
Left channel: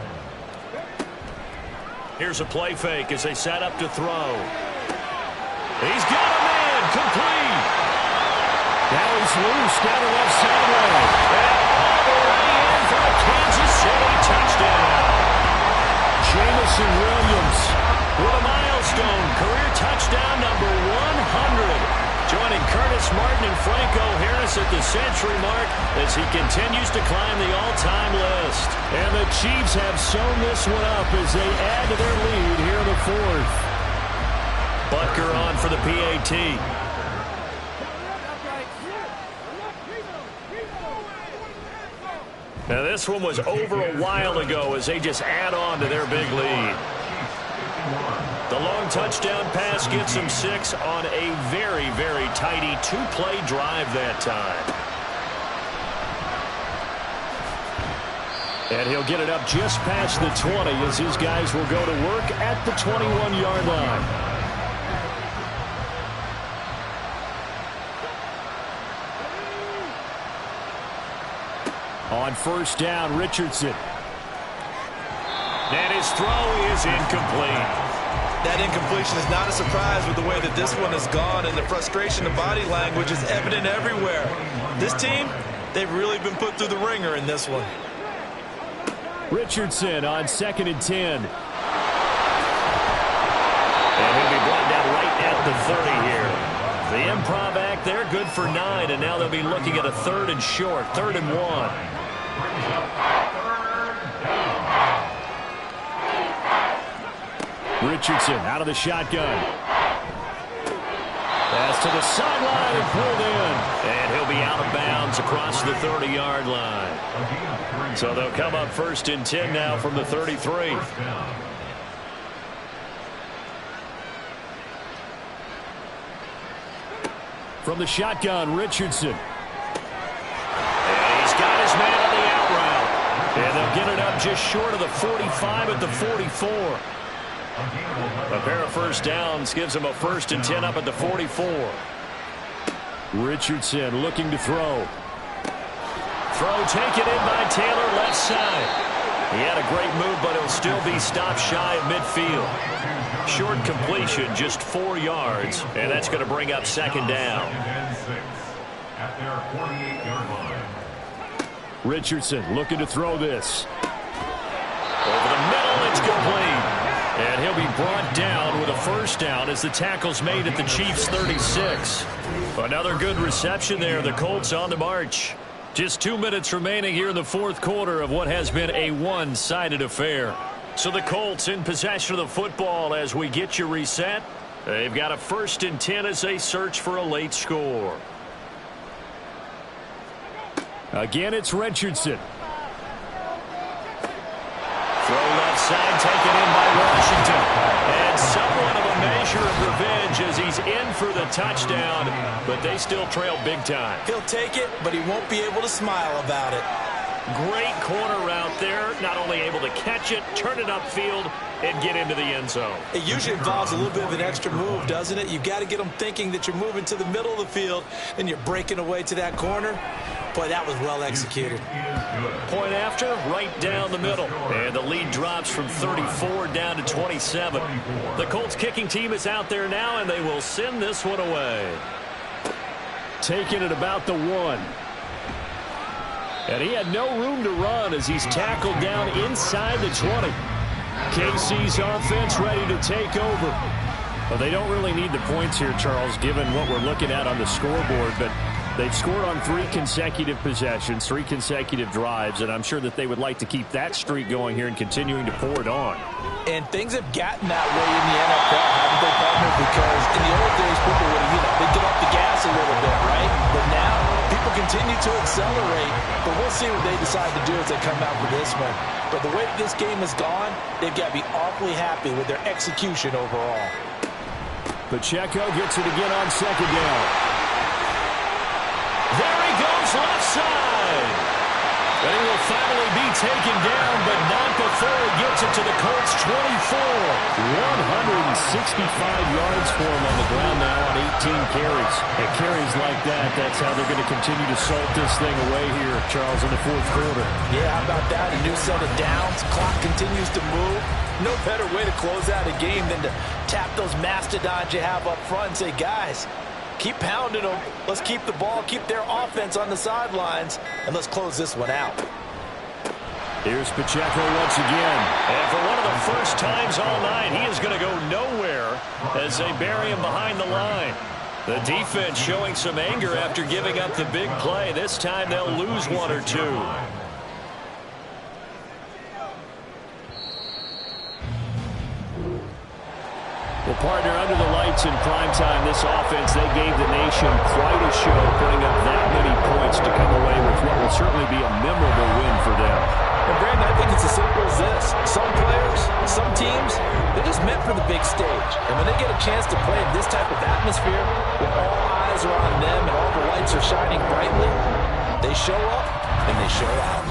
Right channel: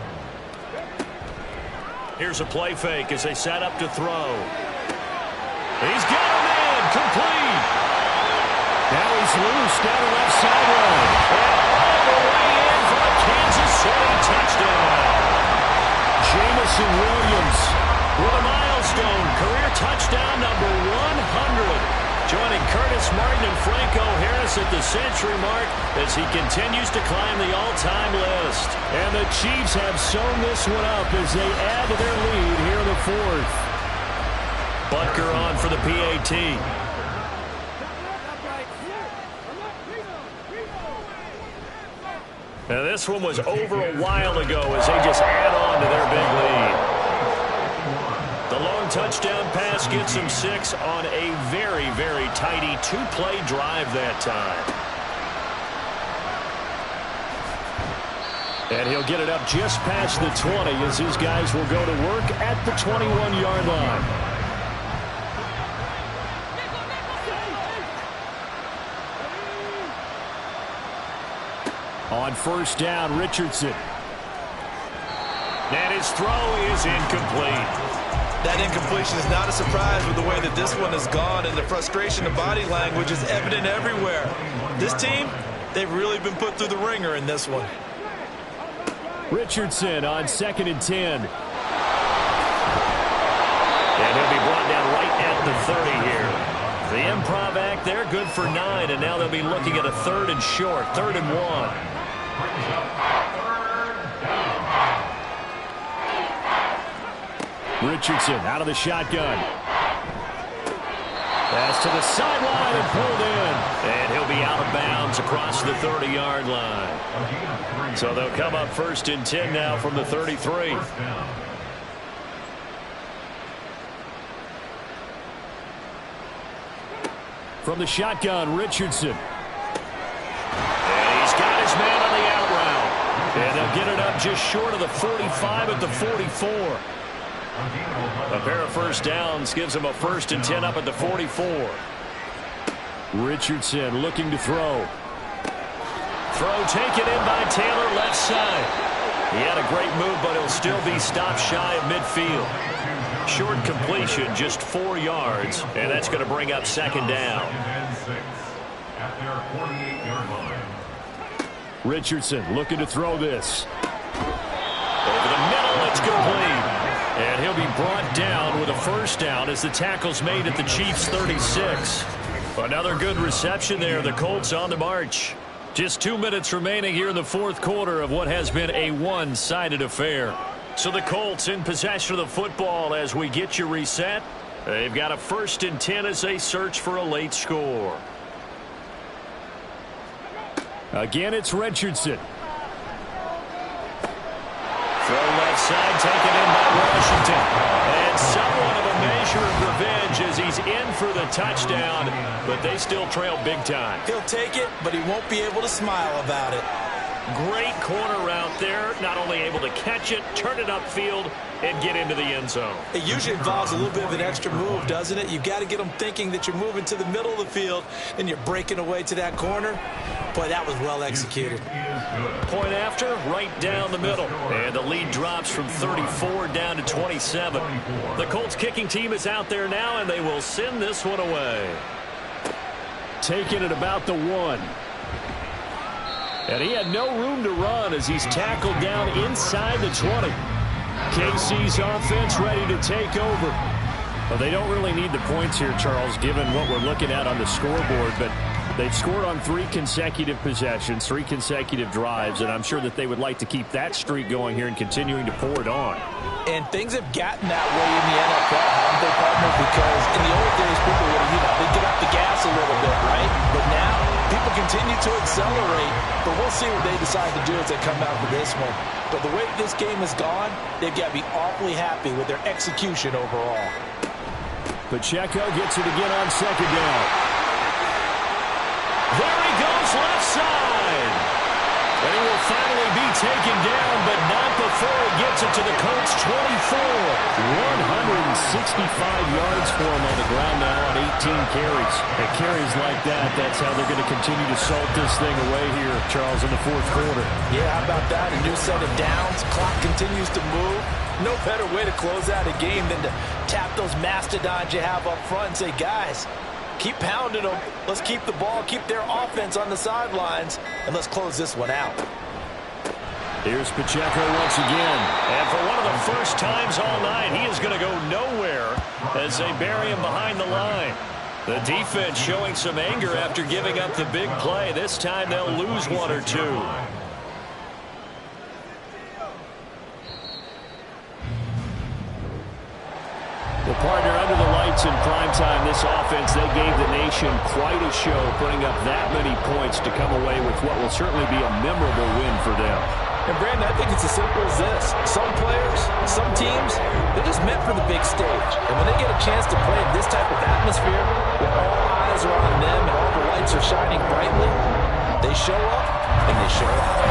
Here's a play fake as they set up to throw. He's got a man, complete. Now he's loose down the left sideline. And all the way in for a Kansas City touchdown. Jamison Williams with a milestone career touchdown number 100. Joining Curtis Martin and Franco Harris at the century mark as he continues to climb the all-time list. And the Chiefs have sewn this one up as they add to their lead here in the 4th. Butker on for the PAT. Now this one was over a while ago as they just add on to their big lead. The long long touchdown pass gets him 6 on a very, very tidy two-play drive that time. And he'll get it up just past the 20 as his guys will go to work at the 21-yard line. On first down, Richardson. And his throw is incomplete. That incompletion is not a surprise with the way that this one has gone, and the frustration of body language is evident everywhere. This team, they've really been put through the ringer in this one. Richardson on 2nd and 10. And he'll be brought down right at the 30 here. The improv act there, good for 9, and now they'll be looking at a 3rd and short, 3rd and 1. Richardson out of the shotgun. Pass to the sideline and pulled in. And he'll be out of bounds across the 30-yard line. So they'll come up 1st and 10 now from the 33. From the shotgun, Richardson. And he's got his man on the out route. And they'll get it up just short of the 45 at the 44. A pair of first downs gives him a 1st and 10 up at the 44. Richardson looking to throw. Throw taken in by Taylor, left side. He had a great move, but he'll still be stopped shy of midfield. Short completion, just 4 yards, and that's going to bring up 2nd down. At their 48-yard line. Richardson looking to throw this. Over the middle, it's complete. And he'll be brought down with a 1st down as the tackle's made at the Chiefs' 36. Another good reception there. The Colts on the march. Just 2 minutes remaining here in the 4th quarter of what has been a one-sided affair. So the Colts in possession of the football as we get you reset. They've got a 1st and 10 as they search for a late score. Again, it's Richardson. Throw left side, taken in by Washington. And somewhat of a measure of revenge as he's in for the touchdown, but they still trail big time. He'll take it, but he won't be able to smile about it. Great corner route there. Not only able to catch it, turn it upfield, and get into the end zone. It usually involves a little bit of an extra move, doesn't it? You've got to get them thinking that you're moving to the middle of the field, and you're breaking away to that corner. Boy, that was well executed. Point after, right down the middle. And the lead drops from 34 down to 27. The Colts kicking team is out there now, and they will send this one away. Taking it about the 1. And he had no room to run as he's tackled down inside the 20. KC's offense ready to take over. Well, they don't really need the points here, Charles, given what we're looking at on the scoreboard, but they've scored on 3 consecutive possessions, 3 consecutive drives, and I'm sure that they would like to keep that streak going here and continuing to pour it on. And things have gotten that way in the NFL, haven't they, partner? Because in the old days, people would, they'd get off the gas a little bit, right? But now, people continue to accelerate, but we'll see what they decide to do as they come out for this one. But the way this game has gone, they've got to be awfully happy with their execution overall. Pacheco gets it again on 2nd down. There he goes, left side. And he will finally be taken down, but not before he gets it to the Colts' 24. 165 yards for him on the ground now on 18 carries. And carries like that, that's how they're going to continue to salt this thing away here, Charles, in the 4th quarter. Yeah, how about that? A new set of downs. Clock continues to move. No better way to close out a game than to tap those mastodons you have up front and say, guys, keep pounding them. Let's keep the ball, keep their offense on the sidelines, and let's close this one out. Here's Pacheco once again. And for one of the first times all night, he is going to go nowhere as they bury him behind the line. The defense showing some anger after giving up the big play. This time they'll lose 1 or 2. Well, partner, under the lights in primetime, this offense, they gave the nation quite a show, putting up that many points to come away with what will certainly be a memorable win for them. And Brandon, I think it's as simple as this. Some players, some teams, they're just meant for the big stage. And when they get a chance to play in this type of atmosphere, where all eyes are on them and all the lights are shining brightly, they show up and they show out.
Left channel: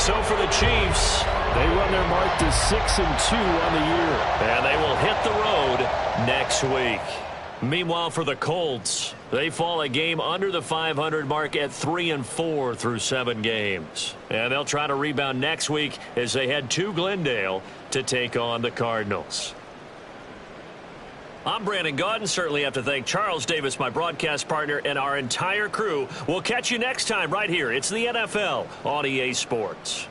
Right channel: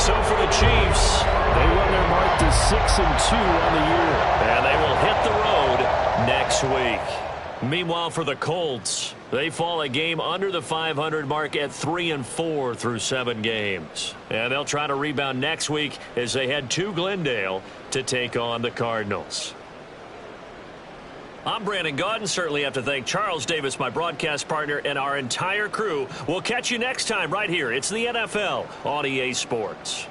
So for the Chiefs, They run their mark to 6-2 on the year. and they will hit the road next week. Meanwhile, for the Colts, they fall a game under the 500 mark at 3-4 through 7 games. And they'll try to rebound next week as they head to Glendale to take on the Cardinals. I'm Brandon Gaudin. Certainly have to thank Charles Davis, my broadcast partner, and our entire crew. We'll catch you next time right here. It's the NFL on EA Sports.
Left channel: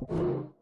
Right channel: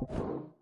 You